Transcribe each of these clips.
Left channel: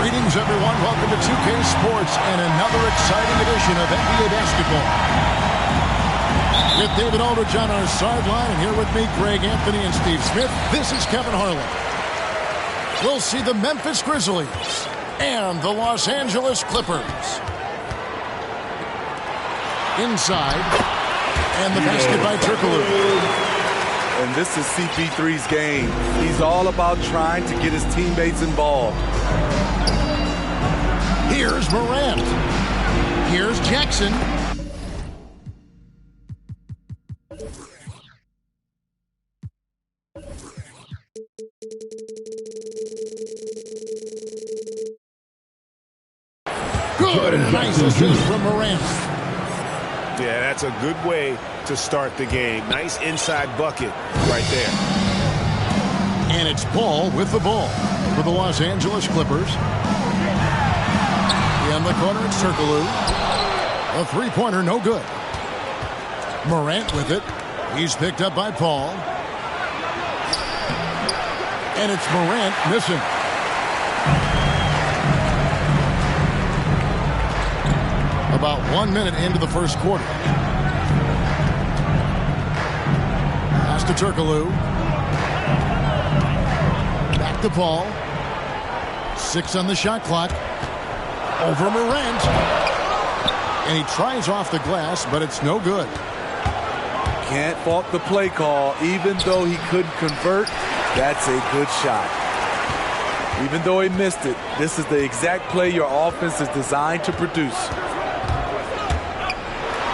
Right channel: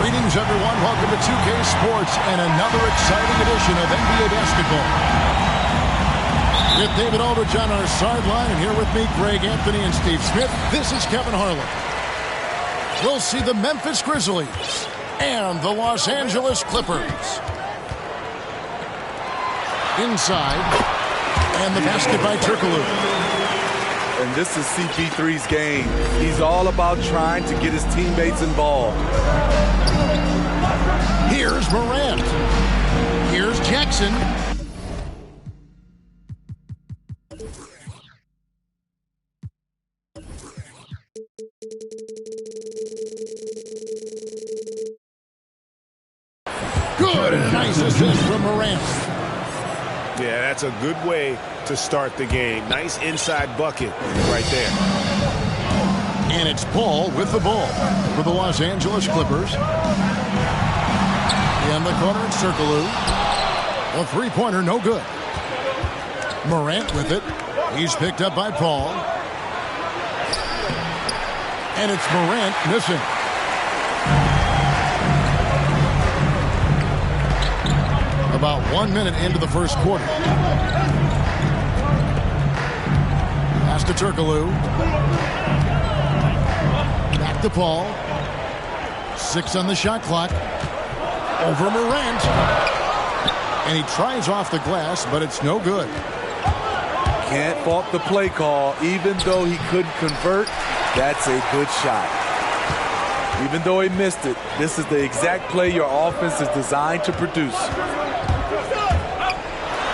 Greetings, everyone. Welcome to 2K Sports and another exciting edition of NBA basketball. With David Aldridge on our sideline, and here with me, Greg Anthony and Steve Smith, this is Kevin Harlan. We'll see the Memphis Grizzlies and the Los Angeles Clippers. Inside, and the basket by Turkoglu. And this is CP3's game. He's all about trying to get his teammates involved. Here's Morant. Here's Jackson. Good, and a nice assist from Morant. Yeah, that's a good way to start the game. Nice inside bucket right there. And it's Paul with the ball for the Los Angeles Clippers. In the corner, it's Turkoglu. A three-pointer, no good. Morant with it. He's picked up by Paul. And it's Morant missing. About 1 minute into the first quarter. Pass to Turkoglu. Back to Paul. 6 on the shot clock. Over Morant. And he tries off the glass, but it's no good. Can't fault the play call. Even though he couldn't convert, that's a good shot. Even though he missed it, this is the exact play your offense is designed to produce.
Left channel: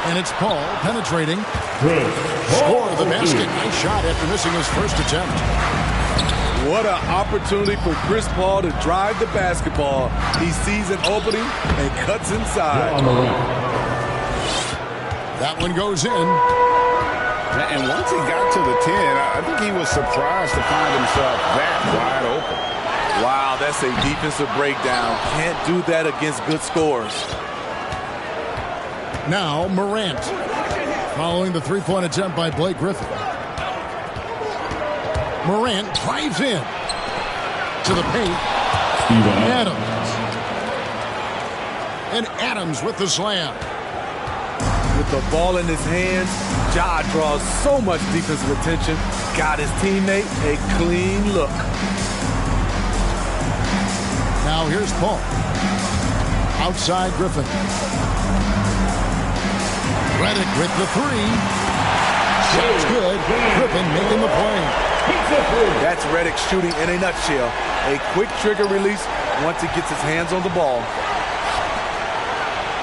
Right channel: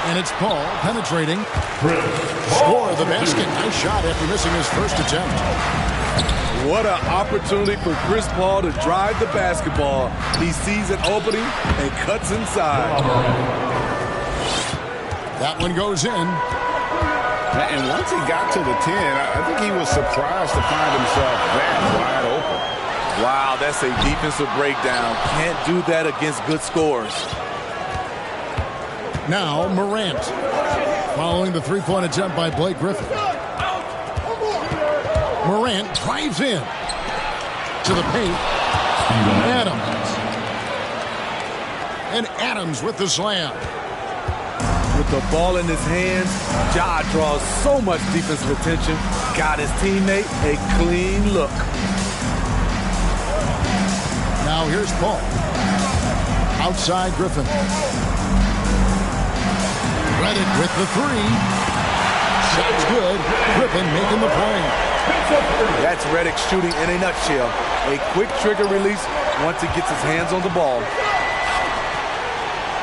And it's Paul penetrating. Score the basket. Nice shot after missing his first attempt. What an opportunity for Chris Paul to drive the basketball. He sees an opening and cuts inside. That one goes in. And once he got to the 10, I think he was surprised to find himself that wide open. Wow, that's a defensive breakdown. Can't do that against good scores. Now Morant, following the three-point attempt by Blake Griffin. Morant drives in to the paint. Adams. And Adams with the slam. With the ball in his hands, Ja draws so much defensive attention. Got his teammate a clean look. Now here's Paul. Outside Griffin. Redick with the three. Shot's good. Griffin making the play. That's Redick shooting in a nutshell. A quick trigger release once he gets his hands on the ball.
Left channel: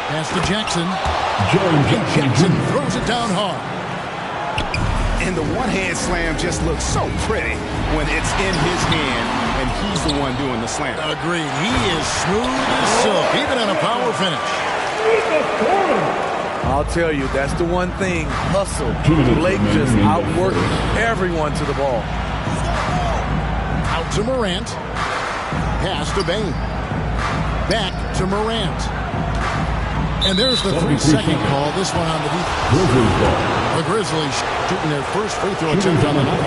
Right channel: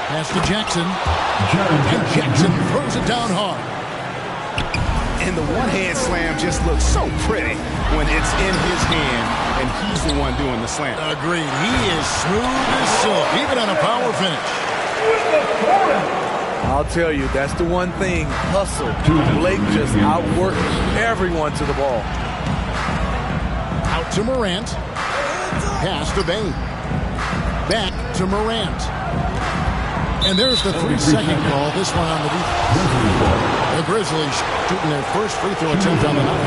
Pass to Jackson. And Jackson throws it down hard. And the one-hand slam just looks so pretty when it's in his hand and he's the one doing the slam. Agreed. He is smooth as silk, even on a power finish. I'll tell you, that's the one thing. Hustle. Blake just outworking everyone to the ball. Out to Morant. Pass to Bane. Back to Morant. And there's the 3-second call. This one on the defense. The Grizzlies shooting their first free throw attempt on the night.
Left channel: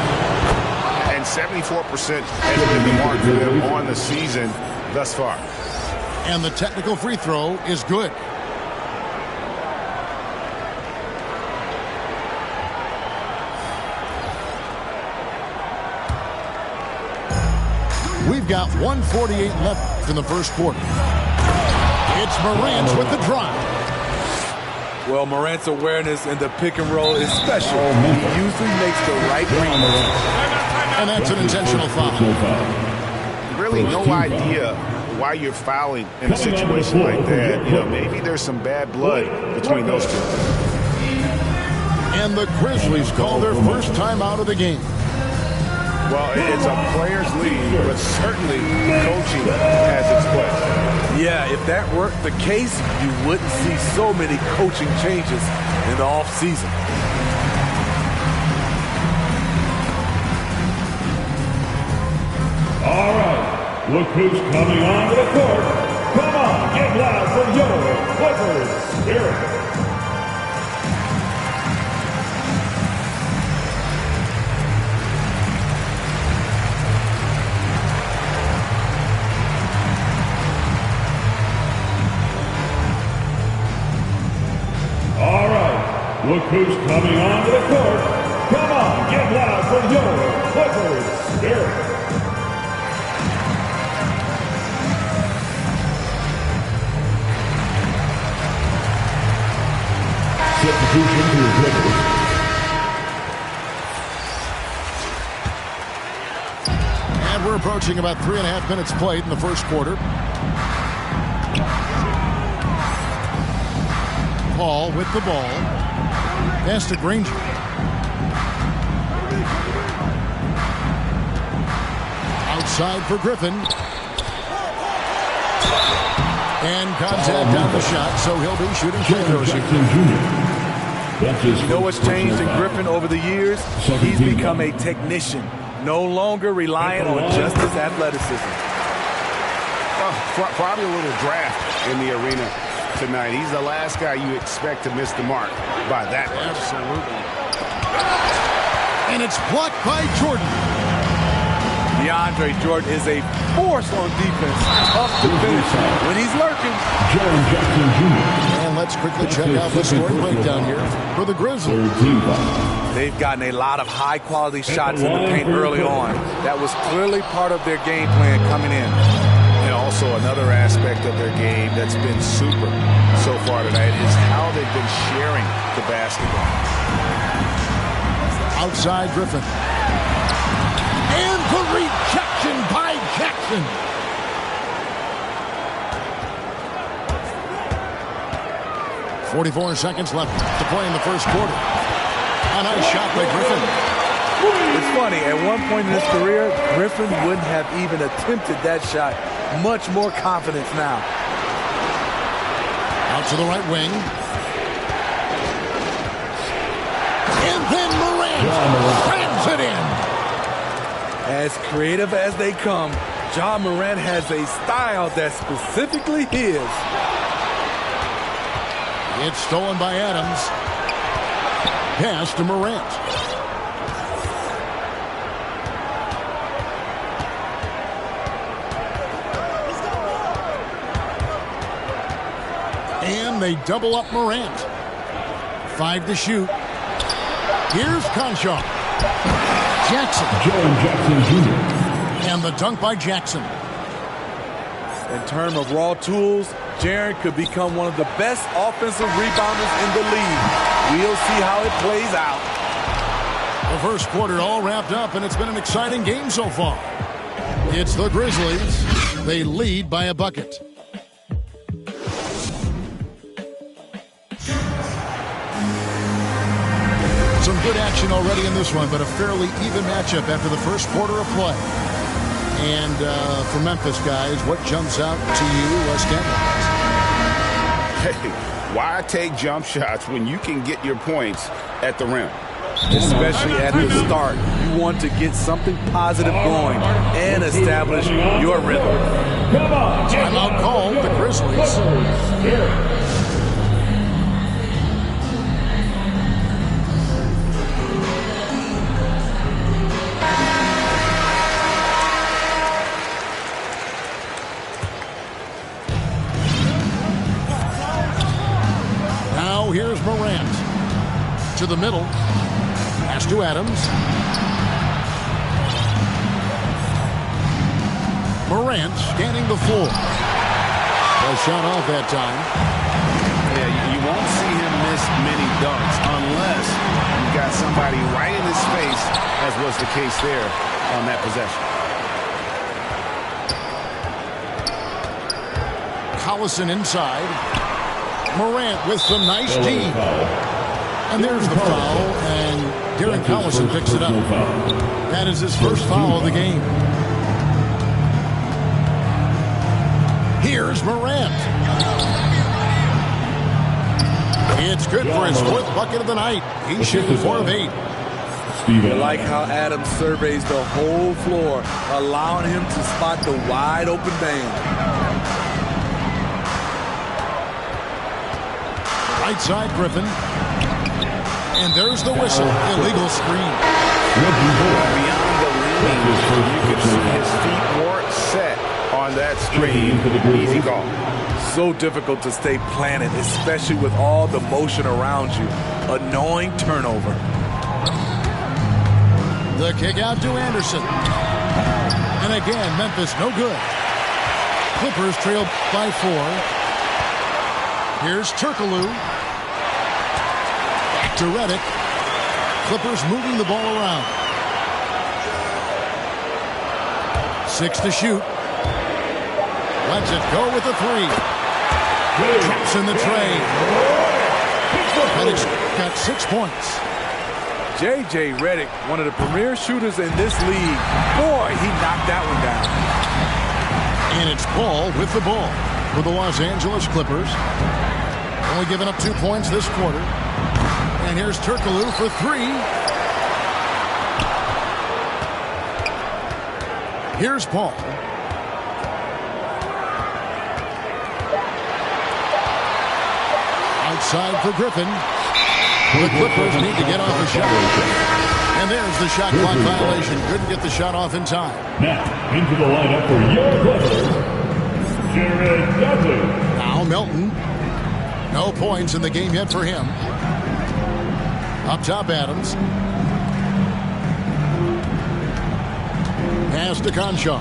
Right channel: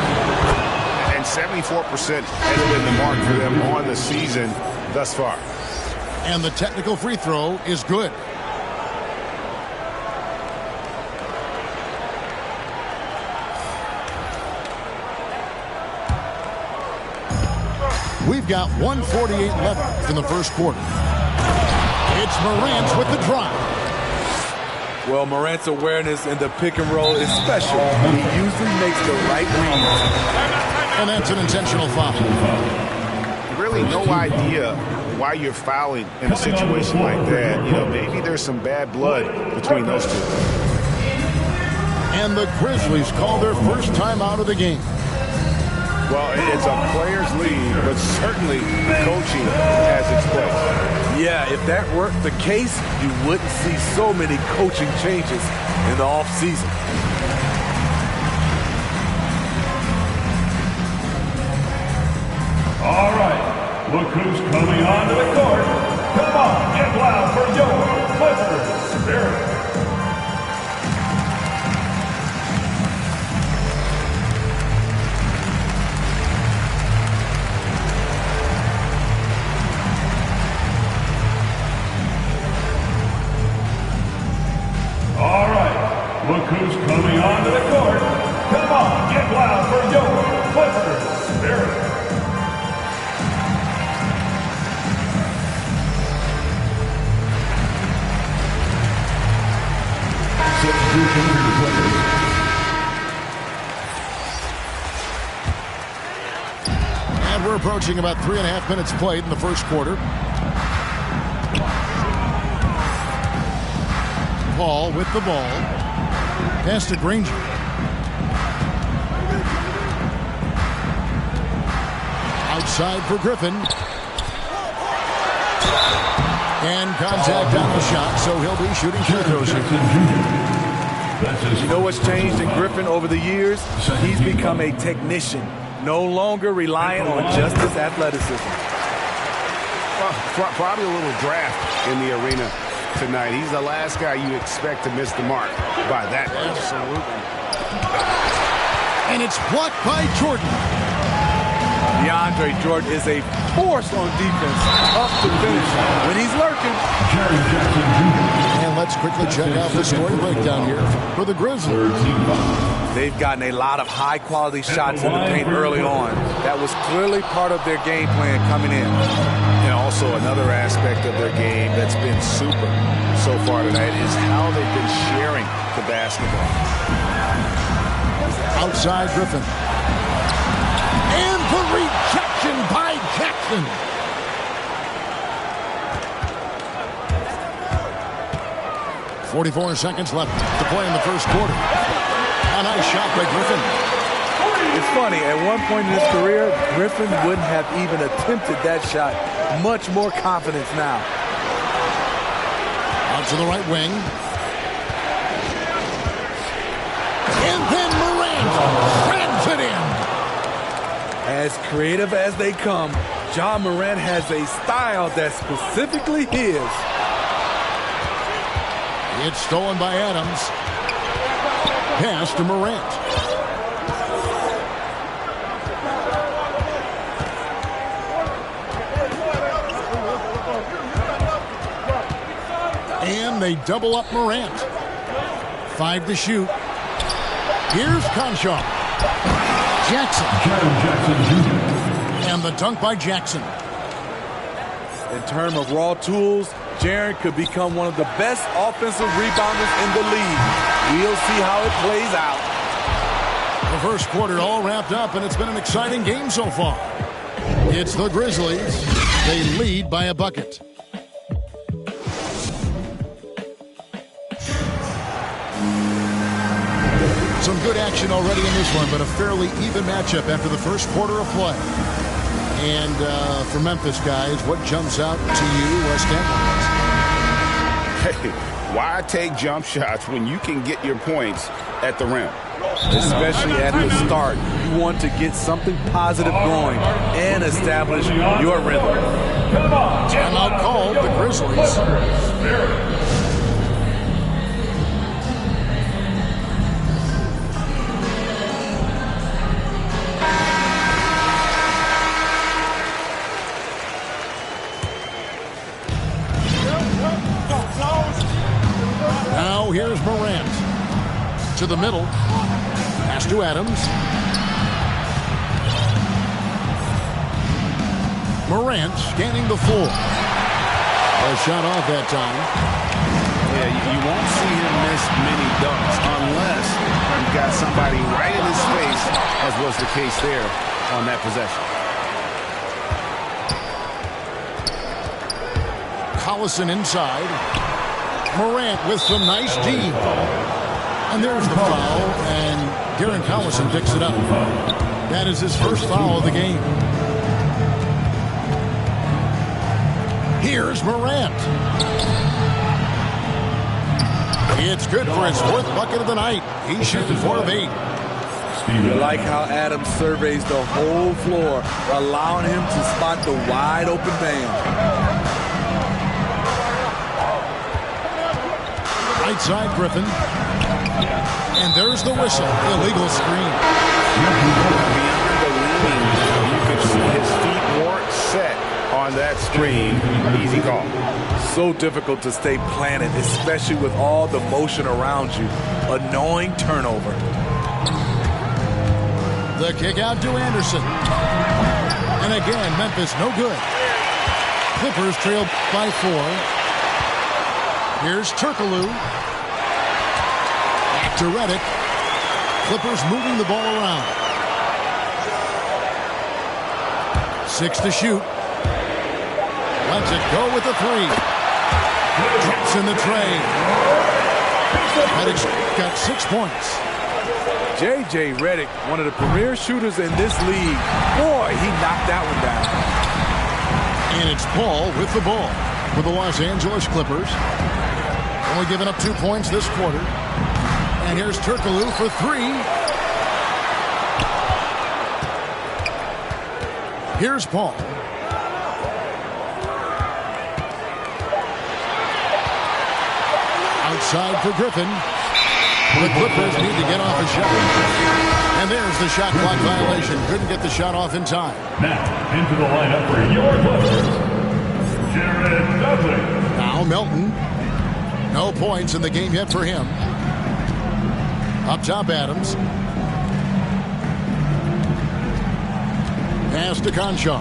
And 74% has been the mark for them on the season thus far. And the technical free throw is good. We've got 1:48 left in the first quarter. It's Morant with the drive. Well, Morant's awareness in the pick and roll is special. He usually makes the right read. And that's an intentional foul. Really no idea why you're fouling in a situation like that. You know, maybe there's some bad blood between those two. And the Grizzlies call their first time out of the game. Well, it's a players' league, but certainly coaching has its place. Yeah, if that weren't the case, you wouldn't see so many coaching changes in the offseason. All right, look who's coming onto the court. Come on, get loud for your Clippers Spirit. Look who's coming onto the court. Come on, get loud for your Clippers Spirit. Substitution to the Clippers. And we're approaching about 3.5 minutes played in the first quarter. Paul with the ball. Pass to Granger. Outside for Griffin. And contact on the shot, so he'll be shooting free throws here. You know what's changed in Griffin over the years? He's become a technician, no longer reliant on just his athleticism. Well, probably a little draft in the arena tonight. He's the last guy you expect to miss the mark by that much. Absolutely. And it's blocked by Jordan. DeAndre Jordan is a force on defense, tough to finish when he's lurking. Jaren Jackson Jr. And let's quickly check out the scoring breakdown here for the Grizzlies. They've gotten a lot of high-quality shots in the paint early on. That was clearly part of their game plan coming in. And also another aspect of their game that's been super so far tonight is how they've been sharing the basketball. Outside Griffin. And the rejection by Jackson. "44 seconds left to play in the first quarter. A nice shot by Griffin. It's funny, at one point in his career, Griffin wouldn't have even attempted that shot. Much more confidence now. Out to the right wing. And then Morant slams it in. As creative as they come, Ja Morant has a style that's specifically his. It's stolen by Adams. Pass to Morant. And they double up Morant. 5 to shoot. Here's Conchar. Jackson. Jaren Jackson Jr. And the dunk by Jackson. In terms of raw tools, Jaren could become one of the best offensive rebounders in the league. We'll see how it plays out. The first quarter all wrapped up, and it's been an exciting game so far. It's the Grizzlies. They lead by a bucket. Some good action already in this one, but a fairly even matchup after the first quarter of play. And for Memphis, guys, what jumps out to you stat-wise? Hey, why take jump shots when you can get your points at the rim? Especially at the start. You want to get something positive going and establish your rhythm. Timeout called, the Grizzlies. Now here's Morant. To the middle. Pass to Adams. Morant scanning the floor. A shot off that time. Yeah, you won't see him miss many dunks unless you've got somebody right in his face, as was the case there on that possession. Collison inside. Morant with some nice D. And there's the foul, and Darren Collison picks it up. That is his first foul of the game. Here's Morant. It's good for his fourth bucket of the night. He's shooting 4 of 8. You like how Adams surveys the whole floor, allowing him to spot the wide open man. Right side, Griffin. And there's the whistle. Illegal screen. Beyond the leaning, you could see his feet weren't set on that screen. Easy call. So difficult to stay planted, especially with all the motion around you. annoying turnover. The kick out to Anderson. And again, Memphis no good. Clippers trail by 4. Here's Turkoglu. Back to Redick. Clippers moving the ball around. 6 to shoot. Lets it go with the 3. Drops in the tray. Redick's got 6 points. J.J. Redick, one of the premier shooters in this league. Boy, he knocked that one down. And it's Paul with the ball for the Los Angeles Clippers. Only giving up 2 points this quarter. And here's Turkoglu for 3. Here's Paul. Outside for Griffin. The Clippers need to get off a shot. And there's the shot clock violation. Couldn't get the shot off in time. Now, into the lineup for your Clippers, Jared Dudley. Now Melton. No points in the game yet for him. Up top, Adams. Pass to Conchar.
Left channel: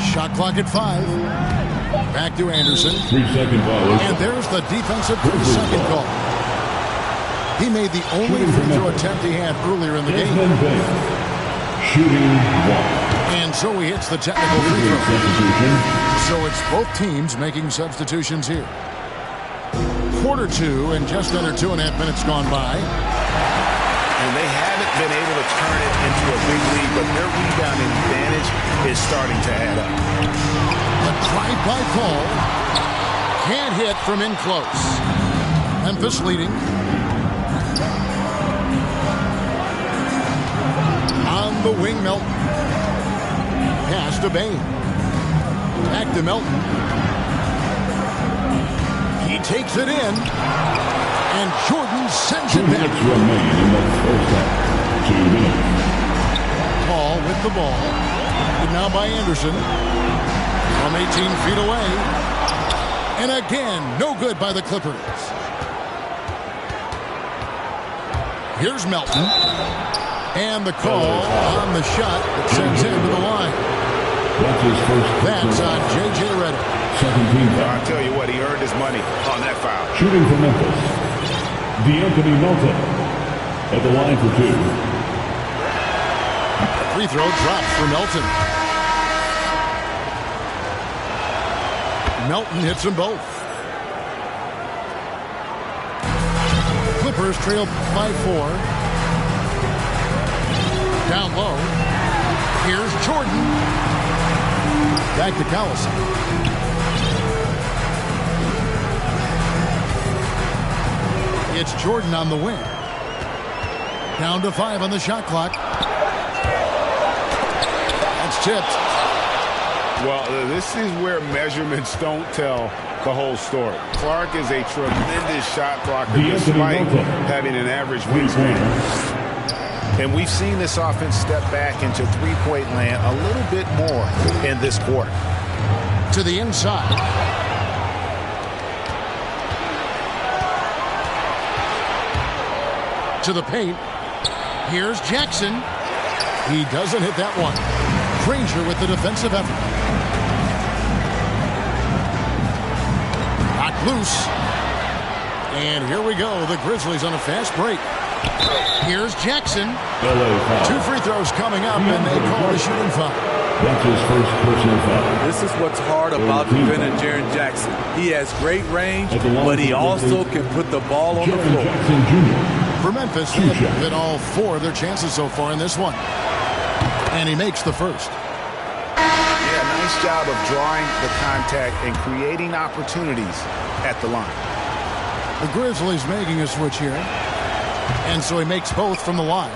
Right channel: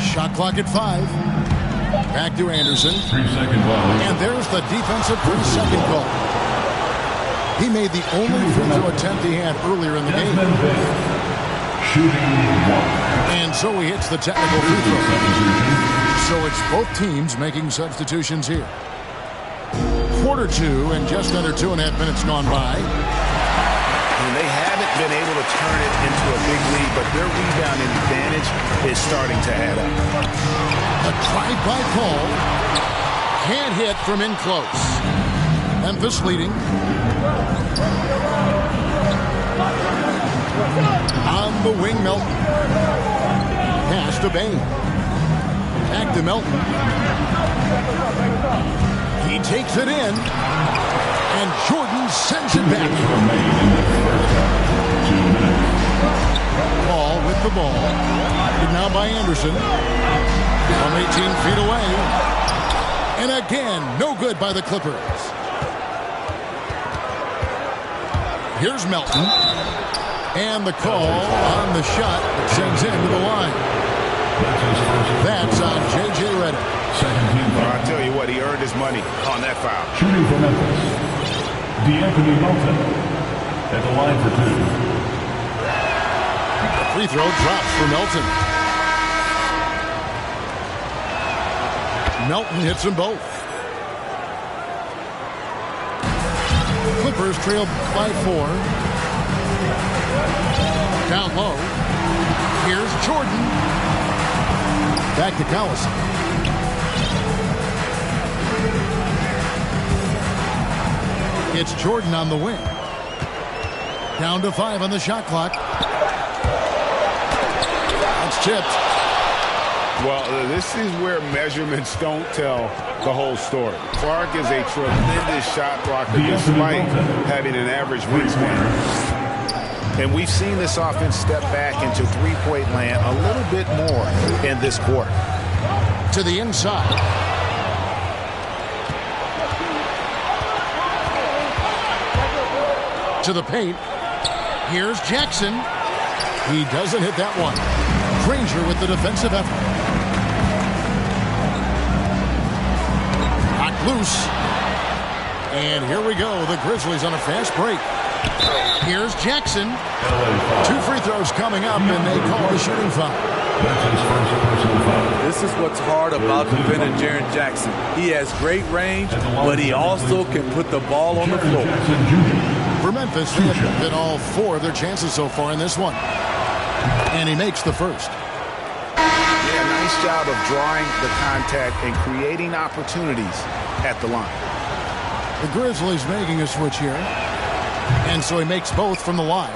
Shot clock at 5. Back to Anderson. 3-second violation. And there's the defensive 3-second call. He made the only free throw attempt he had earlier in the game. Shooting 1. And so he hits the technical free throw. So it's both teams making substitutions here. Quarter 2 and just under 2.5 minutes gone by. And they haven't been able to turn it into a big lead, but their rebounding advantage is starting to add up. A drive by Paul. Can't hit from in close. Memphis leading. On the wing, Melton. Pass to Bane. Back to Melton. He takes it in. And Jordan sends it back. 2 minutes remain in the first half. 2 minutes. Paul with the ball. Now by Anderson. From 18 feet away. And again, no good by the Clippers. Here's Melton. And the call on the shot that sends him to the line. That's his first. That's on J.J. Redick. Second team foul. I'll tell you what, he earned his money on that foul. Shooting for Memphis, D'Anthony Melton at the line for 2. The free throw drops for Melton. Melton hits them both. Clippers trail by 4. Down low. Here's Jordan. Back to Collison. It's Jordan on the wing. Down to 5 on the shot clock. That's tipped. Well, this is where measurements don't tell the whole story. Clark is a tremendous shot blocker despite having an average wingspan. And we've seen this offense step back into three-point land a little bit more in this quarter. To the inside. To the paint. Here's Jackson. He doesn't hit that one. Granger with the defensive effort. Knocked loose. And here we go. The Grizzlies on a fast break. Here's Jackson. 2 free throws coming up, and they call the shooting foul. That's his first personal foul. This is what's hard about defending Jaren Jackson. He has great range, but he also can put the ball on the floor. Jackson Jr. For Memphis, they have hit all 4 of their chances so far in this one. And he makes the first. Yeah, nice job of drawing the contact and creating opportunities at the line. The Grizzlies making a switch here. And so he makes both from the line.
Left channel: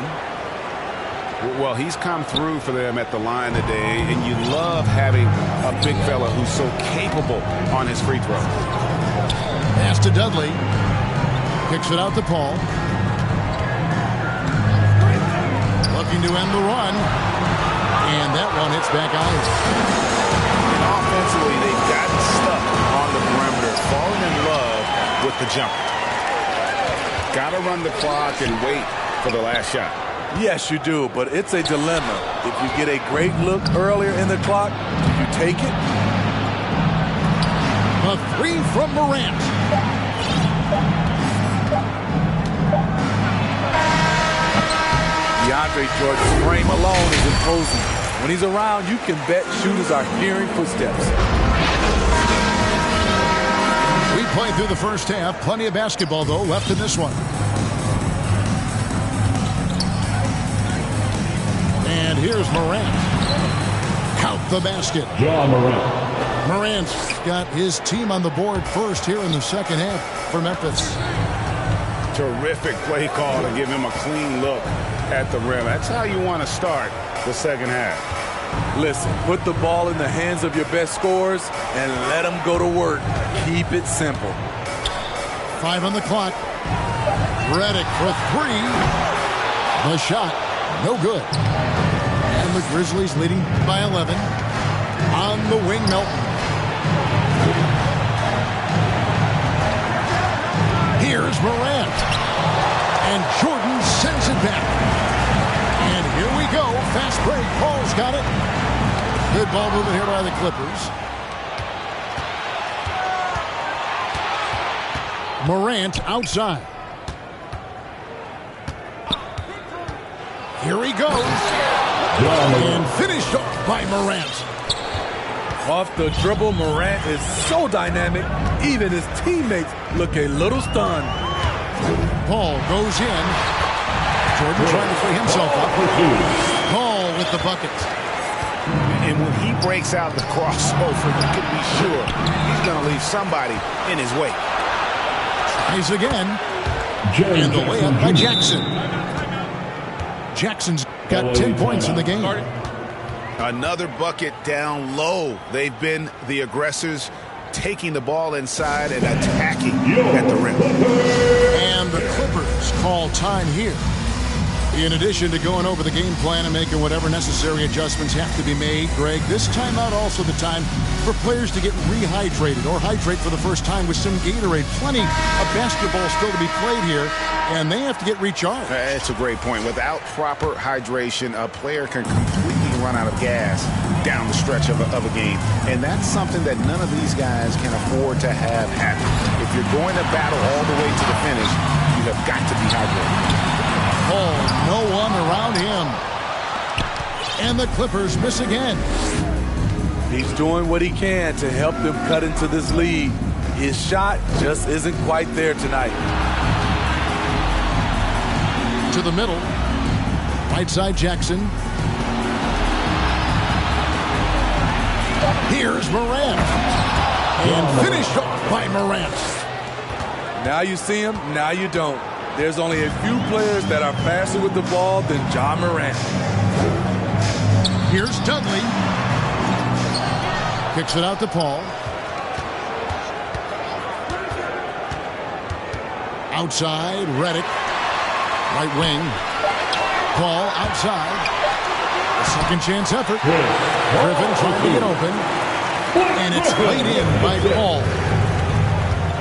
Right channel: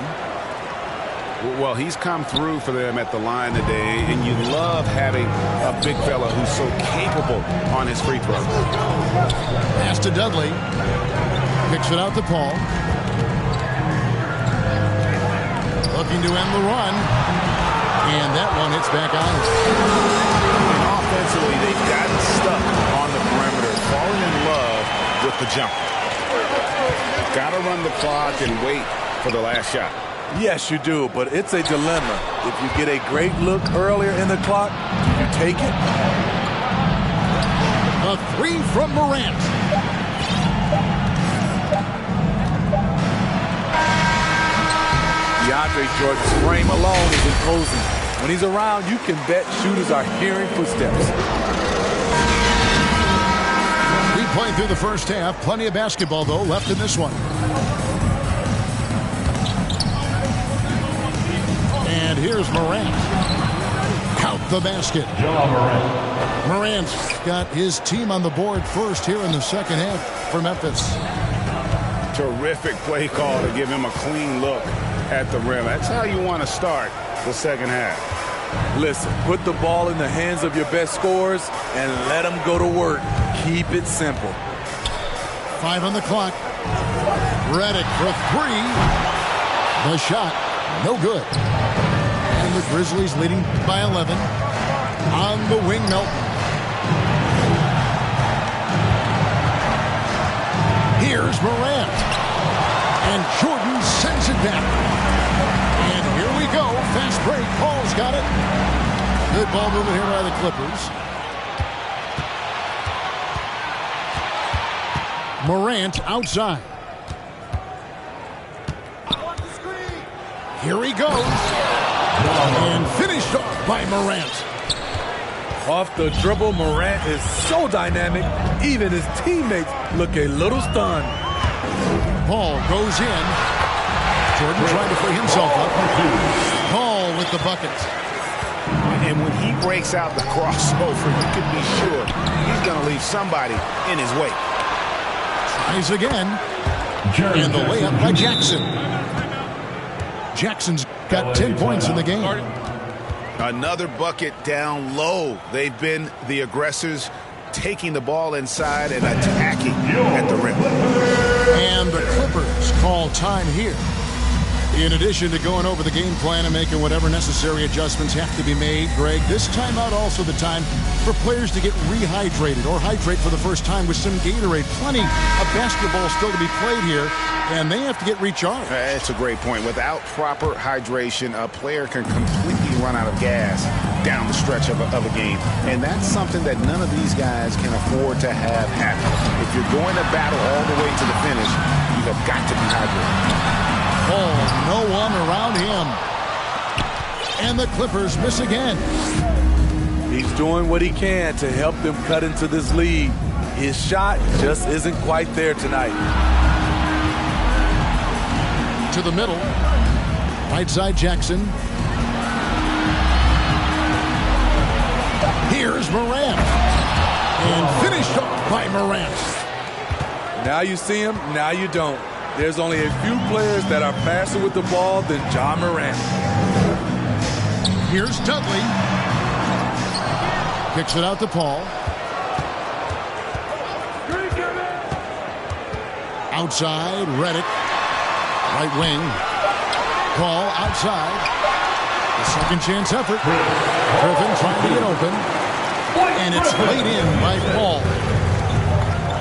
Well, he's come through for them at the line today, and you love having a big fella who's so capable on his free throws. Pass to Dudley. Kicks it out to Paul. Looking to end the run. And that one hits back eyes. And offensively, they've gotten stuck on the perimeter, falling in love with the jumper. Got to run the clock and wait for the last shot. Yes, you do, but it's a dilemma. If you get a great look earlier in the clock, do you take it? A three from Morant. DeAndre Jordan's frame alone is imposing. When he's around, you can bet shooters are hearing footsteps. We played through the first half. Plenty of basketball, though, left in this one. And here's Morant. Count the basket. Ja Morant. Morant's got his team on the board first here in the second half for Memphis. Terrific play call to give him a clean look at the rim. That's how you want to start the second half. Listen, put the ball in the hands of your best scorers and let them go to work. Keep it simple. 5 on the clock. Redick for 3. The shot, no good. And the Grizzlies leading by 11. On the wing, Melton. Here's Morant. And Jordan sends it back. And here we go. Fast break. Paul's got it. Good ball movement here by the Clippers. Morant outside. Here he goes. And finished off by Morant. Off the dribble, Morant is so dynamic, even his teammates look a little stunned. Paul goes in. Jordan trying to free himself up. Paul with the bucket. And when he breaks out the crossover, you can be sure he's going to leave somebody in his wake. Tries again. And the layup by Jackson. Jackson's got 10 points in the game. Another bucket down low. They've been the aggressors, taking the ball inside and attacking at the rim. And the Clippers call time here. In addition to going over the game plan and making whatever necessary adjustments have to be made, Greg, this timeout also the time for players to get rehydrated or hydrate for the first time with some Gatorade. Plenty of basketball still to be played here, and they have to get recharged. That's a great point. Without proper hydration, a player can completely run out of gas down the stretch of a game. And that's something that none of these guys can afford to have happen. If you're going to battle all the way to the finish, you have got to be hydrated. Paul, no one around him. And the Clippers miss again. He's doing what he can to help them cut into this lead. His shot just isn't quite there tonight. To the middle. Right side Jackson. Here's Morant. And finished off by Morant. Now you see him, now you don't. There's only a few players that are faster with the ball than Ja Morant. Here's Dudley. Kicks it out to Paul. Outside, Redick. Right wing. Paul outside. The second chance effort. Griffin trying to get open. And it's laid in by Paul.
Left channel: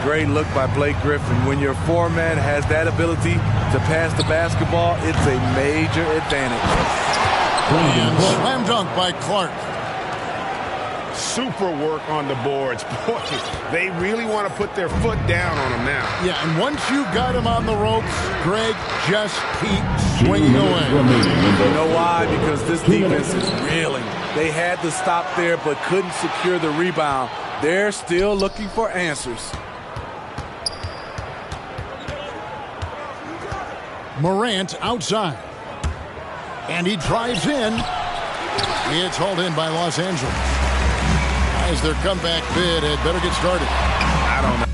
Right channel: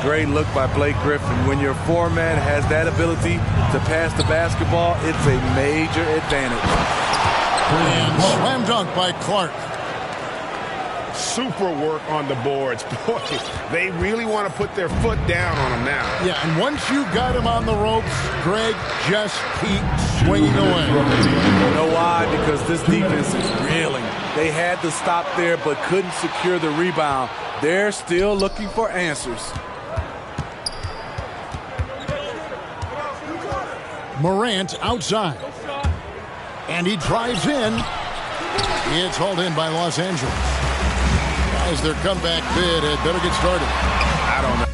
Great look by Blake Griffin. When your foreman has that ability to pass the basketball, it's a major advantage. And slam dunk by Clark. Super work on the boards. Boy, they really want to put their foot down on him now. Yeah, and once you got him on the ropes, Greg, just keep swinging away. You know why? Because this defense is reeling. They had to stop there but couldn't secure the rebound. They're still looking for answers. Morant outside. And he drives in. It's hauled in by Los Angeles. Guys, their comeback bid had better get started. I don't know.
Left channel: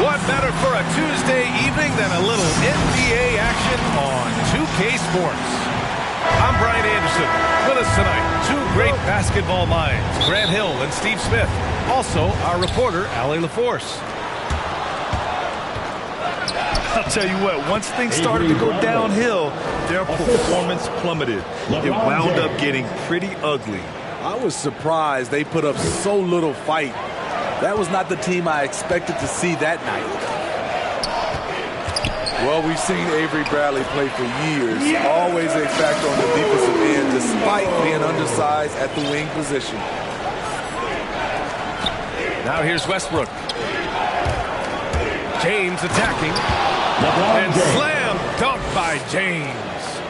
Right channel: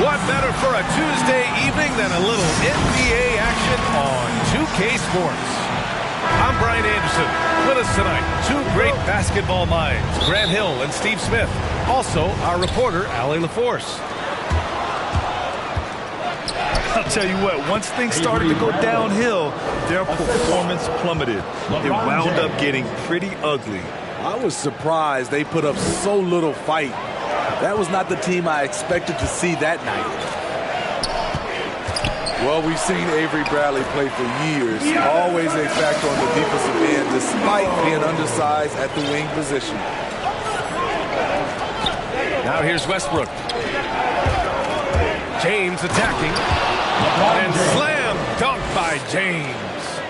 What better for a Tuesday evening than a little NBA action on 2K Sports? I'm Brian Anderson. With us tonight, two great basketball minds, Grant Hill and Steve Smith. Also, our reporter, Allie LaForce. I'll tell you what, once things started to go downhill, their performance plummeted. It wound up getting pretty ugly. I was surprised they put up so little fight. That was not the team I expected to see that night. Well, we've seen Avery Bradley play for years. Always a factor on the defensive end, despite being undersized at the wing position. Now here's Westbrook. James attacking. And slam dunk by James.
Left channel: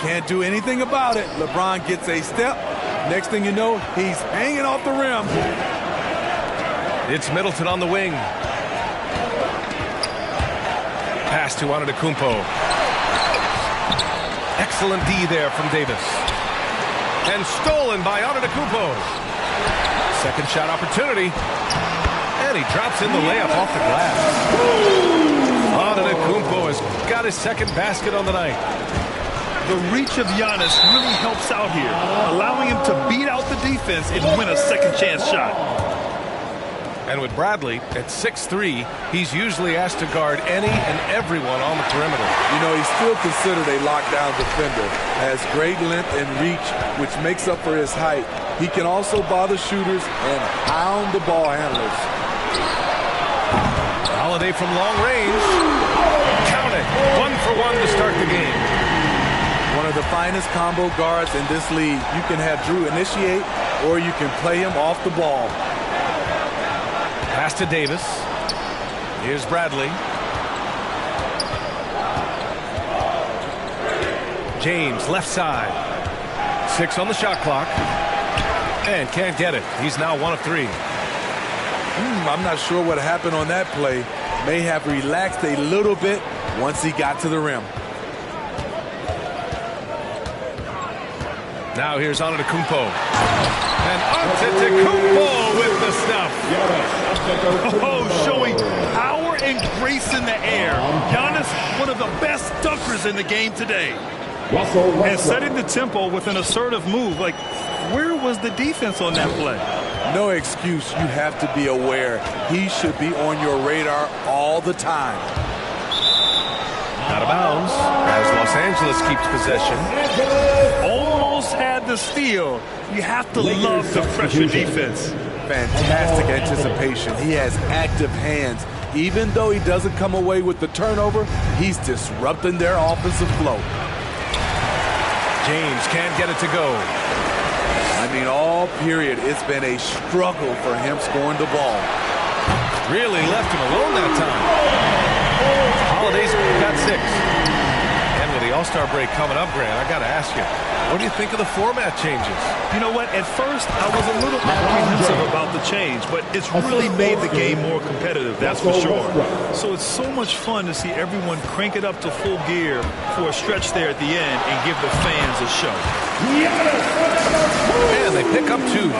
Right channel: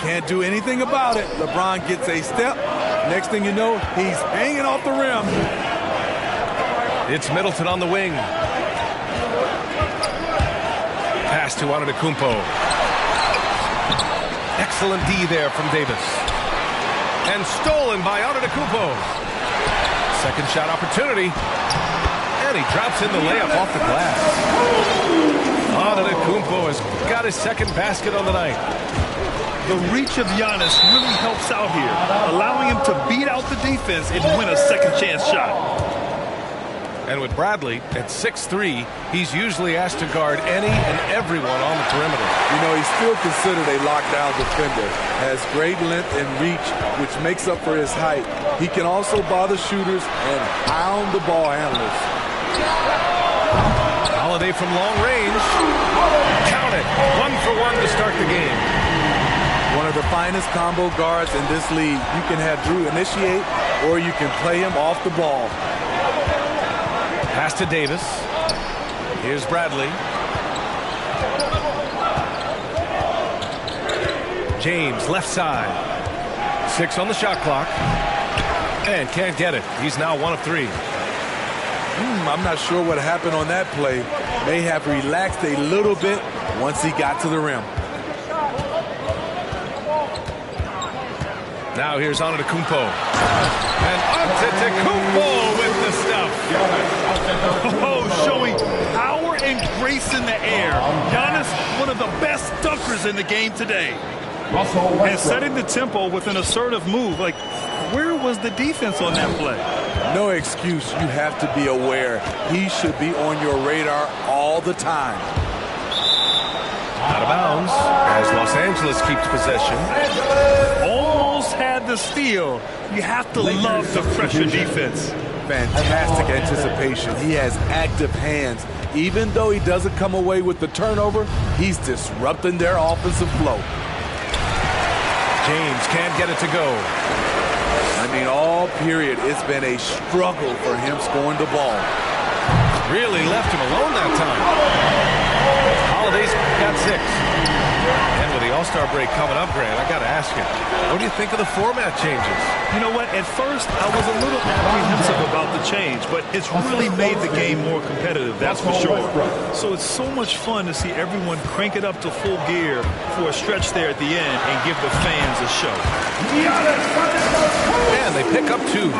Can't do anything about it. LeBron gets a step. Next thing you know, he's hanging off the rim. It's Middleton on the wing. Pass to Antetokounmpo. Excellent D there from Davis. And stolen by Antetokounmpo. Second shot opportunity. And he drops in the layup off the glass. Antetokounmpo has got his second basket on the night. The reach of Giannis really helps out here, allowing him to beat out the defense and win a second chance shot. And with Bradley at 6'3", he's usually asked to guard any and everyone on the perimeter. You know, he's still considered a lockdown defender. Has great length and reach, which makes up for his height. He can also bother shooters and hound the ball handlers. Holiday from long range. Count it. 1 for 1 to start the game. One of the finest combo guards in this league. You can have Drew initiate, or you can play him off the ball. Pass to Davis. Here's Bradley. James, left side. 6 on the shot clock. And can't get it. He's now 1 of 3. I'm not sure what happened on that play. May have relaxed a little bit once he got to the rim. Now here's Antetokounmpo. And Antetokounmpo with the stuff. Oh, showing power and grace in the air. Giannis, one of the best dunkers in the game today. And setting the tempo with an assertive move. Like, where was the defense on that play? No excuse. You have to be aware. He should be on your radar all the time. Out of bounds as Los Angeles keeps possession. Almost had the steal. You have to love the pressure defense. Fantastic anticipation. He has active hands. Even though he doesn't come away with the turnover, he's disrupting their offensive flow. James can't get it to go. I mean, all period, it's been a struggle for him scoring the ball. Really left him alone that time. Holiday's got 6. And with the All-Star break coming up, Grant, I got to ask you, what do you think of the format changes? You know what? At first, I was a little apprehensive about the change, but it's really made the game more competitive, that's for sure. So it's so much fun to see everyone crank it up to full gear for a stretch there at the end and give the fans a show. And they pick up 2.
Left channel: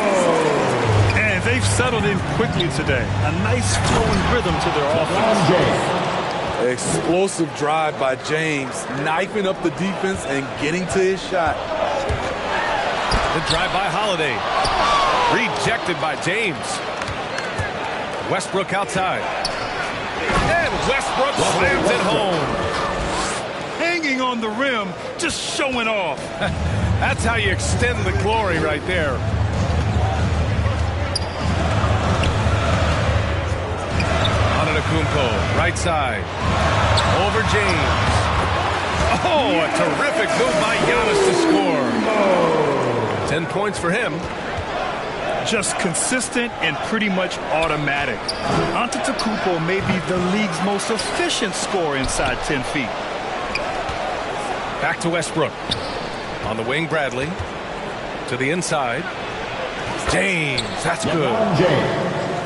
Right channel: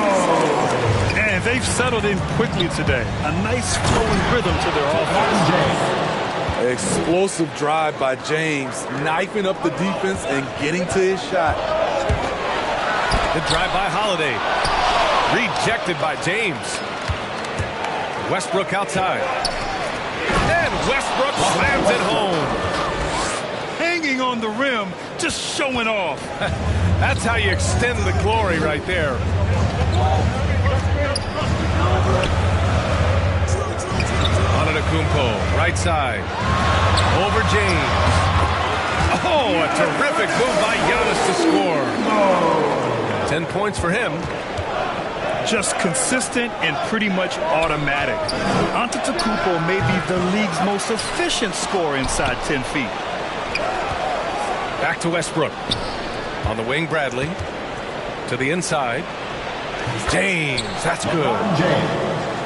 And they've settled in quickly today. A nice flowing rhythm to their offense. Explosive drive by James, knifing up the defense and getting to his shot. The drive by Holiday. Rejected by James. Westbrook outside. And Westbrook slams it home. Hanging on the rim, just showing off. That's how you extend the glory right there. Antetokounmpo, right side. Over James. Oh, a terrific move by Giannis to score. 10 points for him. Just consistent and pretty much automatic. Antetokounmpo may be the league's most efficient scorer inside 10 feet. Back to Westbrook. On the wing, Bradley. To the inside. James, that's good.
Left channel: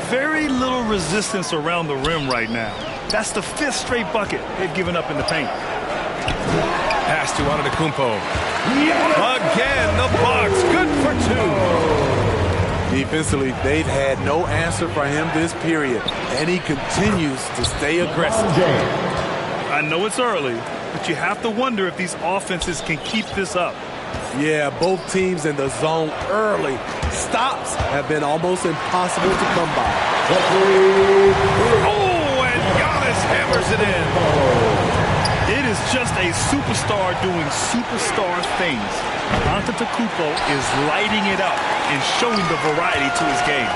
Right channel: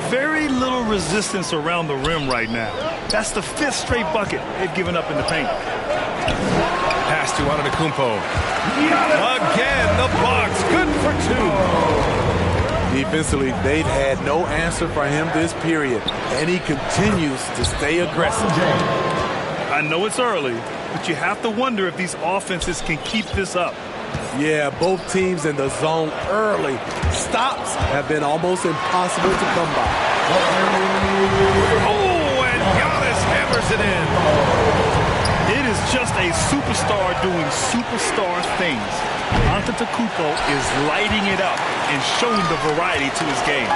Very little resistance around the rim right now. That's the 5th straight bucket they've given up in the paint. Pass to Antetokounmpo. Again, the Bucks, good for 2. Defensively, they've had no answer for him this period, and he continues to stay aggressive. I know it's early, but you have to wonder if these offenses can keep this up. Yeah, both teams in the zone early. Stops have been almost impossible to come by. Oh, and Giannis hammers it in. It is just a superstar doing superstar things. Antetokounmpo is lighting it up and showing the variety to his game.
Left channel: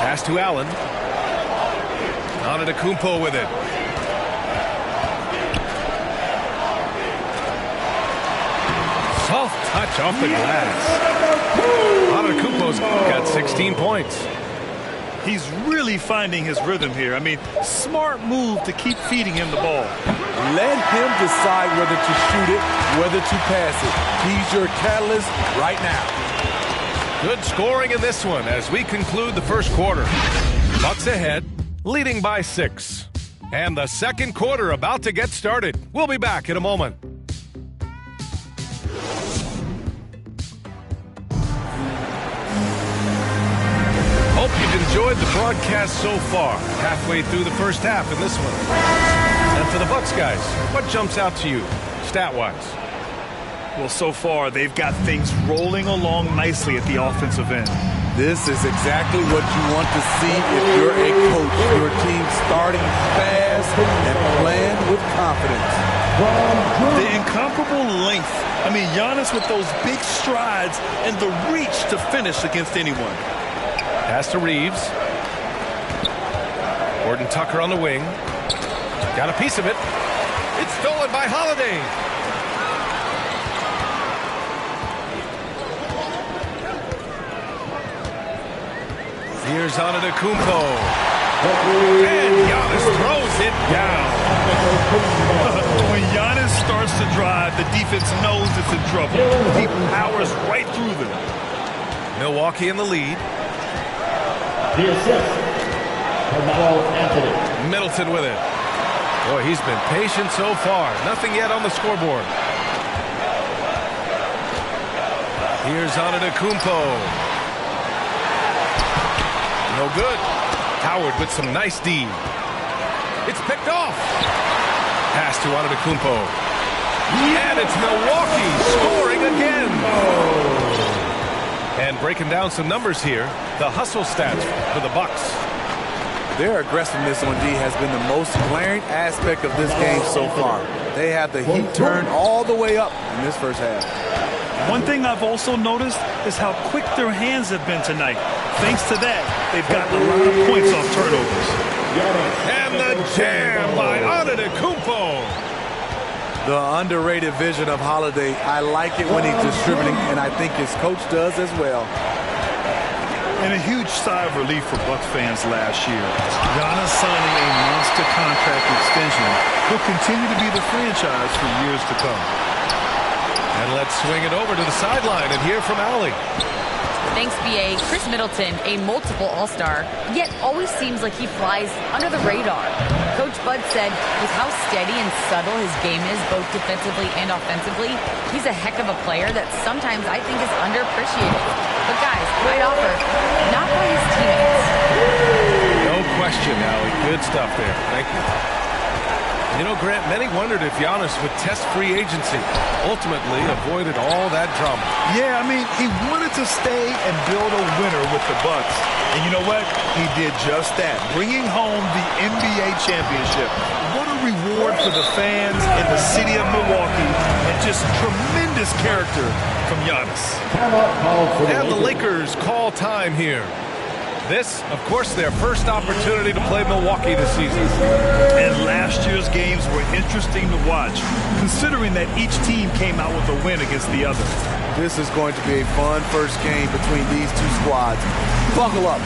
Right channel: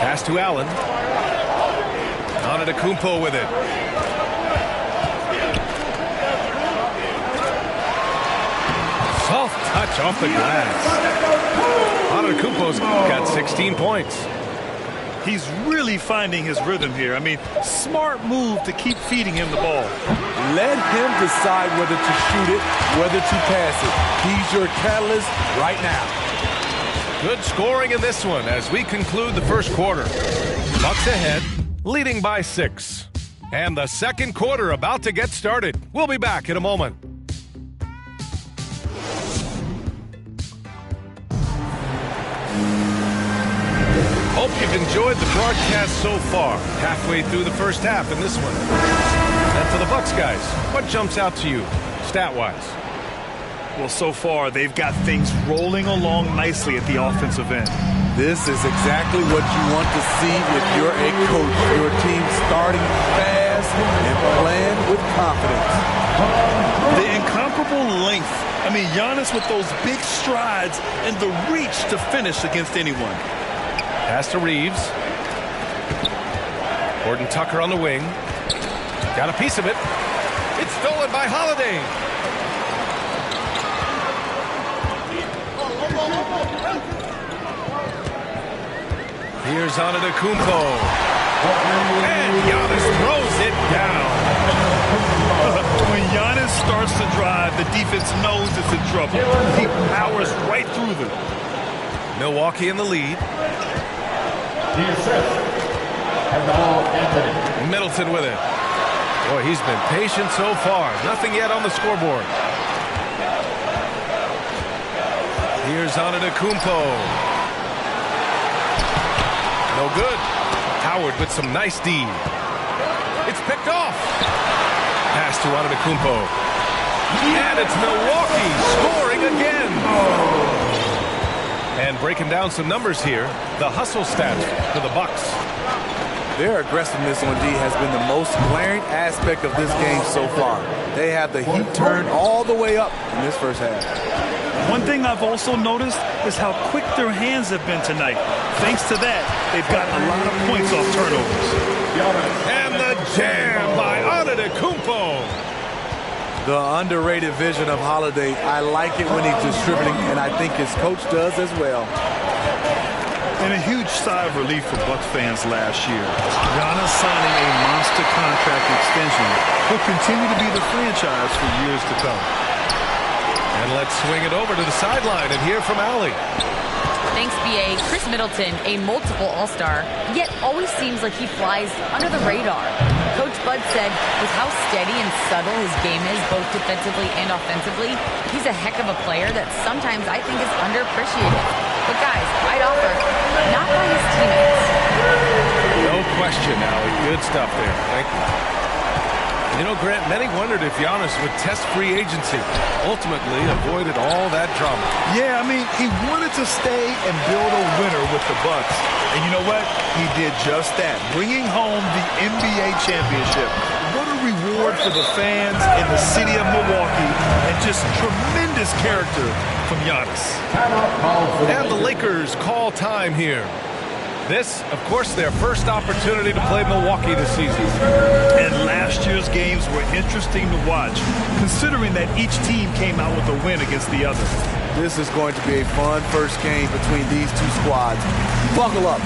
Pass to Allen. Antetokounmpo with it. Soft touch off the glass. Antetokounmpo's got 16 points. He's really finding his rhythm here. I mean, smart move to keep feeding him the ball. Let him decide whether to shoot it, whether to pass it. He's your catalyst right now. Good scoring in this one as we conclude the first quarter. Bucks ahead, leading by 6. And the second quarter about to get started. We'll be back in a moment. Hope you've enjoyed the broadcast so far. Halfway through the first half in this one. And for the Bucks guys, what jumps out to you, stat-wise? Well, so far, they've got things rolling along nicely at the offensive end. This is exactly what you want to see if you're a coach. Your team starting fast and playing with confidence. The incomparable length. I mean, Giannis with those big strides and the reach to finish against anyone. Pass to Reeves. Gordon Tucker on the wing. Got a piece of it. It's stolen by Holiday. Here's Antetokounmpo. And Giannis throws it down. When Giannis starts to drive, the defense knows it's in trouble. He powers right through them. Milwaukee in the lead. The assist. Carmelo Anthony. Middleton with it. Boy, he's been patient so far. Nothing yet on the scoreboard. Here's Antetokounmpo. No good. Howard with some nice D. It's picked off. Pass to Antetokounmpo. And it's Milwaukee scoring again. And breaking down some numbers here, the hustle stats for the Bucks. Their aggressiveness on D has been the most glaring aspect of this game so far. They have the heat turned all the way up in this first half. One thing I've also noticed is how quick their hands have been tonight. Thanks to that, they've gotten a lot of points off turnovers. And the jam by Antetokounmpo. The underrated vision of Holiday. I like it when he's distributing, and I think his coach does as well. And a huge sigh of relief for Bucks fans last year. Giannis signing a monster contract extension. He'll continue to be the franchise for years to come. And let's swing it over to the sideline and hear from Allie. Thanks, B.A. Chris Middleton, a multiple All-Star, yet always seems like he flies under the radar. Coach Bud said with how steady and subtle his game is, both defensively and offensively, he's a heck of a player that sometimes I think is underappreciated. But guys, I'd offer, not by his teammates. No question, Allie. Good stuff there. Thank you. You know, Grant, many wondered if Giannis would test free agency. Ultimately, avoided all that drama. Yeah, I mean, he wanted to stay and build a winner with the Bucks. And you know what? He did just that, bringing home the NBA championship. What a reward for the fans in the city of Milwaukee, and just tremendous character from Giannis. And the Lakers call time here. This, of course, their first opportunity to play Milwaukee this season. And last year's games were interesting to watch, considering that each team came out with a win against the other. This is going to be a fun first game between these two squads. Buckle up.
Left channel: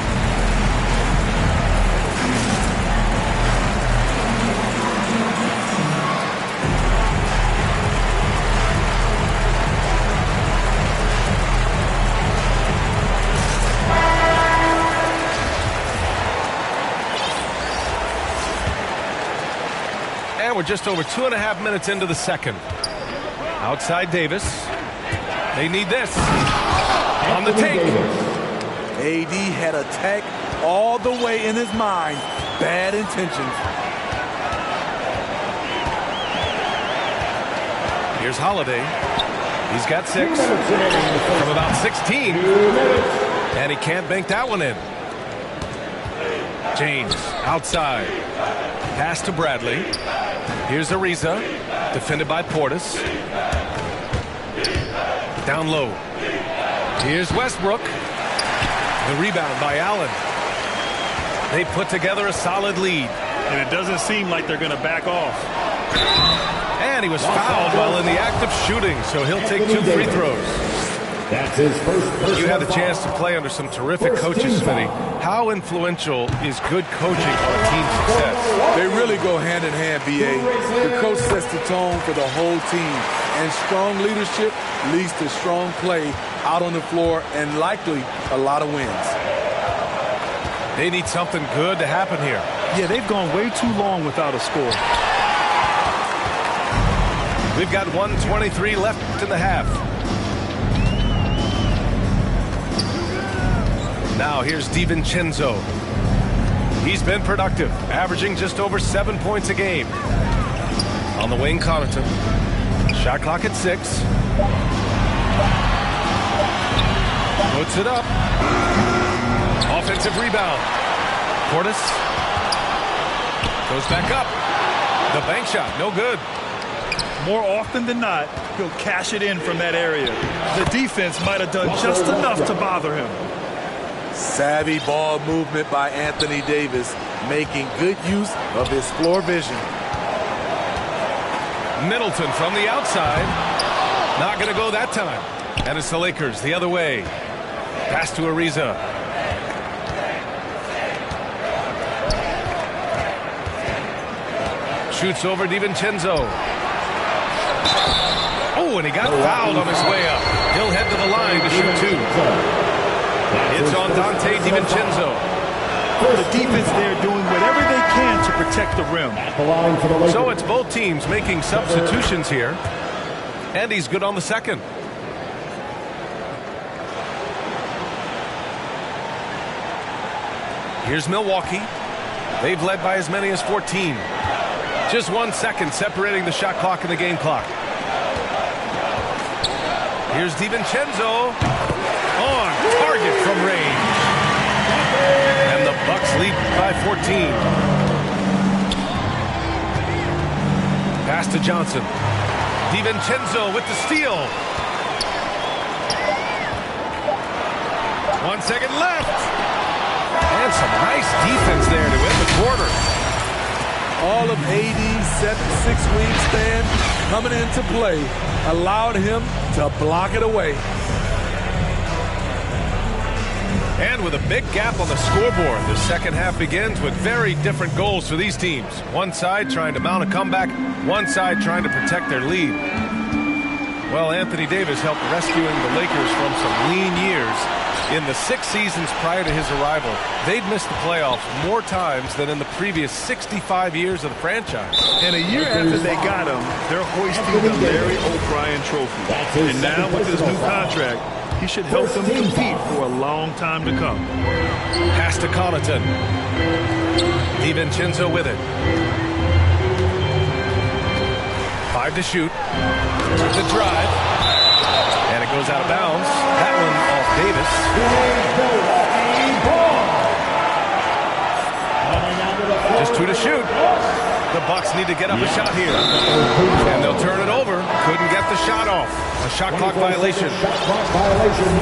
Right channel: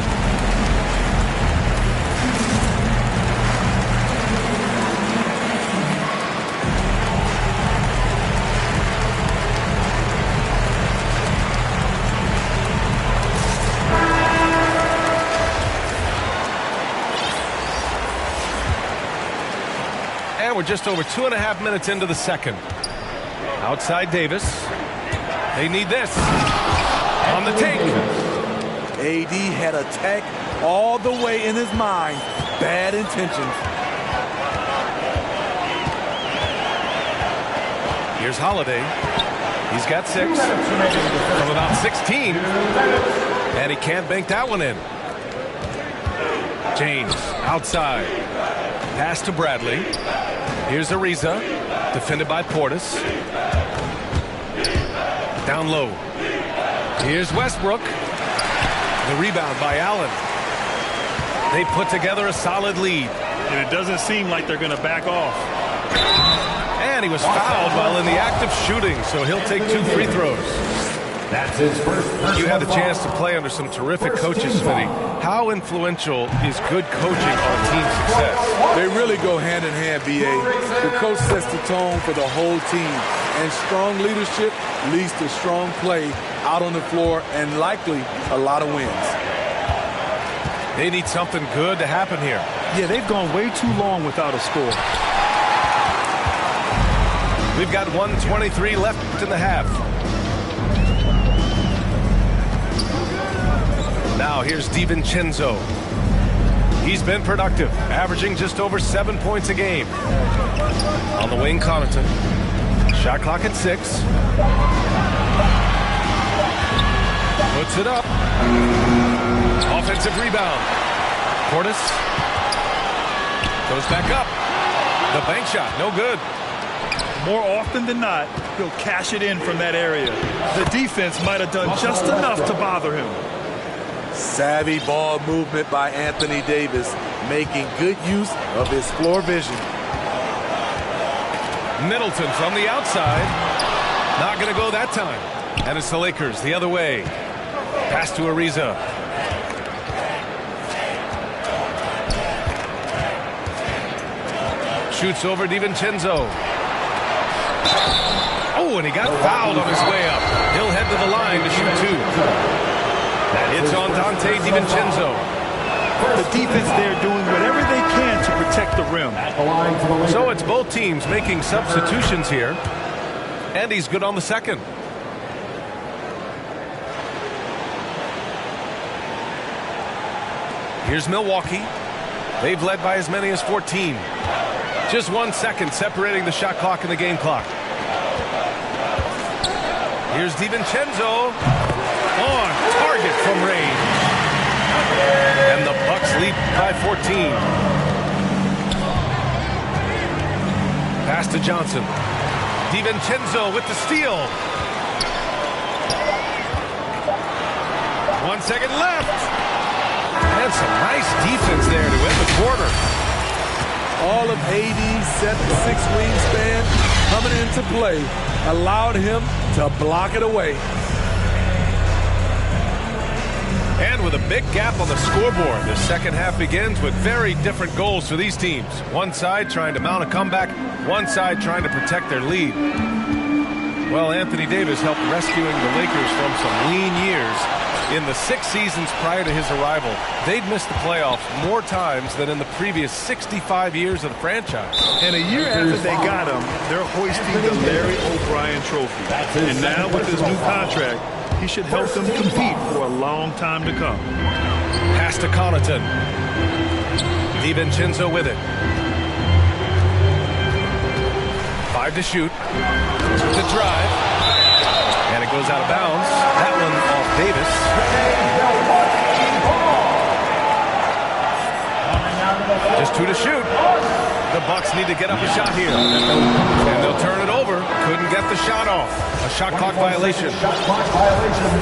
And we're just over 2.5 minutes into the second. Outside Davis. They need this. On the take. AD had attack all the way in his mind. Bad intentions. Here's Holiday. He's got 6 from about 16. And he can't bank that one in. James outside. Pass to Bradley. Here's Ariza. Defended by Portis. Down low. Here's Westbrook. The rebound by Allen. They put together a solid lead. And it doesn't seem like they're going to back off. And he was fouled while in the act of shooting, so he'll take 2 free throws. That's his first. You had the chance to play under some terrific coaches, Smitty. How influential is good coaching on a team's success? They really go hand in hand, B.A. The coach sets the tone for the whole team. And strong leadership leads to strong play out on the floor and likely a lot of wins. They need something good to happen here. Yeah, they've gone way too long without a score. We've got 1:23 left in the half. Now here's DiVincenzo. He's been productive, averaging just over 7 points a game. On the wing, Connaughton. Shot clock at 6. Puts it up. Offensive rebound. Portis goes back up. The bank shot, no good. More often than not, he'll cash it in from that area. The defense might have done just enough to bother him. Savvy ball movement by Anthony Davis, making good use of his floor vision. Middleton from the outside. Not going to go that time. And it's the Lakers the other way. Pass to Ariza. Shoots over DiVincenzo. Oh, and he got fouled on his way up. He'll head to the line to shoot 2. It's on Dante DiVincenzo. The defense there doing whatever they can to protect the rim. So it's both teams making substitutions here. And he's good on the second. Here's Milwaukee. They've led by as many as 14. Just 1 second separating the shot clock and the game clock. Here's DiVincenzo. On target from range. And the Bucks lead by 14. Pass to Johnson. DiVincenzo with the steal. 1 second left. And some nice defense there to end the quarter. All of AD's 7'6" wingspan coming into play allowed him to block it away. And with a big gap on the scoreboard, the second half begins with very different goals for these teams. One side trying to mount a comeback, one side trying to protect their lead. Well, Anthony Davis helped rescuing the Lakers from some lean years. In the 6 seasons prior to his arrival, they'd missed the playoffs more times than in the previous 65 years of the franchise. And a year after they got him, they're hoisting the Larry O'Brien trophy. And now with his new contract, he should help them compete for a long time to come. Pass to Connaughton. DiVincenzo with it. 5 to shoot. With the drive. And it goes out of bounds. That one off Davis. Just 2 to shoot. The Bucks need to get up a shot here. And they'll turn it over. Couldn't get the shot off. A shot clock violation. Shot clock violation.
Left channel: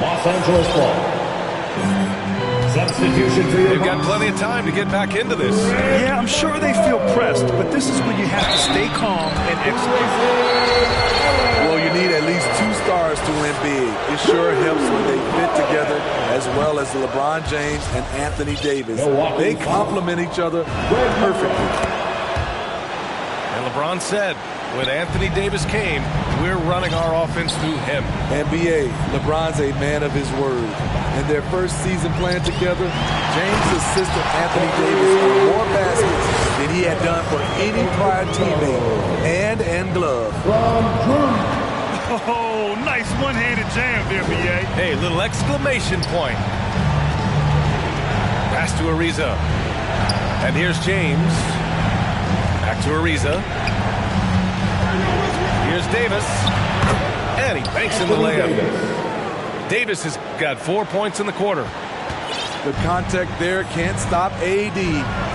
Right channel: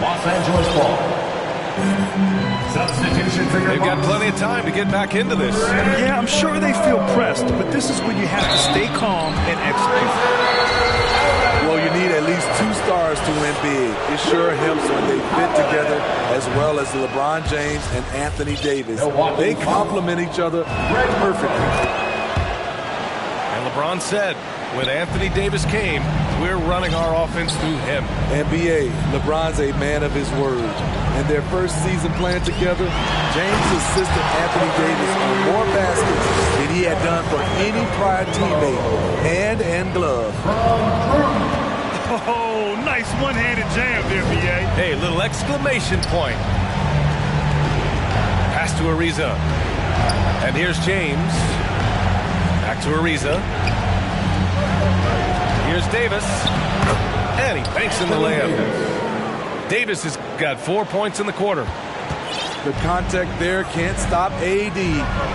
Los Angeles ball. Substitution for your They've got plenty of time to get back into this. Yeah, I'm sure they feel pressed, but this is when you have to stay calm and execute. Well, you need at least 2 stars to win big. It sure helps when they fit together as well as LeBron James and Anthony Davis. They complement each other perfectly. And LeBron said, when Anthony Davis came, we're running our offense through him. NBA, LeBron's a man of his word. In their first season playing together, James assisted Anthony Davis on more baskets than he had done for any prior teammate, hand and glove. Oh, nice one-handed jam there, B.A. Hey, little exclamation point. Pass to Ariza. And here's James. Back to Ariza. Here's Davis. And he banks in the layup. Davis has got 4 points in the quarter. The contact there can't stop AD.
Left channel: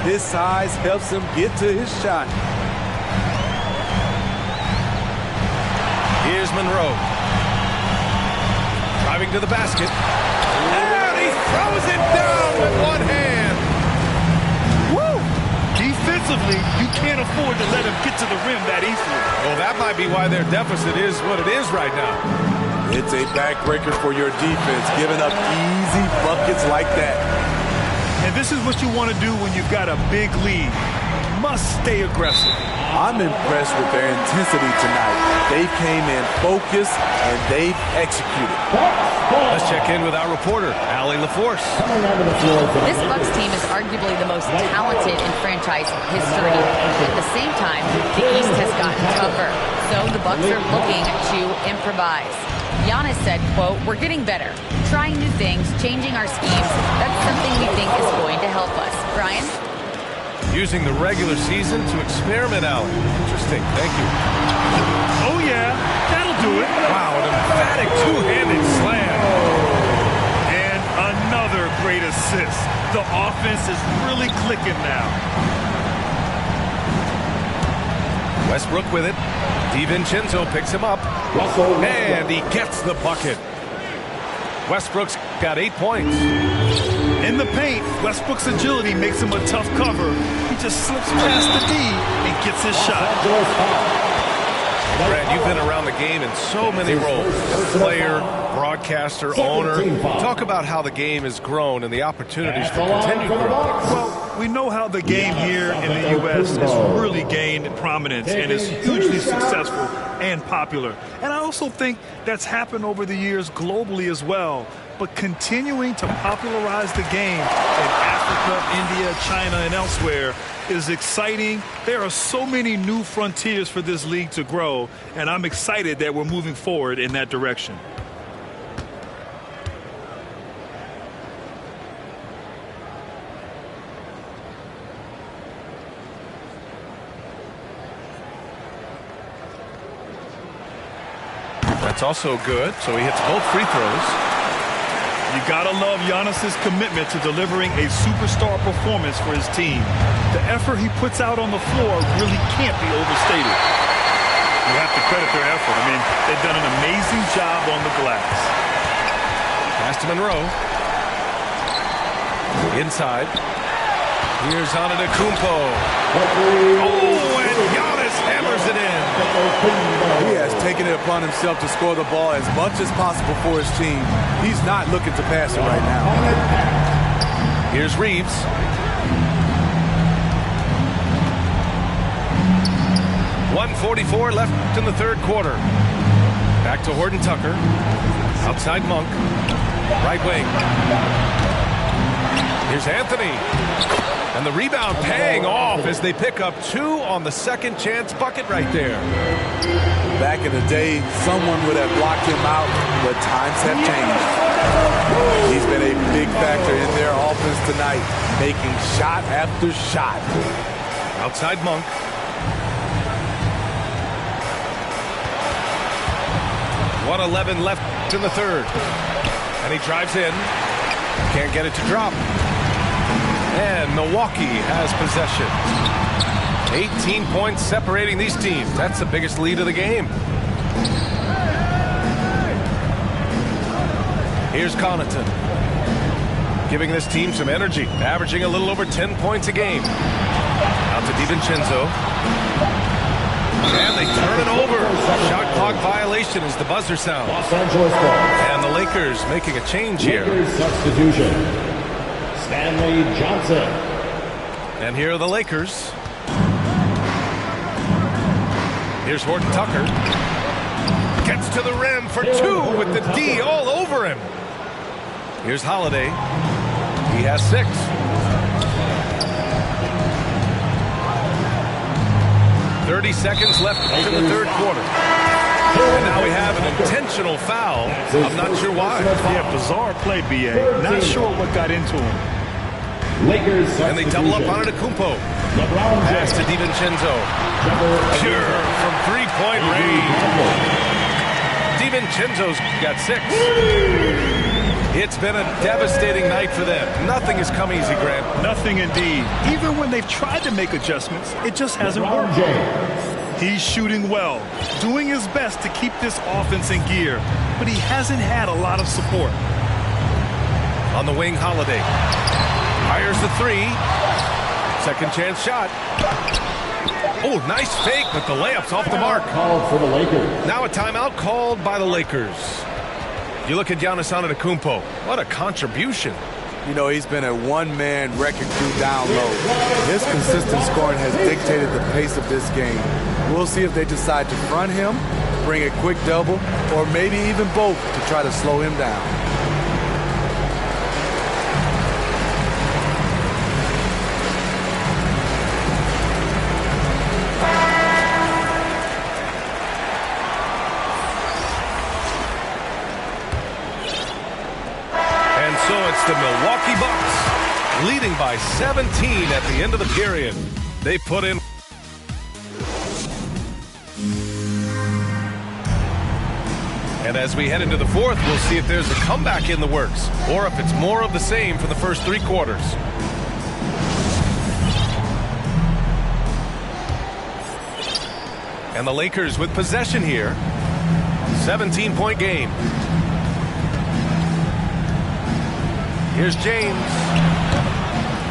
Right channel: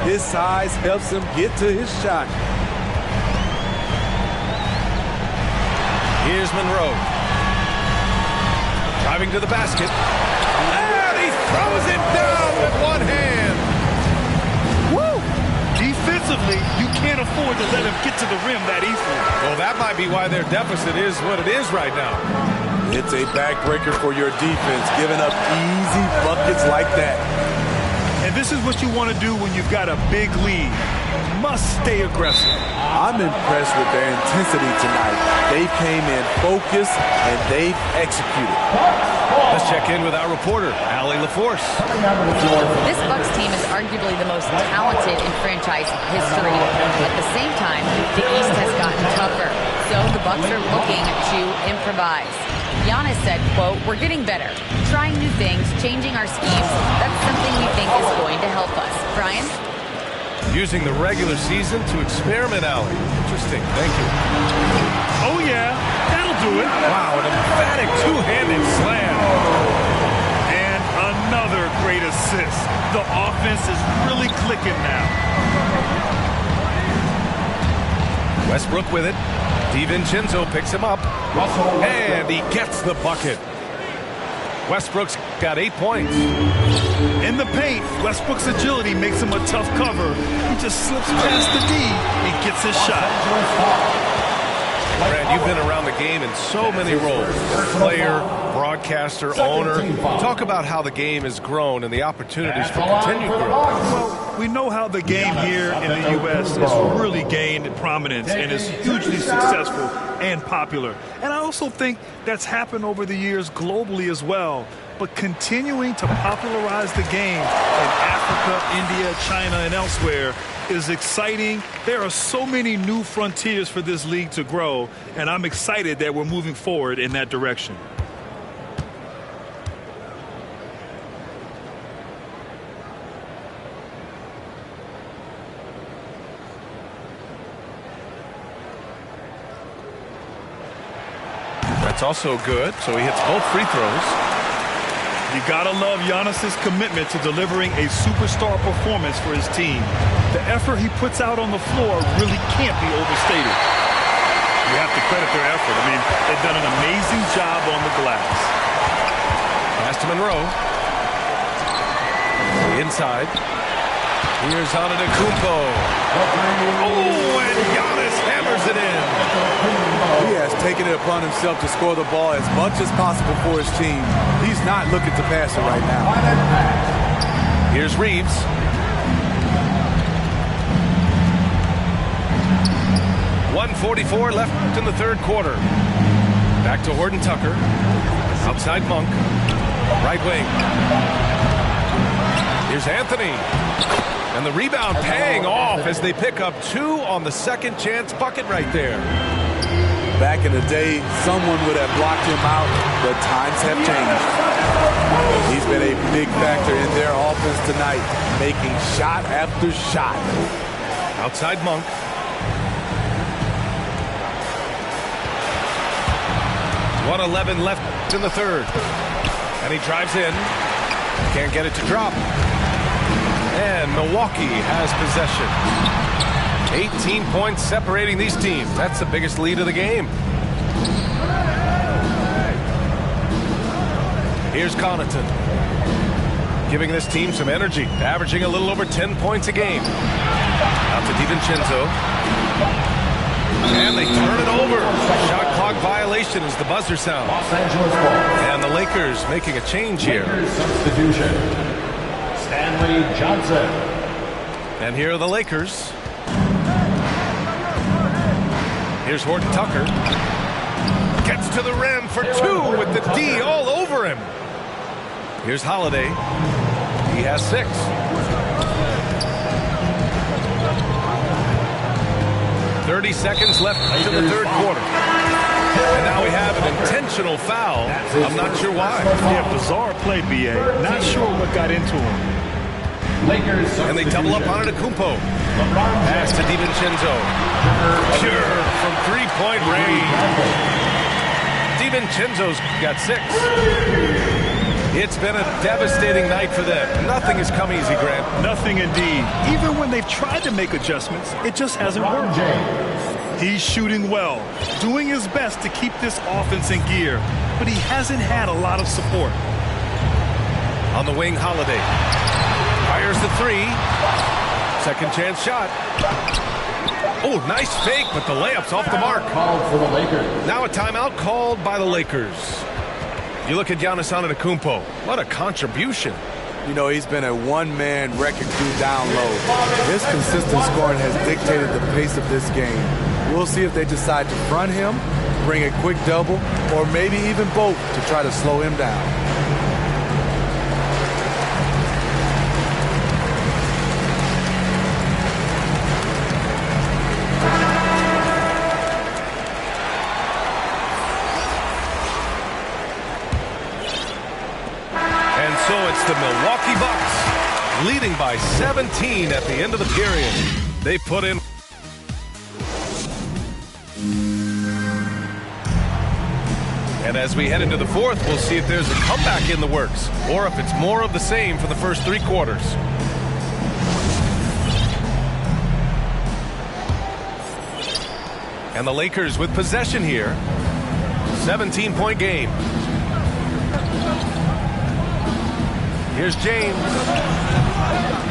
His size helps him get to his shot. Here's Monroe. Driving to the basket. And he throws it down with one hand. Woo! Defensively, you can't afford to let him get to the rim that easily. Well, that might be why their deficit is what it is right now. It's a backbreaker for your defense, giving up easy buckets like that. And this is what you want to do when you've got a big lead. You must stay aggressive. I'm impressed with their intensity tonight. They came in focused and they've executed. Let's check in with our reporter, Allie LaForce. This Bucks team is arguably the most talented in franchise history. At the same time, the East has gotten tougher, so the Bucks are looking to improvise. Giannis said, quote, "We're getting better, trying new things, changing our schemes. That's something we think is going to help us." Brian? Using the regular season to experiment, Allie. Interesting. Thank you. Oh, yeah. That'll do it. Wow, an emphatic two-handed slam. And another great assist. The offense is really clicking now. Westbrook with it. DiVincenzo picks him up. And he gets the bucket. Westbrook's got 8 points. In the paint, Westbrook's agility makes him a tough cover. He just slips past the D and gets his shot. Brad, you've been around the game in so many roles. Player, broadcaster, owner. Talk about how the game has grown and the opportunities for continued growth. Well, we know how the game here in the U.S. has really gained prominence and is hugely successful and popular. And I also think that's happened over the years globally as well. But continuing to popularize the game in Africa, India, China, and elsewhere is exciting. There are so many new frontiers for this league to grow, and I'm excited that we're moving forward in that direction. That's also good, so he hits both free throws. You gotta love Giannis's commitment to delivering a superstar performance for his team. The effort he puts out on the floor really can't be overstated. You have to credit their effort. I mean, they've done an amazing job on the glass. Pass to Monroe. Inside. Here's Antetokounmpo. Oh, and Giannis hammers it in. He has taken it upon himself to score the ball as much as possible for his team. He's not looking to pass it right now. Here's Reeves. .144 left in the third quarter. Back to Horton Tucker. Outside Monk. Right wing. Here's Anthony. And the rebound paying off as they pick up 2 on the second chance bucket right there. Back in the day, someone would have blocked him out, but times have changed. He's been a big factor in their offense tonight, making shot after shot. Outside Monk. .111 left in the third. And he drives in. Can't get it to drop. And Milwaukee has possession. 18 points separating these teams. That's the biggest lead of the game. Here's Connaughton. Giving this team some energy. Averaging a little over 10 points a game. Out to DiVincenzo. And they turn it over. Shot clock violation as the buzzer sounds. Los Angeles ball. And the Lakers making a change here. Lakers substitution. Stanley Johnson. And here are the Lakers. Here's Horton Tucker. Gets to the rim for 2 with the D all over him. Here's Holiday. He has 6. .30 seconds left in the third quarter. And now we have an intentional foul. I'm not sure why. Yeah, bizarre play, B.A. Not sure what got into him. Lakers. And they double up on Antetokounmpo. Pass to DiVincenzo. Pure from three-point range. DiVincenzo's got 6. It's been a devastating night for them. Nothing has come easy, Grant. Nothing indeed. Even when they've tried to make adjustments, it just hasn't worked. He's shooting well, doing his best to keep this offense in gear, but he hasn't had a lot of support. On the wing, Holiday. Fires the 3. Second chance shot. Oh, nice fake, but the layup's off the mark. Called for the Lakers. Now a timeout called by the Lakers. You look at Giannis Antetokounmpo. What a contribution. You know, he's been a one-man wrecking crew down low. His consistent scoring has dictated the pace of this game. We'll see if they decide to front him, bring a quick double, or maybe even both to try to slow him down. And so it's the Milwaukee Bucks leading by 17 at the end of the period. They put in. And as we head into the fourth, we'll see if there's a comeback in the works or if it's more of the same for the first 3 quarters. And the Lakers with possession here. 17-point game. Here's James.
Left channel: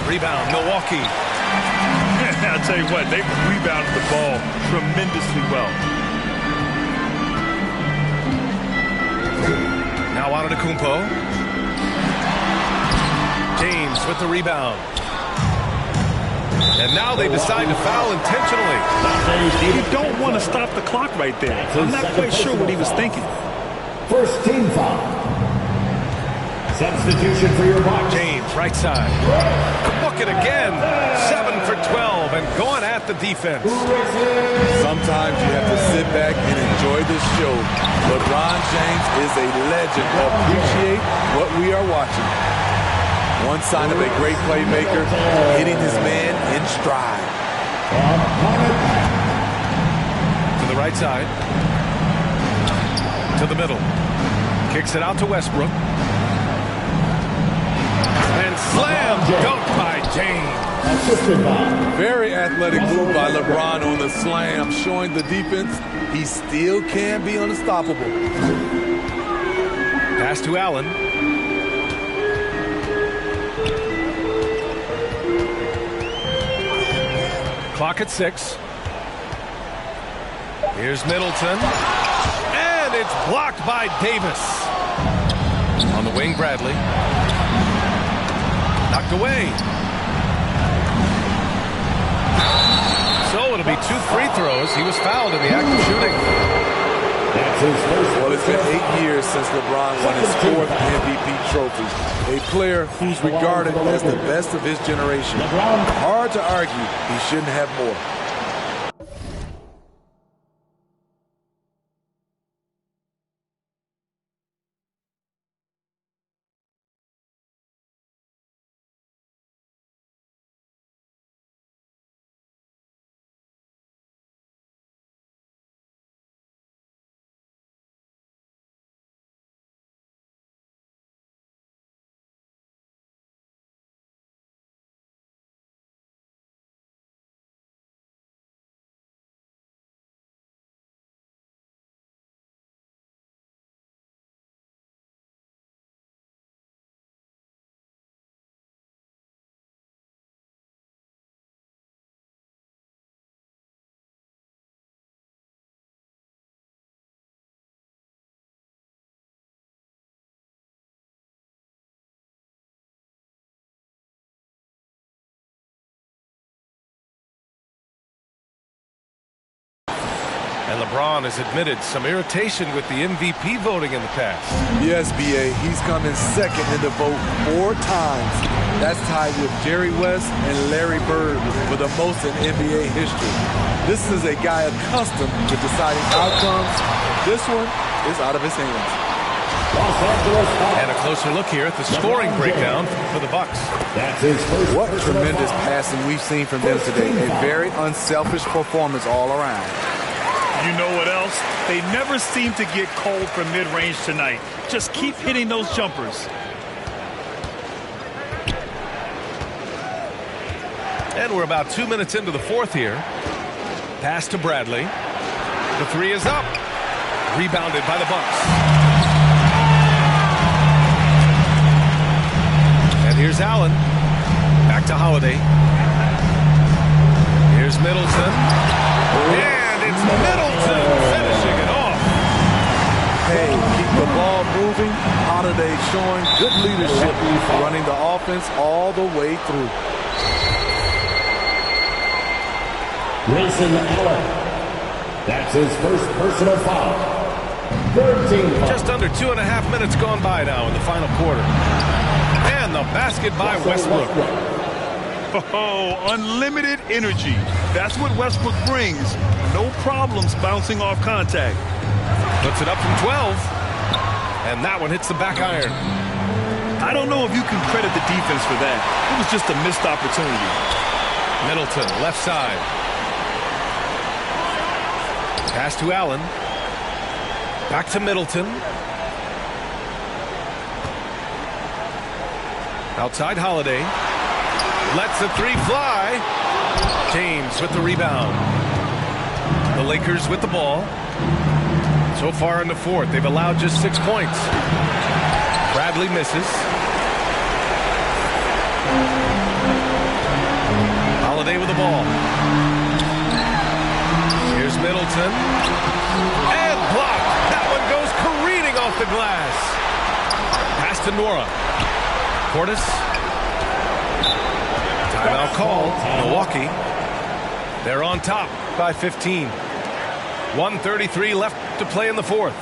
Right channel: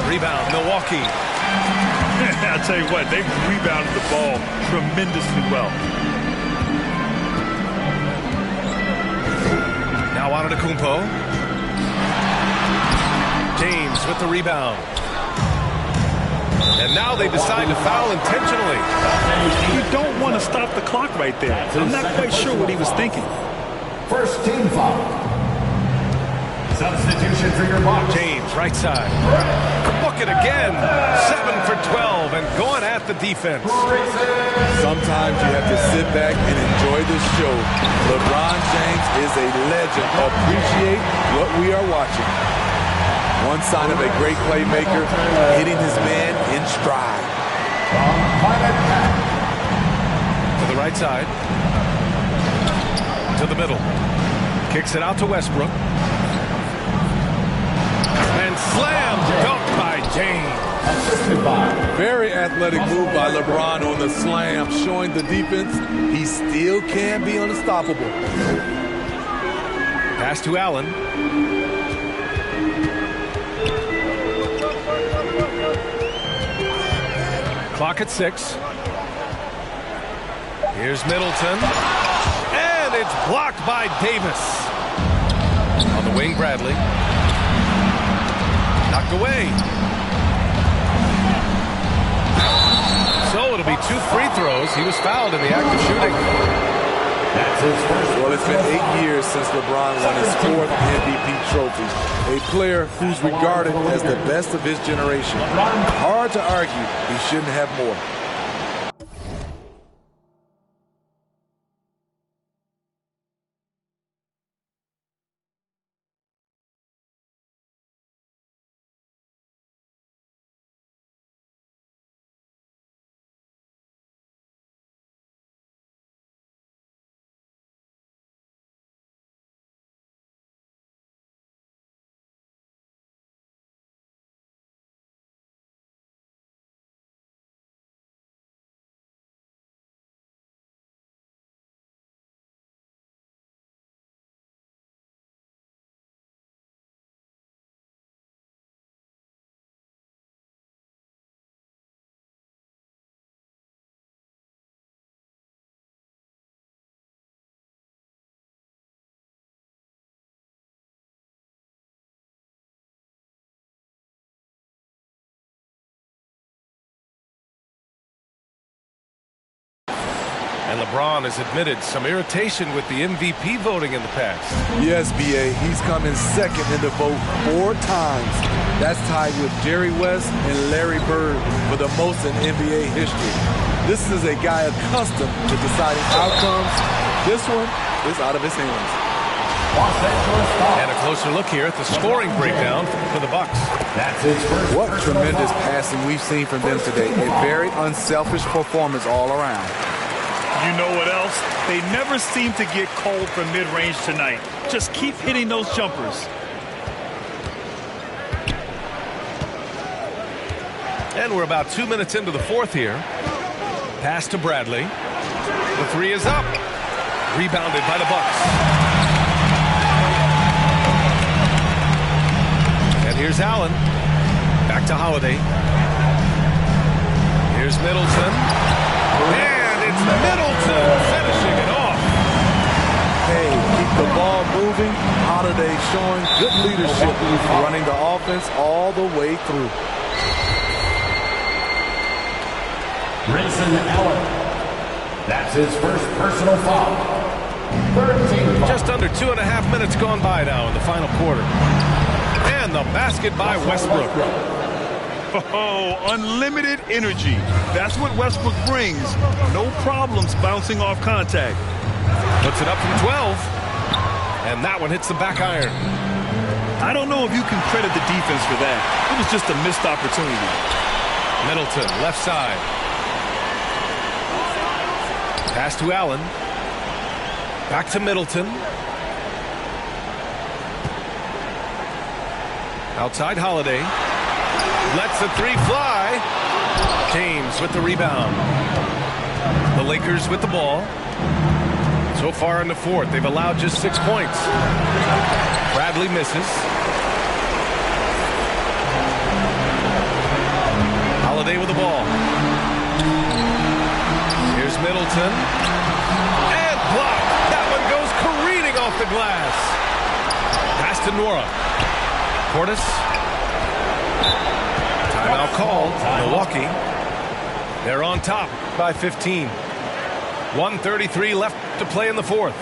Rebound, Milwaukee. I'll tell you what, they've rebounded the ball tremendously well. Now Antetokounmpo. James with the rebound. And now they decide to foul intentionally. You don't want to stop the clock right there. I'm not quite sure what he was thinking. First team foul. Substitution for your Bucks. James, right side. Book it again. 7 for 12 and going at the defense. Sometimes you have to sit back and enjoy the show. LeBron James is a legend. Appreciate what we are watching. One sign of a great playmaker, hitting his man in stride. To the right side. To the middle. Kicks it out to Westbrook. And slam dunk by James. Assisted by. Very athletic move by LeBron on the slam, showing the defense he still can be unstoppable. Pass to Allen. Clock at 6. Here's Middleton. And it's blocked by Davis. On the wing, Bradley. Knocked away. So it'll be 2 free throws. He was fouled in the act of shooting. That's his first. Well, it's been 8 years since LeBron won his 4th MVP trophy. A player who's regarded as the best of his generation. Hard to argue he shouldn't have more. And LeBron has admitted some irritation with the MVP voting in the past. Yes, B.A., he's come in second in the vote 4 times. That's tied with Jerry West and Larry Bird for the most in NBA history. This is a guy accustomed to deciding outcomes This one is out of his hands. Los Angeles foul. And a closer look here at the scoring breakdown for the Bucks. That's his first. What tremendous passing we've seen from them today. A very unselfish performance all around. You know what else? They never seem to get cold from mid-range tonight. Just keep hitting those jumpers. And we're about 2 minutes into the fourth here. Pass to Bradley. The three is up. Rebounded by the Bucks. And here's Allen. Back to Holiday. Here's Middleton. And it's Middleton finishing it off. Hey, keep the ball moving. Holiday showing good leadership, running the offense all the way through. Grayson Allen. That's his first personal foul. 13 foul. Just under 2.5 minutes gone by now in the final quarter. And the basket by Westbrook. Oh, unlimited energy. That's what Westbrook brings. No problems bouncing off contact. Puts it up from 12. And that one hits the back iron. I don't know if you can credit the defense for that. It was just a missed opportunity. Middleton, left side. Pass to Allen. Back to Middleton. Outside Holiday. Lets the three fly. James with the rebound. The Lakers with the ball. So far in the fourth, they've allowed just 6 points. Bradley misses. Holiday with the ball. Here's Middleton. And blocked. That one goes careening off the glass. Pass to Nora. Portis. Timeout called. Milwaukee. They're on top by 15. 1:33 left to play in the fourth.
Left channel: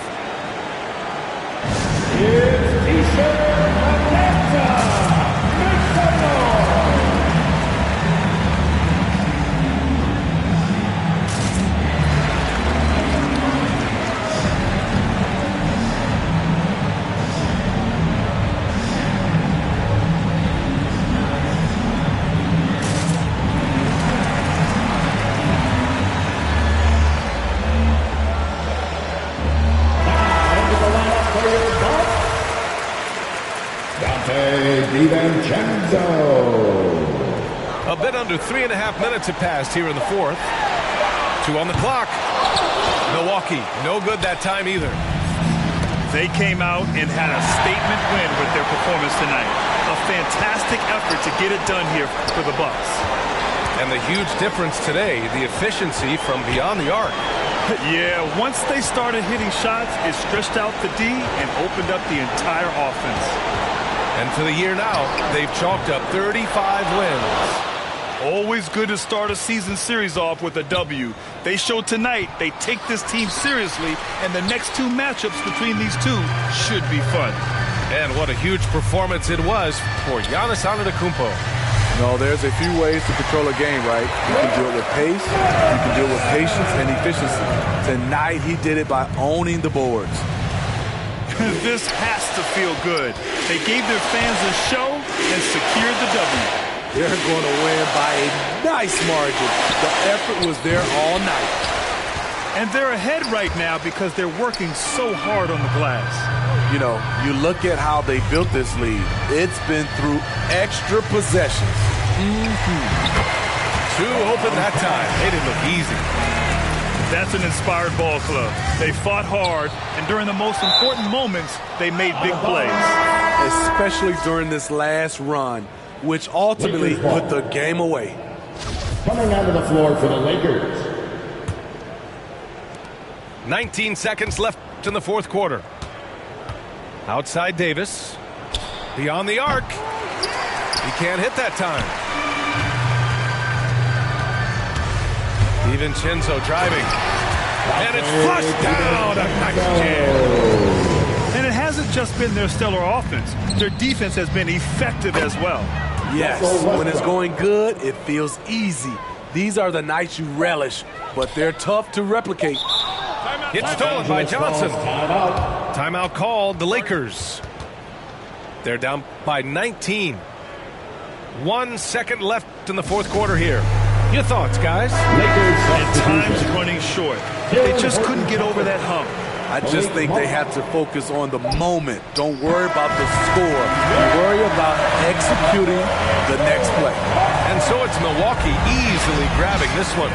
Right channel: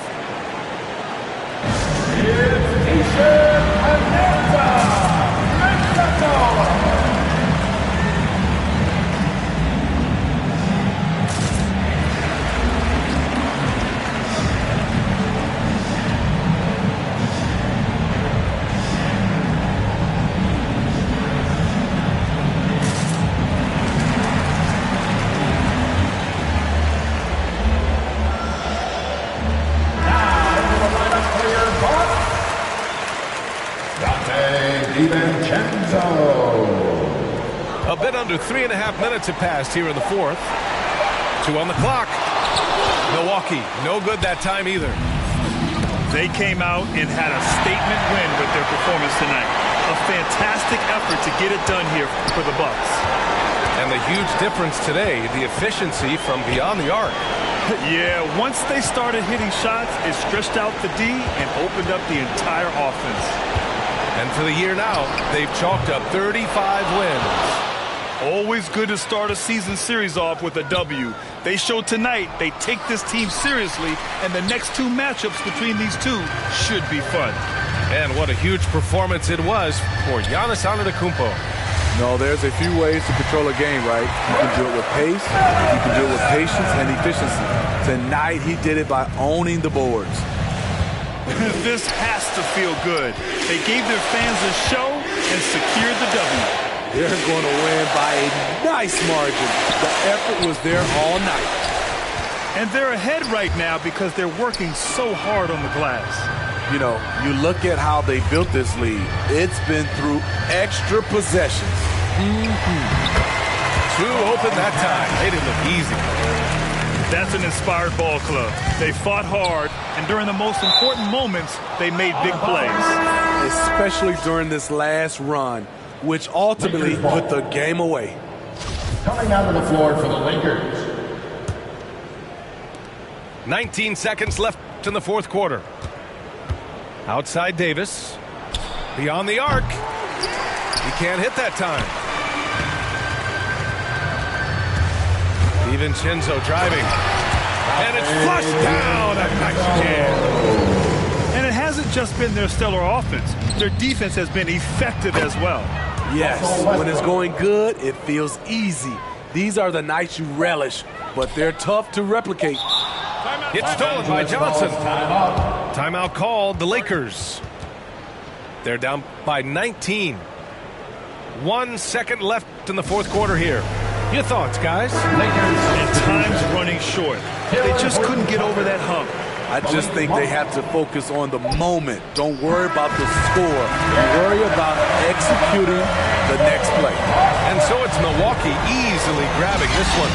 It's Easton Manetta. Make some noise. DiVincenzo. A bit under 3.5 minutes have passed here in the fourth. 2 on the clock. Milwaukee, no good that time either. They came out and had a statement win with their performance tonight. A fantastic effort to get it done here for the Bucks. And the huge difference today, the efficiency from beyond the arc. Yeah, once they started hitting shots, it stretched out the D and opened up the entire offense. And for the year now, they've chalked up 35 wins. Always good to start a season series off with a W. They showed tonight they take this team seriously, and the next 2 matchups between these two should be fun. And what a huge performance it was for Giannis Antetokounmpo. No, there's a few ways to control a game, right? You can do it with pace, you can do it with patience and efficiency. Tonight, he did it by owning the boards. This has to feel good. They gave their fans a show and secured the W. They're going to win by a nice margin. The effort was there all night. And they're ahead right now because they're working so hard on the glass. You know, you look at how they built this lead. It's been through extra possessions. Two open that time. They didn't look easy. That's an inspired ball club. They fought hard, and during the most important moments, they made big plays. Especially during this last run, which ultimately put the game away. Coming onto the floor for the Lakers. 19 seconds left in the fourth quarter. Outside Davis. Beyond the arc. He can't hit that time. DiVincenzo driving. And it's flushed down. A nice jam. And it hasn't just been their stellar offense. Their defense has been effective as well. Yes, when it's going good, it feels easy. These are the nights you relish, but they're tough to replicate. Timeout. It's stolen by Johnson. Timeout. Timeout called. The Lakers. They're down by 19. 1 second left in the fourth quarter here. Your thoughts, guys? And time's running short. They just couldn't get over that hump. I just think they have to focus on the moment. Don't worry about the score. Worry about executing the next play. And so it's Milwaukee easily grabbing this one.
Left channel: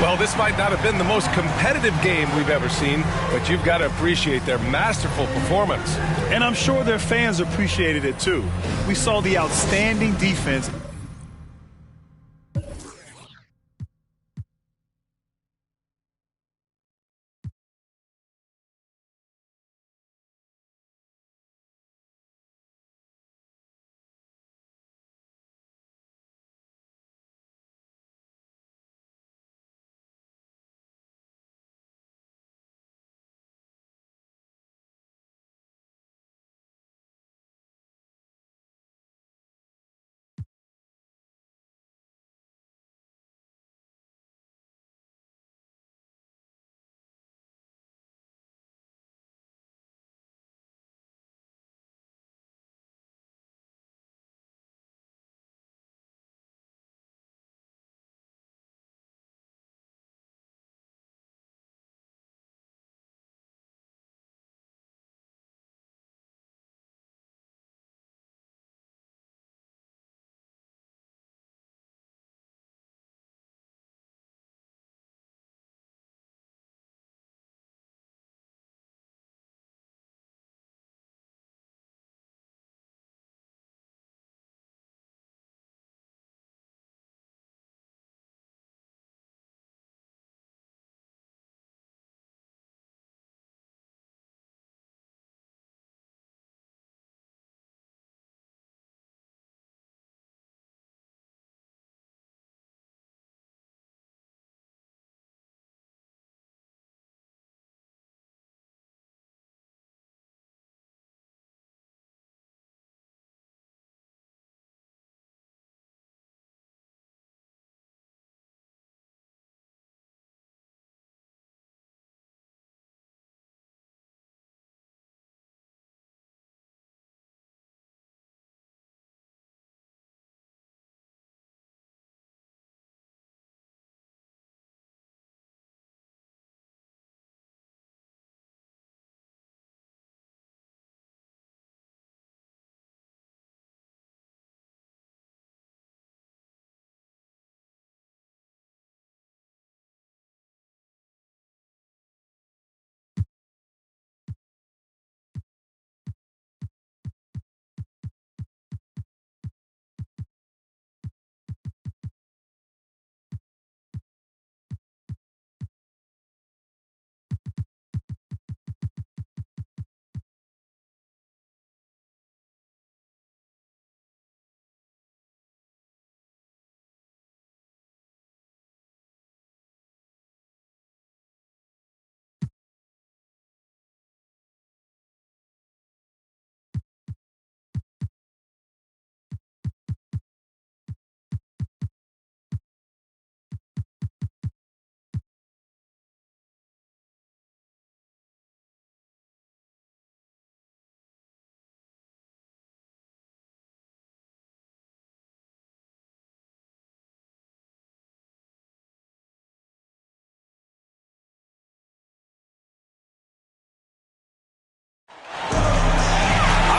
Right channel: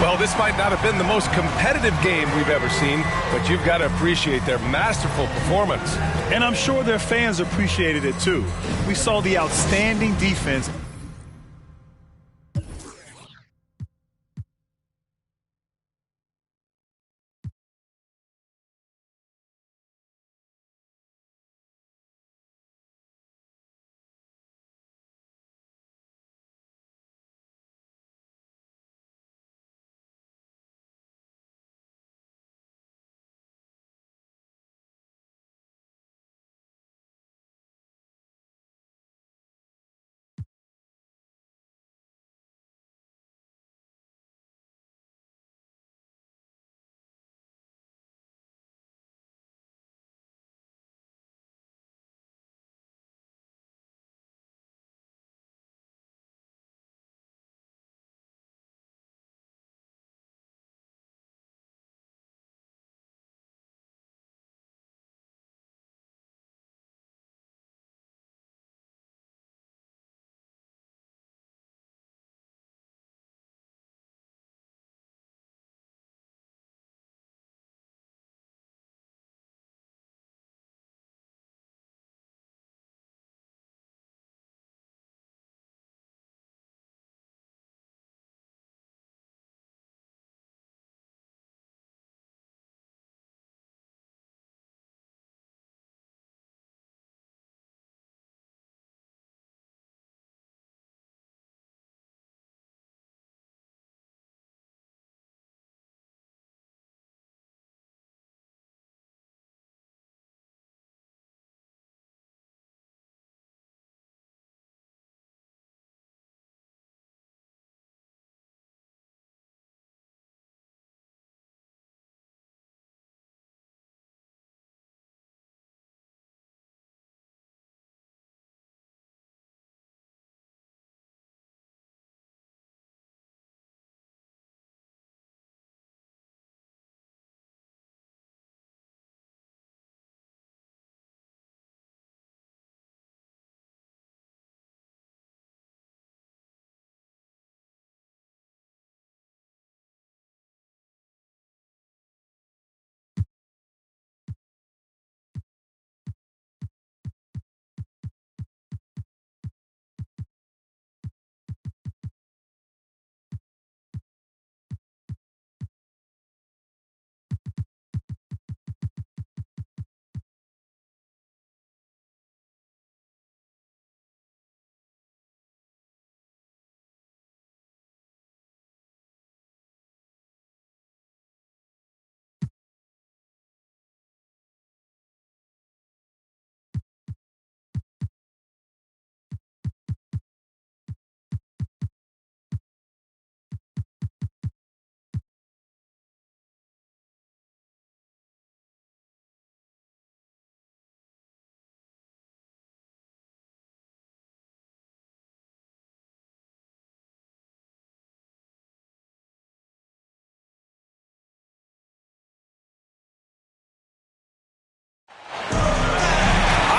Well, this might not have been the most competitive game we've ever seen, but you've got to appreciate their masterful performance. And I'm sure their fans appreciated it too. We saw the outstanding defense.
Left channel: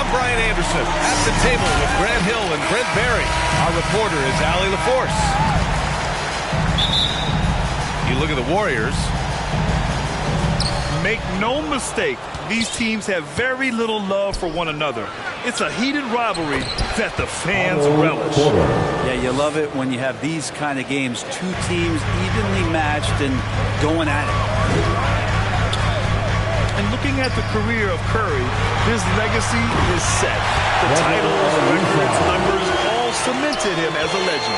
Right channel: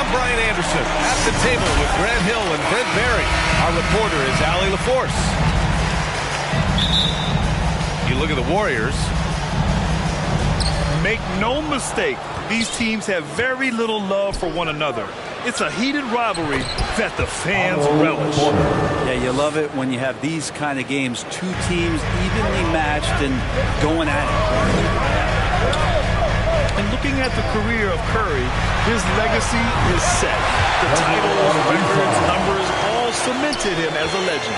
I'm Brian Anderson at the table with Grant Hill and Brent Barry. Our reporter is Allie LaForce. You look at the Warriors. Make no mistake, these teams have very little love for one another. It's a heated rivalry that the fans relish. Yeah, you love it when you have these kind of games. Two teams evenly matched and going at it. And looking at the career of Curry, his legacy is set. The titles, records, numbers all cemented him as a legend.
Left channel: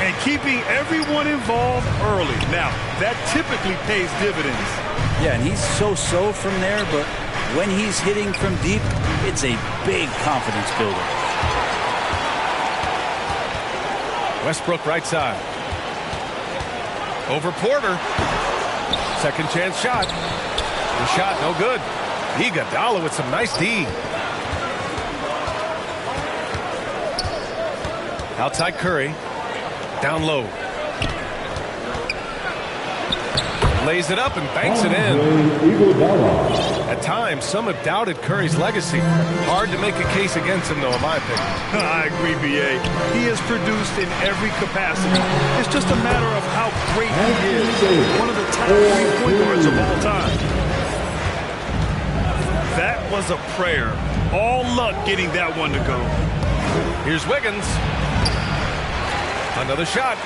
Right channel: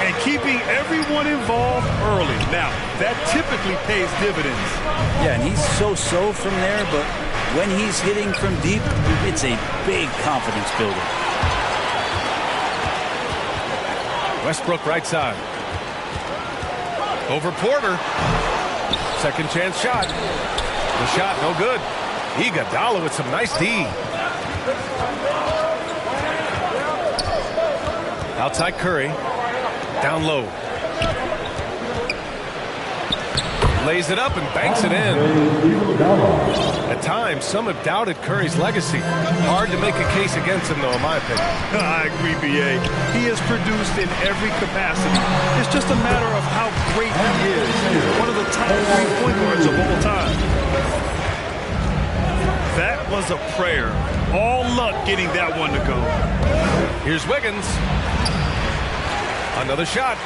And keeping everyone involved early. Now, that typically pays dividends. Yeah, and he's so-so from there, but when he's hitting from deep, it's a big confidence builder. Westbrook right side. Over Porter. Second chance shot. The shot, no good. Iguodala with some nice D. Outside Curry. Down low. Lays it up and banks it in. At times, some have doubted Curry's legacy. Hard to make a case against him, though, in my opinion. I agree, B.A. He has produced in every capacity. It's just a matter of how great he is. One of the top 3 point guards of all time. That was a prayer. All luck getting that one to go. Here's Wiggins. Another shot.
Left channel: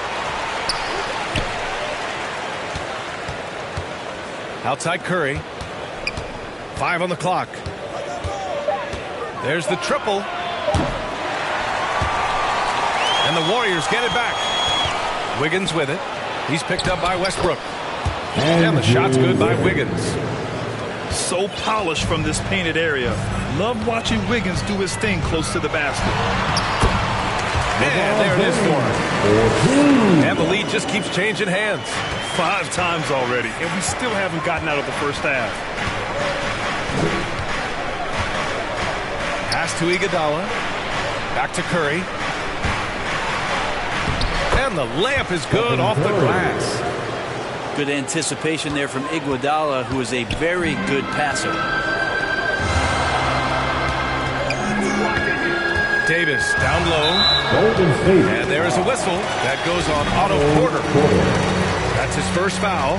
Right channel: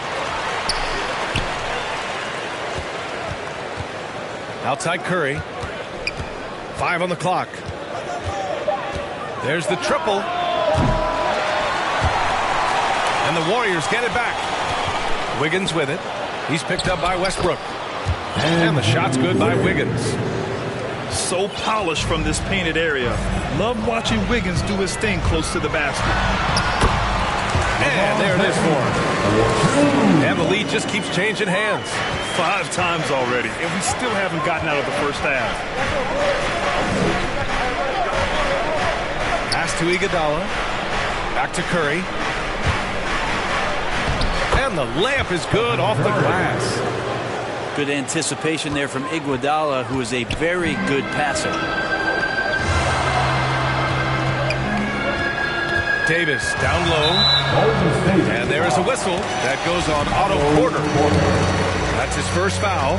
Outside Curry. 5 on the clock. There's the triple. And the Warriors get it back. Wiggins with it. He's picked up by Westbrook. And the shot's good by Wiggins. So polished from this painted area. Love watching Wiggins do his thing close to the basket. And there it is for him. And the lead just keeps changing hands. 5 times already, and we still haven't gotten out of the first half. Pass to Iguodala. Back to Curry. And the layup is good off the glass. Good anticipation there from Iguodala, who is a very good passer. Davis down low. And there is a whistle. That goes on Otto Porter. That's his first foul.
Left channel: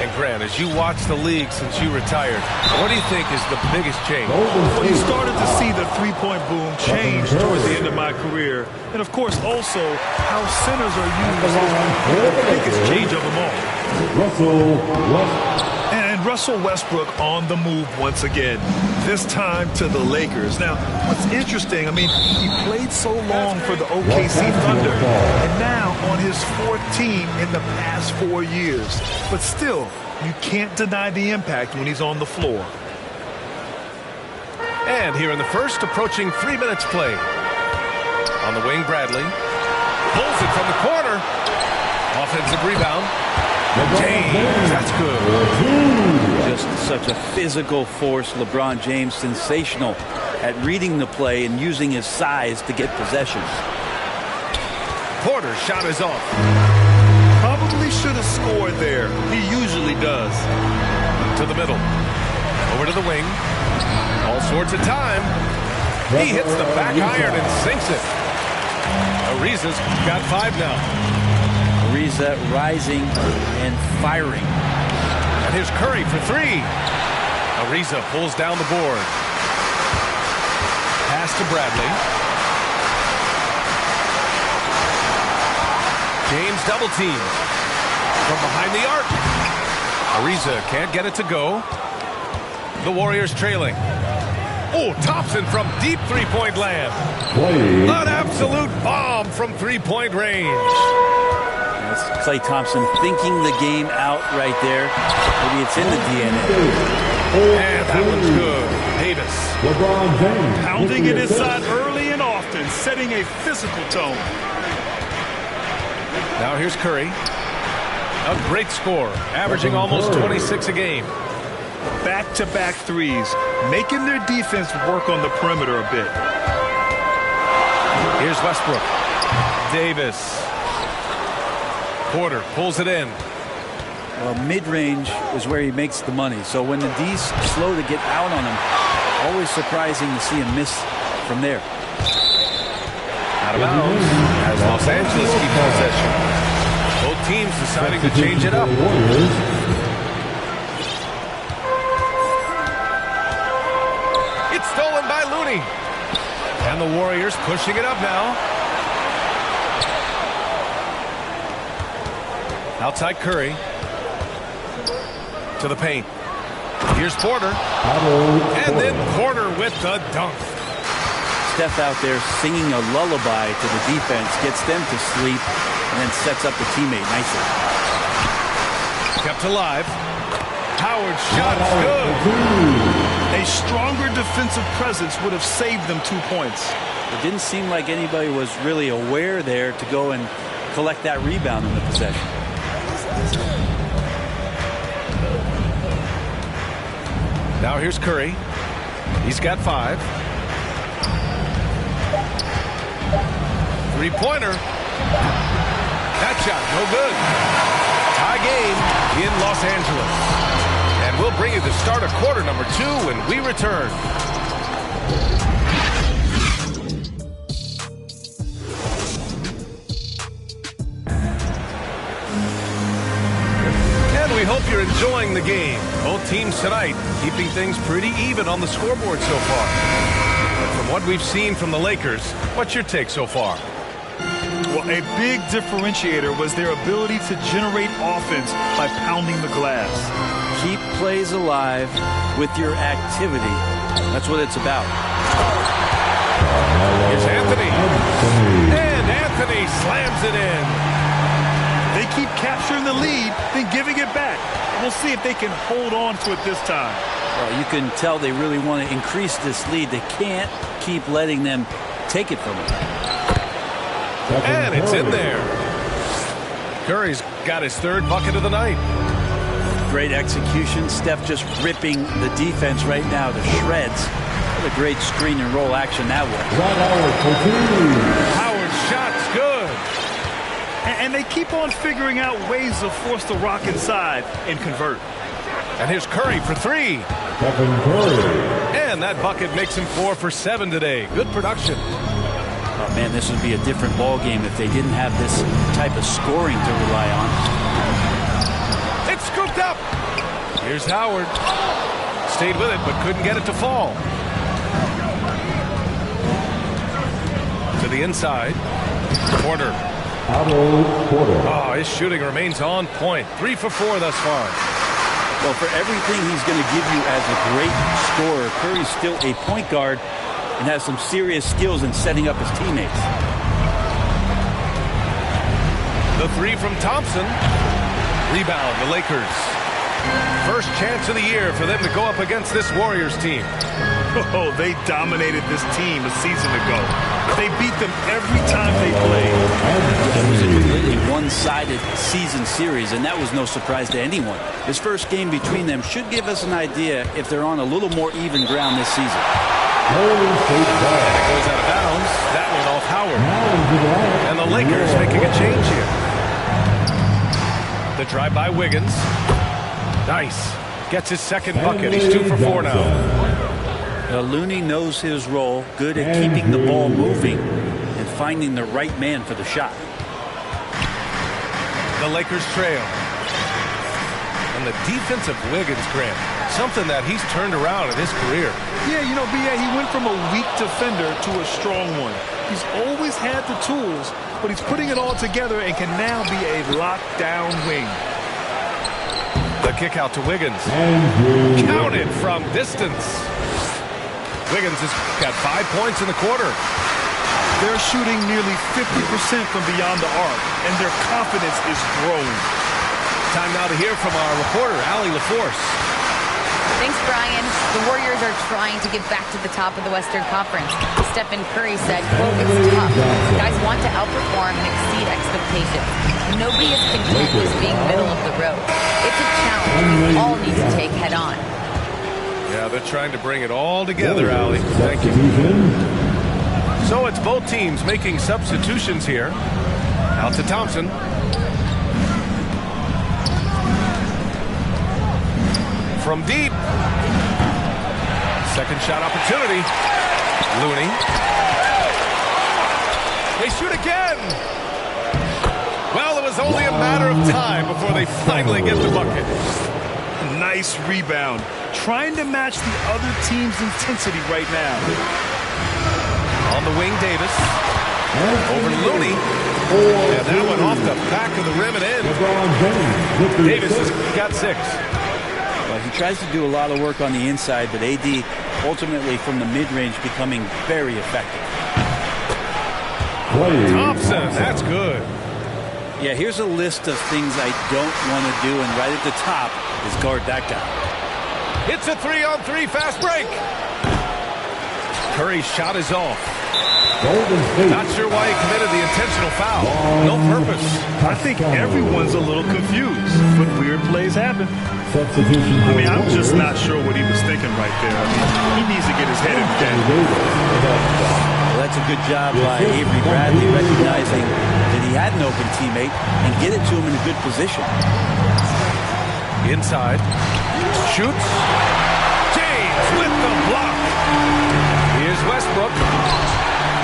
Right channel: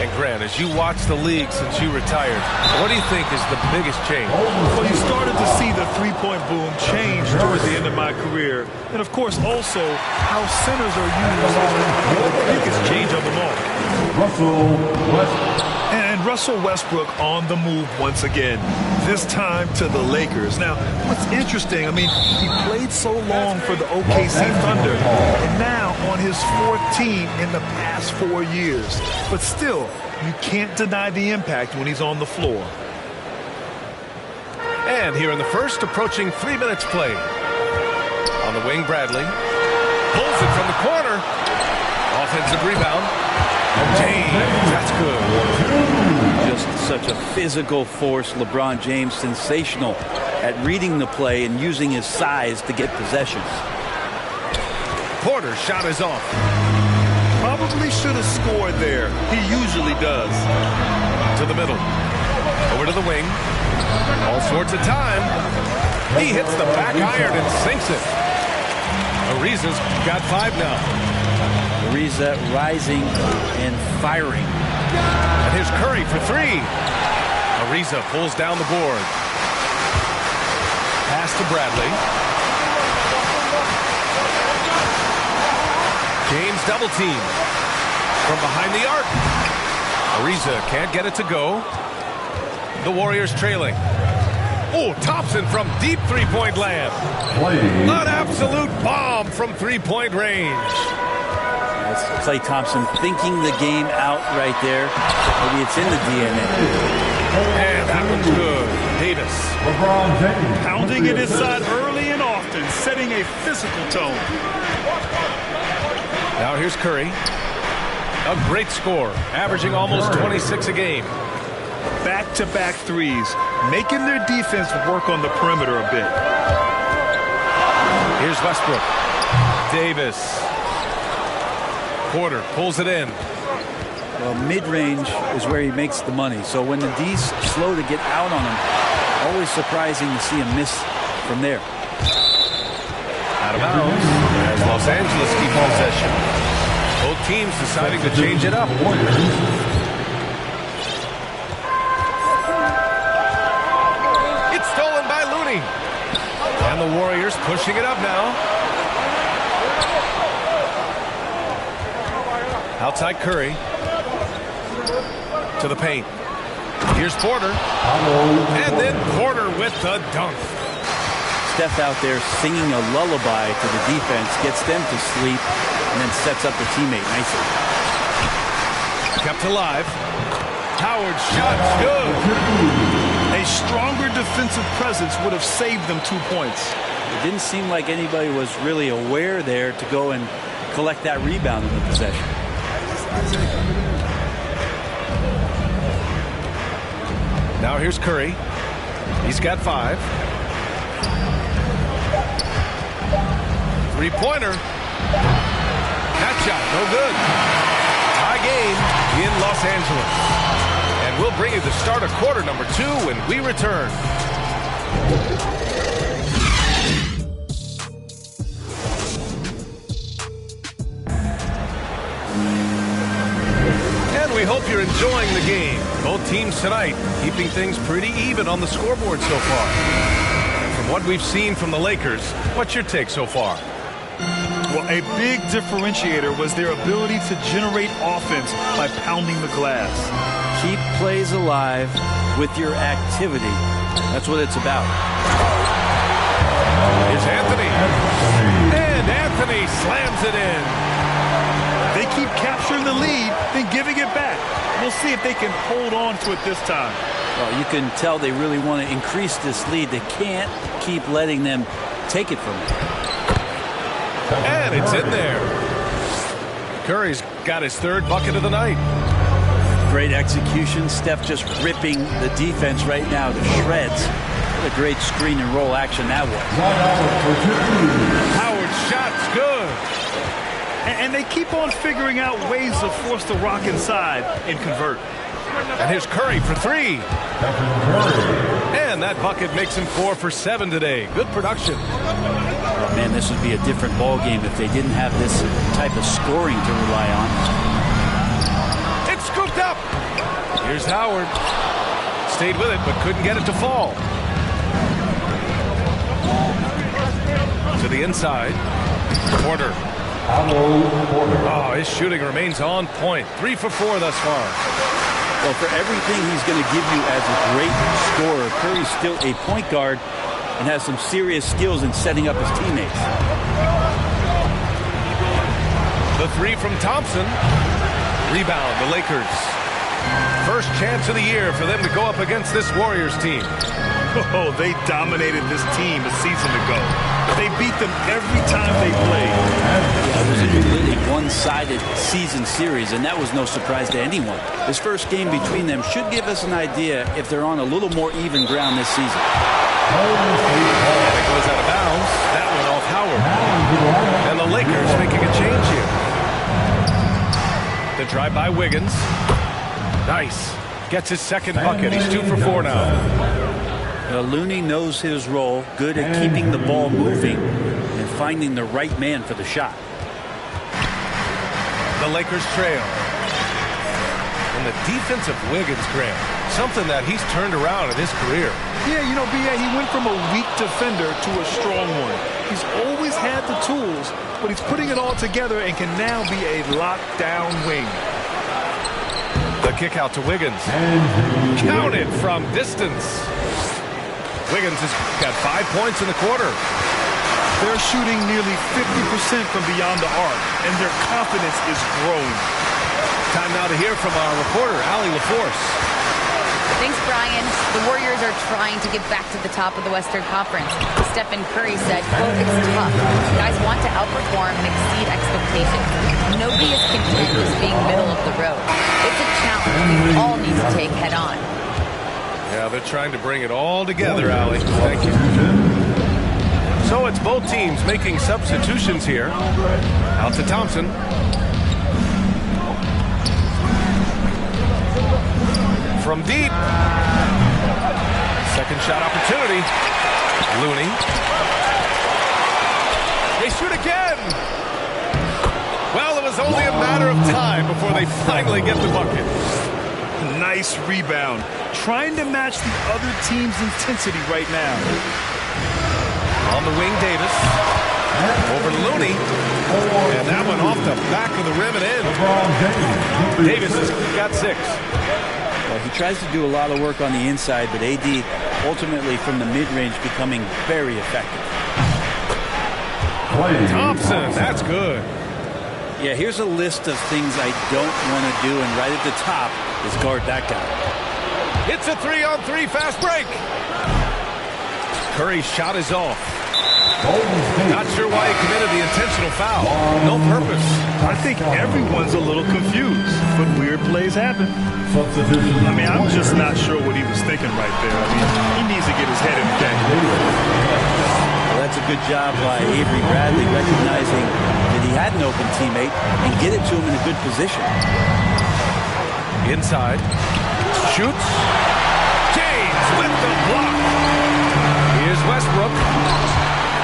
And Grant, as you watch the league since you retired, what do you think is the biggest change? Well, you started to see the three-point boom change towards the end of my career. And, of course, also how centers are used is the biggest change of them all. And Russell Westbrook on the move once again, this time to the Lakers. Now, what's interesting, I mean, he played so long for the OKC Thunder, and now on his 4th team in the past 4 years. But still, you can't deny the impact when he's on the floor. And here in the first, approaching 3 minutes play. On the wing, Bradley. Pulls it from the corner. Offensive rebound. James, that's good. Just such a physical force. LeBron James, sensational at reading the play and using his size to get possessions. Porter's shot is off. Probably should have scored there. He usually does. To the middle. Over to the wing. All sorts of time. He hits the back iron and sinks it. Ariza's got 5 now. Ariza rising and firing. And here's Curry for 3. Ariza pulls down the board. Pass to Bradley. James double team. From behind the arc. Ariza can't get it to go. The Warriors trailing. Oh, Thompson from deep three-point land. An absolute bomb from three-point range. That's Klay Thompson thinking the game out right there. Maybe it's in the DNA. And that one's good. Davis. LeBron James. Pounding it inside early and often, setting a physical tone. Now here's Curry. A great score, averaging almost 26 a game. Back-to-back threes, making their defense work on the perimeter a bit. Here's Westbrook. Davis. Porter pulls it in. Well, mid-range is where he makes the money. So when the D's slow to get out on him, always surprising to see him miss from there. Out of bounds as Los Angeles keep possession. Both teams deciding to change it up. It's stolen by Looney. And the Warriors pushing it up now. Outside Curry. To the paint. Here's Porter. And then Porter with the dunk. Steph out there singing a lullaby to the defense, gets them to sleep, and then sets up the teammate nicely. Kept alive. Howard's shot's good. A stronger defensive presence would have saved them 2 points. It didn't seem like anybody was really aware there to go and collect that rebound in the possession. Now here's Curry. He's got 5. Three-pointer. That shot, no good. Tie game in Los Angeles. And we'll bring you the start of quarter number 2 when we return. And we hope you're enjoying the game. Both teams tonight keeping things pretty even on the scoreboard so far. And from what we've seen from the Lakers, what's your take so far? Well, a big differentiator was their ability to generate offense by pounding the glass. Keep plays alive with your activity. That's what it's about. Here's Anthony. And Anthony slams it in. They keep capturing the lead, then giving it back. We'll see if they can hold on to it this time. Well, you can tell they really want to increase this lead. They can't keep letting them take it from them. And it's in there. Curry's got his 3rd bucket of the night. Great execution. Steph just ripping the defense right now to shreds. What a great screen and roll action that was. Howard's shot's good. And they keep on figuring out ways to force the rock inside and convert. And here's Curry for 3. Stephen Curry. And that bucket makes him 4 for 7 today. Good production. Oh, man, this would be a different ball game if they didn't have this type of scoring to rely on. It's scooped up. Here's Howard. Stayed with it, but couldn't get it to fall. To the inside. Porter. Oh, his shooting remains on point. 3 for 4 thus far. Well, for everything he's going to give you as a great scorer, Curry's still a point guard and has some serious skills in setting up his teammates. The 3 from Thompson. Rebound, the Lakers. First chance of the year for them to go up against this Warriors team. Oh, they dominated this team a season ago. They beat them every time they played. Yeah, it was a completely one-sided season series, and that was no surprise to anyone. This first game between them should give us an idea if they're on a little more even ground this season. And it goes out of bounds. That went off Howard. And the Lakers making a change here. The drive by Wiggins. Nice. Gets his 2nd bucket. He's 2 for 4 now. Looney knows his role, good at keeping the ball moving and finding the right man for the shot. The Lakers trail. And the defense of Wiggins, Graham, something that he's turned around in his career. Yeah, you know, B.A., he went from a weak defender to a strong one. He's always had the tools, but he's putting it all together and can now be a lockdown wing. The kick out to Wiggins. Counted from distance. Wiggins has got 5 points in the quarter. They're shooting nearly 50% from beyond the arc, and their confidence is growing. Time now to hear from our reporter, Allie LaForce. Thanks, Brian. The Warriors are trying to get back to the top of the Western Conference. Stephen Curry said, quote, "It's tough. Guys want to outperform and exceed expectations. Nobody is content just being middle of the road. It's a challenge we all need to take head on." Yeah, they're trying to bring it all together, Allie. Thank you. So it's both teams making substitutions here. Out to Thompson. From deep. Second shot opportunity. Looney. They shoot again. Well, it was only a matter of time before they finally get the bucket. Nice rebound. Trying to match the other team's intensity right now. On the wing, Davis. Over to Looney. And that one off the back of the rim and in. Davis has got 6. Well, he tries to do a lot of work on the inside, but AD ultimately from the mid-range becoming very effective. Thompson, that's good. Yeah, here's a list of things I don't want to do, and right at the top is guard that guy. It's a 3-on-3 fast break. Curry's shot is off. Not sure why he committed the intentional foul. No purpose. I think everyone's a little confused, but weird plays happen. Substitution. I mean, I'm just not sure what he was thinking right there. I mean, he needs to get his head in the game. Well, that's a good job by Avery Bradley, recognizing that he had an open teammate and get it to him in a good position. Inside. Shoots. James with the block. Here's Westbrook.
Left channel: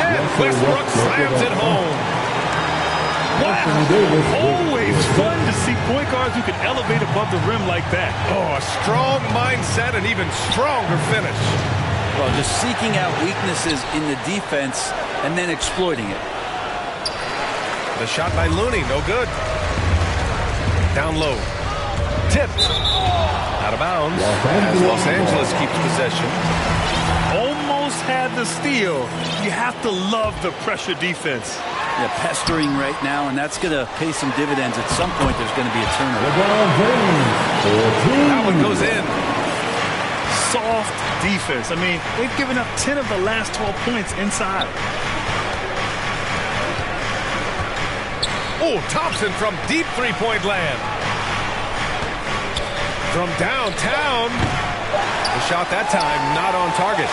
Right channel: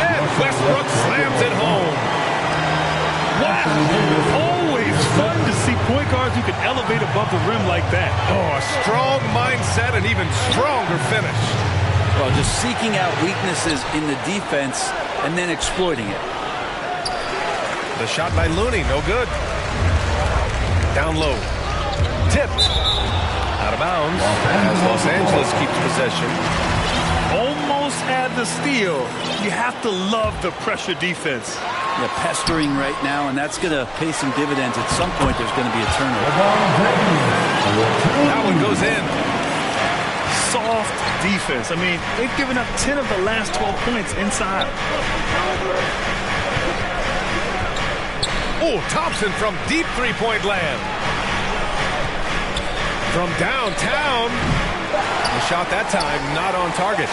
And Westbrook slams it home. Wow. Always fun to see point guards who can elevate above the rim like that. Oh, a strong mindset and even stronger finish. Well, just seeking out weaknesses in the defense and then exploiting it. The shot by Looney, no good. Down low. Tipped. Out of bounds as Los Angeles keeps possession. Almost had the steal. You have to love the pressure defense. Yeah, pestering right now, and that's going to pay some dividends. At some point, there's going to be a turnover. That one goes in. Soft defense. I mean, they've given up 10 of the last 12 points inside. Oh, Thompson from deep three-point land. From downtown. The shot that time not on target.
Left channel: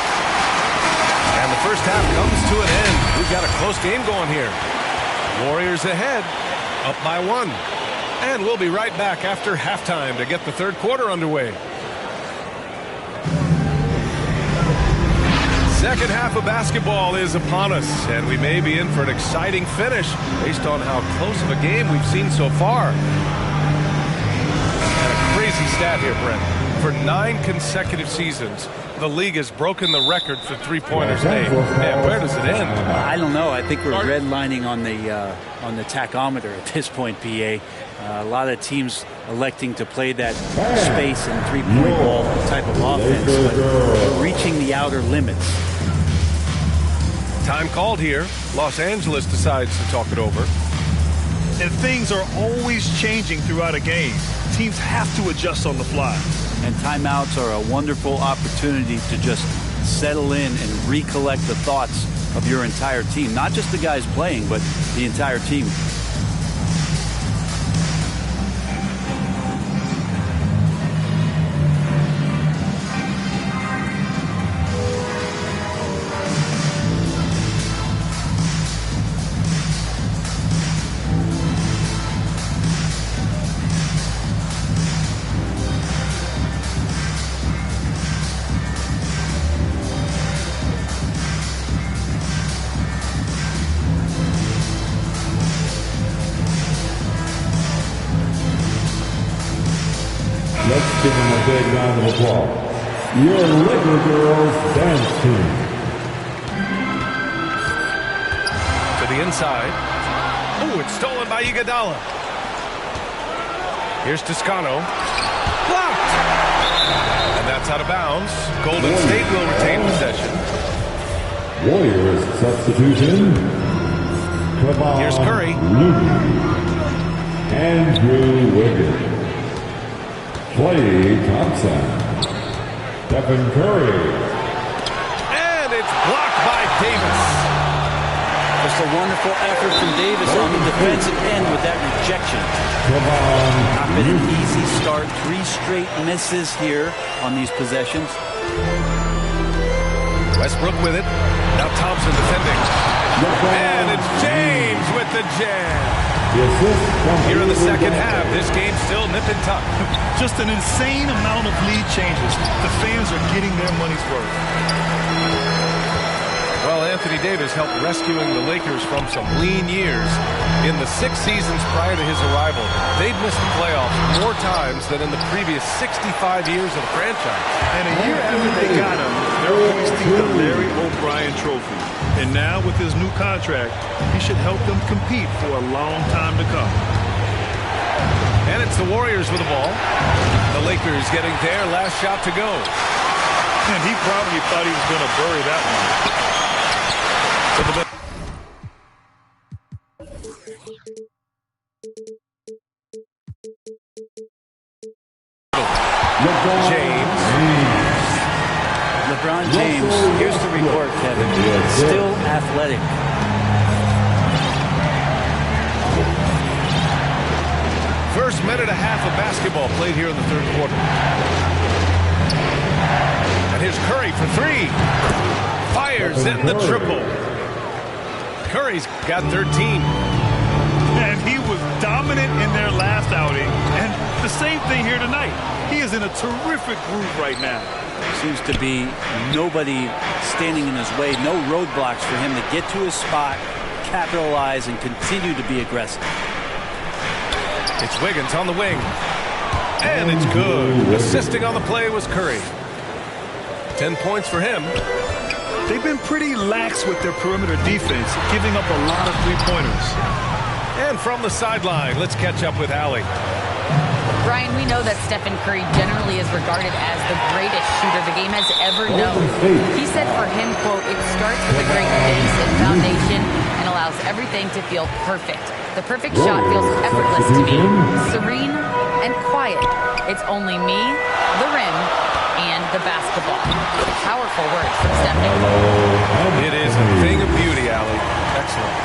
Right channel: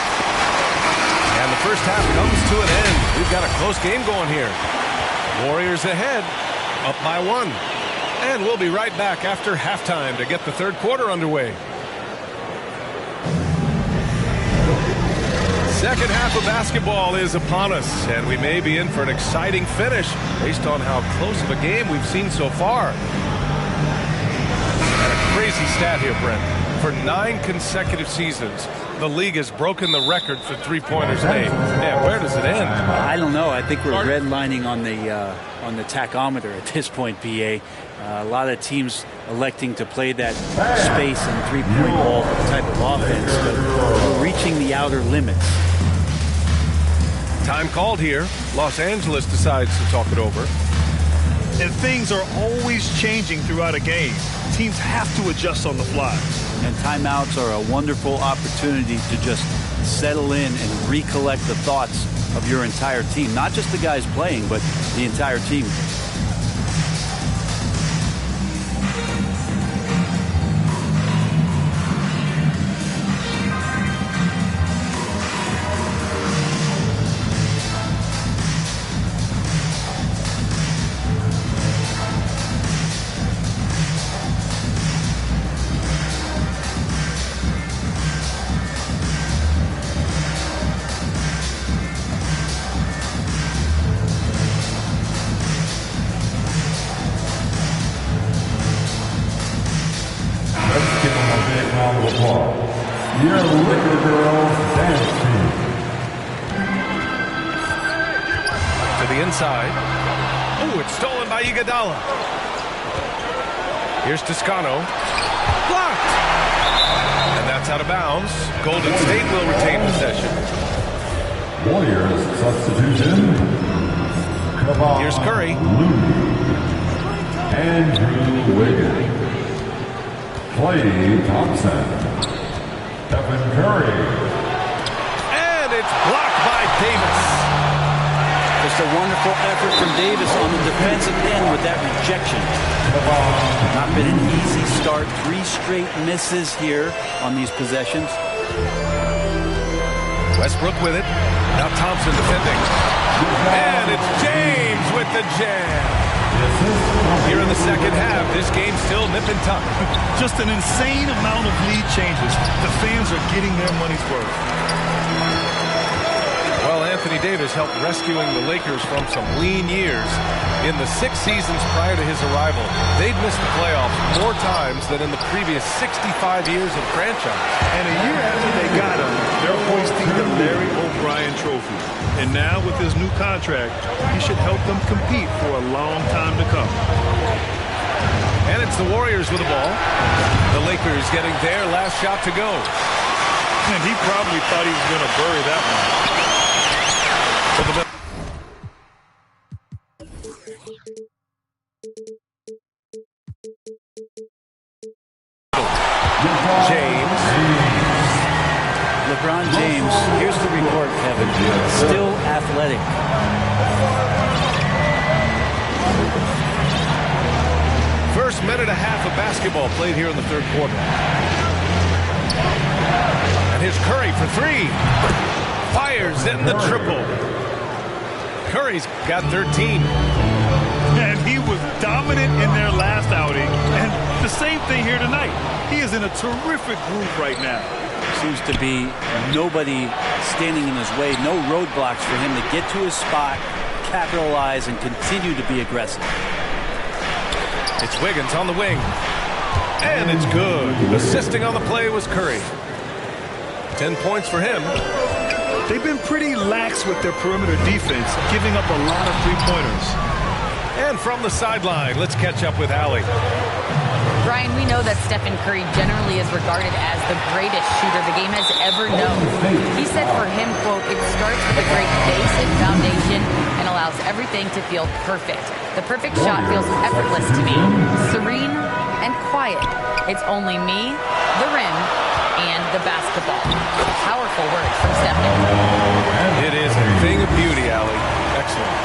And the first half comes to an end. We've got a close game going here. Warriors ahead, up by 1. And we'll be right back after halftime to get the third quarter underway. Second half of basketball is upon us, and we may be in for an exciting finish based on how close of a game we've seen so far. And a crazy stat here, Brent. For 9 consecutive seasons, the league has broken the record for three-pointers made. Man, where does it end? I don't know. I think we're redlining on the tachometer at this point, PA. A lot of teams electing to play that space and three-point ball type of offense, but we're reaching the outer limits. Time called here. Los Angeles decides to talk it over. And things are always changing throughout a game. Teams have to adjust on the fly. And timeouts are a wonderful opportunity to just settle in and recollect the thoughts of your entire team. Not just the guys playing, but the entire team. Let's give them a big round of applause. Your Laker Girls Dance Team. To the inside. Oh, it's stolen by Iguodala. Here's Toscano. Blocked. And that's out of bounds. Golden State will retain possession. Warriors substitution. Here's Curry. Looney. Andrew Wiggins. Klay Thompson. Stephen Curry. And it's blocked by Davis. Just a wonderful effort from Davis on the defensive end with that rejection. Not been an easy start. 3 straight misses here on these possessions. Westbrook with it. Now Thompson defending. And it's James with the jam. Here in the second half, this game's still nip and tuck. Just an insane amount of lead changes. The fans are getting their money's worth. Well, Anthony Davis helped rescuing the Lakers from some lean years. In the 6 seasons prior to his arrival, they'd missed the playoffs more times than in the previous 65 years of the franchise. And a year after they got him, they're hoisting the Larry O'Brien Trophy. And now with his new contract, he should help them compete for a long time to come. And it's the Warriors with the ball. The Lakers getting their last shot to go. And he probably thought he was going to bury that one. To the James. LeBron James, here's the report, Kevin. Still athletic. first minute and a half of basketball played here in the third quarter. And here's Curry for three. Fires in the triple. Curry's got 13. And he was dominant in their last outing. And the same thing here tonight. He is in a terrific groove right now. Seems to be nobody standing in his way, no roadblocks for him to get to his spot, capitalize, and continue to be aggressive. It's Wiggins on the wing. And it's good. Assisting on the play was Curry. 10 points for him. They've been pretty lax with their perimeter defense, giving up a lot of three-pointers. And from the sideline, let's catch up with Allie. Brian, we know that Stephen Curry generally is regarded as the greatest shooter the game has ever known. He said for him, quote, "It starts with a great base and foundation and allows everything to feel perfect. The perfect shot feels effortless to me, serene and quiet. It's only me, the rim, and the basketball." Powerful words from Stephen. It is a thing of beauty, Allie. Excellent.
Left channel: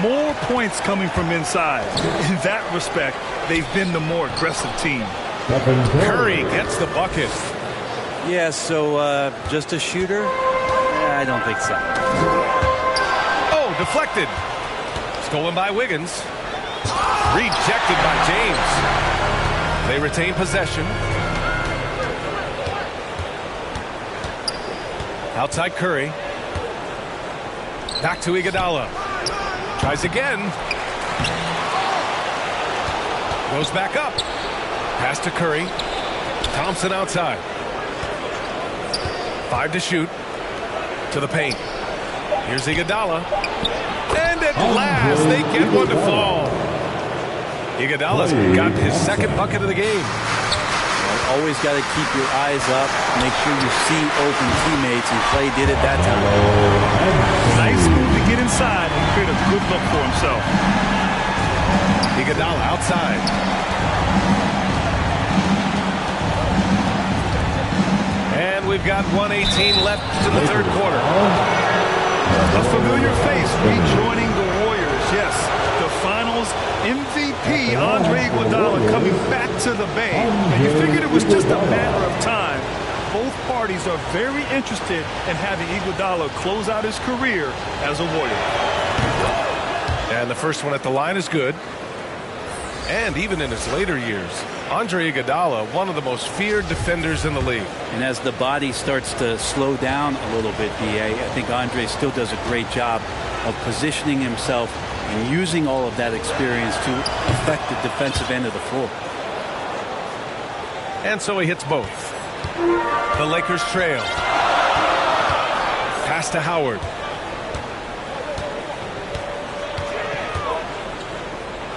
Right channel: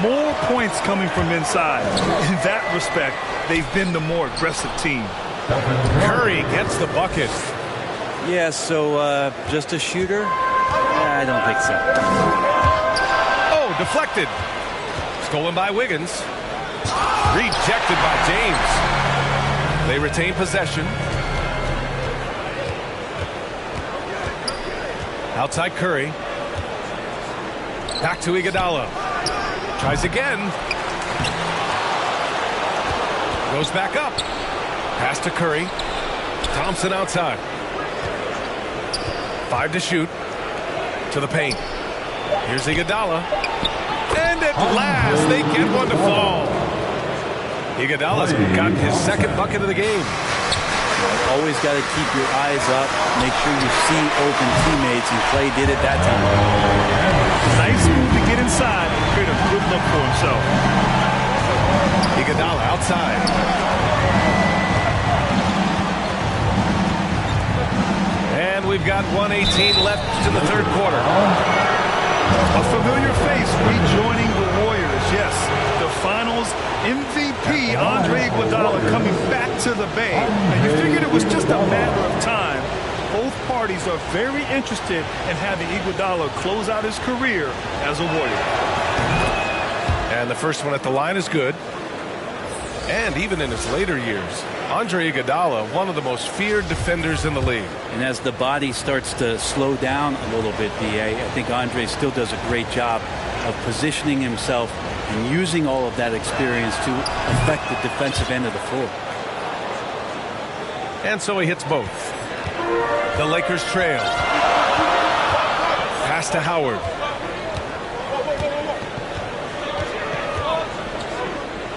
More points coming from inside. In that respect, they've been the more aggressive team. Curry gets the bucket. Yeah, so just a shooter? I don't think so. Oh, deflected. Stolen by Wiggins. Rejected by James. They retain possession. Outside Curry. Back to Iguodala. Tries again. Goes back up. Pass to Curry. Thompson outside. 5 to shoot. To the paint. Here's Iguodala. And at last, they get one to fall. Iguodala's got his second bucket of the game. Always got to keep your eyes up. Make sure you see open teammates, and Clay did it that time. Nice move to get inside and create a good look for himself. Iguodala outside. And we've got 1:18 left in the third quarter. A familiar face rejoining the Warriors. Yes, the Finals MVP Andre Iguodala coming back to the Bay. And you figured it was just a matter of time. Both parties are very interested in having Iguodala close out his career as a Warrior. And the first one at the line is good. And even in his later years, Andre Iguodala, one of the most feared defenders in the league. And as the body starts to slow down a little bit, B.A., I think Andre still does a great job of positioning himself and using all of that experience to affect the defensive end of the floor. And so he hits both. The Lakers trail. Pass to Howard.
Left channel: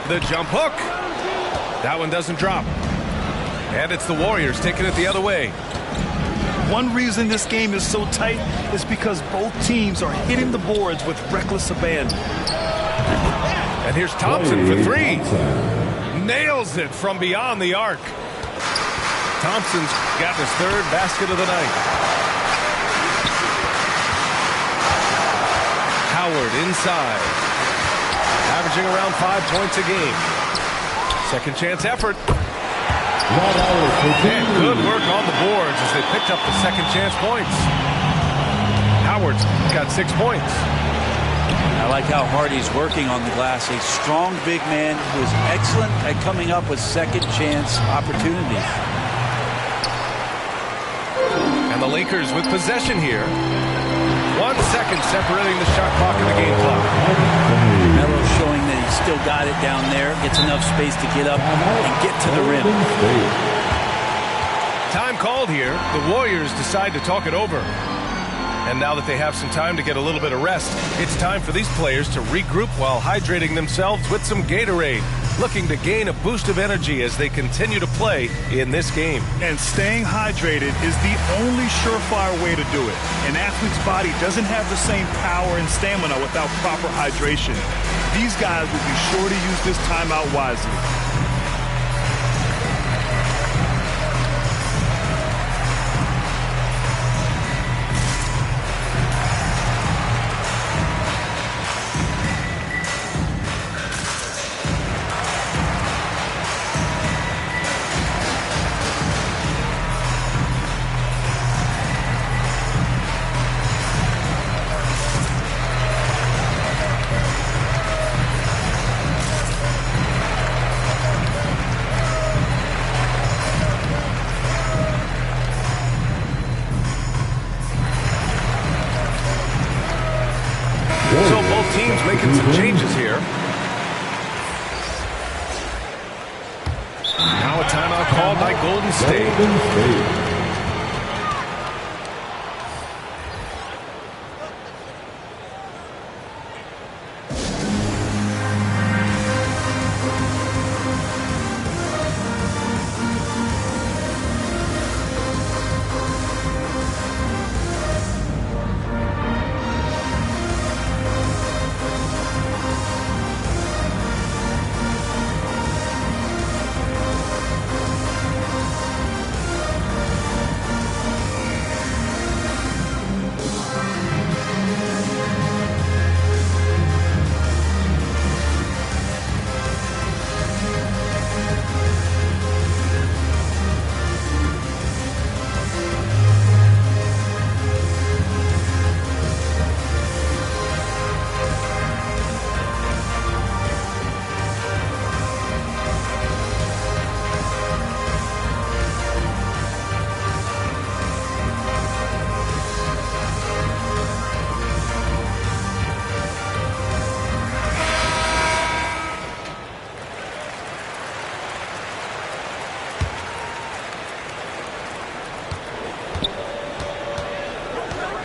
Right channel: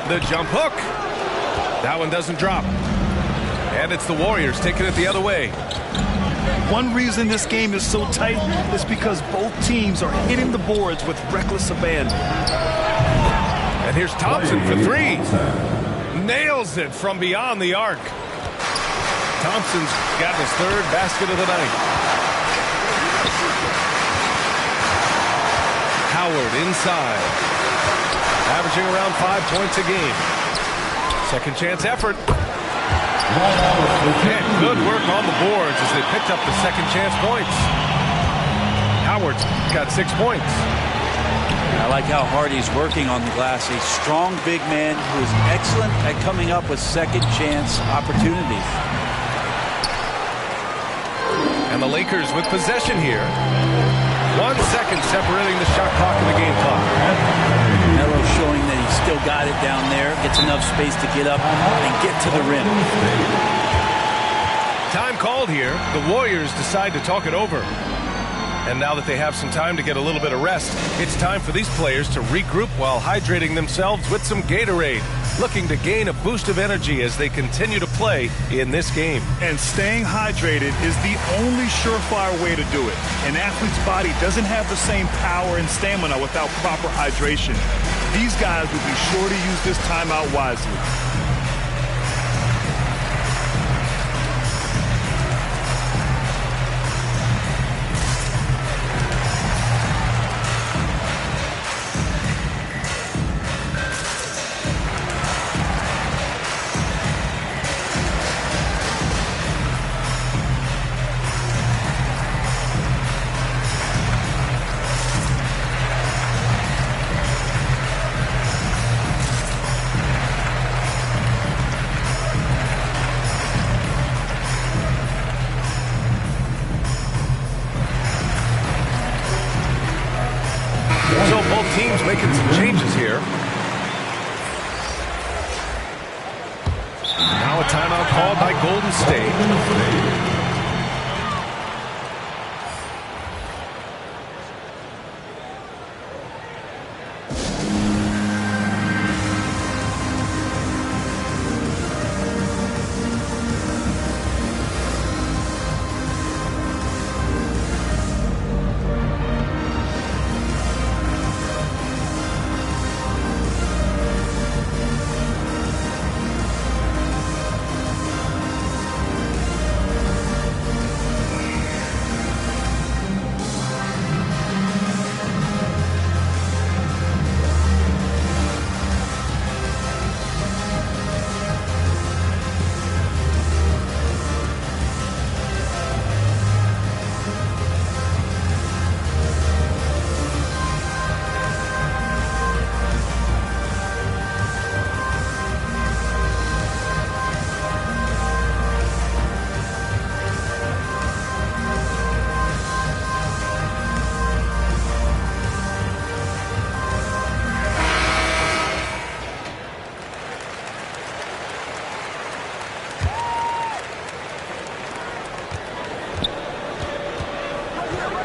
The jump hook. That one doesn't drop. And it's the Warriors taking it the other way. One reason this game is so tight is because both teams are hitting the boards with reckless abandon. And here's Thompson for three. Nails it from beyond the arc. Thompson's got his third basket of the night. Howard inside. Averaging around 5 points a game. Second chance effort. And good work on the boards as they picked up the second chance points. Howard's got 6 points. I like how hard he's working on the glass. A strong big man who is excellent at coming up with second chance opportunities. And the Lakers with possession here. 1 second separating the shot clock and the game clock. Melo showing that he's still got it down there. Gets enough space to get up and get to the rim. Time called here. The Warriors decide to talk it over. And now that they have some time to get a little bit of rest, it's time for these players to regroup while hydrating themselves with some Gatorade, looking to gain a boost of energy as they continue to play in this game. And staying hydrated is the only surefire way to do it. An athlete's body doesn't have the same power and stamina without proper hydration. These guys will be sure to use this timeout wisely. Both teams making some changes here. Now a timeout called by Golden State.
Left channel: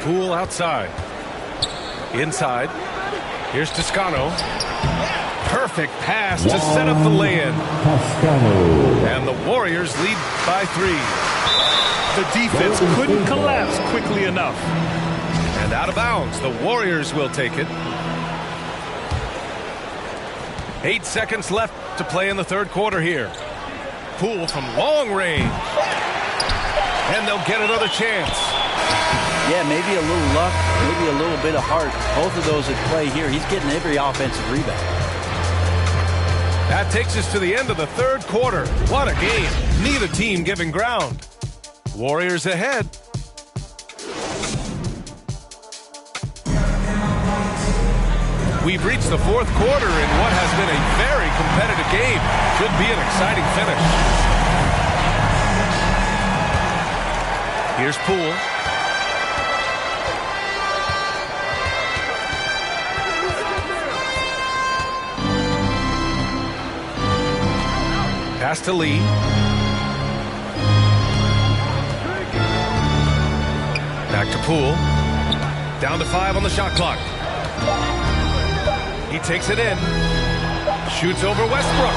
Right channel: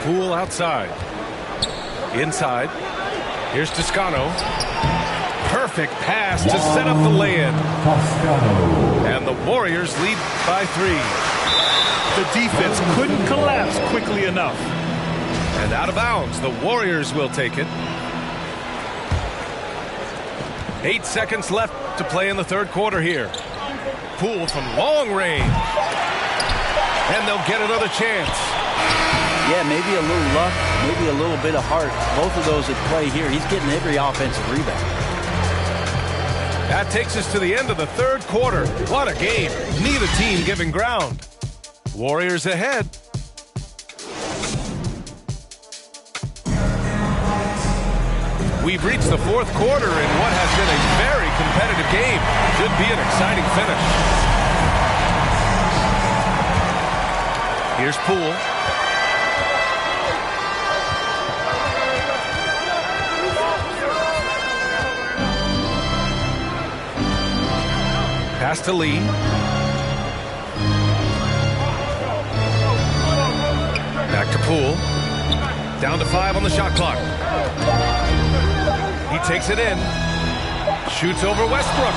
Poole outside. Inside. Here's Toscano. Perfect pass to set up the lay-in. And the Warriors lead by 3. The defense couldn't collapse quickly enough. And out of bounds. The Warriors will take it. 8 seconds left to play in the third quarter here. Poole from long range. And they'll get another chance. Yeah, maybe a little luck, maybe a little bit of heart. Both of those at play here. He's getting every offensive rebound. That takes us to the end of the third quarter. What a game. Neither team giving ground. Warriors ahead. We've reached the fourth quarter in what has been a very competitive game. Should be an exciting finish. Here's Poole. Pass to Lee. Back to Poole. Down to 5 on the shot clock. He takes it in. Shoots over Westbrook.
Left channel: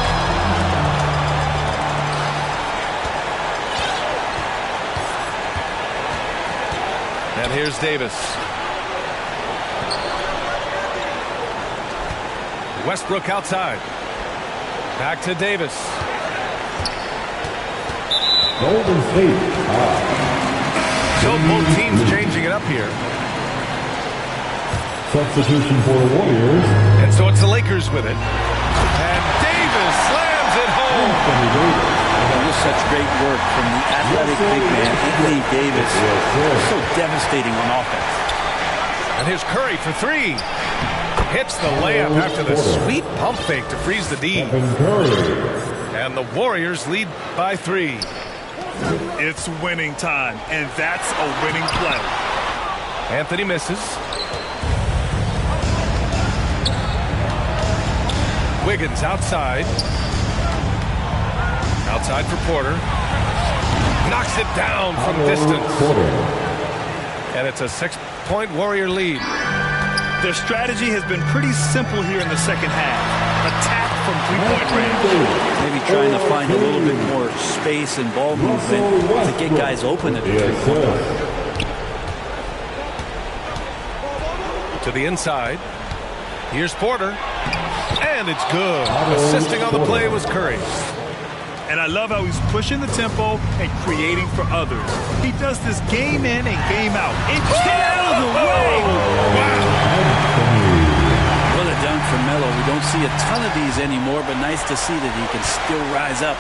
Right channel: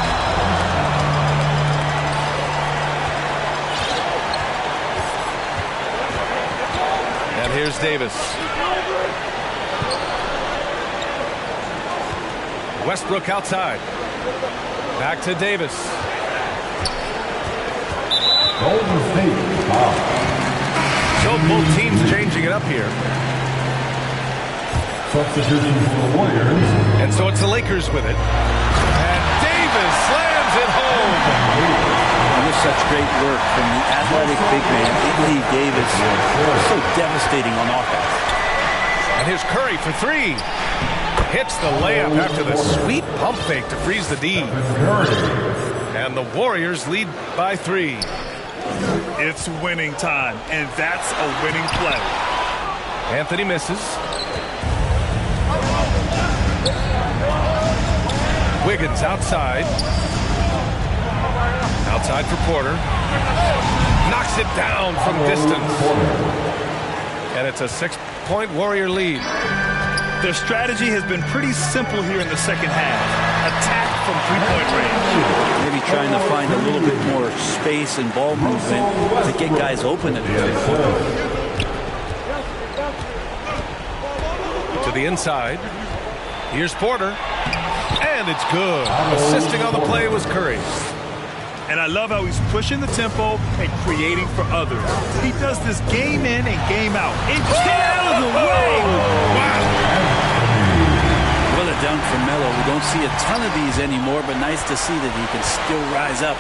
And here's Davis. Westbrook outside. Back to Davis. Golden State. So both teams changing it up here. Substitution for the Warriors. And so it's the Lakers with it. And Davis slams it home. Just such great work from the athletic big man, Anthony Davis. So devastating on offense. And here's Curry for 3. Hits the layup after the sweet pump fake to freeze the D. And the Warriors lead by 3. It's winning time, and that's a winning play. Anthony misses. Wiggins outside. Outside for Porter. Knocks it down from distance. And it's a 6-point Warrior lead. Their strategy has been pretty simple here in the second half. Attack from three-point range. Maybe trying to find a little bit more space and ball movement to get guys open at the three-point line. To the inside. Here's Porter. And it's good. Assisting on the play was Curry. And I love how he's pushing the tempo and creating for others. He does this game in and game out. It get out of the way. Wow. What a dunk from Melo. We don't see a ton of these anymore, but nice to see that he can still rise up.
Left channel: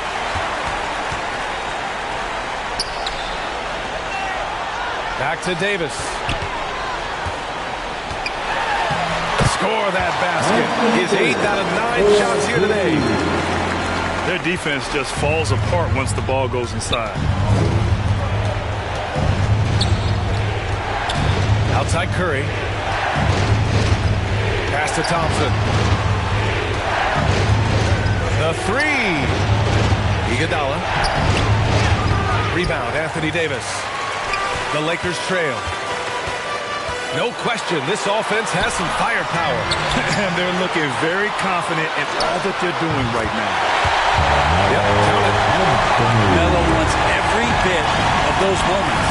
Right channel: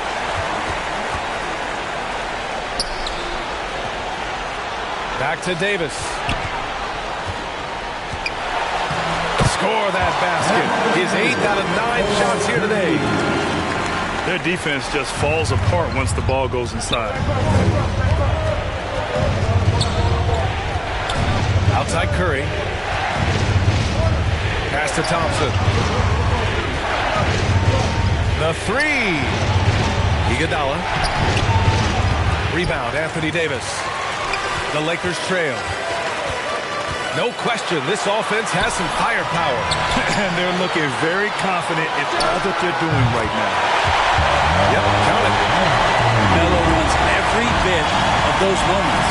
Back to Davis. Score that basket. His 8th out of 9 shots here today. Their defense just falls apart once the ball goes inside. Outside Curry. Pass to Thompson. The three. Iguodala. Rebound, Anthony Davis. The Lakers trail. No question, this offense has some firepower. And they're looking very confident in all that they're doing right now. Yep, count it. Melo wants every bit of those moments.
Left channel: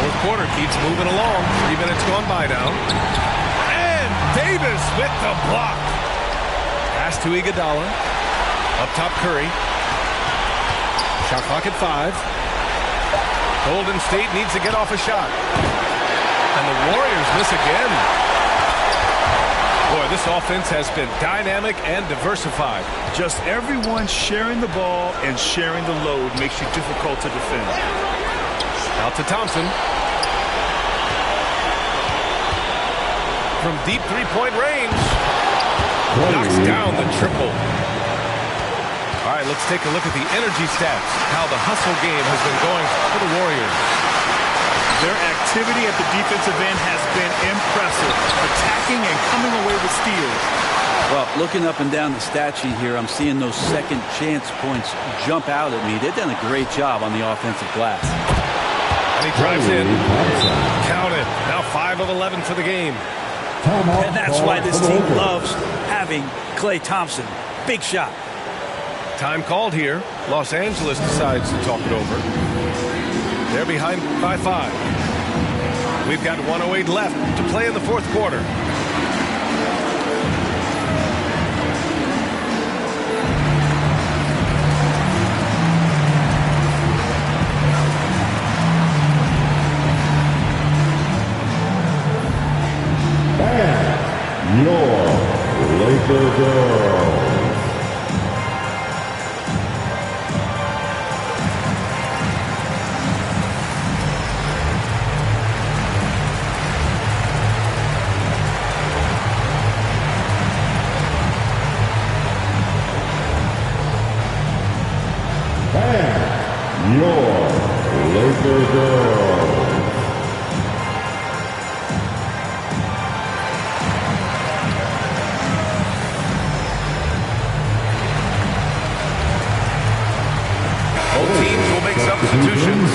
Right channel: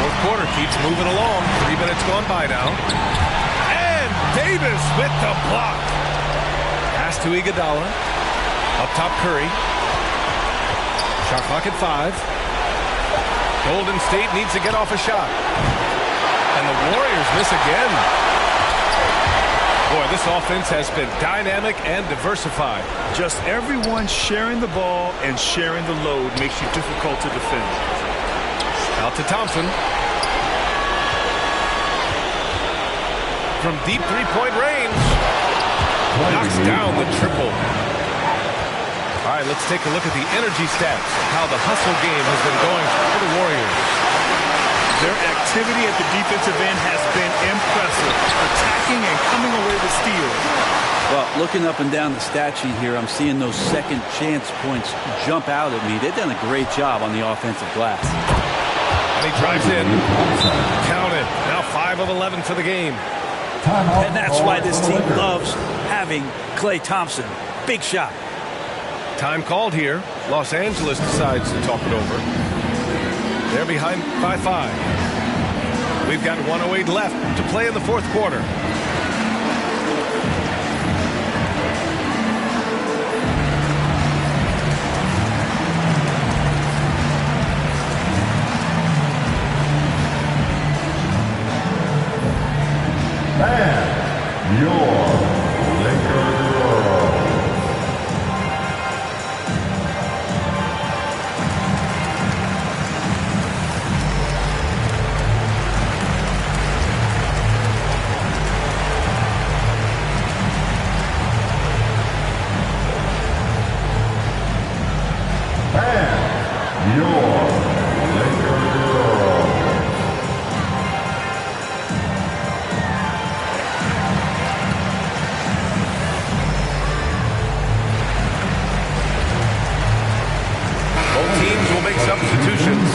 Fourth quarter keeps moving along. 3 minutes gone by now. And Davis with the block. Pass to Iguodala. Up top, Curry. Shot clock at 5. Golden State needs to get off a shot. And the Warriors miss again. Boy, this offense has been dynamic and diversified. Just everyone sharing the ball and sharing the load makes you difficult to defend. Out to Thompson. From deep three-point range. Knocks down the triple. All right, let's take a look at the energy stats, how the hustle game has been going for the Warriors. Their activity at the defensive end has been impressive, attacking and coming away with steals. Well, looking up and down the stat sheet here, I'm seeing those second chance points jump out at me. They've done a great job on the offensive glass. And he drives in. Count it. Now 5 of 11 for the game. And that's why this team loves having Klay Thompson. Big shot. Time called here. Los Angeles decides to talk it over. They're behind by 5. We've got 1:08 left to play in the fourth quarter. And your Laker girls. And your Laker girls. Both teams will make substitutions.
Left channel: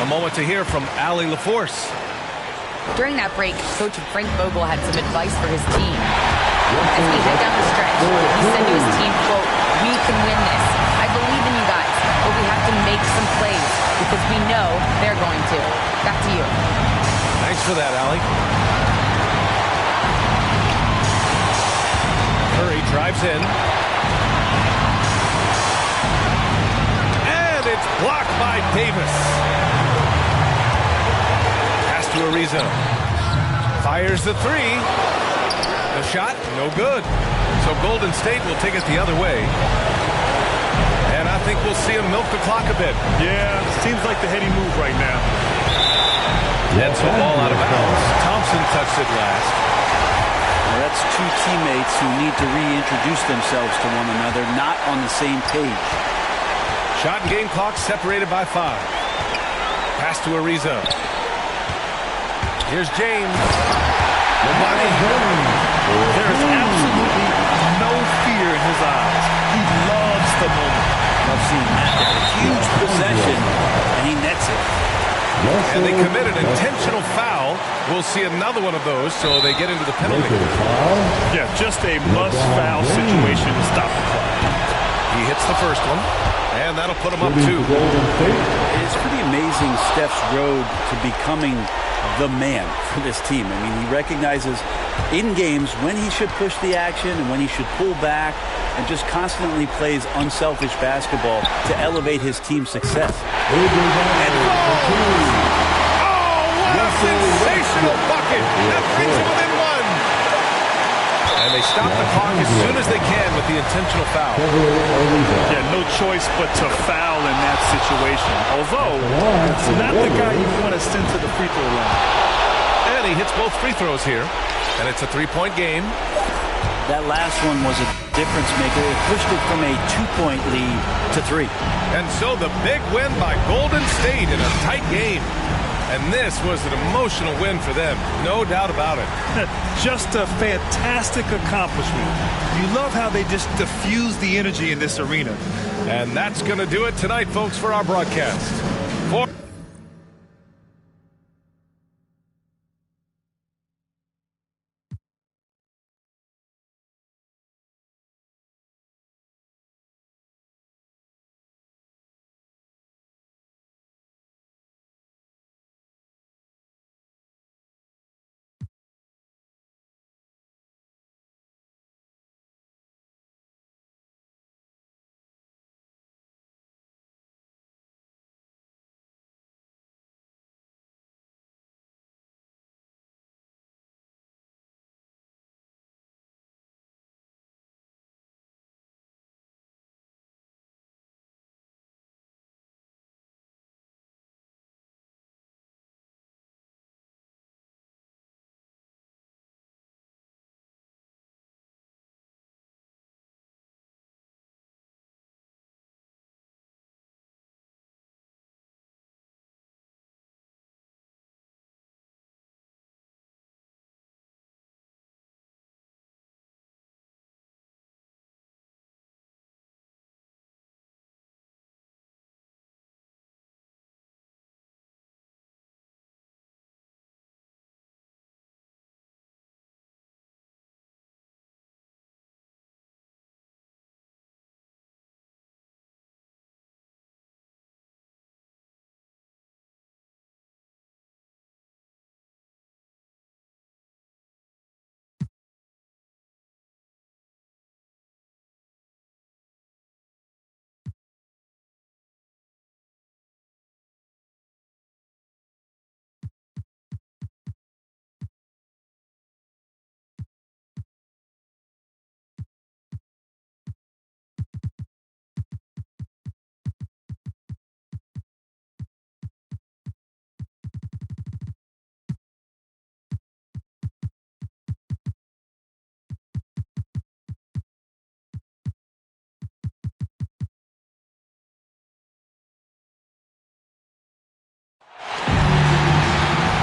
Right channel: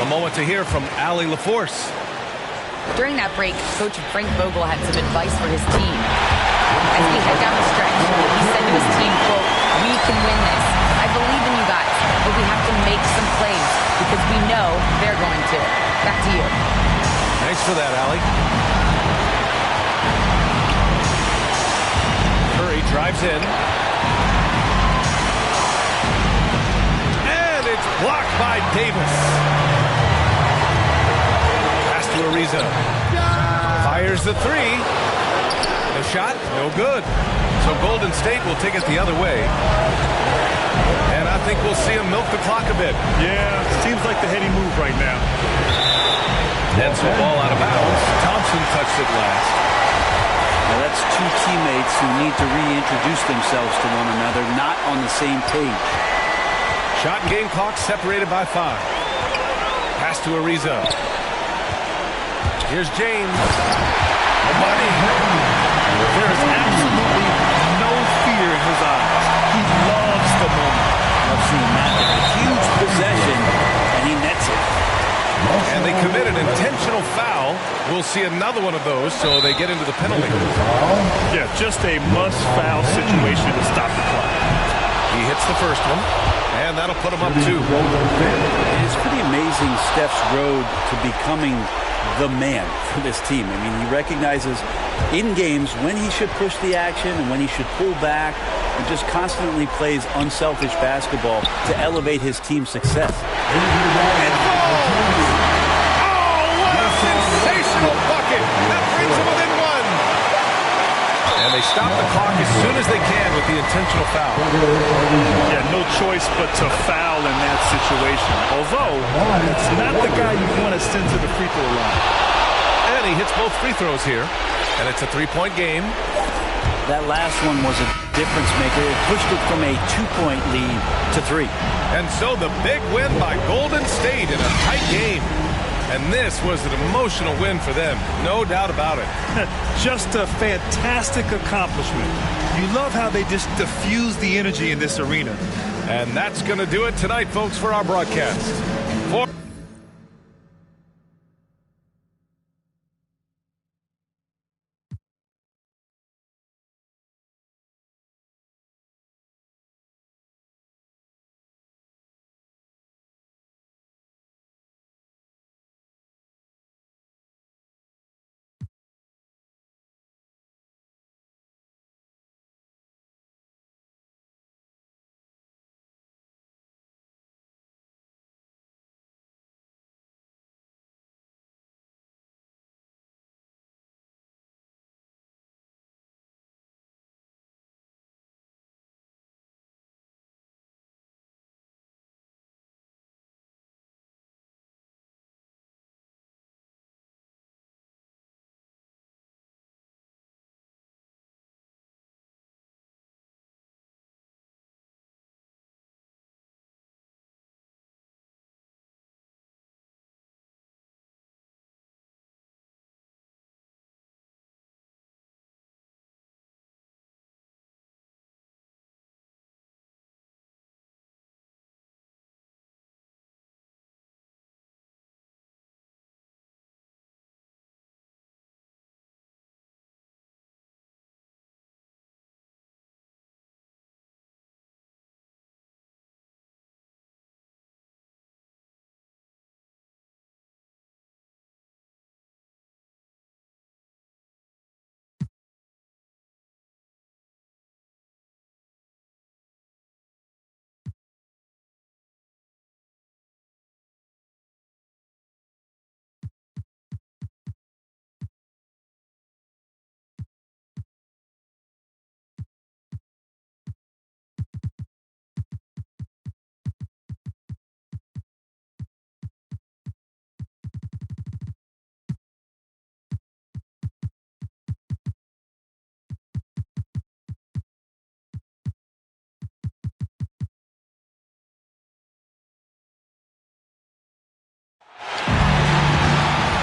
A moment to hear from Allie LaForce. During that break, Coach Frank Vogel had some advice for his team. As we head down the stretch, he said to his team, quote, "We can win this. I believe in you guys, but we have to make some plays because we know they're going to." Back to you. Thanks for that, Allie. Curry drives in. And it's blocked by Davis. Pass to Ariza. Fires the three. The shot, no good. So Golden State will take it the other way. And I think we'll see him milk the clock a bit. Yeah, seems like the heady move right now. And so ball out of bounds. Thompson touched it last. Well, that's two teammates who need to reintroduce themselves to one another, not on the same page. Shot and game clock separated by 5. Pass to Ariza. Here's James. Money. There is absolutely no fear in his eyes. He loves the moment. Love seeing that there. A huge possession, and he nets it. And they commit an intentional foul. We'll see another one of those, so they get into the penalty. Yeah, just a must-foul situation to stop the clock. He hits the first one, and that'll put him up 2. It's pretty amazing Steph's road to becoming the man for this team. I mean, he recognizes in games when he should push the action and when he should pull back, and just constantly plays unselfish basketball to elevate his team's success. It falls! Oh, what a sensational bucket! That brings him within 1. And they stop the clock as soon as they can with the intentional foul. Yeah, no choice but to foul in that situation. Although, it's not the guy you want to send to the free throw line. And he hits both free throws here. And it's a 3-point game. That last one was a difference maker. It pushed it from a 2-point lead to 3. And so the big win by Golden State in a tight game. And this was an emotional win for them. No doubt about it. Just a fantastic accomplishment. You love how they just diffuse the energy in this arena. And that's going to do it tonight, folks, for our broadcast.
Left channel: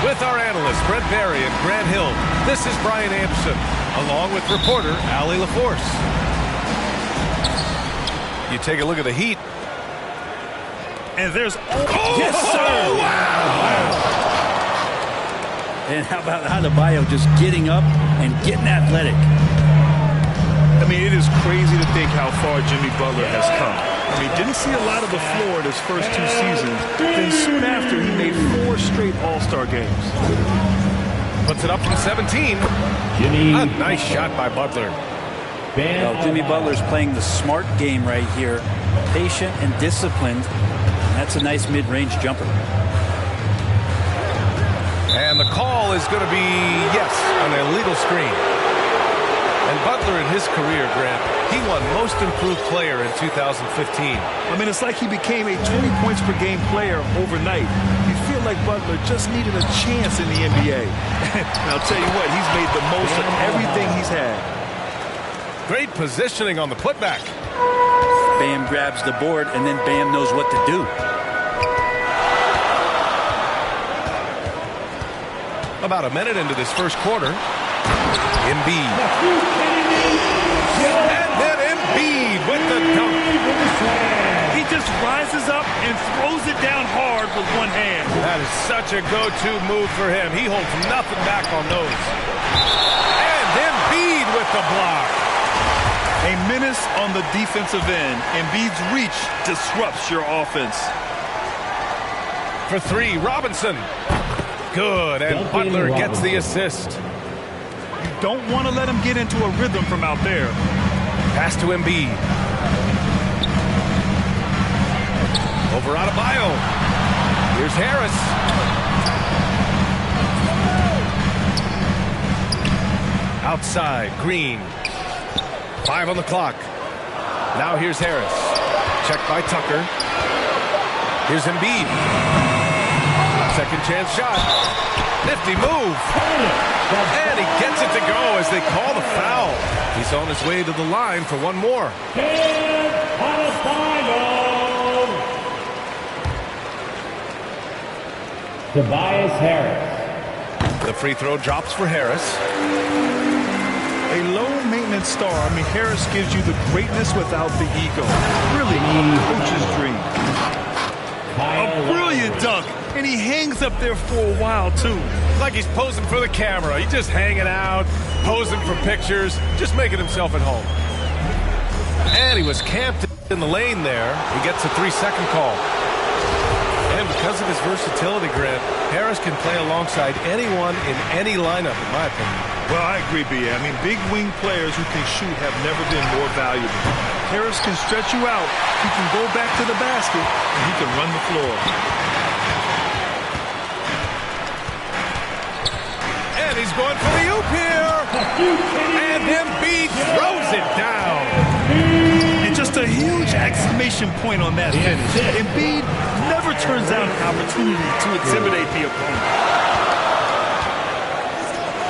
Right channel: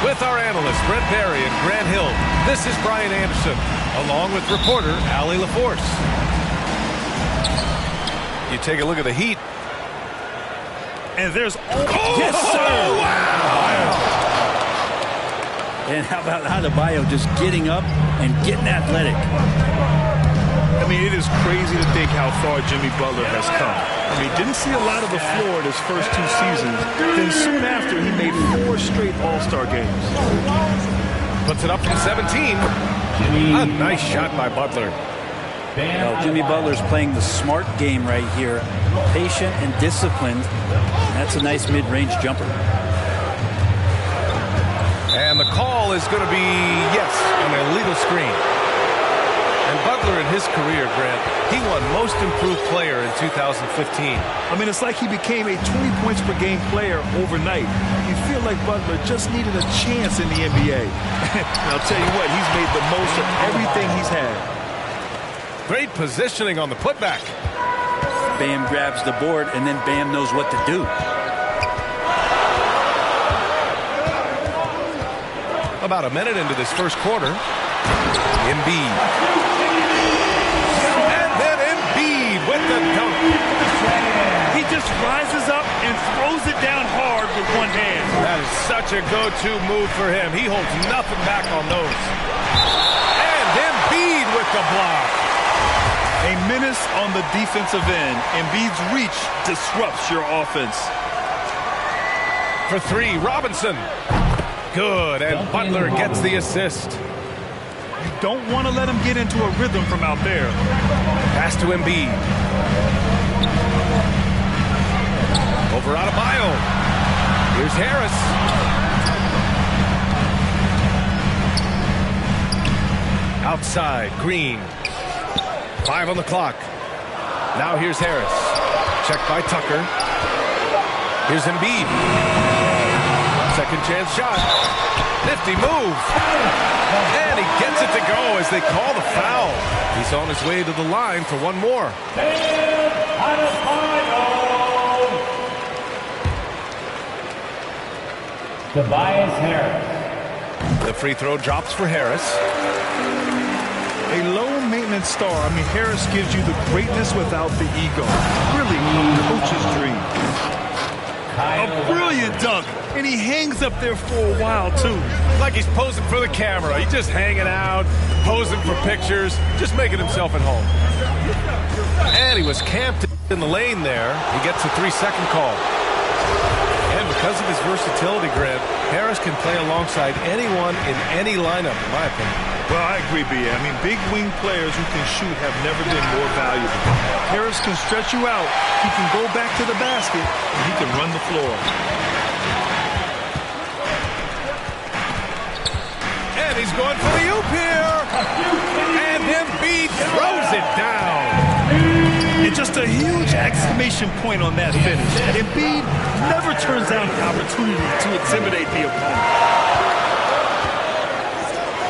With our analysts, Brent Barry and Grant Hill, this is Brian Anderson, along with reporter Allie LaForce. You take a look at the Heat. And there's... Yes, sir! Oh, wow! And how about Adebayo just getting up and getting athletic? I mean, it is crazy to think how far Jimmy Butler has come. I mean, didn't see a lot of the floor in his first 2 seasons. Then soon after, he made 4 straight All-Star games. Puts it up from 17. A nice shot by Butler. Well, Jimmy Butler's playing the smart game right here. Patient and disciplined. And that's a nice mid-range jumper. And the call is going to be, yes, an illegal screen. And Butler in his career, Grant, he won Most Improved Player in 2015. I mean, it's like he became a 20 points per game player overnight. You feel like Butler just needed a chance in the NBA. And I'll tell you what, he's made the most of everything he's had. Great positioning on the putback. Bam grabs the board, and then Bam knows what to do. About a minute into this first quarter. Embiid. And then Embiid with the dunk. He just rises up and throws it down hard with one hand. That is such a go-to move for him. He holds nothing back on those. And Embiid with the block. A menace on the defensive end. Embiid's reach disrupts your offense. For 3, Robinson. Good, and Butler gets the assist. You don't want to let him get into a rhythm from out there. Pass to Embiid. Over Adebayo. Here's Harris. Outside, Green. 5 on the clock. Now here's Harris. Checked by Tucker. Here's Embiid. Second chance shot. Nifty move. And he gets it to go as they call the foul. He's on his way to the line for one more. Tobias Harris. The free throw drops for Harris. A low-maintenance star. I mean, Harris gives you the greatness without the ego. Really a coach's dream. A brilliant dunk, and he hangs up there for a while, too. Like he's posing for the camera. He's just hanging out, posing for pictures, just making himself at home. And he was camped in the lane there. He gets a 3-second call. And because of his versatility, Grant, Harris can play alongside anyone in any lineup, in my opinion. Well, I agree, B.A. I mean, big wing players who can shoot have never been more valuable. Harris can stretch you out. He can go back to the basket, and he can run the floor. And he's going for the oop here. And Embiid throws it down. And just a huge exclamation point on that finish. Embiid never turns down an opportunity to intimidate the opponent.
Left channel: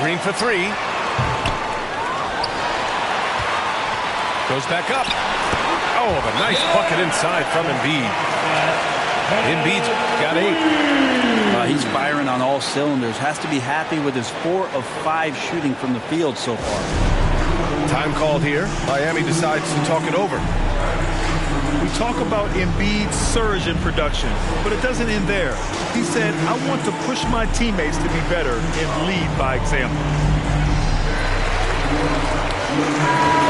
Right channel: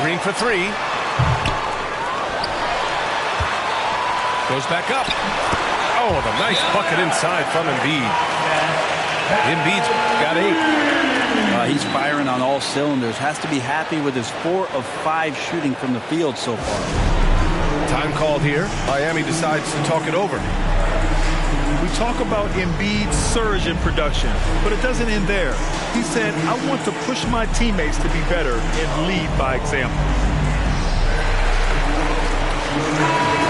Green for 3. Goes back up. Oh, the nice bucket inside from Embiid. Embiid's got 8. He's firing on all cylinders. Has to be happy with his 4 of 5 shooting from the field so far. Time called here. Miami decides to talk it over. We talk about Embiid's surge in production, but it doesn't end there. He said, I want to push my teammates to be better and lead by example.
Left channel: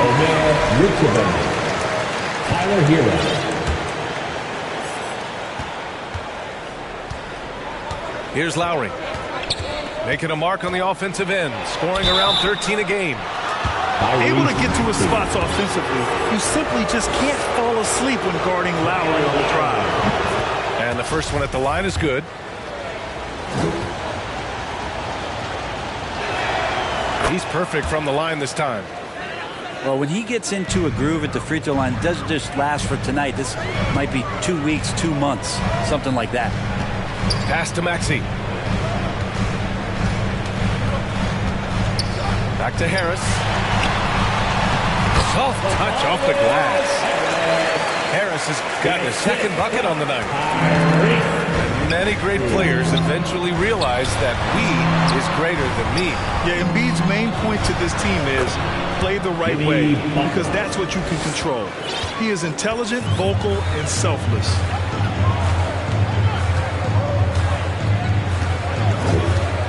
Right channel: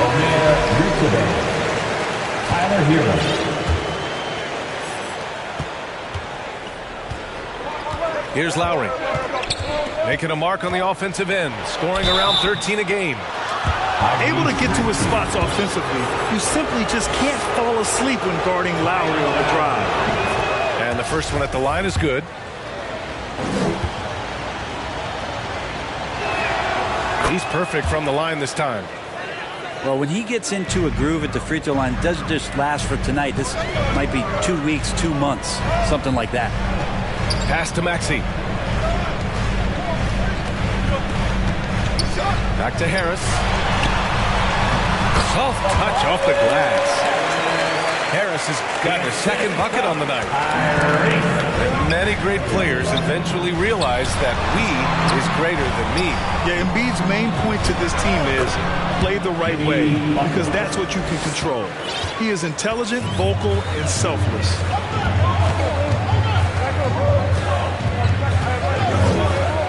Omer Yurtseven. Tyler Hero. Here's Lowry. Making a mark on the offensive end, scoring around 13 a game. Able to get to his spots offensively, you simply just can't fall asleep when guarding Lowry on the drive. And the first one at the line is good. He's perfect from the line this time. Well, when he gets into a groove at the free throw line, it doesn't just last for tonight. This might be 2 weeks, 2 months, something like that. Pass to Maxey. Back to Harris. Soft touch off the glass. Harris has gotten a second bucket on the night. And many great players eventually realize that we is greater than me. Yeah, Embiid's main point to this team is play the right way, because that's what you can control. He is intelligent, vocal, and selfless.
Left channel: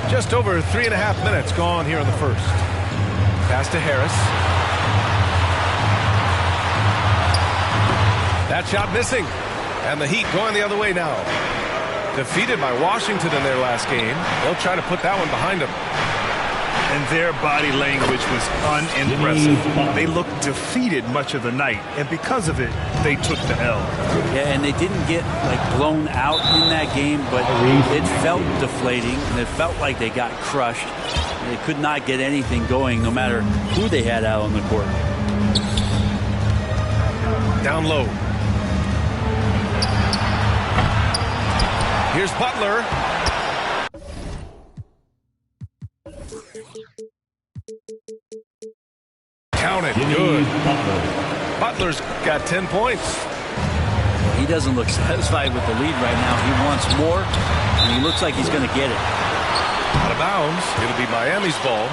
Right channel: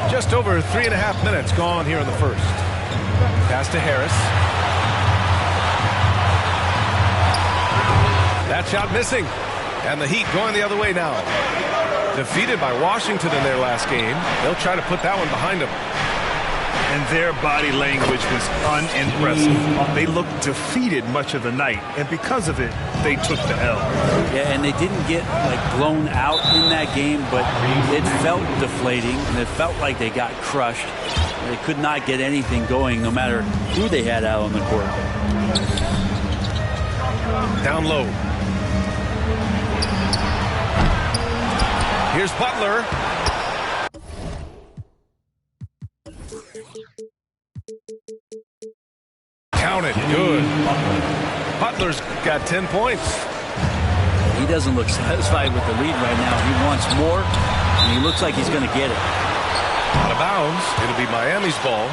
Just over 3.5 minutes gone here in the first. Pass to Harris. That shot missing. And the Heat going the other way now. Defeated by Washington in their last game. They'll try to put that one behind them. And their body language was unimpressive. They looked defeated much of the night, and because of it, they took the L. Yeah, and they didn't get blown out in that game, but it felt deflating, and it felt like they got crushed. They could not get anything going, no matter who they had out on the court. Down low. Here's Butler. Counted. Good. Butler's got 10 points. He doesn't look satisfied with the lead right now. He wants more, and he looks like he's going to get it. Out of bounds. It'll be Miami's ball.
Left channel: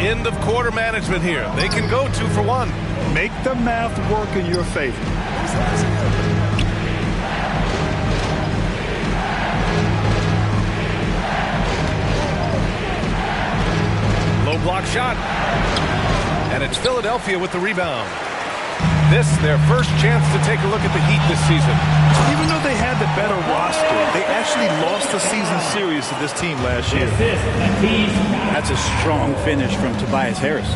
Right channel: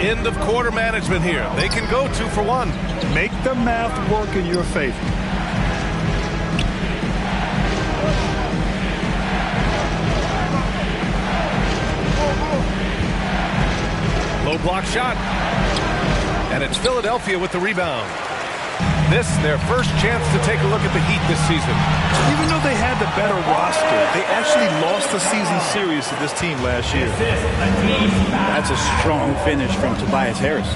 End of quarter management here. They can go 2 for 1. Make the math work in your favor. Low block shot. And it's Philadelphia with the rebound. This, their first chance to take a look at the Heat this season. Even though they had the better roster, they actually lost the season series to this team last year. That's a strong finish from Tobias Harris.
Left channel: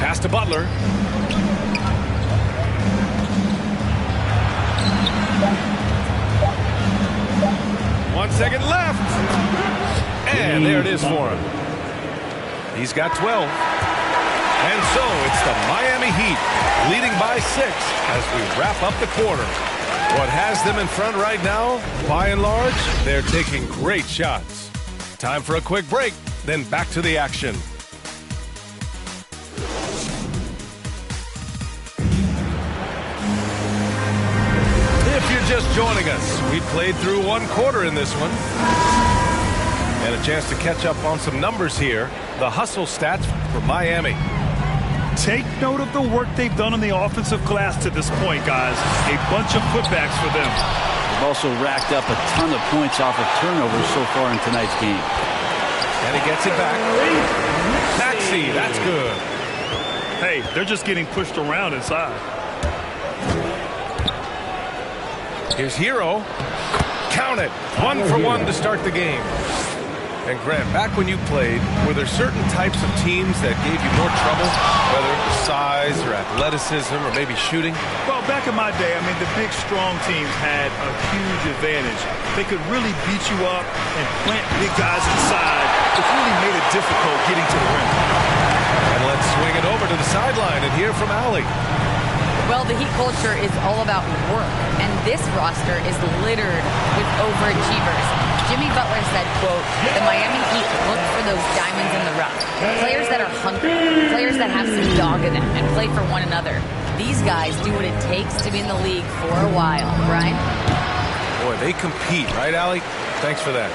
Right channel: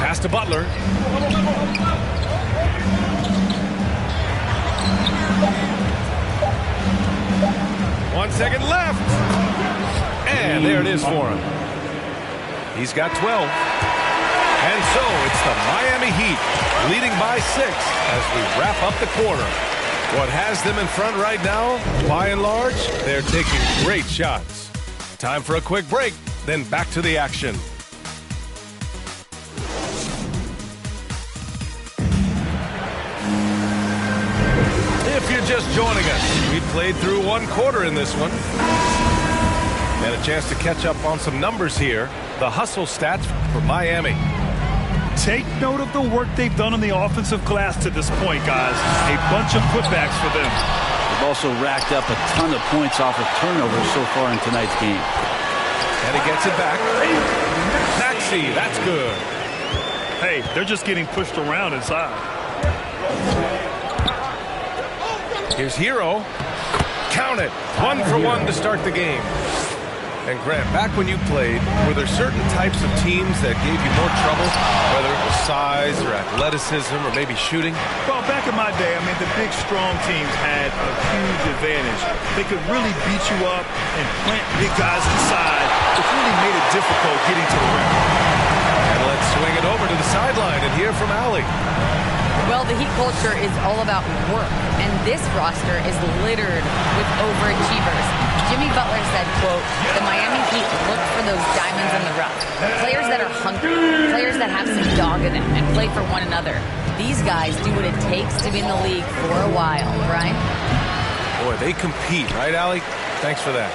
Pass to Butler. One second left. And there it is for him. He's got 12. And so it's the Miami Heat leading by 6 as we wrap up the quarter. What has them in front right now, by and large, they're taking great shots. Time for a quick break. then back to the action. If you're just joining us, we played through one quarter in this one. And a chance to catch up on some numbers here. The hustle stats for Miami. Take note of the work they've done on the offensive glass to this point, guys. A bunch of putbacks for them. They've also racked up a ton of points off of turnovers so far in tonight's game. And he gets it back. Maxey, that's good. Hey, they're just getting pushed around inside. Here's Hero. Count it. 1 for 1 to start the game. And Grant, back when you played, were there certain types of teams that gave you more trouble, whether it was size or athleticism or maybe shooting? Well, back in my day, I mean, the big, strong teams had a huge advantage. They could really beat you up and plant big guys inside, which really made it difficult getting to the rim. And let's swing it over to the sideline and hear from Allie. Well, the Heat culture is all about work, and this roster is littered with overachievers. Jimmy Butler said, quote, the Miami Heat look for those diamonds in the rough. Players that are hungry, players that have some dog in them and play for one another. These guys do what it takes to be in the league for a while. Brian? Boy, they compete, right, Allie? Thanks for that.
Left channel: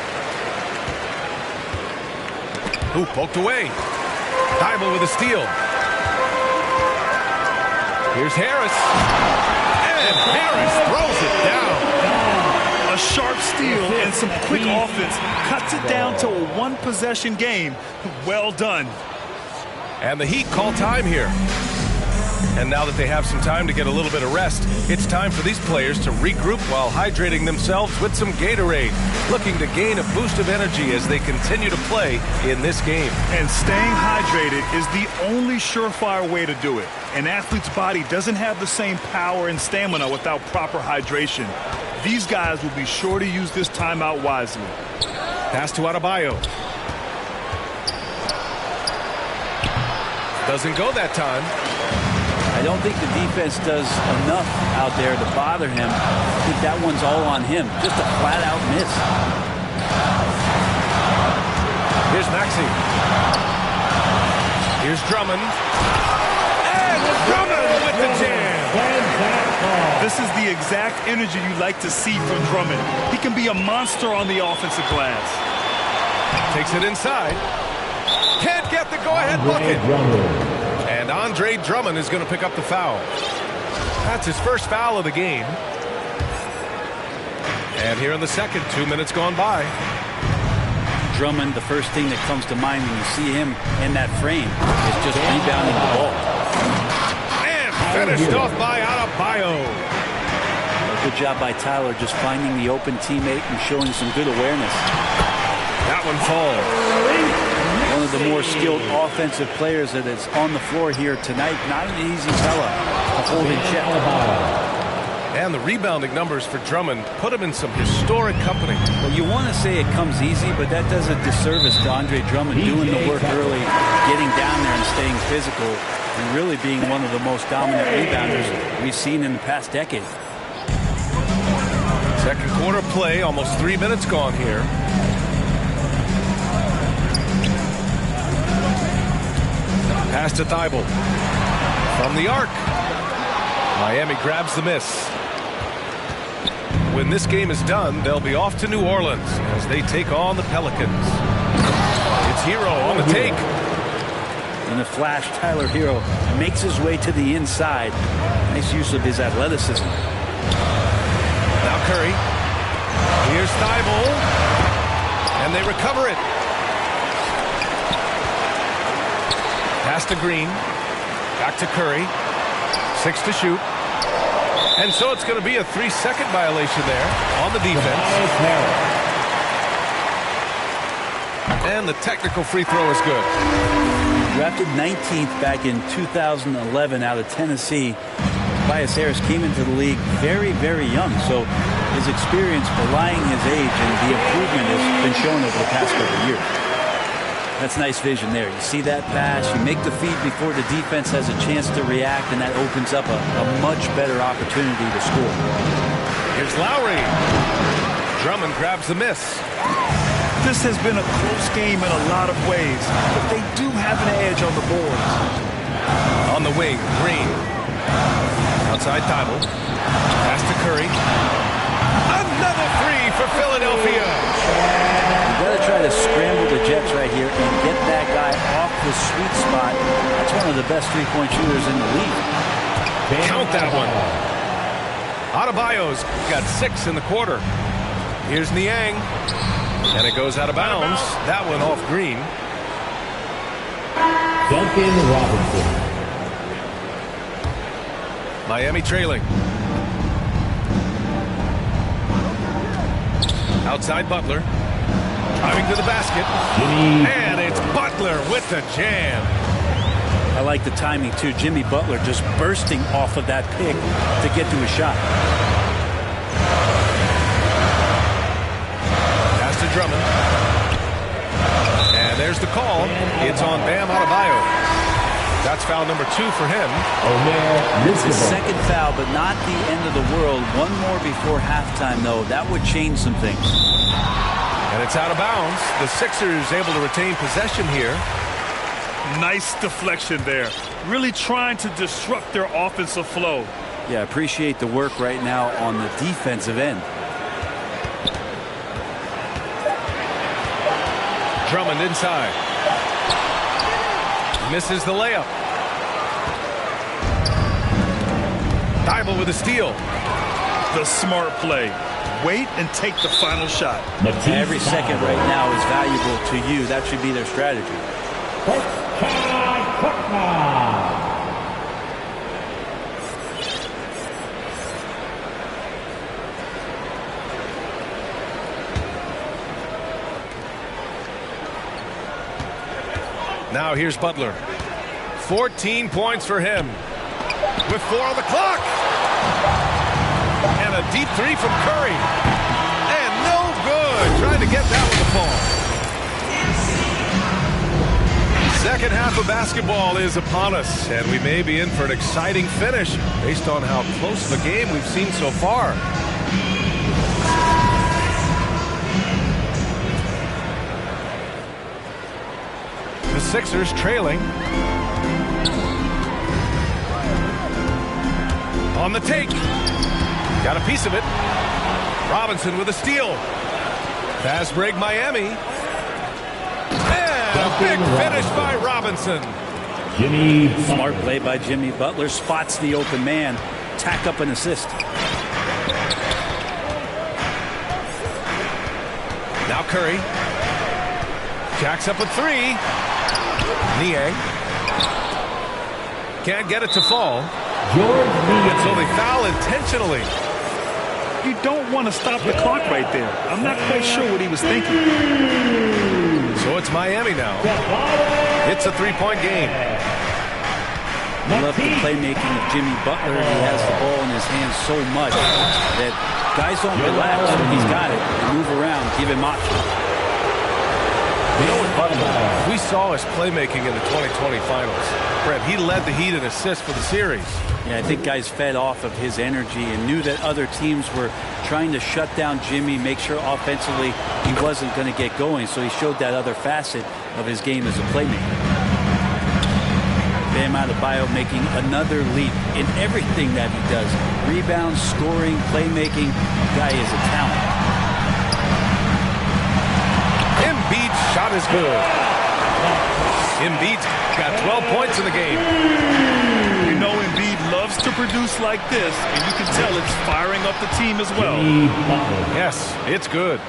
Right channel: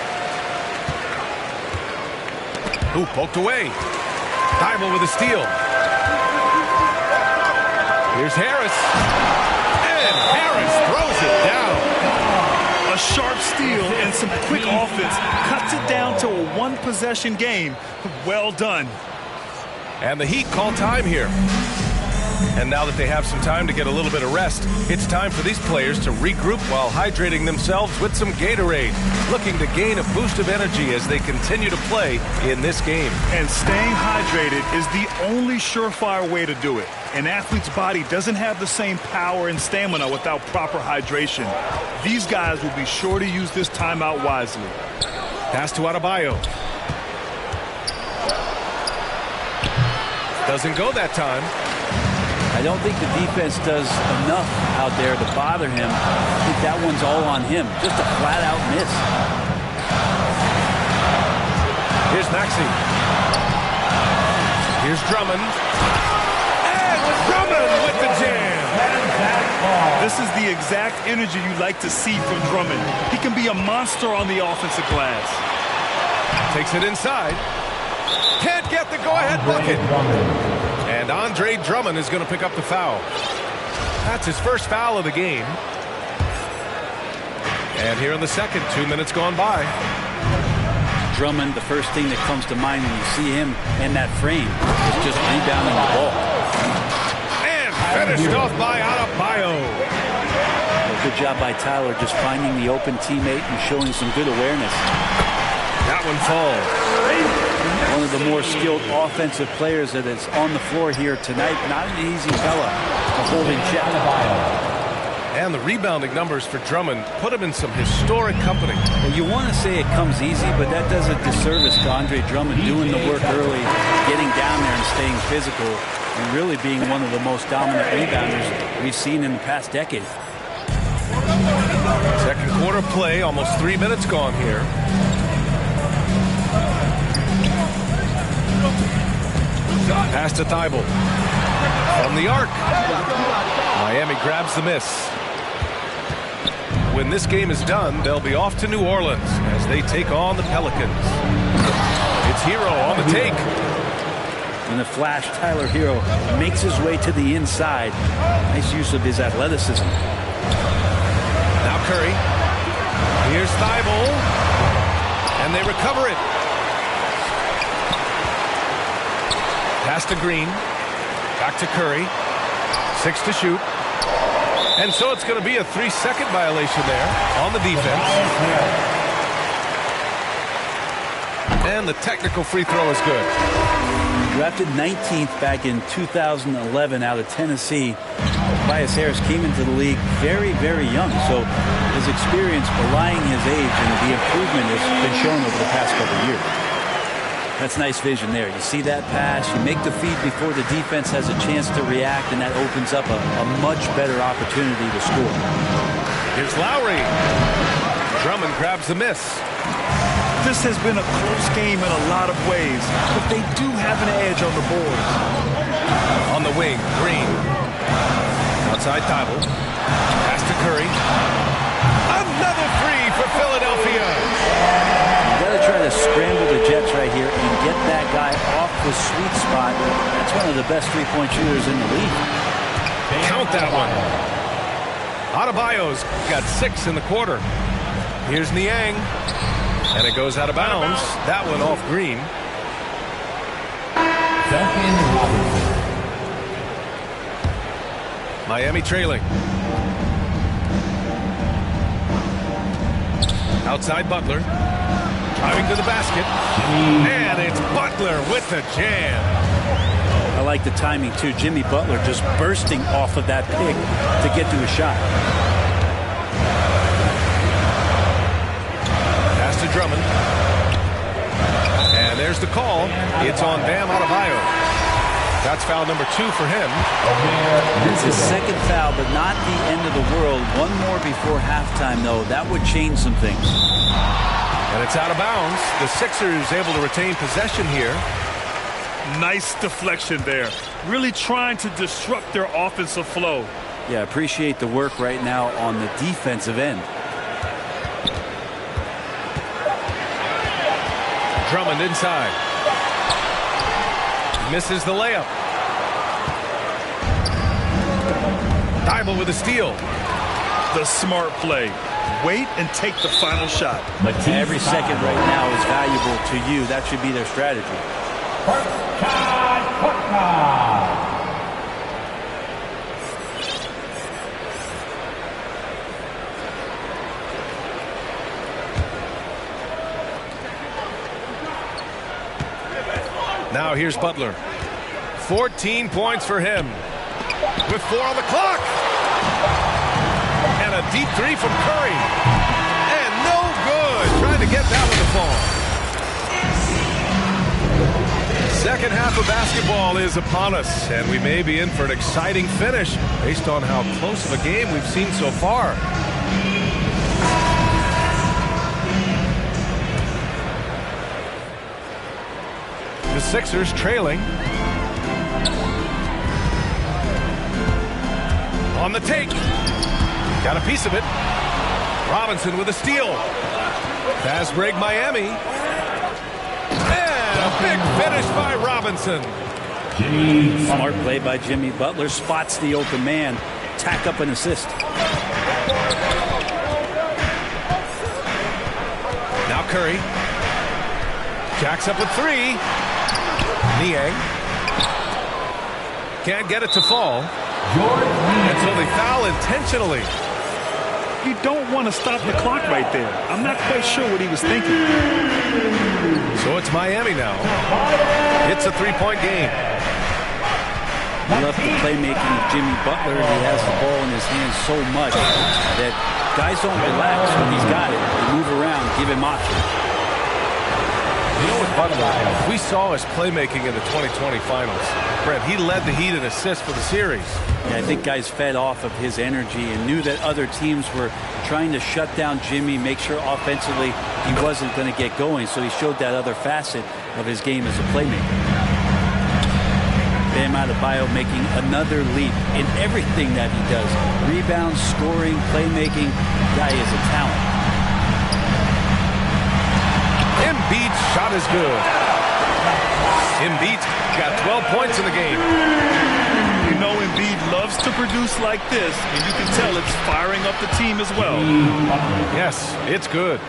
Ooh, poked away. Thibault with a steal. Here's Harris. And Harris throws it down. A sharp steal and some quick offense cuts it down to a one-possession game. Well done. And the Heat call time here. And now that they have some time to get a little bit of rest, it's time for these players to regroup while hydrating themselves with some Gatorade, looking to gain a boost of energy as they continue to play in this game. And staying hydrated is the only surefire way to do it. An athlete's body doesn't have the same power and stamina without proper hydration. These guys will be sure to use this timeout wisely. Pass to Adebayo. Doesn't go that time. I don't think the defense does enough out there to bother him. I think that one's all on him. Just a flat-out miss. Here's Maxey. Here's Drummond. And Drummond with the jam. This is the exact energy you like to see from Drummond. He can be a monster on the offensive glass. Takes it inside. Can't get the go-ahead bucket. And Andre Drummond is going to pick up the foul. That's his first foul of the game. And here in the second, 2 minutes gone by. Drummond, the first thing that comes to mind when you see him in that frame is just rebounding the ball. And finished off by Adebayo. Well, good job by Tyler just finding the open teammate and showing some good awareness. That one falls. One of the more skilled offensive players that is on the floor here tonight. Not an easy fella to hold in check. And the rebounding numbers for Drummond put him in some historic company. Well, you want to say it comes easy, but that does a disservice to Andre Drummond doing the work early, getting down there and staying physical, and really being one of the most dominant rebounders we've seen in the past decade. Second quarter play, almost 3 minutes gone here. Pass to Thibault. From the arc. Miami grabs the miss. When this game is done, they'll be off to New Orleans as they take on the Pelicans. It's Hero on the take. In a flash, Tyler Hero makes his way to the inside. Nice use of his athleticism. Now Curry. Here's Thibault. And they recover it. Pass to Green. Back to Curry. 6 to shoot. And so it's going to be a 3-second violation there on the defense. And the technical free throw is good. Drafted 19th back in 2011 out of Tennessee. Tobias Harris came into the league very, very young. So his experience belying his age and the improvement has been shown over the past couple of years. That's nice vision there. You see that pass, you make the feed before the defense has a chance to react, and that opens up a much better opportunity to score. Here's Lowry. Drummond grabs the miss. This has been a close game in a lot of ways, but they do have an edge on the boards. On the wing, Green. Outside Thibault. Pass to Curry. Another three for Philadelphia. You got to try to scramble the Jets right here and get that guy off the sweet spot. That's one of the best three-point shooters in the league. Count that one. Adebayo's got 6 in the quarter. Here's Niang. And it goes out of bounds. That one off Green. Duncan Robinson. Miami trailing. Outside Butler. Driving to the basket. And it's Butler with the jam. I like the timing, too. Jimmy Butler just bursting off of that pick to get to a shot. Pass to Drummond. And there's the call. It's on Bam Adebayo. That's foul number 2 for him. It's his second foul, but not the end of the world. One more before halftime, though. That would change some things. And it's out of bounds. The Sixers able to retain possession here. Nice deflection there. Really trying to disrupt their offensive flow. Yeah, appreciate the work right now on the defensive end. Drummond inside. Misses the layup. Thibault with a steal. The smart play. Wait and take the final shot. Every second right now is valuable to you. That should be their strategy. Now here's Butler. 14 points for him. With 4 on the clock. And a deep 3 from Curry. And no good. Trying to get that one to fall. Second half of basketball is upon us, and we may be in for an exciting finish based on how close of a game we've seen so far. The Sixers trailing. On the take. Got a piece of it. Robinson with a steal. Fast break Miami. And a big finish by Robinson. Smart play by Jimmy Butler. Spots the open man. Tack up an assist. Now Curry. Jacks up a 3. Niang. Can't get it to fall. And so they foul intentionally. You don't want to stop the clock right there. I'm not quite sure what he was thinking. So it's Miami now. It's a 3-point game. I love the playmaking of Jimmy Butler. He has the ball in his hands so much that guys don't relax when he's got it. They move around, give him options. You know what, Butler, we saw his playmaking in the 2020 finals. Brent, he led the Heat in assists for the series. Yeah, I think guys fed off of his energy and knew that other teams were trying to shut down Jimmy, make sure offensively he wasn't going to get going. So he showed that other facet of his game as a playmaker. Bam Adebayo making another leap in everything that he does. Rebounds, scoring, playmaking. Guy is a talent. Embiid's shot is good. Embiid's got 12 points in the game. You know Embiid loves to produce like this, and you can tell it's firing up the team as well. Yes, it's good.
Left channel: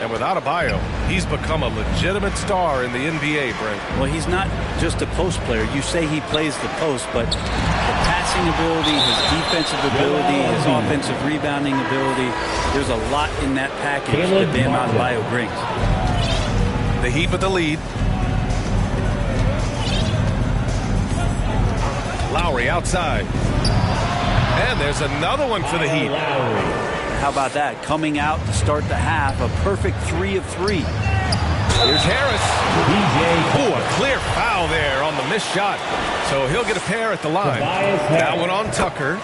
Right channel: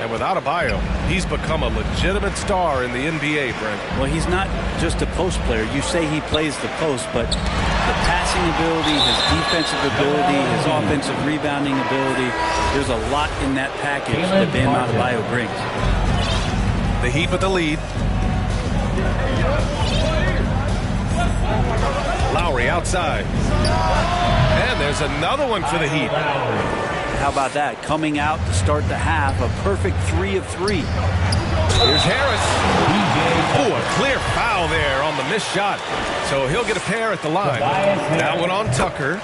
And with Adebayo, he's become a legitimate star in the NBA, Brent. Well, he's not just a post player. You say he plays the post, but the passing ability, his defensive ability, his offensive rebounding ability, there's a lot in that package that Bam Adebayo brings. The Heat with the lead. Lowry outside. And there's another one for the Heat. How about that? Coming out to start the half, a perfect 3 of 3. Here's Harris. Oh, a clear foul there on the missed shot. So he'll get a pair at the line. That one on Tucker.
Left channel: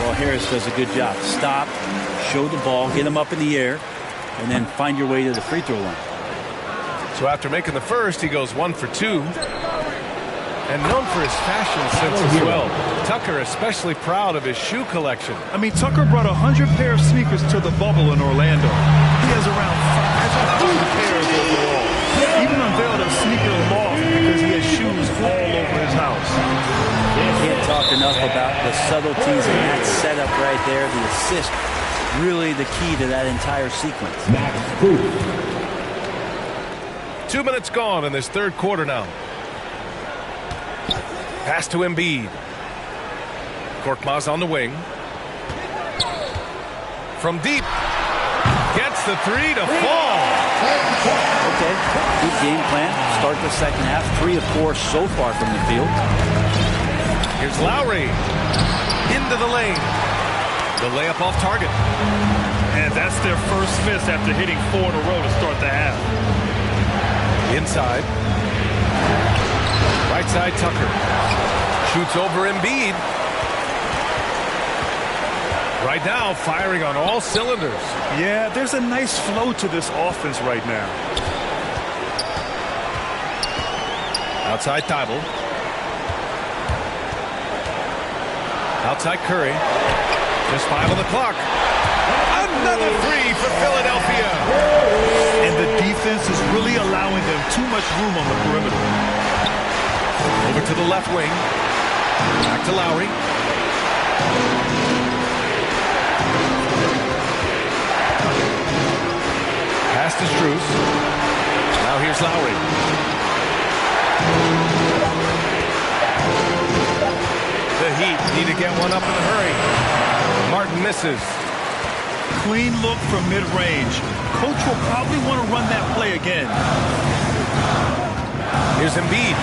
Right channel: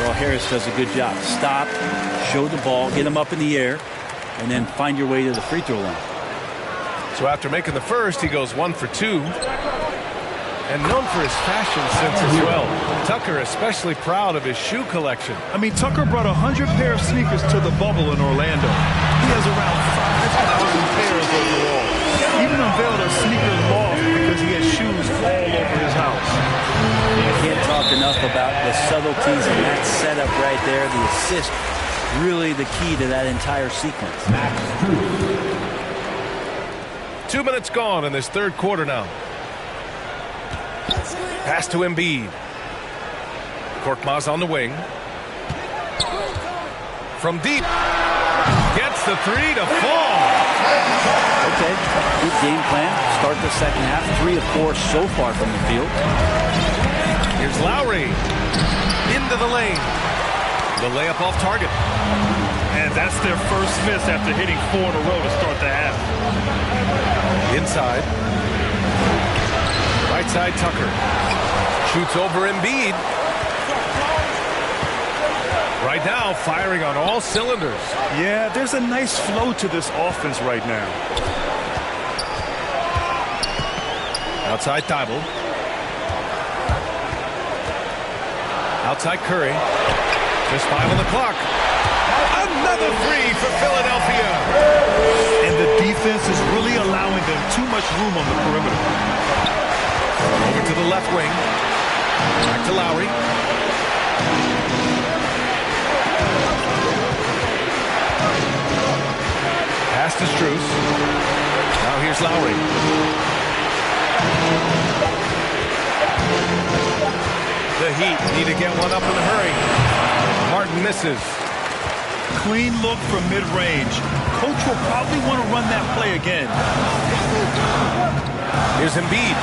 Well, Harris does a good job. Stop, show the ball, get him up in the air. and then find your way to the free throw line. So after making the first, he goes 1 for 2. And known for his fashion sense as well. Tucker especially proud of his shoe collection. I mean, Tucker brought 100 pair of sneakers to the bubble in Orlando. He has around 5,000 pairs overall. Even unveiled a sneaker loft because he has shoes all over his house. Can't talk enough about the subtleties in that setup right there. The assist, really the key to that entire sequence. 2 minutes gone in this third quarter now. Pass to Embiid. Korkmaz on the wing. From deep. Gets the three to fall. Okay, good game plan. Start the second half. 3 of 4 so far from the field. Here's Lowry. Into the lane. The layup off target. And that's their first miss after hitting 4 in a row to start the half. Inside. Right side Tucker. Shoots over Embiid. Right now, firing on all cylinders. Yeah, there's a nice flow to this offense right now. Outside Thibault. Outside Curry. Just 5 on the clock. Another three for Philadelphia. And the defense is really allowing them too much room on the perimeter. Over to the left wing. Back to Lowry. Pass to Strus. Now here's Lowry. The Heat need to get one up in a hurry. Martin misses. Clean look from mid-range. Coach will probably want to run that play again. Here's Embiid.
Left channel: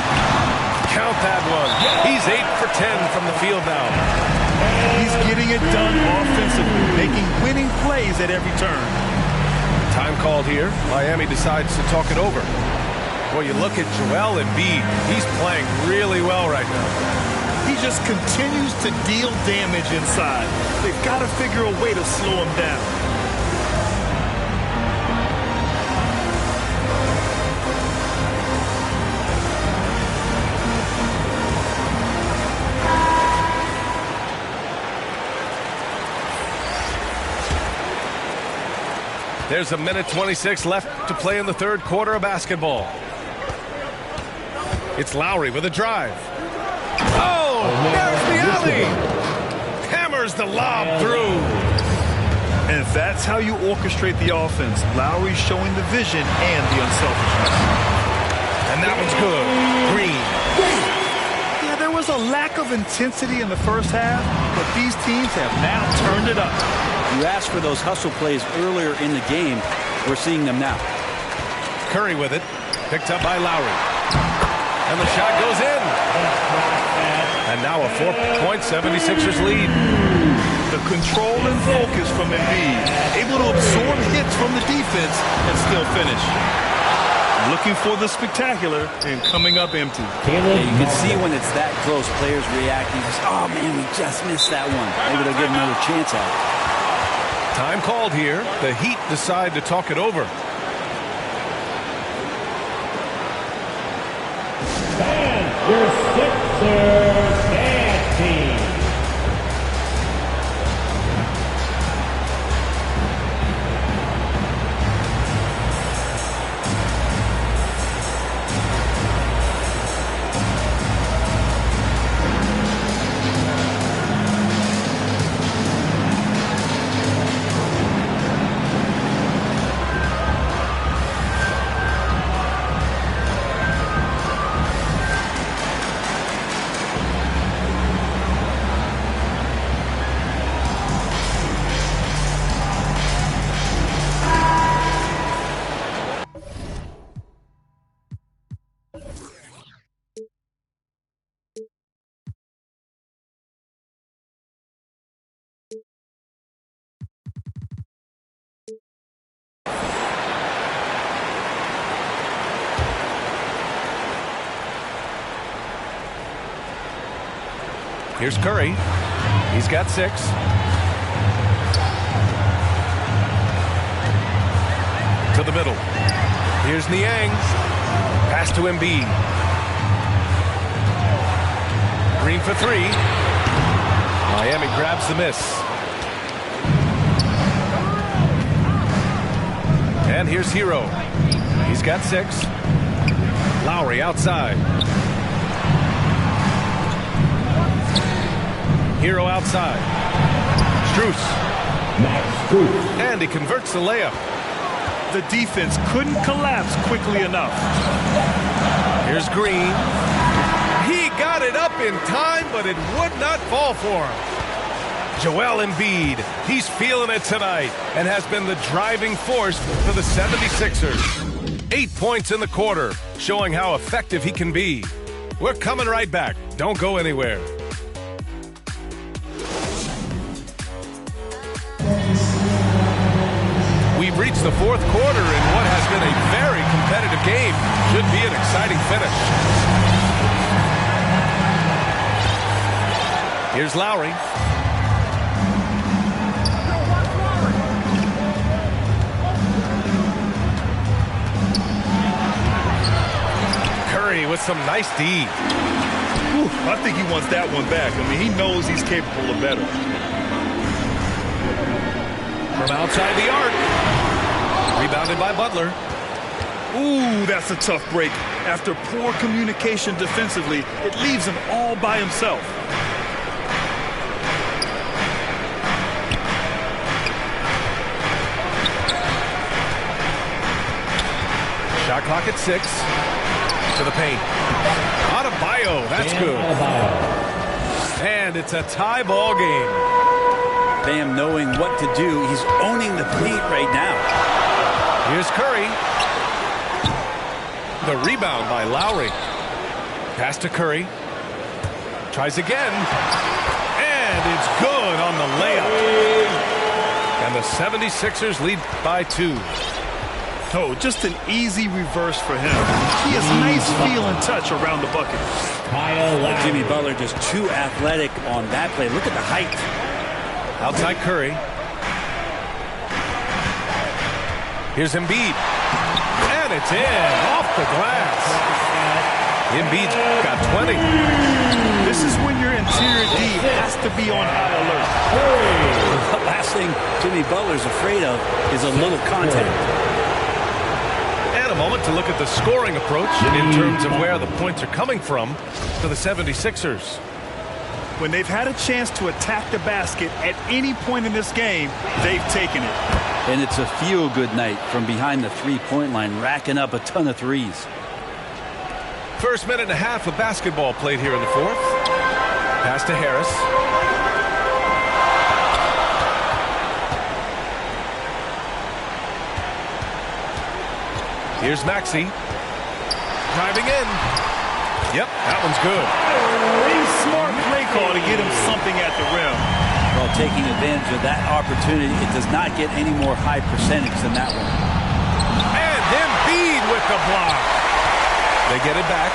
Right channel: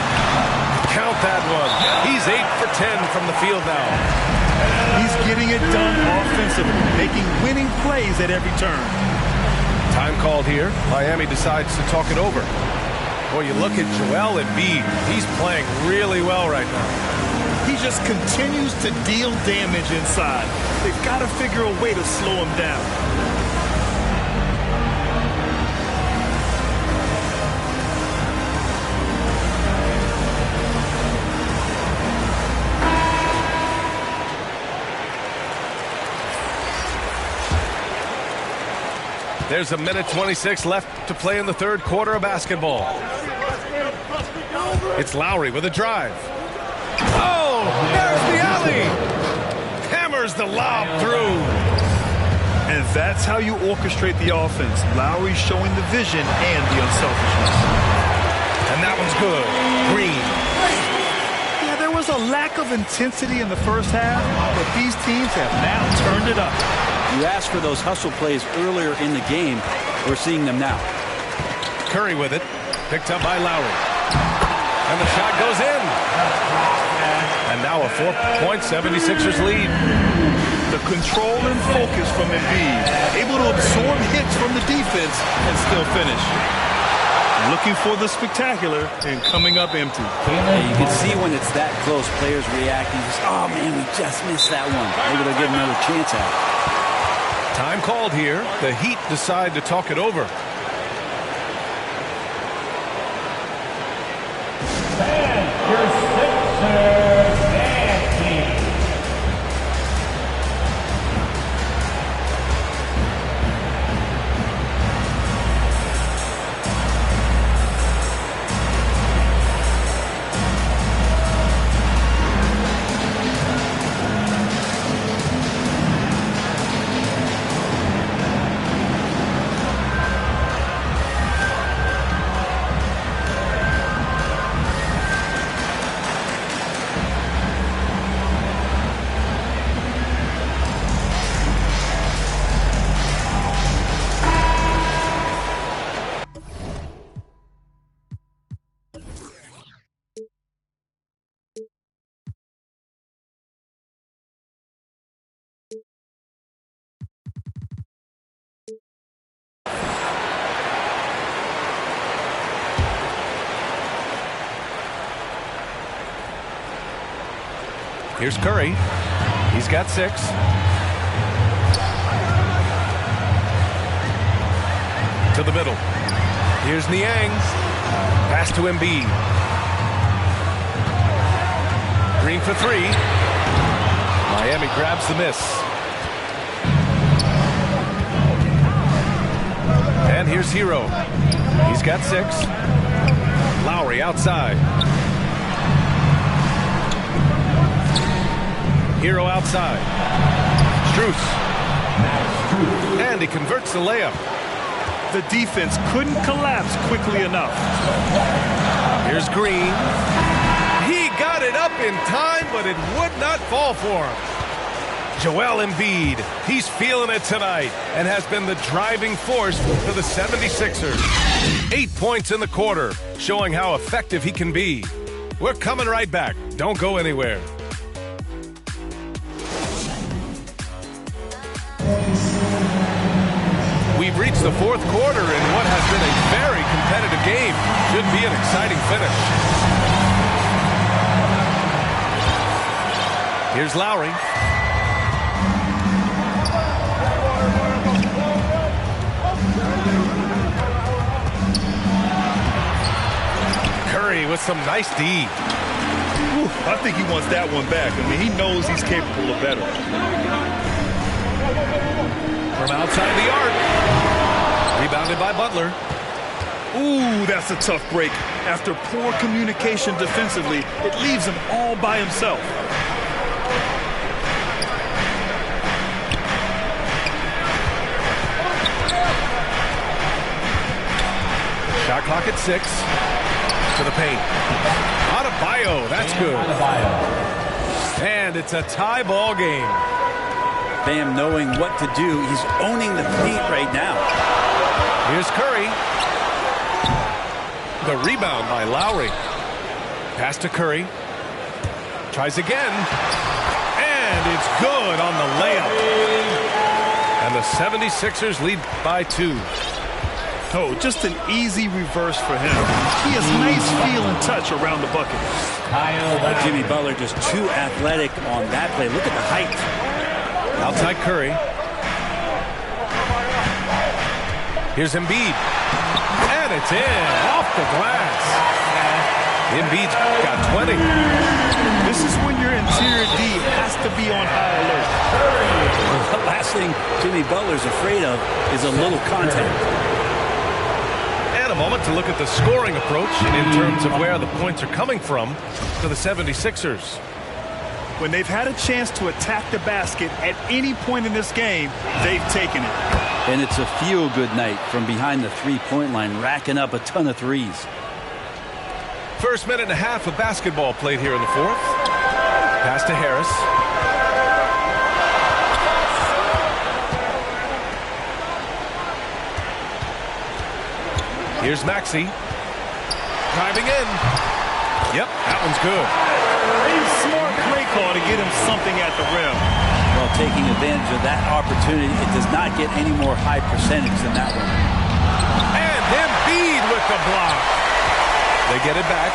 Count that one. He's 8 for 10 from the field now. He's getting it done offensively, making winning plays at every turn. Time called here. Miami decides to talk it over. Boy, you look at Joel Embiid. He's playing really well right now. He just continues to deal damage inside. They've got to figure a way to slow him down. There's a minute 26 left to play in the third quarter of basketball. It's Lowry with a drive. Oh, there's the alley. Hammers the lob through. And that's how you orchestrate the offense. Lowry showing the vision and the unselfishness. And that one's good. Green. Yeah, there was a lack of intensity in the first half, but these teams have now turned it up. You asked for those hustle plays earlier in the game. We're seeing them now. Curry with it. Picked up by Lowry. And the shot goes in. And now a 4-point 76ers lead. The control and focus from Embiid. Able to absorb hits from the defense and still finish. Looking for the spectacular and coming up empty. Yeah, you can see when it's that close, players reacting. Just, oh, man, we just missed that one. Maybe they'll get another chance at it. Time called here. The Heat decide to talk it over. And your Sixers and team. Here's Curry. He's got 6. To the middle. Here's Niang. Pass to Embiid. Green for three. Miami grabs the miss. And here's Hero. He's got 6. Lowry outside. Hero outside. Strus. And he converts the layup. The defense couldn't collapse quickly enough. Here's Green. He got it up in time, but it would not fall for him. Joel Embiid, he's feeling it tonight and has been the driving force for the 76ers. 8 points in the quarter, showing how effective he can be. We're coming right back. Don't go anywhere. We've reached the fourth quarter in what has been a very competitive game. Should be an exciting finish. Here's Lowry. Curry with some nice D. Ooh, I think he wants that one back. I mean, he knows he's capable of better. From outside the arc. Rebounded by Butler. Ooh, that's a tough break. After poor communication defensively, it leaves him all by himself. Shot clock at 6. To the paint. Adebayo, that's good. And it's a tie ball game. Bam knowing what to do. He's owning the paint right now. Here's Curry. The rebound by Lowry. Pass to Curry. Tries again. And it's good on the layup. And the 76ers lead by 2. Oh, just an easy reverse for him. He has nice feel and touch around the bucket. Jimmy Butler just too athletic on that play. Look at the height. Outside Curry. Here's Embiid. And it's in. Off the glass. Embiid's got 20. This is when your interior D has to be on high alert. The last thing Jimmy Butler's afraid of is a little contact. And a moment to look at the scoring approach in terms of where the points are coming from for the 76ers. When they've had a chance to attack the basket at any point in this game, they've taken it. And it's a feel-good night from behind the three-point line, racking up a ton of threes. First minute and a half of basketball played here in the fourth. Pass to Harris. Here's Maxey. Driving in. Yep, that one's good. A smart play call to get him something at the rim. Well, taking advantage of that opportunity, it does not get any more high percentage than that one. And Embiid with the block. They get it back.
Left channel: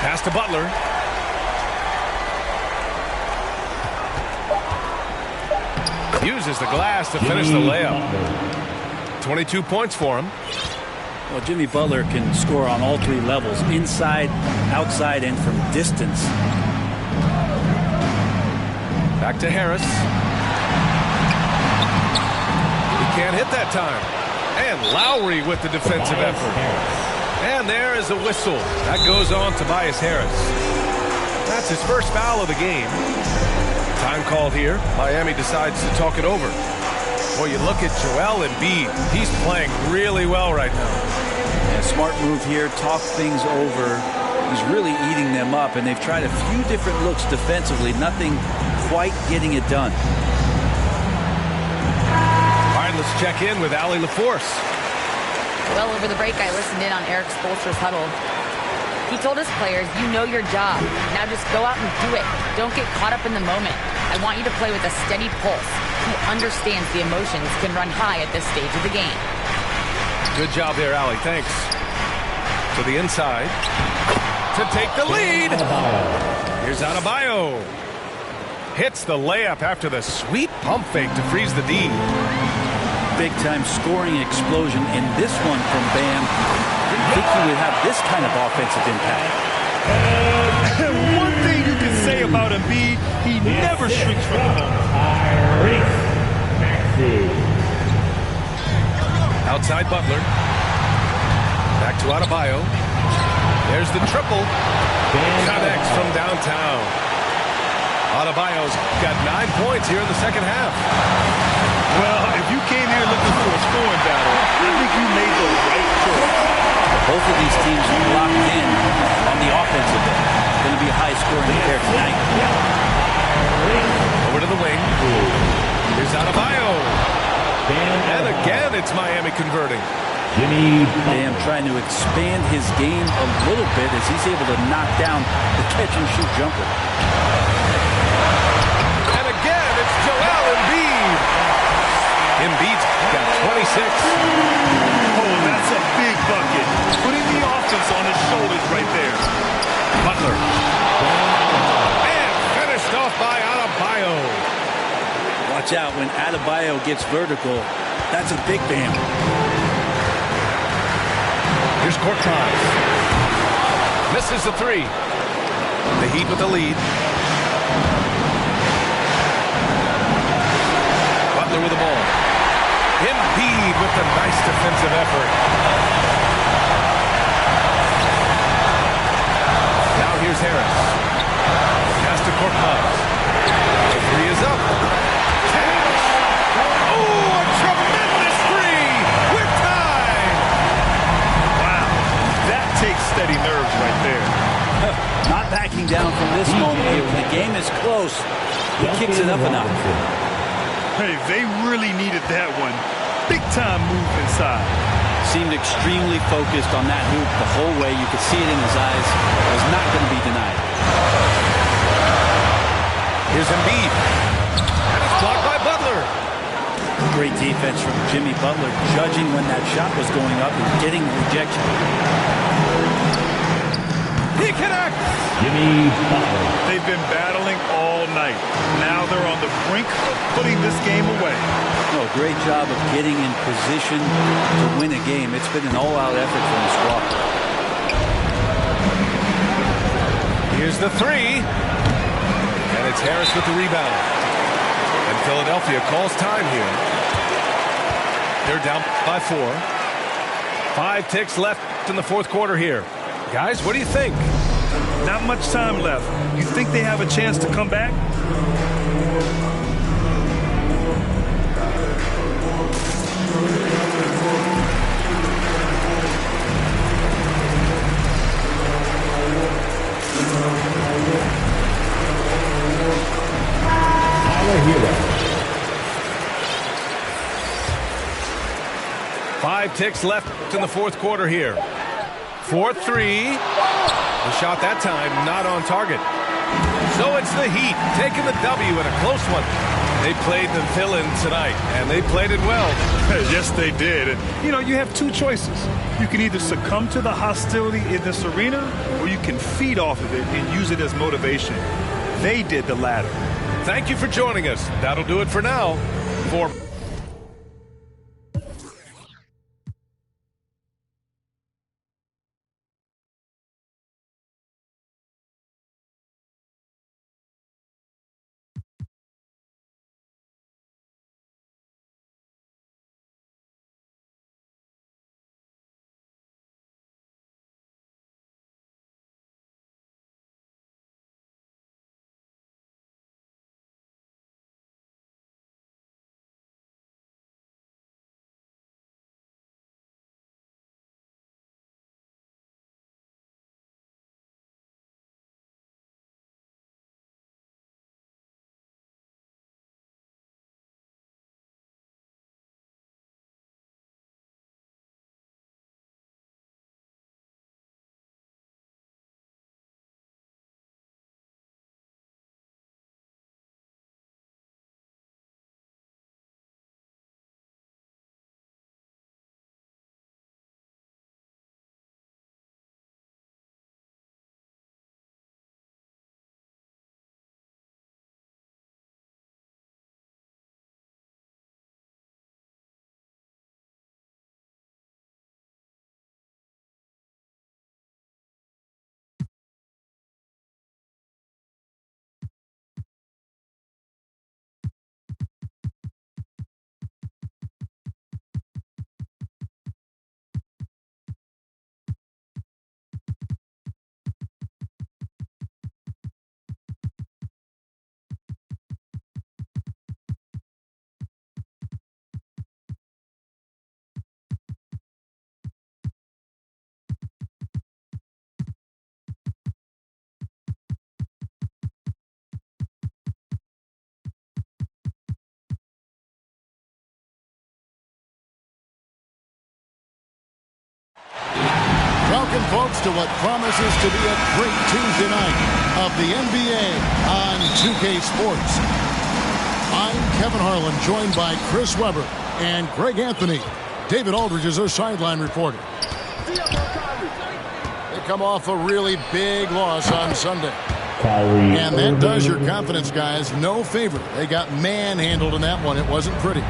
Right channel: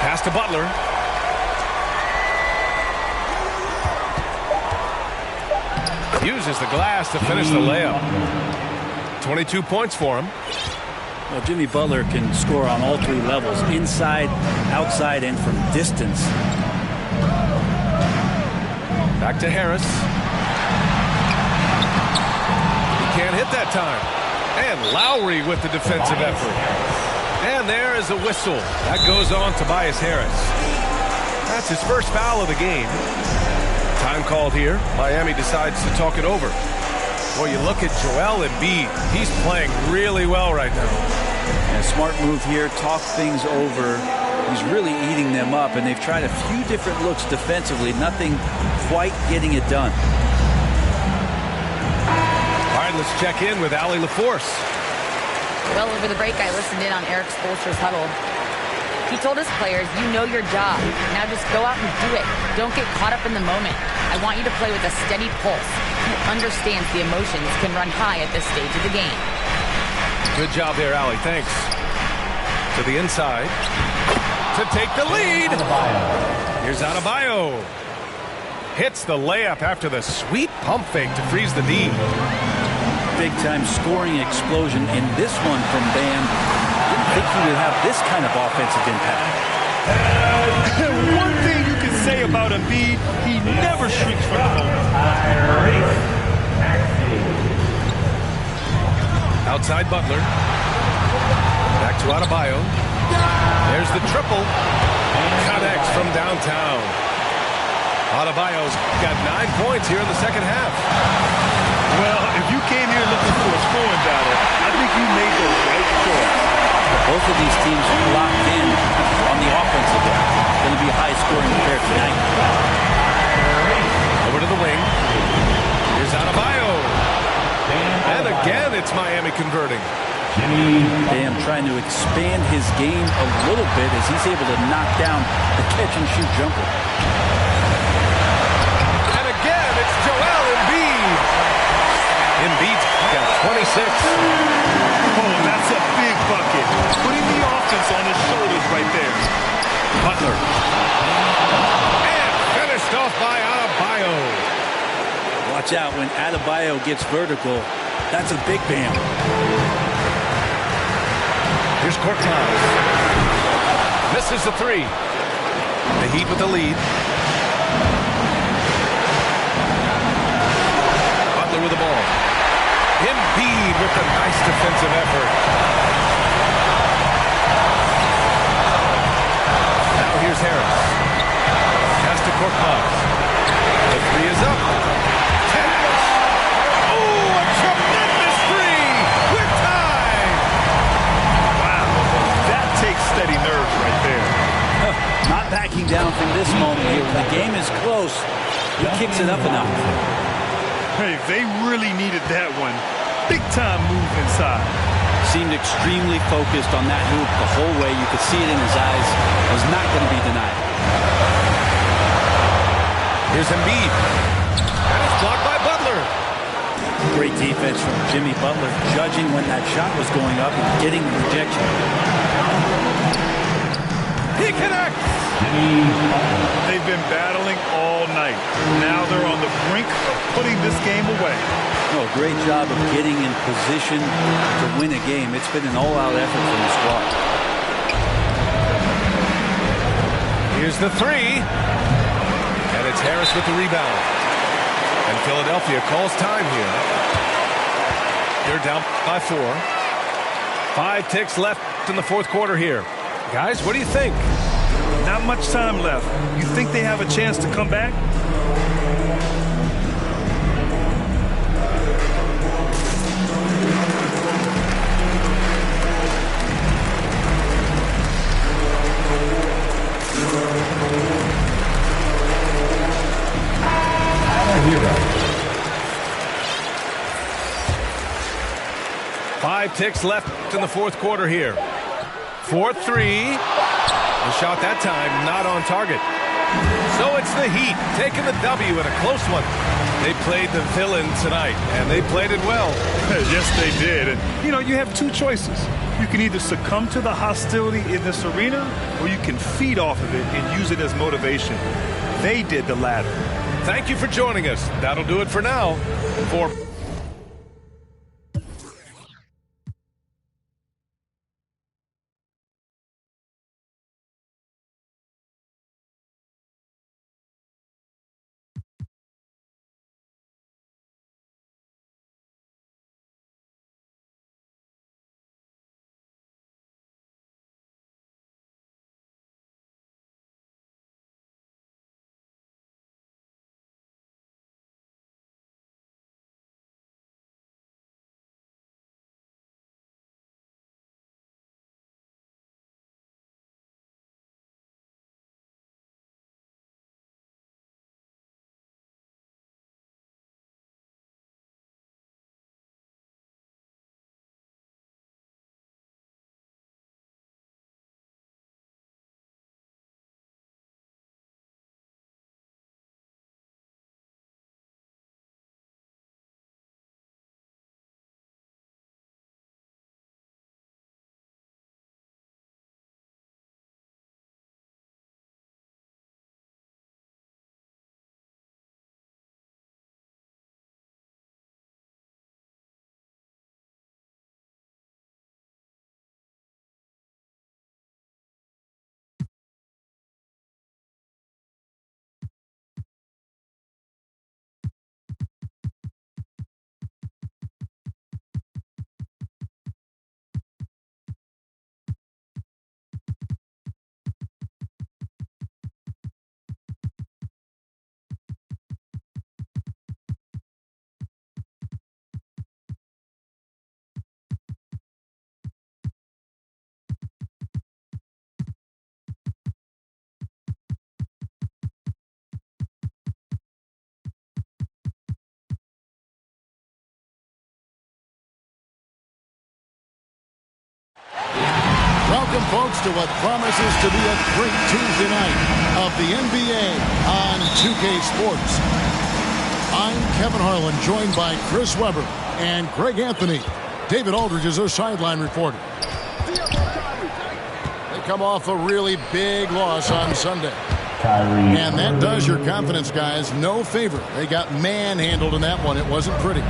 Pass to Butler. Uses the glass to finish the layup. 22 points for him. Well, Jimmy Butler can score on all three levels, inside, outside, and from distance. Back to Harris. He can't hit that time. And Lowry with the defensive effort. And there is a whistle. That goes on Tobias Harris. That's his first foul of the game. Time called here. Miami decides to talk it over. Well, you look at Joel Embiid. He's playing really well right now. And a smart move here. Talk things over. He's really eating them up, and they've tried a few different looks defensively. Nothing quite getting it done. All right, let's check in with Allie LaForce. Well, over the break, I listened in on Eric Spoelstra's huddle. He told his players, you know your job. Now just go out and do it. Don't get caught up in the moment. I want you to play with a steady pulse. Who understands the emotions can run high at this stage of the game. Good job there, Allie. Thanks. To the inside. To take the lead. Here's Adebayo. Hits the layup after the sweet pump fake to freeze the D. big-time scoring explosion in this one from Bam. Didn't think he would have this kind of offensive impact. One thing you can say about Embiid, he never shrinks from the moment. Outside Butler. Back to Adebayo. There's the triple. Connects from downtown. Adebayo's got 9 points here in the second half. Well, if you came here looking for a scoring battle, I think you made the right choice. Both of these teams locked in on the offensive end. Going to be a high-scoring affair tonight. Over to the wing. Here's Adebayo. And again, it's Miami converting. Bam trying to expand his game a little bit as he's able to knock down the catch-and-shoot jumper. And again, it's Joel Embiid. Embiid's got 26. Oh, that's a big bucket. Putting the offense on his shoulders right there. Butler. And finished off by Adebayo. Watch out when Adebayo gets vertical. That's a big Bam. Here's Korkmaz. Misses the three. The Heat with the lead. Butler with the ball. Embiid with the nice defensive effort. Now here's Harris. Pass to Korkmaz. The three is up. Cash. Oh, a tremendous three. We're tied. Wow, that takes steady nerves right there. Not backing down from this moment here. When the game is close, he kicks it up a notch. Hey, they really needed that one. Big time move inside. Seemed extremely focused on that hoop the whole way. You could see it in his eyes. It was not going to be denied. Here's Embiid. And it's blocked by Butler. Great defense from Jimmy Butler, judging when that shot was going up and getting the rejection. He connects. Jimmy Butler. They've been battling all night. Now they're on the brink of putting this game away. No, great job of getting in position to win a game. It's been an all-out effort from the squad. Here's the three. And it's Harris with the rebound. And Philadelphia calls time here. They're down by 4. 5 ticks left in the fourth quarter here. Guys, what do you think? Not much time left. You think they have a chance to come back? Hero. 5 ticks left in the fourth quarter here. 4-3. The shot that time not on target. So it's the Heat taking the W in a close one. They played the villain tonight, and they played it well. Yes, they did. And, you have two choices. You can either succumb to the hostility in this arena, or you can feed off of it and use it as motivation. They did the latter. Thank you for joining us. That'll do it for now. For Welcome, folks, to what promises to be a great Tuesday night of the NBA on 2K Sports. I'm Kevin Harlan, joined by Chris Webber and Greg Anthony. David Aldridge is our sideline reporter. They come off a really big loss on Sunday. And that does your confidence guys no favor. They got manhandled in that one. It wasn't pretty.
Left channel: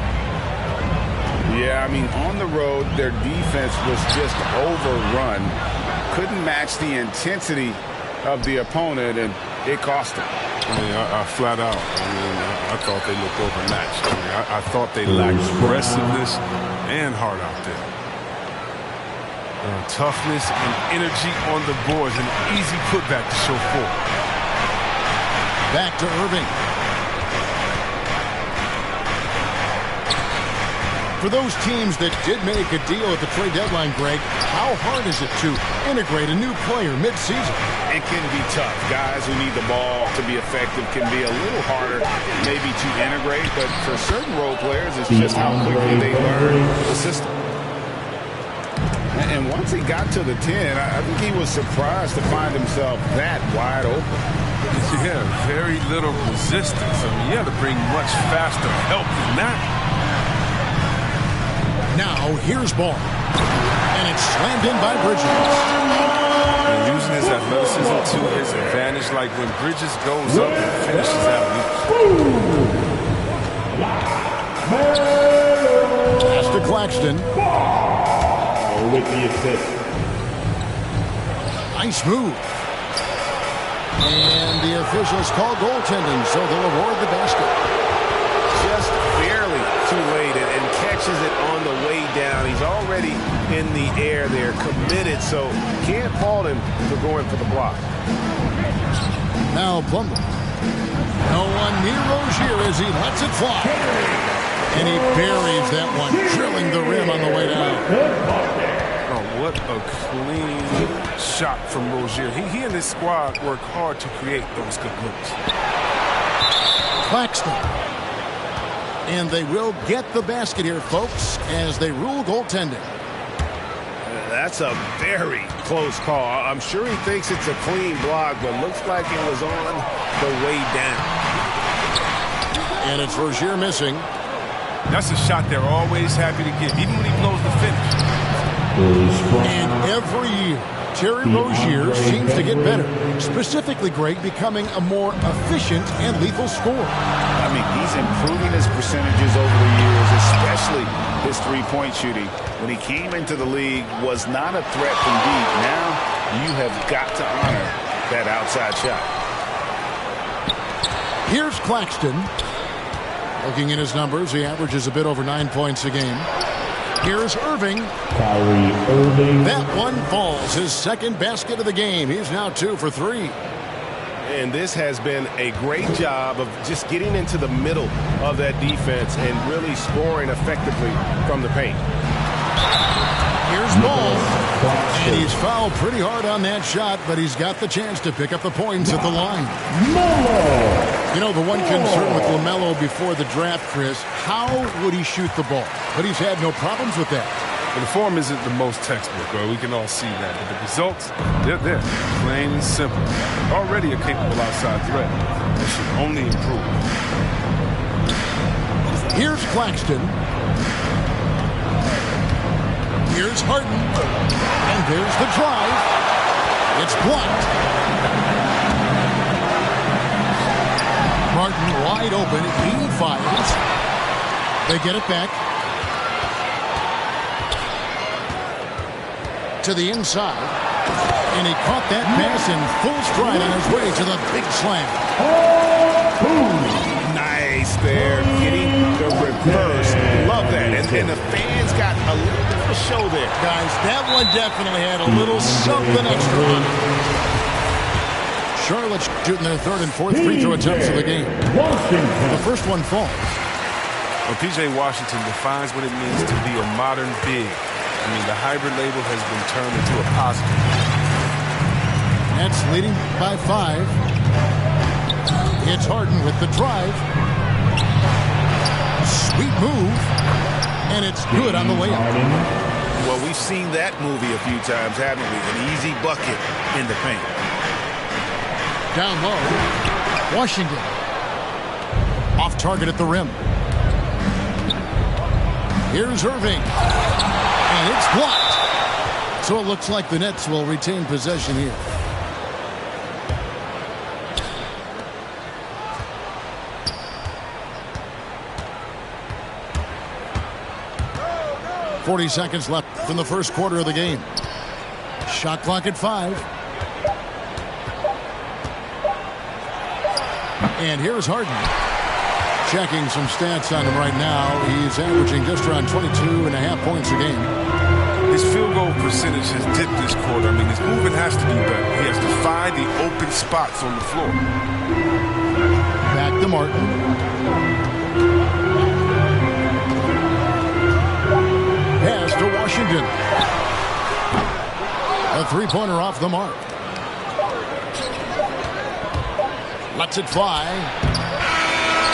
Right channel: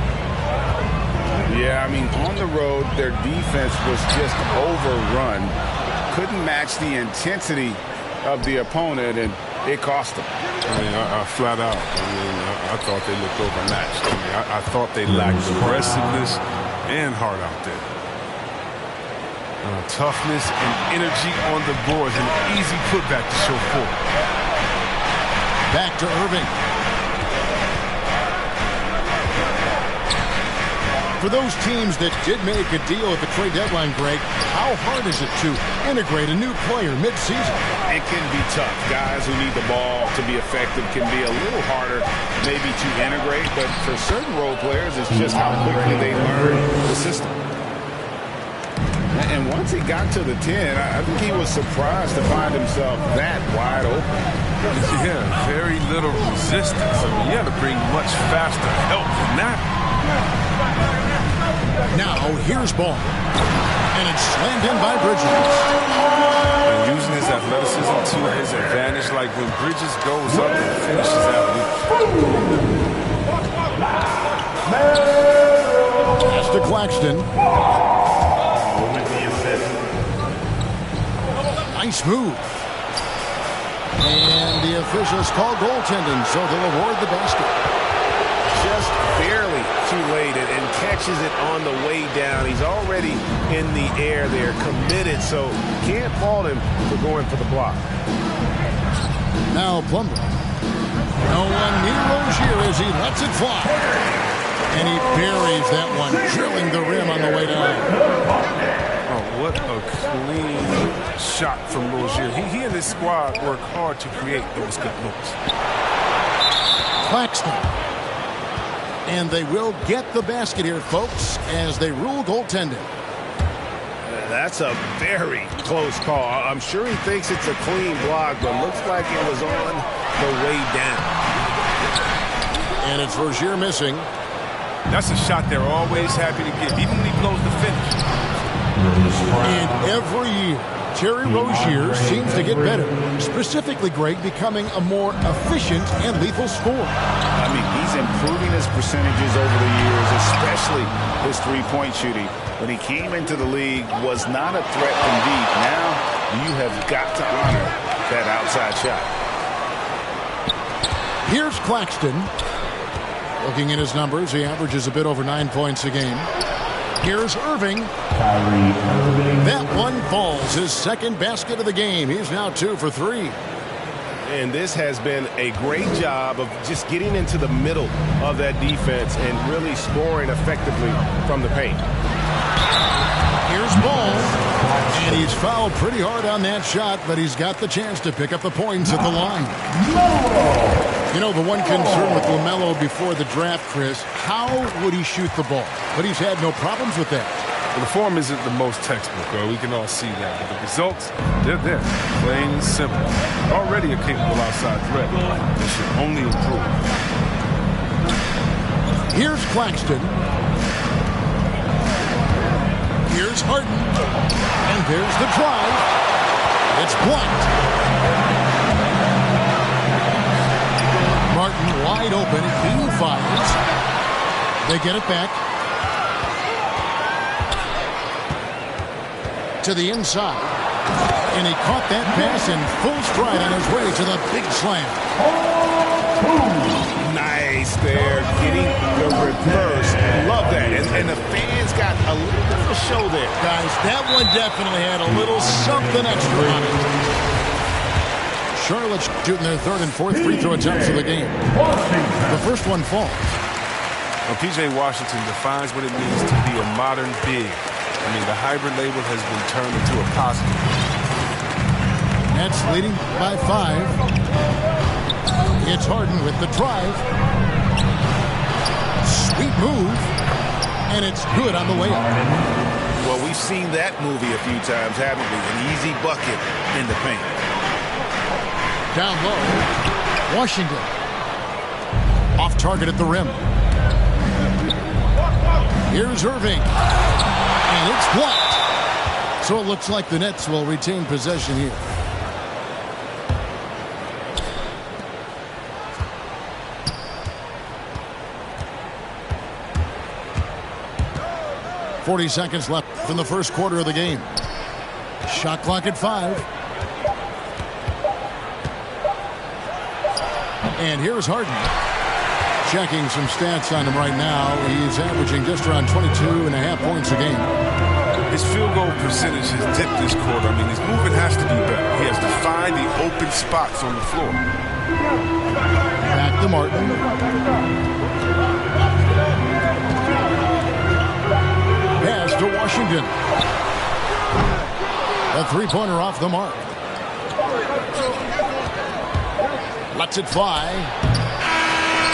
Yeah, I mean, on the road, their defense was just overrun. Couldn't match the intensity of the opponent, and it cost them. I mean, I flat out. I thought they looked overmatched. I thought they lacked aggressiveness and heart out there. Toughness and energy on the boards, an easy putback to show forward. Back to Irving. For those teams that did make a deal at the trade deadline, Greg, how hard is it to integrate a new player mid-season? It can be tough. Guys who need the ball to be effective can be a little harder maybe to integrate, but for certain role players, it's just how quickly they learn the system. And once he got to the 10, I think he was surprised to find himself that wide open. Yeah, very little resistance. I mean, you had to bring much faster help than that. Now, here's ball. And it's slammed in by Bridges. And using his athleticism to his advantage, like when Bridges goes up and finishes out. Pass to Claxton. With the assist. Nice move. And the officials call goaltending, so they'll award the basket. Just barely too late and catches it on the way down. He's already in the air there, committed, so can't fault him for going for the block. Now Plumlee. No one near Rozier as he lets it fly. And he buries that one, drilling the rim on the way down. Oh, what a clean shot from Rozier. He and his squad work hard to create those good looks. Claxton. And they will get the basket here, folks, as they rule goaltending. That's a very close call. I'm sure he thinks it's a clean block, but looks like it was on the way down. And it's Rozier missing. That's a shot they're always happy to give, even when he blows the finish. And every year, Terry Rozier seems to get better. Specifically, Greg, becoming a more efficient and lethal scorer. I mean, he's improving his percentages over the years, especially his three-point shooting. When he came into the league, was not a threat from deep. Now you have got to honor that outside shot. Here's Claxton. Looking at his numbers, he averages a bit over 9 points a game. Here's Irving. Kyrie Irving. That one falls. His second basket of the game. He's now 2 for 3. And this has been a great job of just getting into the middle of that defense and really scoring effectively from the paint. Here's Ball. And he's fouled pretty hard on that shot, but he's got the chance to pick up the points at the line. You know, the one concern with LaMelo before the draft, Chris, how would he shoot the ball? But he's had no problems with that. Well, the form isn't the most textbook, we can all see that. But the results, they're there, plain and simple. Already a capable outside threat. It should only improve. Here's Claxton. Here's Harden. And there's the drive. It's blocked. Martin wide open. He fires. They get it back. To the inside. And he caught that pass in full stride on his way to the big slam. Nice there, getting the reverse. Love that. And the fans got a little bit of a show there. Guys, that one definitely had a little something extra on it. Charlotte shooting their third and fourth free throw attempts of the game. The first one falls. Well, P.J. Washington defines what it means to be a modern big. I mean, the hybrid label has been turned into a positive. Nets leading by 5. It's Harden with the drive. Sweet move. And it's good on the layup. Well, we've seen that movie a few times, haven't we? An easy bucket in the paint. Down low, Washington. Off target at the rim. Here's Irving. And it's blocked. So it looks like the Nets will retain possession here. .40 seconds left in the first quarter of the game. Shot clock at 5. And here's Harden. Checking some stats on him right now. He's averaging just around 22.5 points a game. His field goal percentage has dipped this quarter. I mean, his movement has to be better. He has to find the open spots on the floor. Back to Martin. Pass to Washington. A three-pointer off the mark. Lets it fly.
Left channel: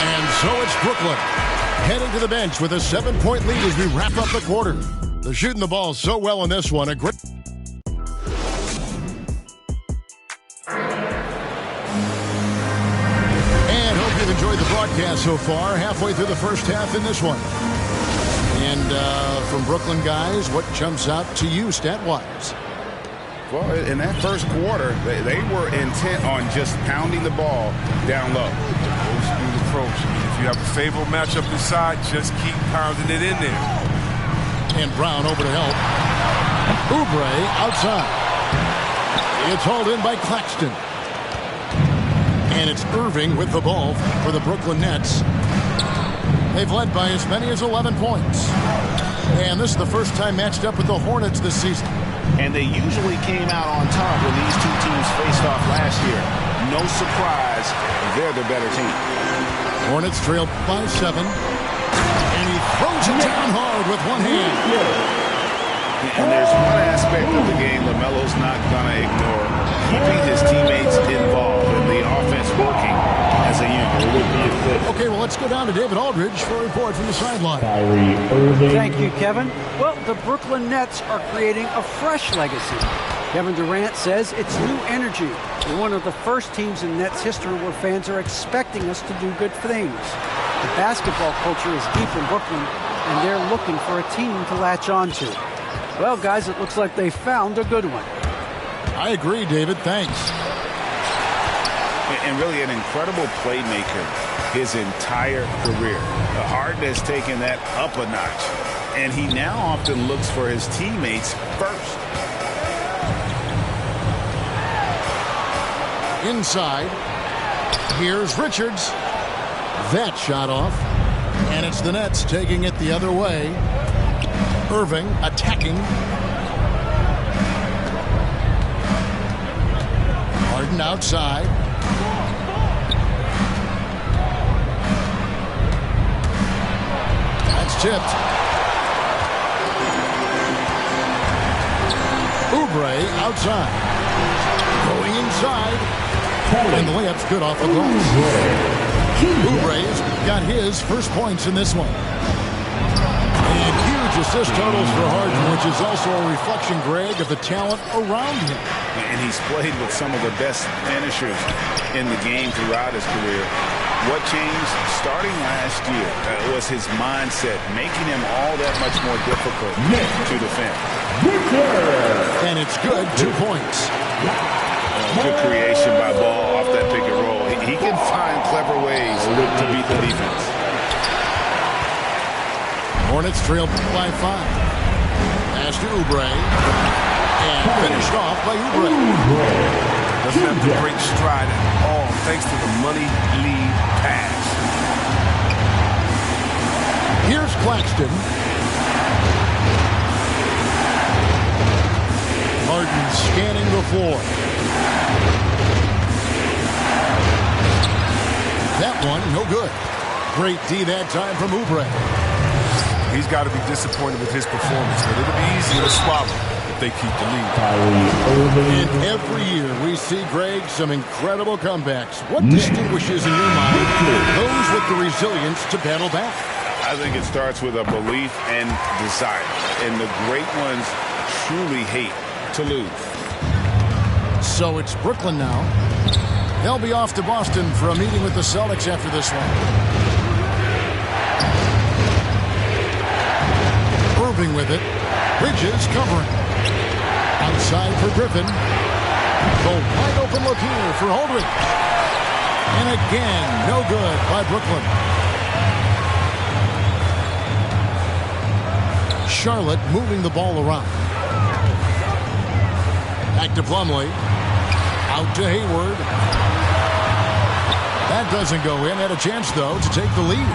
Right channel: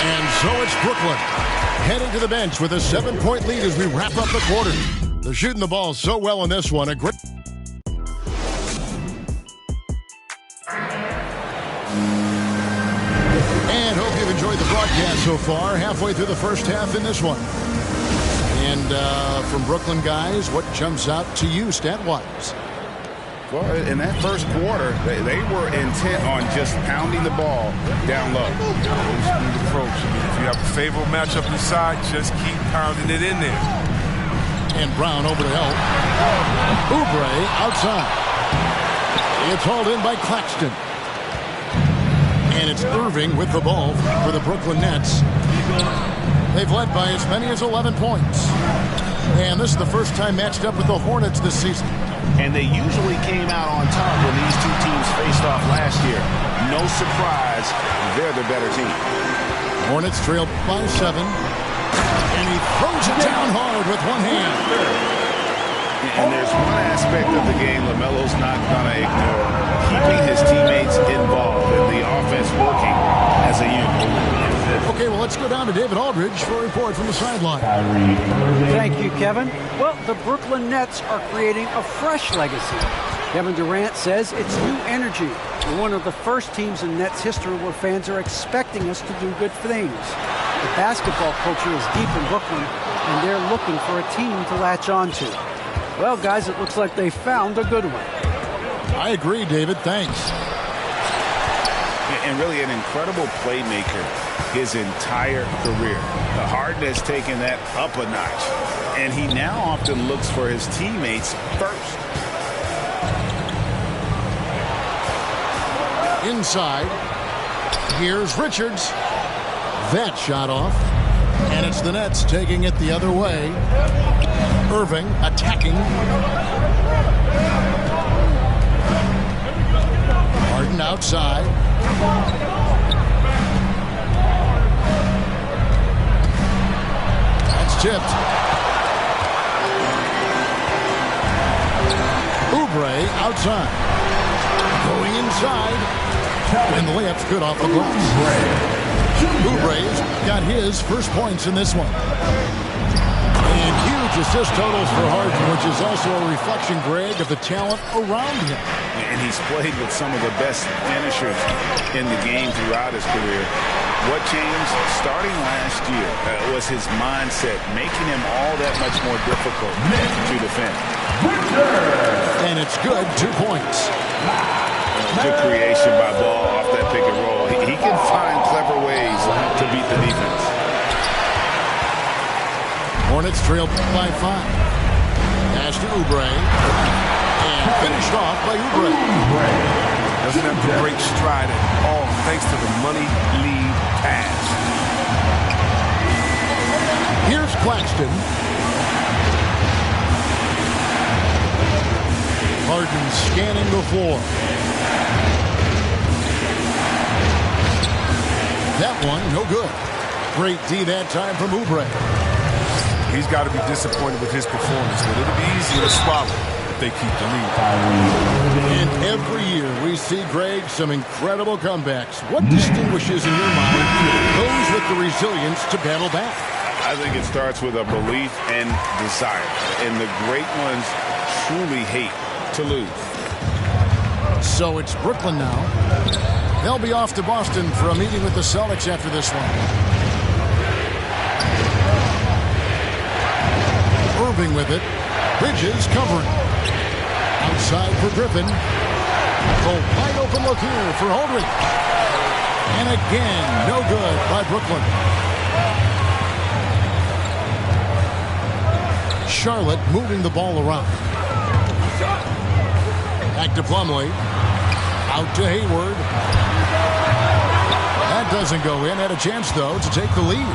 And so it's Brooklyn heading to the bench with a 7-point lead as we wrap up the quarter. They're shooting the ball so well in this one. A great. And hope you've enjoyed the broadcast so far. Halfway through the first half in this one. And from Brooklyn guys, what jumps out to you stat-wise? Well, in that first quarter, they were intent on just pounding the ball down low. Old school approach. I mean, if you have a favorable matchup inside, just keep pounding it in there. And Brown over to help. Oubre outside. It's hauled in by Claxton. And it's Irving with the ball for the Brooklyn Nets. They've led by as many as 11 points. And this is the first time matched up with the Hornets this season. And they usually came out on top when these two teams faced off last year. No surprise, they're the better team. Hornets trailed by 7. And he throws it down hard with one hand. And there's one aspect of the game LaMelo's not going to ignore. Keeping his teammates involved and the offense working as a unit. Okay, well, let's go down to David Aldridge for a report from the sideline. Thank you, Kevin. Well, the Brooklyn Nets are creating a fresh legacy. Kevin Durant says it's new energy. We're one of the first teams in Nets history where fans are expecting us to do good things. The basketball culture is deep in Brooklyn, and they're looking for a team to latch on to. Well, guys, it looks like they found a good one. I agree, David. Thanks. And really an incredible playmaker his entire career. Harden has taken that up a notch, and he now often looks for his teammates first. Inside, here's Richards. That shot off, and it's the Nets taking it the other way. Irving attacking. Harden outside. That's tipped. Oubre outside. Going inside. And the layup's good off the glass. Oubre's got his first points in this one. And huge assist totals for Harden, which is also a reflection, Greg, of the talent around him. And he's played with some of the best finishers in the game throughout his career. What changed starting last year was his mindset, making him all that much more difficult to defend. And it's good, 2 points. Good creation by Ball off that pick and roll. He can find clever ways to beat the defense. Hornets trailed by 5. Pass to Oubre. And finished off by Oubre. Doesn't have to break stride at all thanks to the money lead pass. Here's Claxton. Harden scanning the floor. That one, no good. Great D that time from Oubre. He's got to be disappointed with his performance, but it'll be easier to swallow if they keep the lead. And every year we see, Greg, some incredible comebacks. What distinguishes in your mind those with the resilience to battle back? I think it starts with a belief and desire. And the great ones truly hate to lose. So it's Brooklyn now. They'll be off to Boston for a meeting with the Celtics after this one. Irving with it. Bridges covering. Outside for Griffin. The wide open look here for Aldridge. And again, no good by Brooklyn. Charlotte moving the ball around. Back to Plumlee. Out to Hayward. That doesn't go in. Had a chance, though, to take the lead.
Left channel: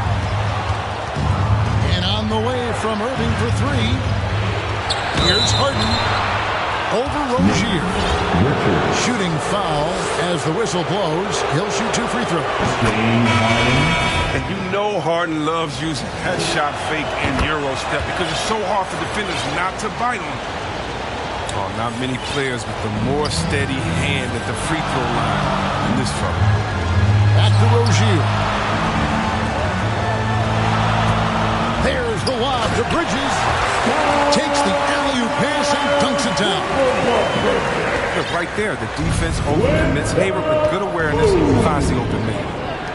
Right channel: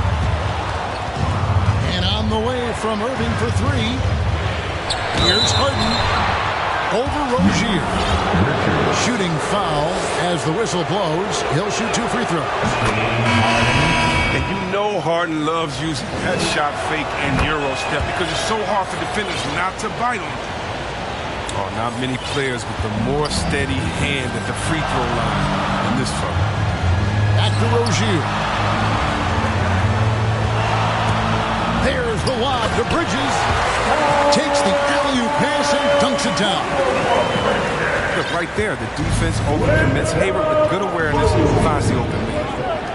And on the way from Irving for three. Here's Harden. Over Rozier. Shooting foul as the whistle blows. He'll shoot 2 free throws. And you know Harden loves using that shot fake and Euro step because it's so hard for defenders not to bite on it. Oh, not many players with the more steady hand at the free throw line than this fella. Back to Rozier. There's the lob to Bridges. Takes the alley-oop pass and dunks it down. Look, right there, the defense overcommits. Hayward with good awareness finds the open man.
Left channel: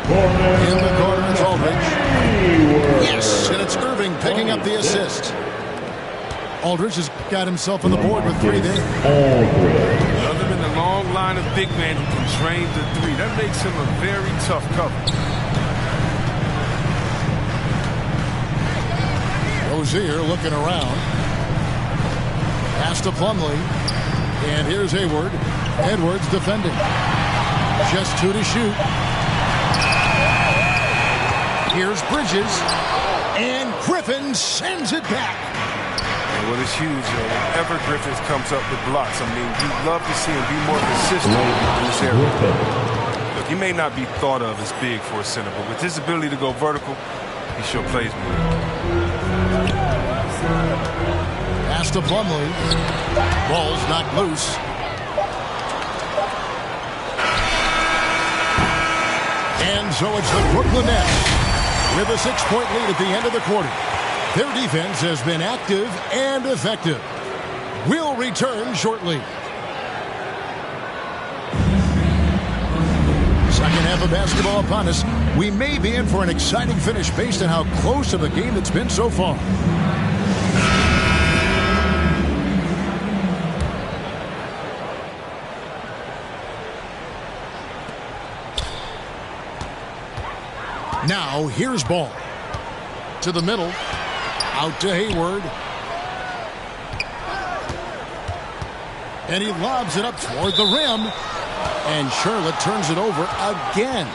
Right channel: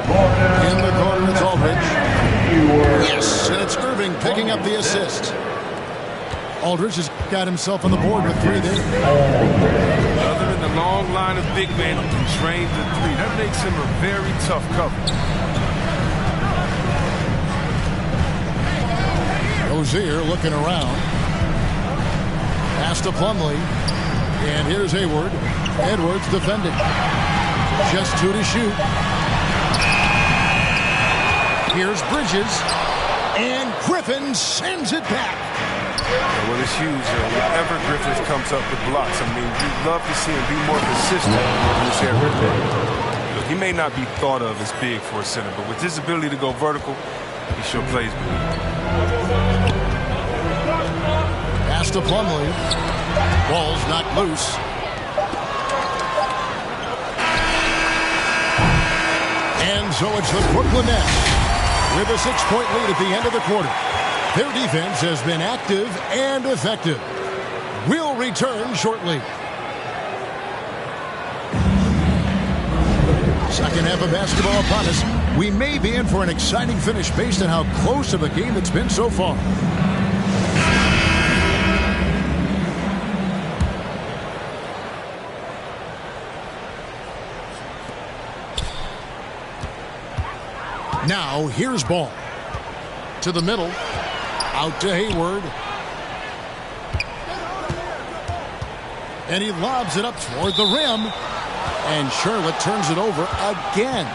In the corner, it's Aldridge. Yes, and it's Irving picking up the assist. Aldridge has got himself on the board with 3 there. Another in the long line of big men who can drain the 3. That makes him a very tough cover. Rozier looking around. Pass to Plumlee. And here's Hayward. Edwards defending. Just 2 to shoot. Here's Bridges. And Griffin sends it back. Yeah, well, it's huge. Whenever Griffin comes up with blocks, I mean, you'd love to see him be more consistent in this area. Look, he may not be thought of as big for a center, but with his ability to go vertical, he sure plays big. Pass to Plumlee. Ball's knocked loose. And so it's the Brooklyn Nets with a 6-point lead at the end of the quarter. Their defense has been active and effective. We'll return shortly. Second half of basketball upon us. We may be in for an exciting finish based on how close of a game it's been so far. Now, here's Ball. To the middle. Out to Hayward. And he lobs it up toward the rim. And Charlotte turns it over again.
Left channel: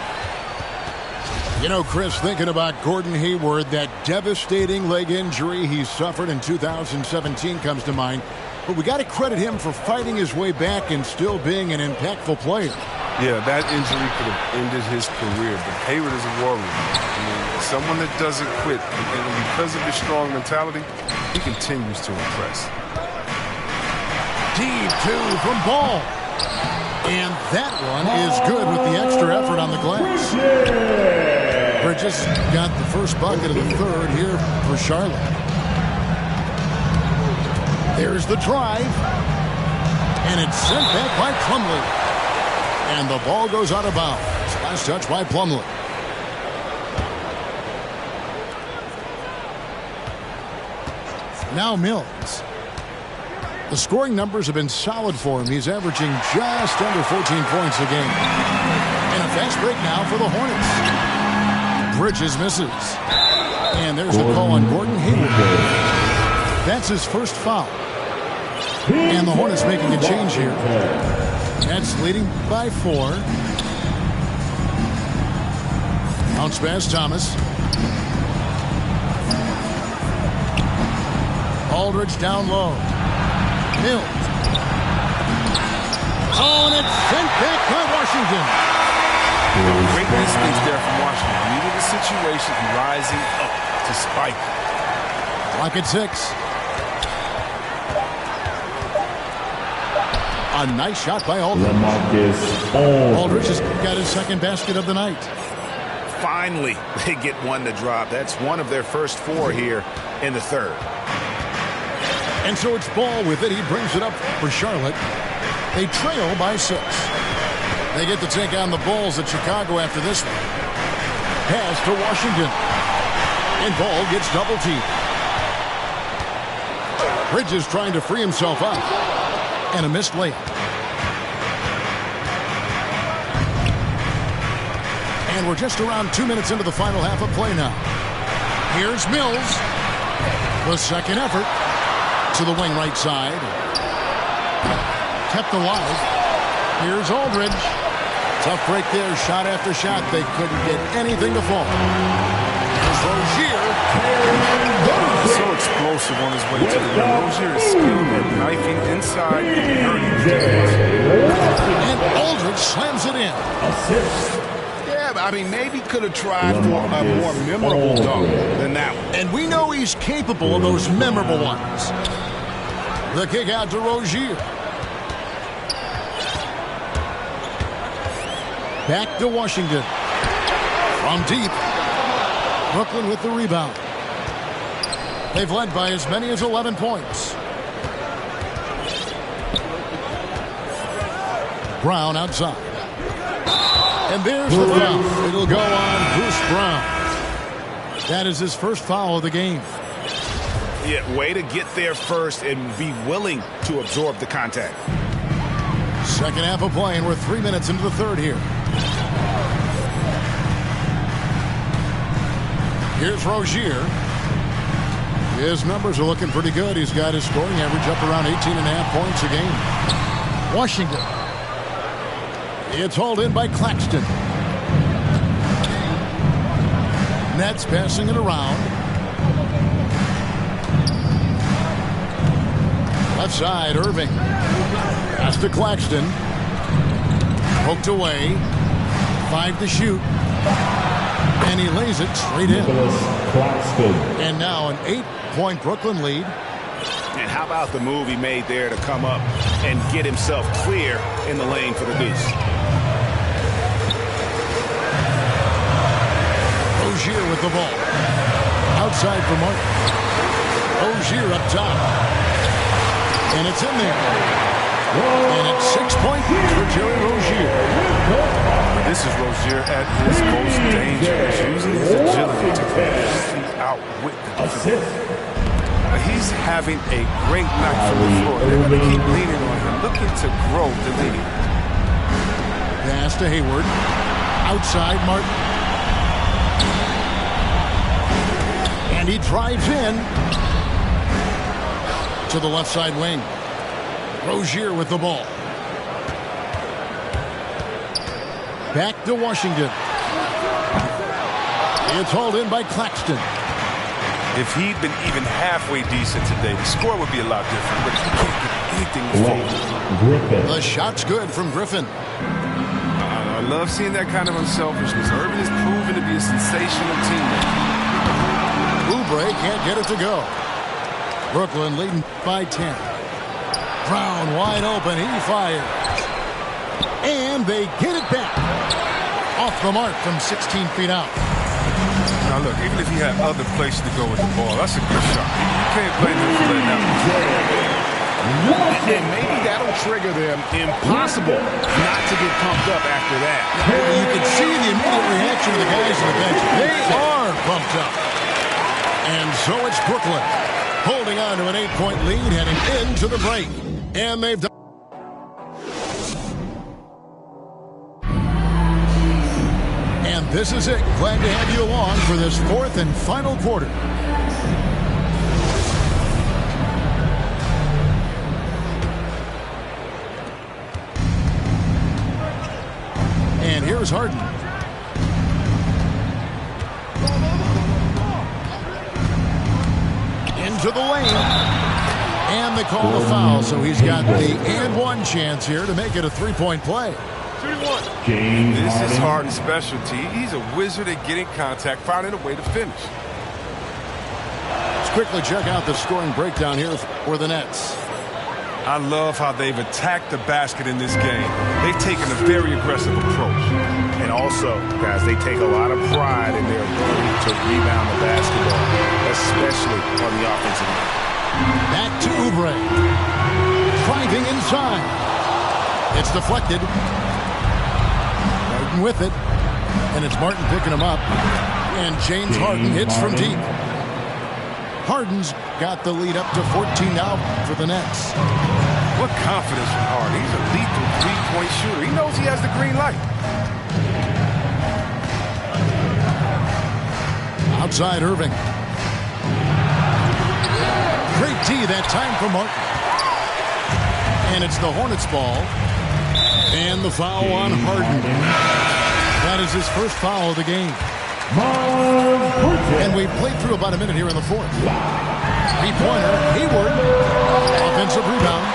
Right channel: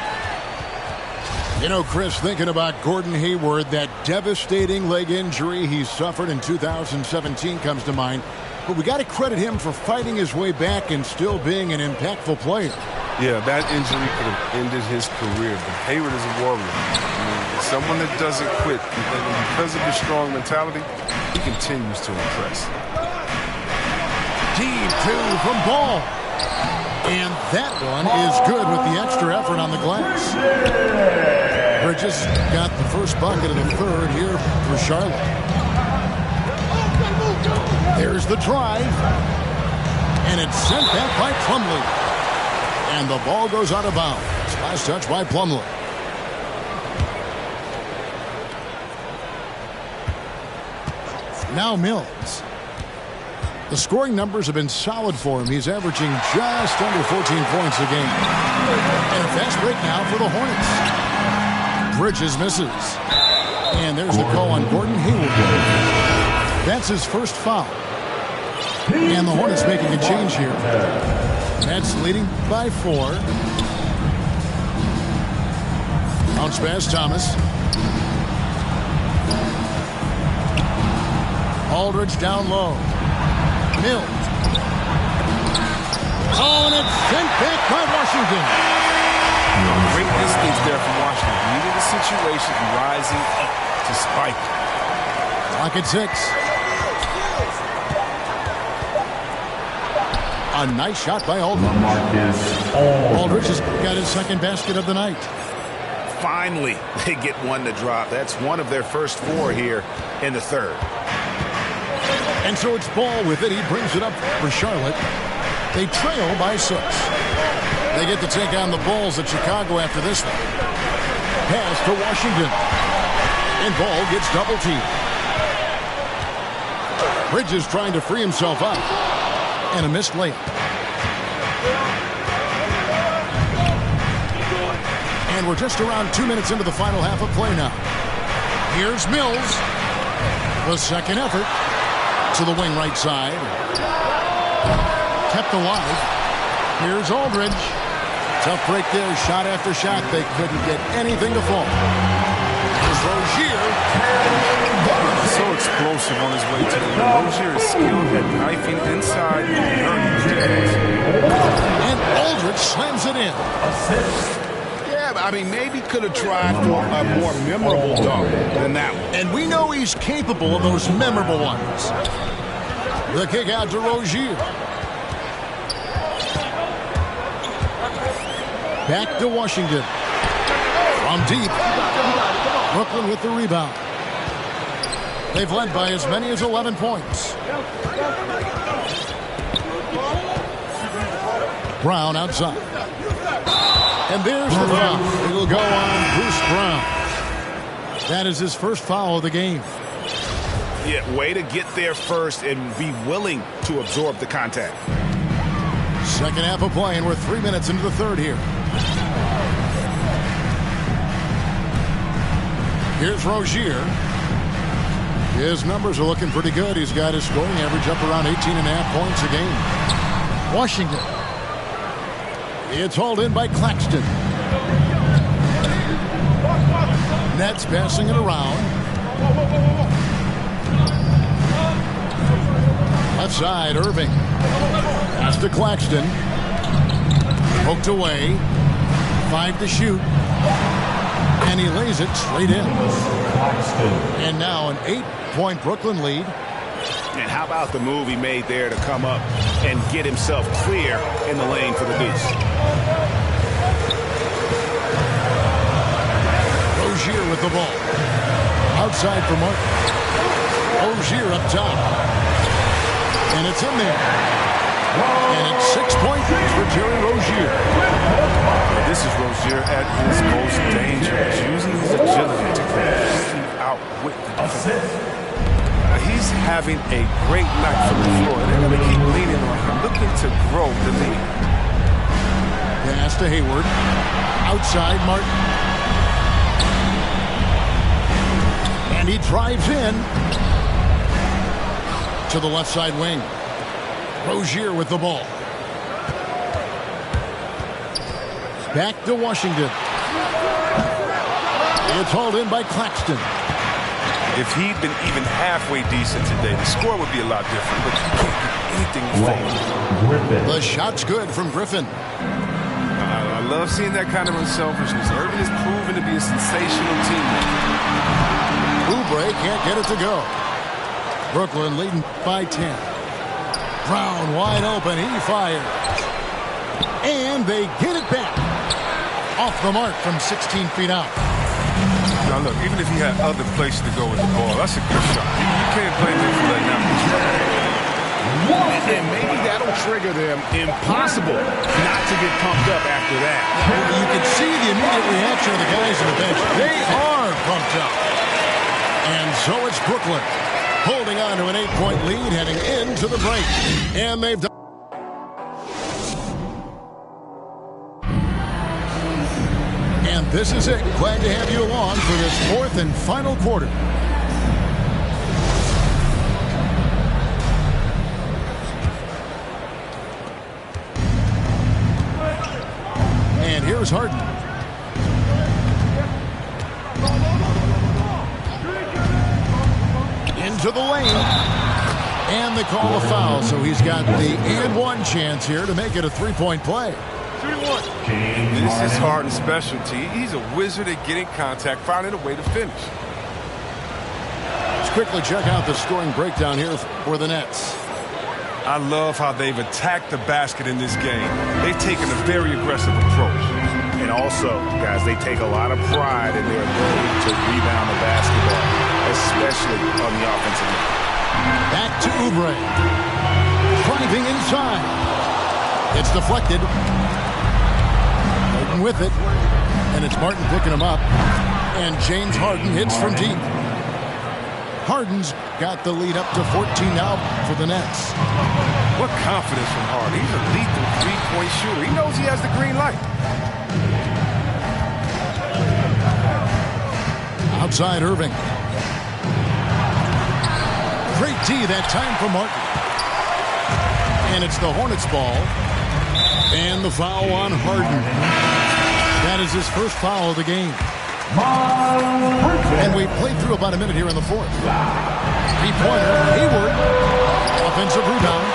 You know, Chris, thinking about Gordon Hayward, that devastating leg injury he suffered in 2017 comes to mind. But we got to credit him for fighting his way back and still being an impactful player. Yeah, that injury could have ended his career, but Hayward is a warrior. I mean, someone that doesn't quit, and because of his strong mentality, he continues to impress. Deep 2 from Ball. And that one is good with the extra effort on the glass. Bridges got the first bucket of the third here for Charlotte. There's the drive. And it's sent back by Plumlee. And the ball goes out of bounds. Last touch by Plumlee. Now Mills. The scoring numbers have been solid for him. He's averaging just under 14 points a game. And a fast break now for the Hornets. Bridges misses. And there's the call on Gordon Hayward. That's his first foul. And the Hornets making a change here. Nets leading by 4. Bounce pass, Thomas. Aldridge down low. Mills. Oh, and it's sent back by Washington. Great instincts there from Washington. Needed a situation rising up to spike. Clock at 6. A nice shot by Aldridge. Aldridge has got his second basket of the night. finally they get one to drop. That's one of their first 4 here in the third. And so it's Ball with it. He brings it up for Charlotte. They trail by 6. They get to take on the Bulls at Chicago after this one. Pass to Washington. And Ball gets double teamed. Bridges trying to free himself up. And a missed layup. And we're just around 2 minutes into the final half of play now. Here's Mills. The second effort to the wing right side. Kept alive. Here's Aldridge. Tough break there. Shot after shot. They couldn't get anything to fall. Here's Rozier. He's so explosive on his way to the rim. Rozier is skilled at knifing inside and hurting the defense. And Aldridge slams it in. Yeah, I mean, maybe could have tried for a more memorable dunk than that one. And we know he's capable of those memorable ones. The kick out to Rozier. Back to Washington. From deep. Brooklyn with the rebound. They've led by as many as 11 points. Brown outside. And there's the foul. It'll go on Bruce Brown. That is his first foul of the game. Yeah, way to get there first and be willing to absorb the contact. Second half of play, and we're 3 minutes into the third here. Here's Rozier. His numbers are looking pretty good. He's got his scoring average up around 18.5 points a game. Washington. It's hauled in by Claxton. Nets passing it around. Left side, Irving. Pass to Claxton. Poked away. 5 to shoot. And he lays it straight in. And now an 8-point Brooklyn lead. And how about the move he made there to come up and get himself clear in the lane for the deuce. Rozier with the ball. Outside for Martin. Rozier up top. And it's in there. And it's 6 points for Terry Rozier. This is Rozier at his most dangerous, using his agility to completely outwit the defense. He's having a great night from the floor. They're going to keep leaning on him, looking to grow the lead. Pass to Hayward. Outside Martin. And he drives in to the left side wing. Rozier with the ball. Back to Washington. It's hauled in by Claxton. If he'd been even halfway decent today, the score would be a lot different, but he can't get anything to fall. The shot's good from Griffin. I love seeing that kind of unselfishness. Irvin is proven to be a sensational teammate. Oubre can't get it to go. Brooklyn leading by 10. Brown wide open. He fires. And they get it back. Off the mark from 16 feet out. Now, look, even if he had other places to go with the ball, that's a good shot. You can't blame him for letting that one. And maybe that'll trigger them. Impossible not to get pumped up after that. Yeah, you can see the immediate reaction of the guys on the bench. They are pumped up. And so it's Brooklyn holding on to an 8-point lead heading into the break. And they've done. And this is it. Glad to have you along for this fourth and final quarter. And here's Harden. Into the lane. And they call a foul, so he's got the and one chance here to make it a 3-point play. This is Harden's specialty. He's a wizard at getting contact, finding a way to finish. Let's quickly check out the scoring breakdown here for the Nets. I love how they've attacked the basket in this game. They've taken a very aggressive approach. And also, guys, they take a lot of pride in their ability to rebound the basketball, especially on the offensive end. Back to Oubre. Driving inside. It's deflected. Harden with it. And it's Martin picking him up. And James Harden hits from deep. Harden's got the lead up to 14 now for the Nets. What confidence from Harden. He's a lethal three-point shooter. He knows he has the green light. Outside Irving. Great D that time for Martin. And it's the Hornets ball. And the foul on Harden. That is his first foul of the game. And we played through about a minute here in the fourth. Three-pointer, Hayward. Offensive rebound.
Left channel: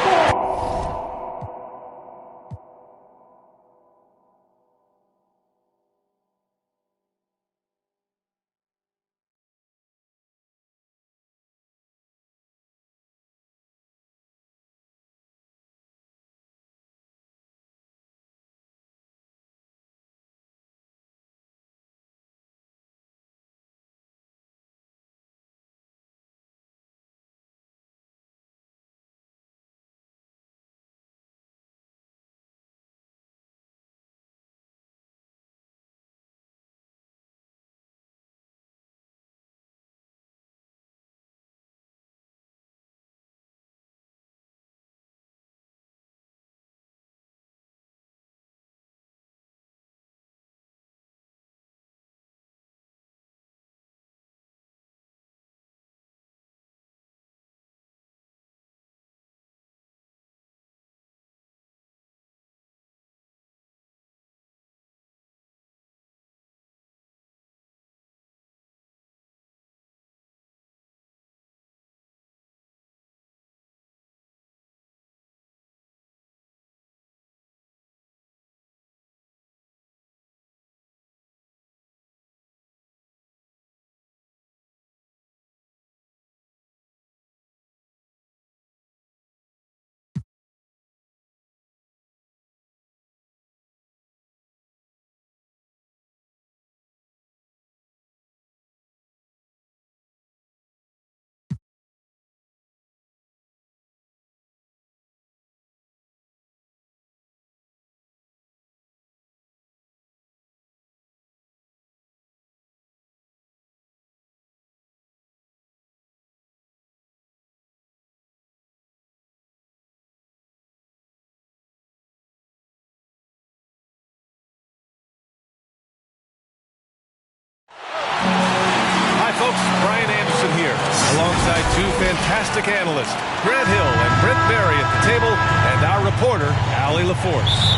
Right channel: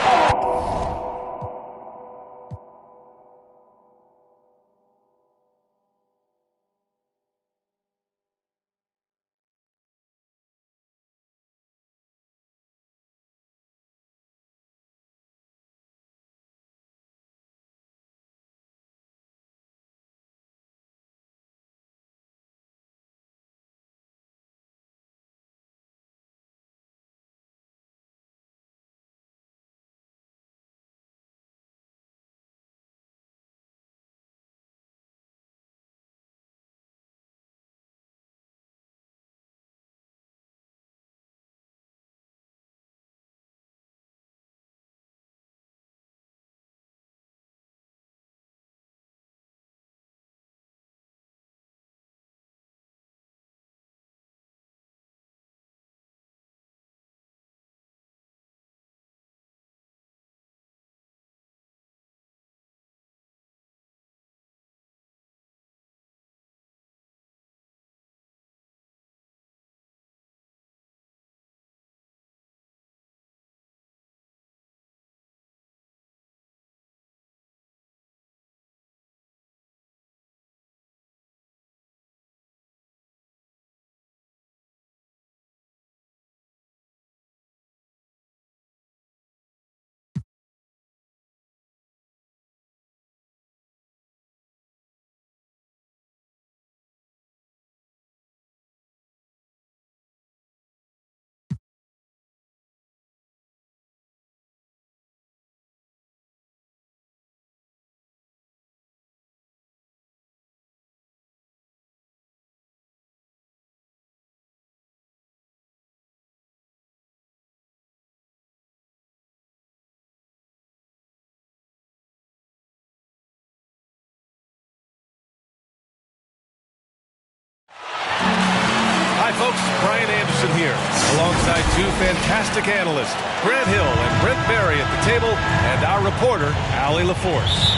Hi, folks. Brian Anderson here, alongside two fantastic analysts, Grant Hill and Brent Barry at the table, and our reporter, Allie LaForce.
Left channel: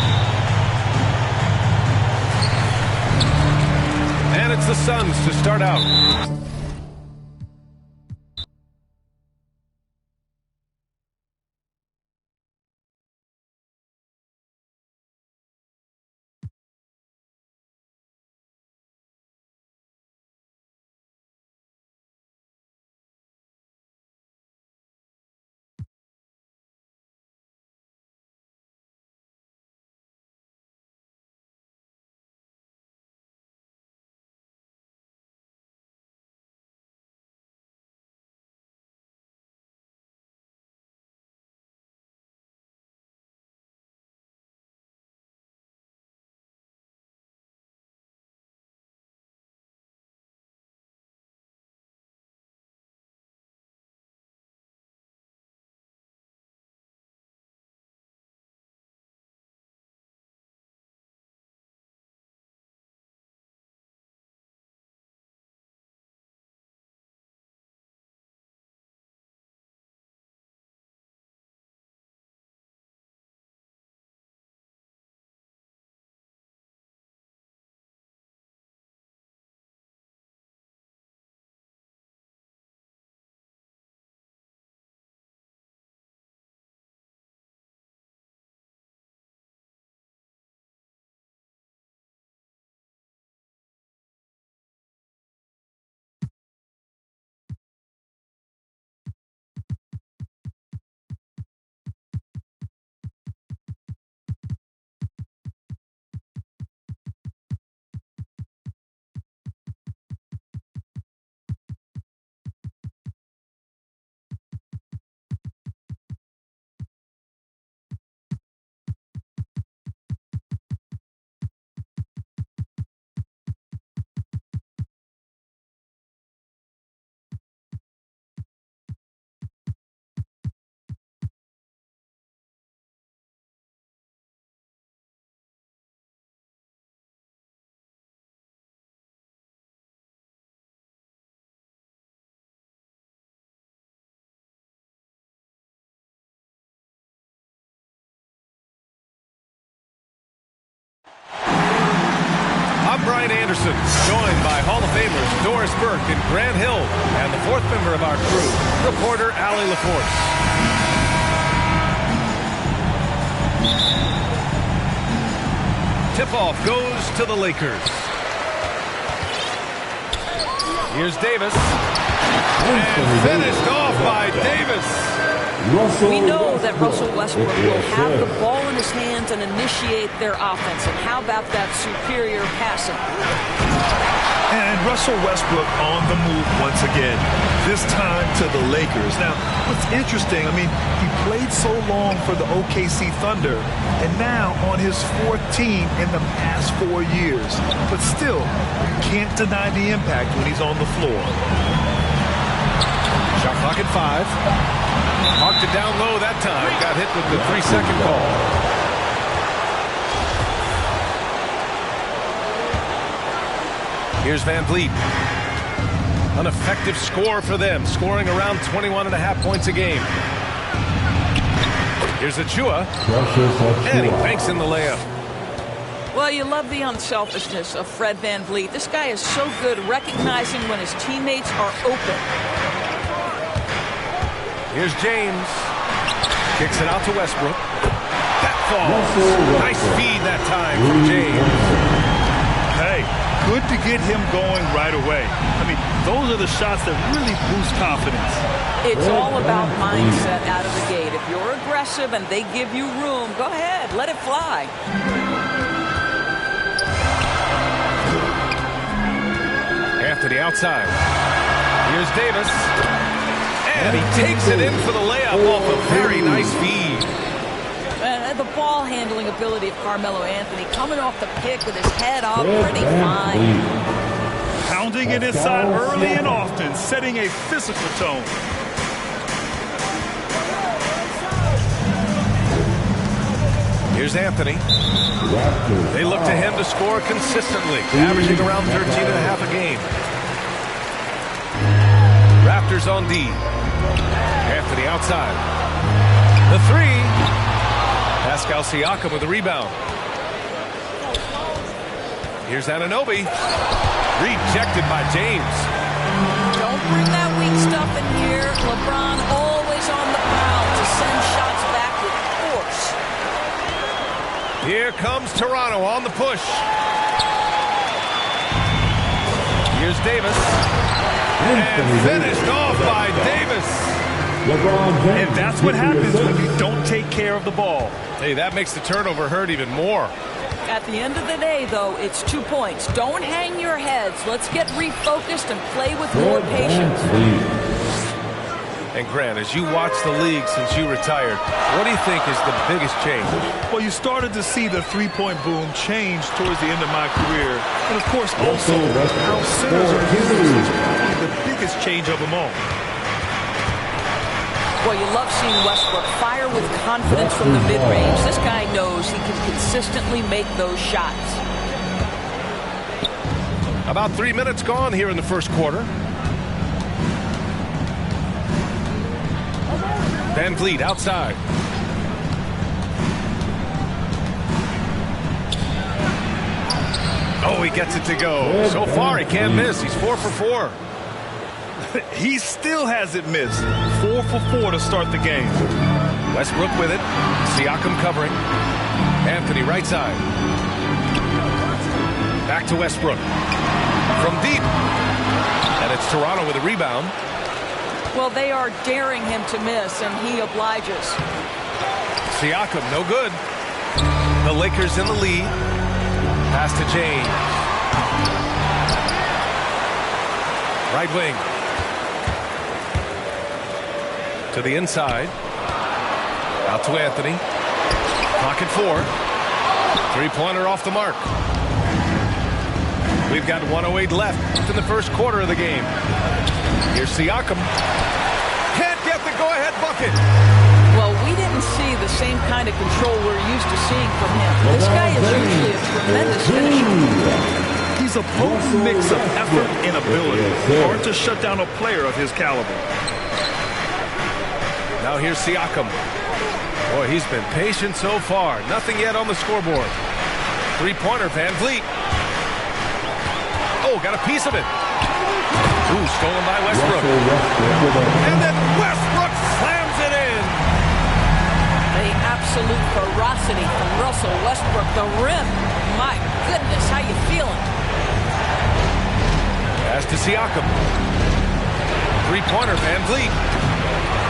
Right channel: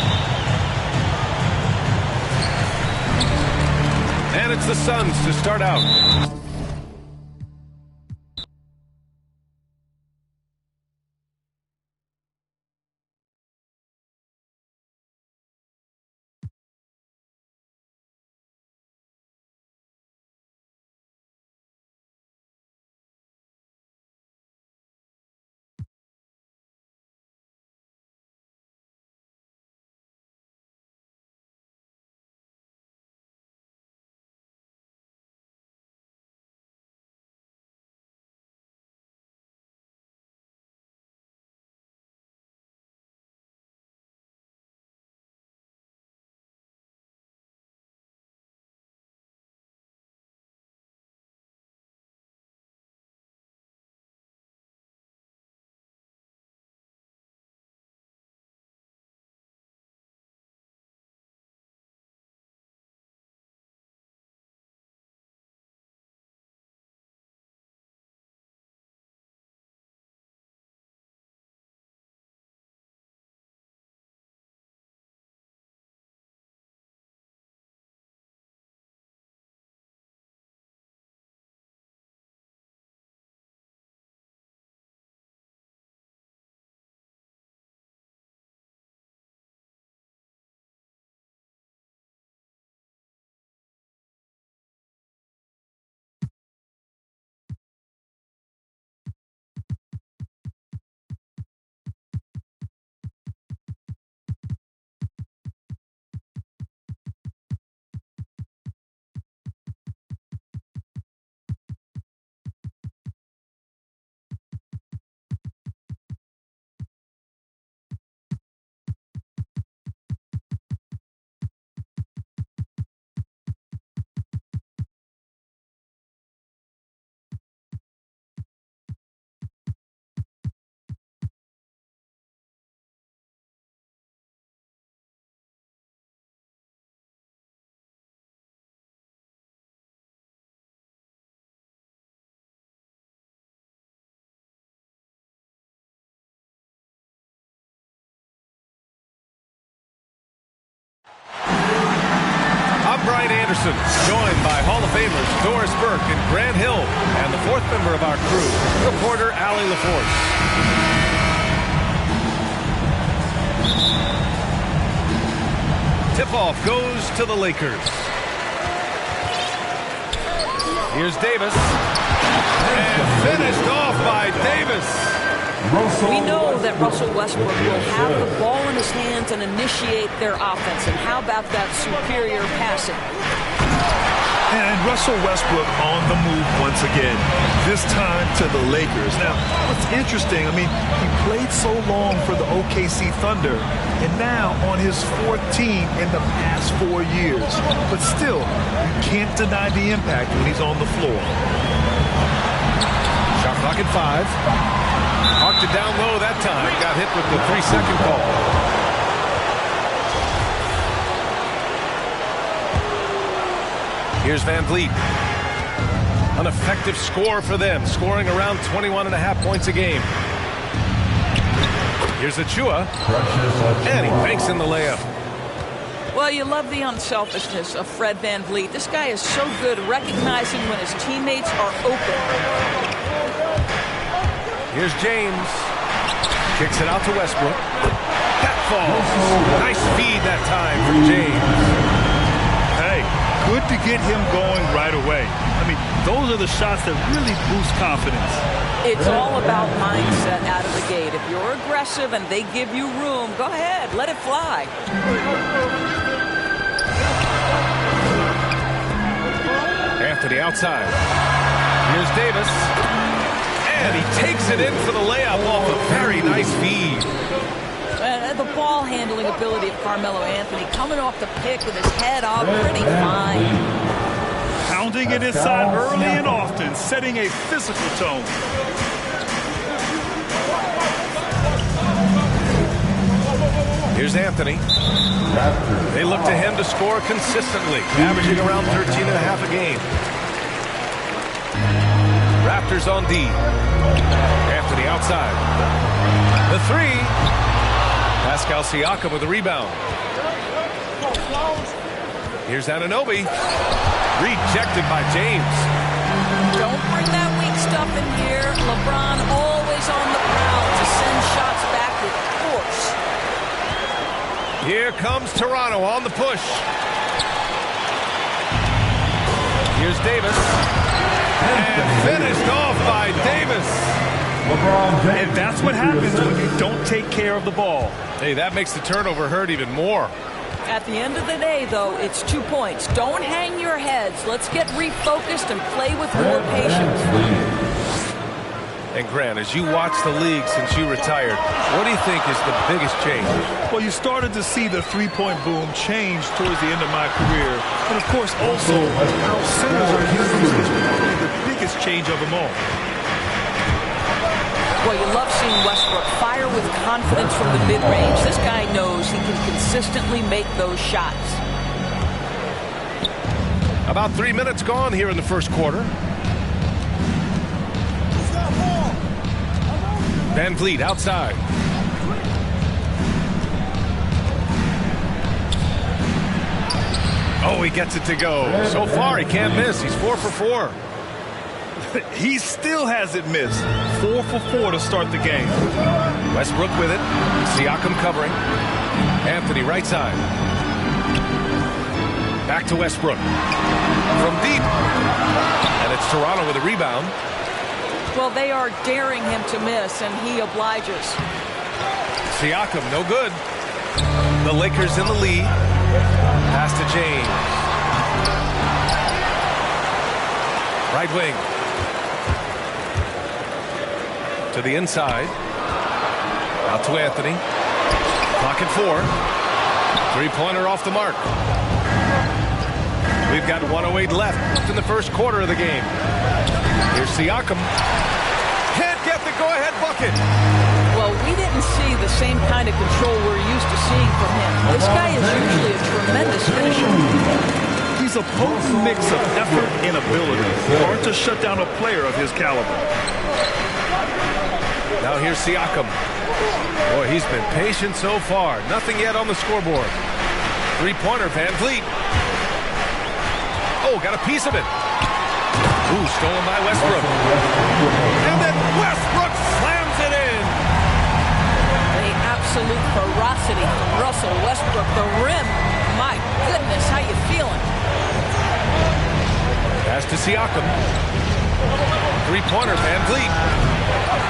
And it's the Suns to start out. I'm Brian Anderson, joined by Hall of Famers Doris Burke and Grant Hill, and the fourth member of our crew, reporter Allie LaForce. Tip-off goes to the Lakers. Here's Davis. And finished off by Davis. We know that Russell Westbrook will have the ball in his hands and initiate their offense. And how about that superior passing? And Russell Westbrook on the move once again, this time to the Lakers. Now, what's interesting, I mean, he played so long for the OKC Thunder, and now on his fourth team in the past 4 years. But still, you can't deny the impact when he's on the floor. Shot clock at 5. Marked it down low that time. Got hit with the 3-second call. Here's Van Vliet. An effective score for them, scoring around 21.5 points a game. Here's Achua. And he banks in the layup. Well, you love the unselfishness of Fred Van Vliet. This guy is so good recognizing when his teammates are open. Here's James. Kicks it out to Westbrook. That falls. Nice feed that time from James. Hey, good to get him going right away. I mean, those are the shots that really boost confidence. It's all about mindset out of the gate. If you're aggressive and they give you room, go ahead, let it fly. Anthony outside. Here's Davis. And he takes it in for the layup off a very nice feed. The ball handling ability of Carmelo Anthony coming off the pick with his head up, pretty fine. Pounding it inside early and often, setting a physical tone. Here's Anthony. They look to him to score consistently, averaging around 13.5 a game. Raptors on D. Anthony outside. The 3. Pascal Siakam with the rebound. Here's Anunoby. Rejected by James. Don't bring that weak stuff in here. LeBron always on the prowl to send shots back with force. Here comes Toronto on the push. Here's Davis. And finished off by Davis. And that's what happens when you don't take care of the ball. Hey, that makes the turnover hurt even more. At the end of the day, though, it's 2 points. Don't hang your heads. Let's get refocused and play with more patience. And Grant, as you watch the league since you retired, what do you think is the biggest change? Well, you started to see the three-point boom change towards the end of my career. And, of course, also how centers are used is probably the biggest change of them all. Well, you love seeing Westbrook fire with confidence from the mid-range. This guy knows he can consistently make those shots. About 3 minutes gone here in the first quarter. Van Vliet outside. Oh, he gets it to go. So far, he can't miss. He's 4 for 4. He still hasn't missed. 4 for 4 to start the game. Westbrook with it. Siakam covering. Anthony right side. Back to Westbrook. From deep. And it's Toronto with a rebound. Well, they are daring him to miss, and he obliges. Siakam, no good. The Lakers in the lead. Pass to James. Right wing. To the inside. Out to Anthony. Clock at 4. Three-pointer off the mark. We've got 1:08 left in the first quarter of the game. Here's Siakam. Can't get the go-ahead bucket. Well, we didn't see the same kind of control we're used to seeing from him. This guy is usually a tremendous finisher. He's a potent mix of effort and ability. Hard to shut down a player of his caliber. Now here's Siakam. Boy, he's been patient so far. Nothing yet on the scoreboard. Three-pointer, Van Vliet. Oh, got a piece of it. Ooh, stolen by Westbrook. And then Westbrook slams it in. The absolute ferocity from Russell Westbrook. The rim. My goodness, how you feeling? Pass to Siakam. Three-pointer, Van Vliet.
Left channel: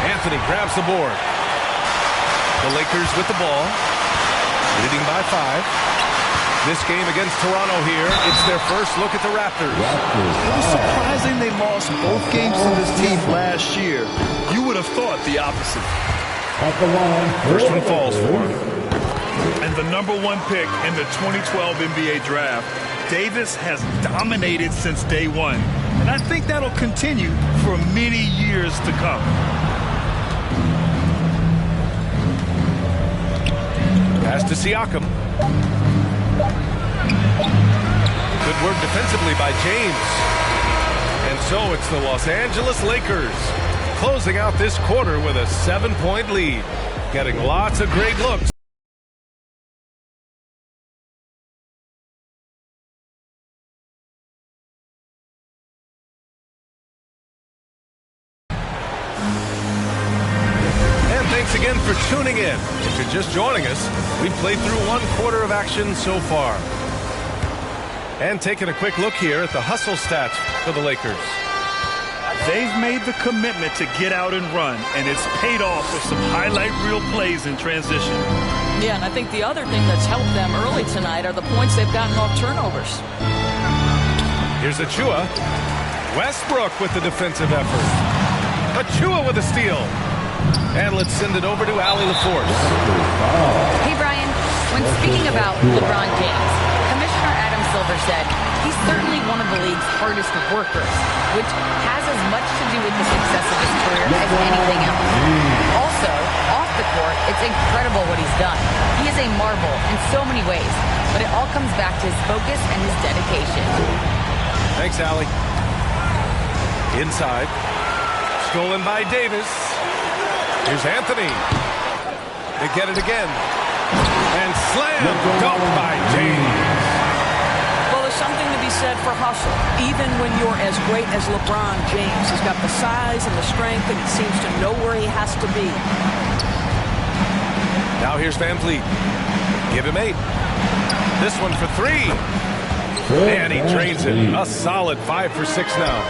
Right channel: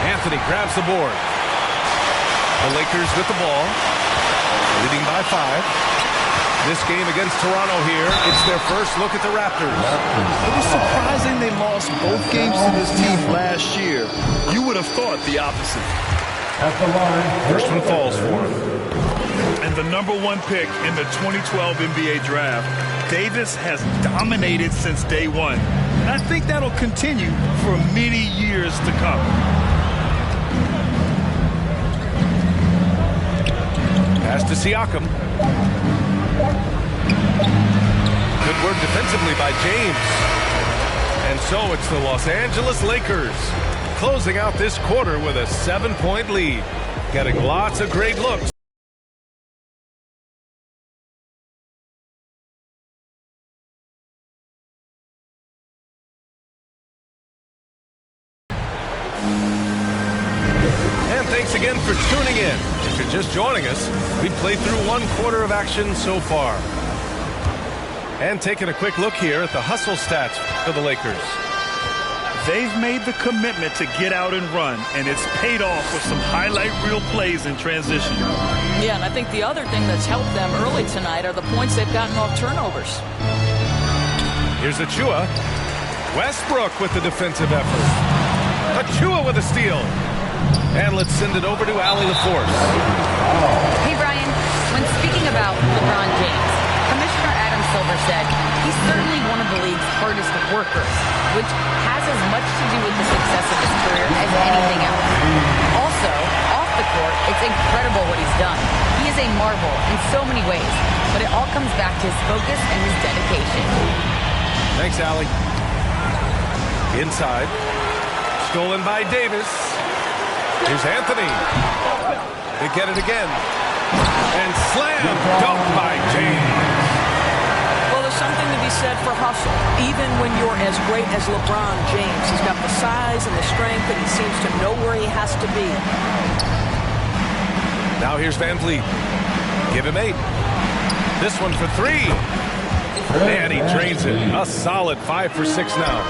Anthony grabs the board. The Lakers with the ball, leading by 5. This game against Toronto here, it's their first look at the Raptors. It was surprising they lost both games to this team last year. You would have thought the opposite. At the line, first one falls for him. And the #1 pick in the 2012 NBA draft, Davis has dominated since day one. And I think that'll continue for many years to come. Pass to Siakam. Good work defensively by James. And so it's the Los Angeles Lakers closing out this quarter with a 7-point lead. Getting lots of great looks. And thanks again for tuning in. If you're just joining us, we've played through 1 quarter of action so far. And taking a quick look here at the hustle stats for the Lakers. They've made the commitment to get out and run, and it's paid off with some highlight reel plays in transition. Yeah, and I think the other thing that's helped them early tonight are the points they've gotten off turnovers. Here's Achua. Westbrook with the defensive effort. Achua with a steal. And let's send it over to Allie LaForce. Hey, Brian. When speaking about LeBron James, Commissioner Adam Silver said he's certainly one of the league's hardest workers, which has as much to do with the success of his career as anything else. Also, off the court, it's incredible what he's done. He is a marvel in so many ways, but it all comes back to his focus and his dedication. Thanks, Allie. Inside. Stolen by Davis. Here's Anthony. They get it again. And slam dunk by James. Well, there's something to be said for hustle. Even when you're as great as LeBron James, he's got the size and the strength, and he seems to know where he has to be. Now here's Van Vliet. Give him 8. This one for 3. And he drains it. A solid 5 for 6 now.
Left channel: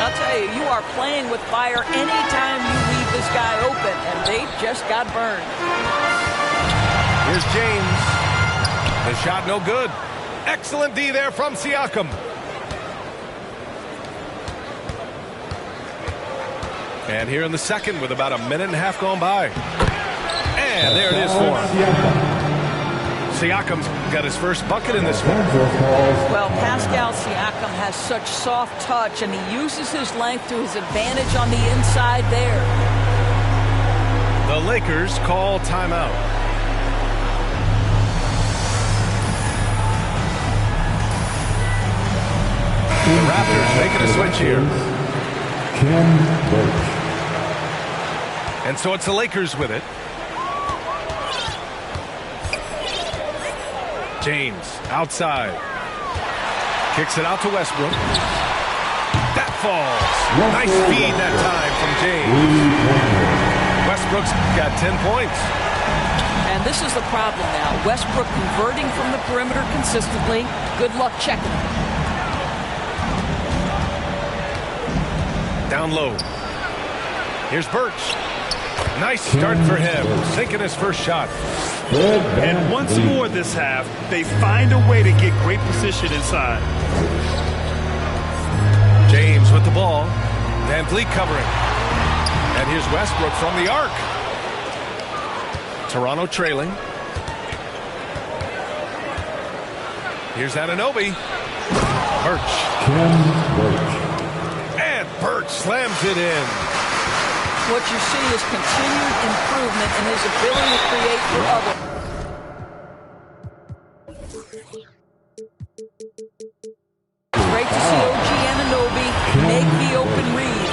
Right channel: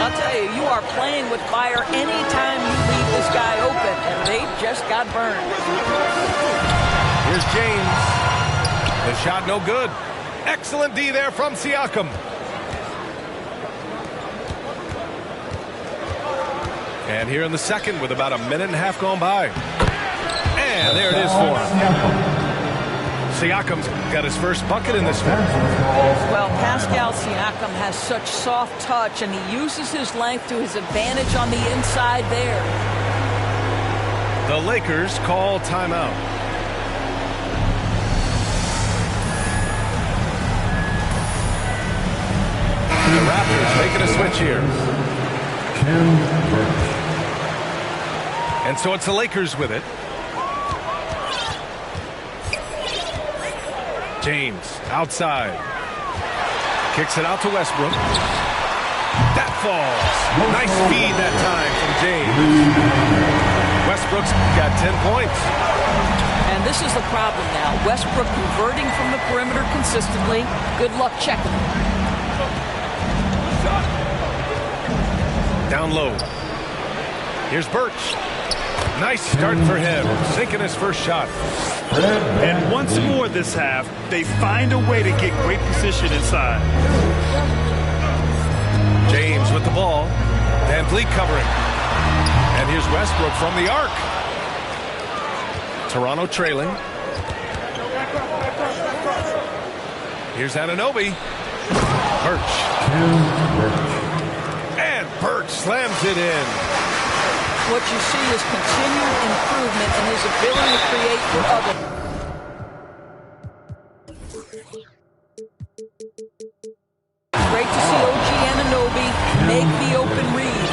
I'll tell you, you are playing with fire anytime you leave this guy open, and they just got burned. Here's James. The shot no good. Excellent D there from Siakam. And here in the second with about a minute and a half gone by. And there it is for him. Siakam's got his first bucket in this one. Well, Pascal Siakam has such soft touch, and he uses his length to his advantage on the inside there. The Lakers call timeout. The Raptors making a switch here. And so it's the Lakers with it. James outside. Kicks it out to Westbrook. That falls. Nice feed that time from James. Westbrook's got 10 points. And this is the problem now. Westbrook converting from the perimeter consistently. Good luck checking him. Down low. Here's Birch. Nice start for him. Sinking his first shot. And once more this half, they find a way to get great position inside. James with the ball. Van Vliet covering. And here's Westbrook from the arc. Toronto trailing. Here's Anunoby. Birch. And Birch slams it in. What you see is continued improvement in his ability to create for others. It's great to see OG Anunoby make the open read.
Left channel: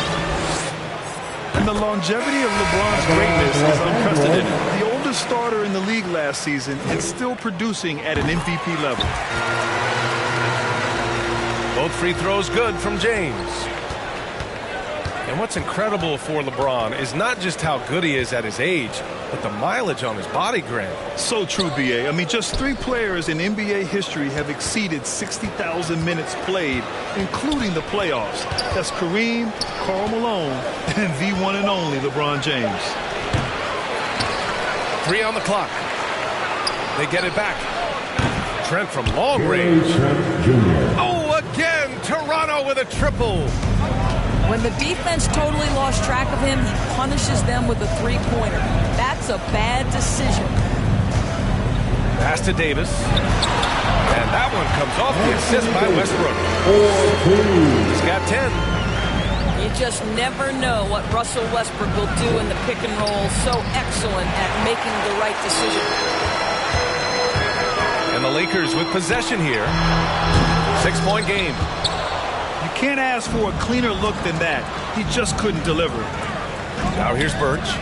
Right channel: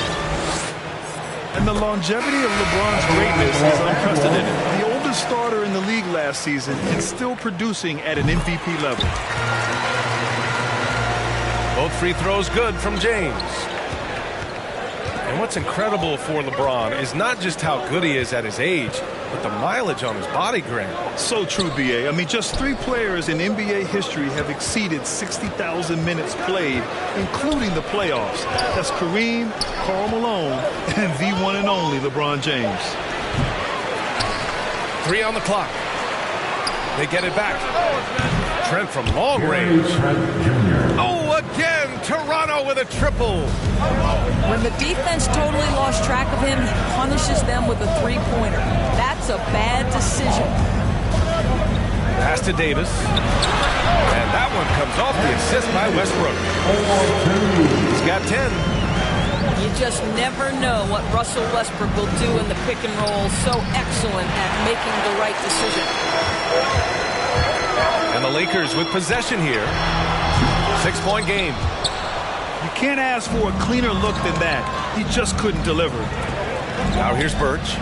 And the longevity of LeBron's greatness is unprecedented. The oldest starter in the league last season and still producing at an MVP level. Both free throws good from James. And what's incredible for LeBron is not just how good he is at his age, but the mileage on his body, Grant. So true, B.A. I mean, just 3 players in NBA history have exceeded 60,000 minutes played, including the playoffs. That's Kareem, Karl Malone, and the one and only LeBron James. 3 on the clock. They get it back. Trent from long range. Oh, again, Toronto with a triple. When the defense totally lost track of him, he punishes them with a 3-pointer. That's a bad decision. Pass to Davis. And that one comes off the assist by Westbrook. He's got 10. You just never know what Russell Westbrook will do in the pick and roll. So excellent at making the right decision. And the Lakers with possession here. 6-point game. You can't ask for a cleaner look than that. He just couldn't deliver. Now here's Birch.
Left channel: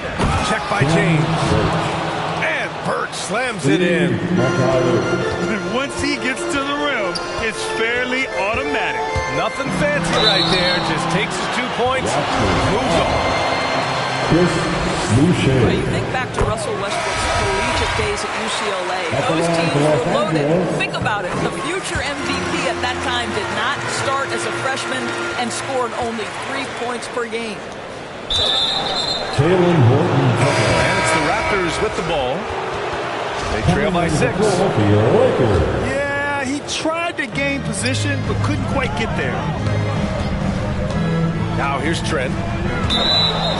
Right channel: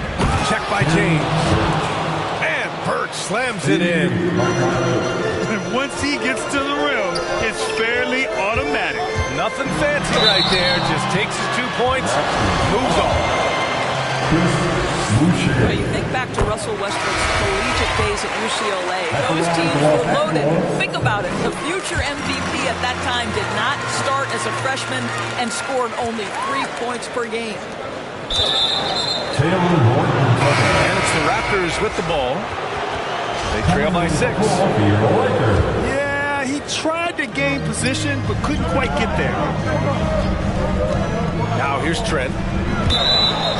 Check by James. And Birch slams it in. And once he gets to the rim, it's fairly automatic. Nothing fancy right there. Just takes his 2 points, moves on. Well, you think back to Russell Westbrook's collegiate days at UCLA. Those teams were loaded. Think about it. The future MVP at that time did not start as a freshman and scored only 3 points per game. And it's the Raptors with the ball. They trail by 6. Yeah, he tried to gain position, but couldn't quite get there. Now here's Trent.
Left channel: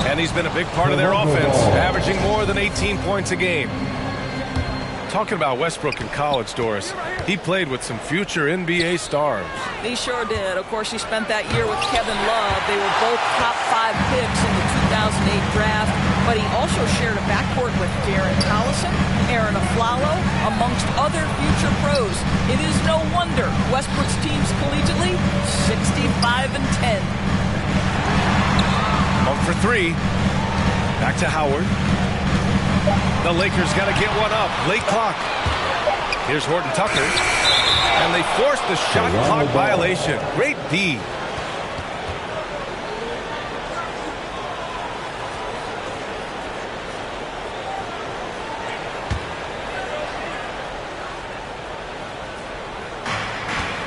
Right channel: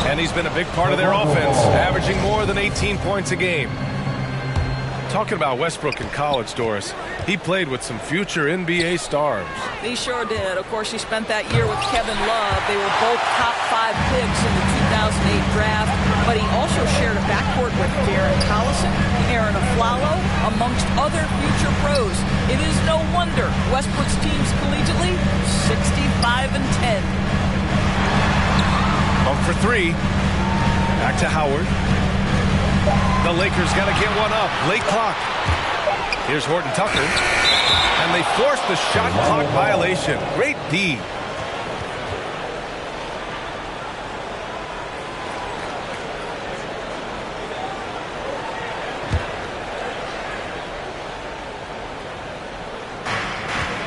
And he's been a big part of their offense, averaging more than 18 points a game. Talking about Westbrook in college, Doris, he played with some future NBA stars. He sure did. Of course, he spent that year with Kevin Love. They were both top 5 picks in the 2008 draft, but he also shared a backcourt with Darren Collison, Aaron Aflalo, amongst other future pros. It is no wonder Westbrook's teams collegiately 65-10. Up for 3. Back to Howard. The Lakers got to get one up. Late clock. Here's Horton Tucker. And they force the shot clock violation. Great D.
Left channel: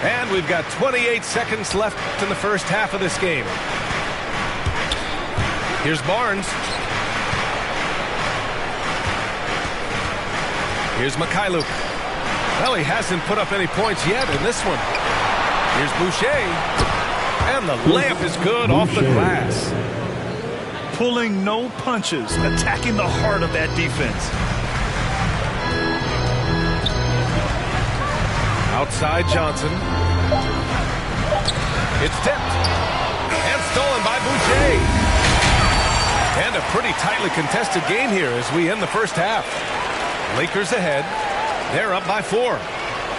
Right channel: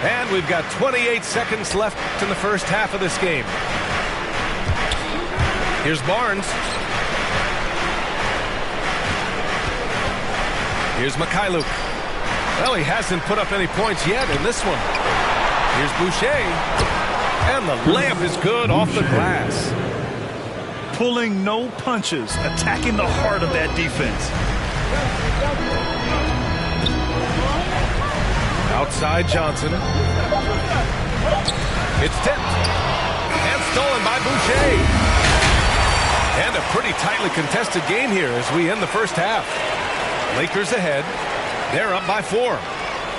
And we've got 28 seconds left in the first half of this game. Here's Barnes. Here's Mikhailuk. Well, he hasn't put up any points yet in this one. Here's Boucher. And the layup is good off the glass. Pulling no punches, attacking the heart of that defense. Outside Johnson. It's tipped. And stolen by Boucher. And a pretty tightly contested game here as we end the first half. Lakers ahead. They're up by 4.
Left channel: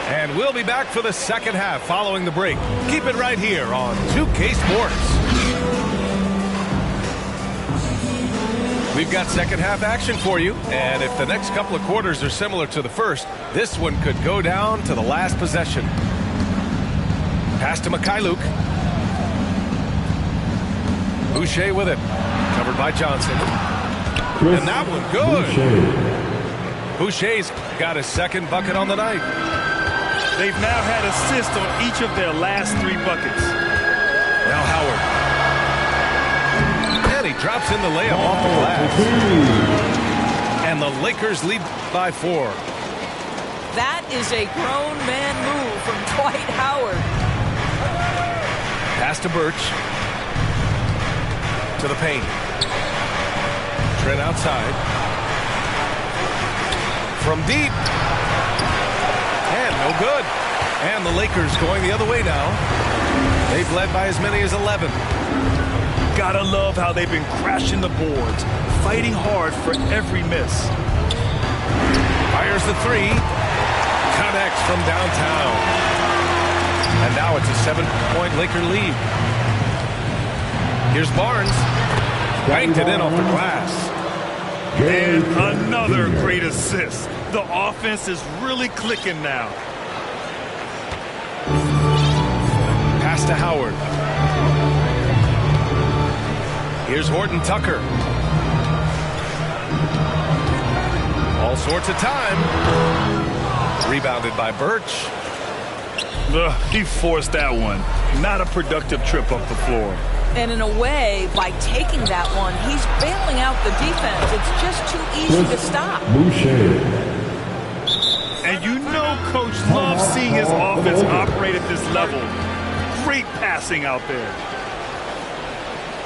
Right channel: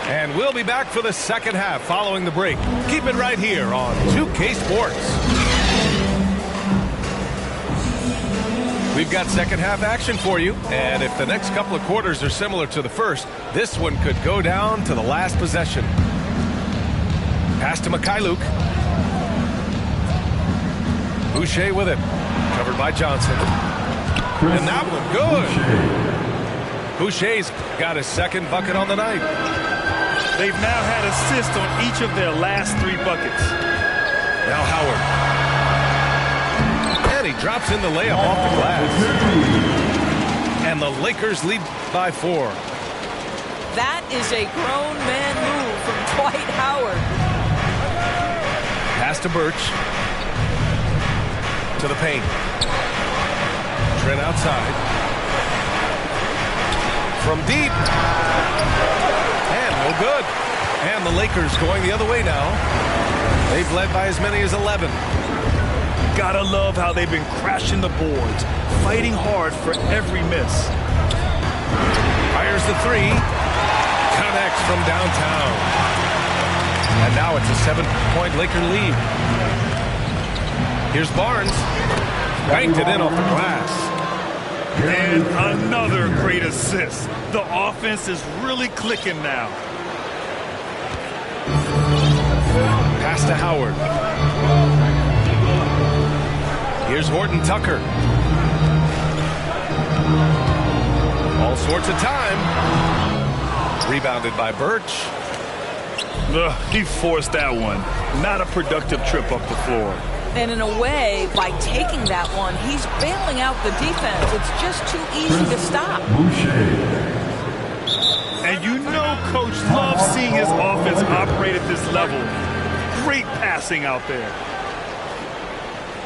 And we'll be back for the second half following the break. Keep it right here on 2K Sports. We've got second half action for you. And if the next couple of quarters are similar to the first, this one could go down to the last possession. Pass to Mikhailuk. Boucher with it. Covered by Johnson. And that one good. Boucher's got his second bucket on the night. They've now had assists on each of their last 3 buckets. Now Howard. And he drops in the layup off the glass. And the Lakers lead by 4. That is a grown man move from Dwight Howard. Pass to Birch. To the paint. Trent outside. From deep. And no good. And the Lakers going the other way now. They've led by as many as 11. Gotta love how they've been crashing the boards, fighting hard for every miss. Fires the 3. Connects from downtown. And now it's a 7-point Laker lead. Here's Barnes. Banked it in off the glass. And another great assist. The offense is really clicking now. Pass to Howard. Here's Horton Tucker. All sorts of time. Rebounded by Birch. He forced that one. Not a productive trip up the floor. And in a way, by taking that one, he's bailing out the defense. It's just too easy to stop. And you know Coach loves seeing his offense operate at this level. Great passing out there.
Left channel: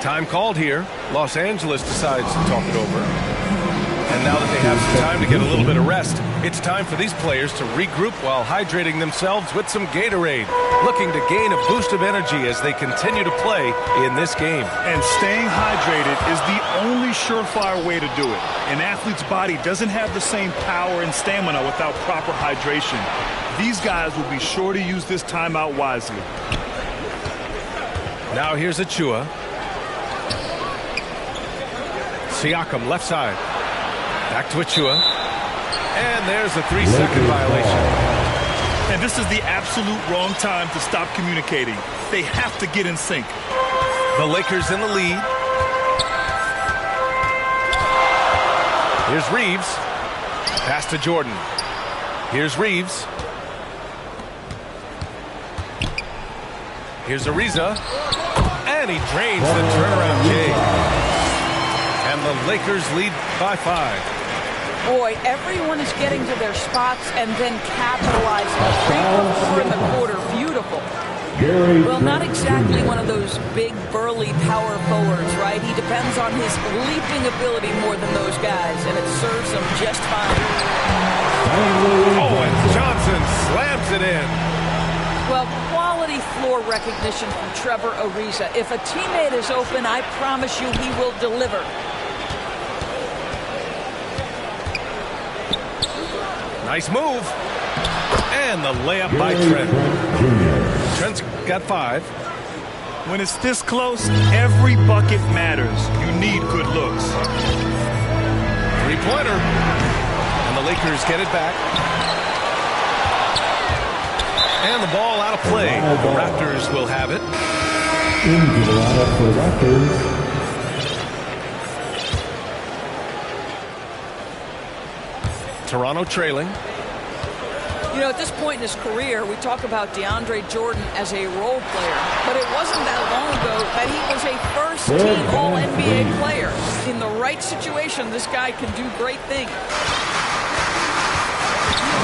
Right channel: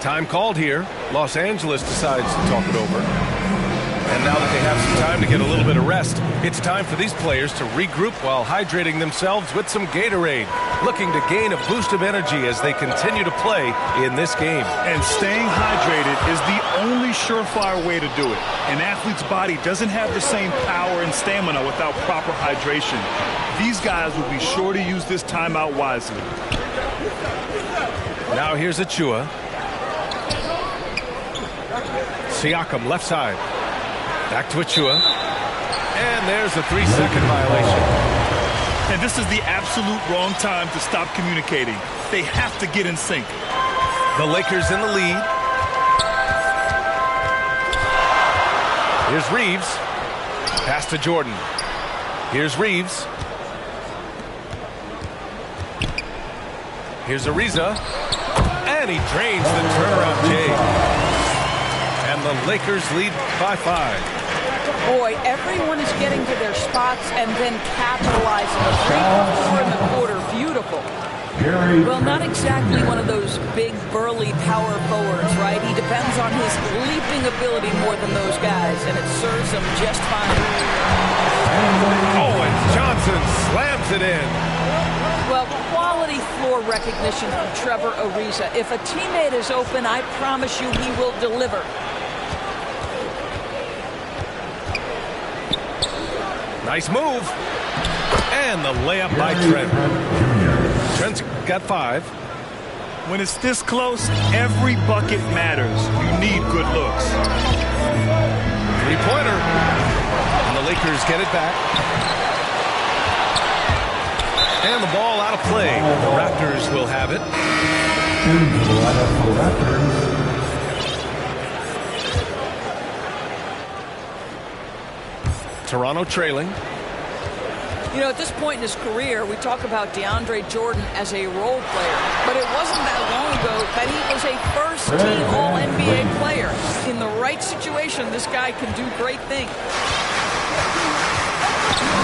Time called here. Los Angeles decides to talk it over. And now that they have some time to get a little bit of rest, it's time for these players to regroup while hydrating themselves with some Gatorade, looking to gain a boost of energy as they continue to play in this game. And staying hydrated is the only surefire way to do it. An athlete's body doesn't have the same power and stamina without proper hydration. These guys will be sure to use this timeout wisely. Now here's Achua. Siakam, left side. Back to Achua. And there's a 3-second violation. And this is the absolute wrong time to stop communicating. They have to get in sync. The Lakers in the lead. Here's Reeves. Pass to Jordan. Here's Reeves. Here's Ariza. And he drains the turnaround J. And the Lakers lead by 5. Boy, everyone is getting to their spots and then capitalizing. A 3 for 4 in the quarter. Beautiful. Well, not exactly one of those big, burly power forwards, right? He depends on his leaping ability more than those guys, and it serves him just fine. Oh, and Johnson slams it in. Well, quality floor recognition from Trevor Ariza. If a teammate is open, I promise you he will deliver. Nice move. And the layup by Trent. Trent's got 5. When it's this close, every bucket matters. You need good looks. 3-pointer. And the Lakers get it back. And the ball out of play. The Raptors will have it. Into the lineup for the Raptors. Toronto trailing. You know, at this point in his career, we talk about DeAndre Jordan as a role player, but it wasn't that long ago that he was a first-team All-NBA player. In the right situation, this guy can do great things.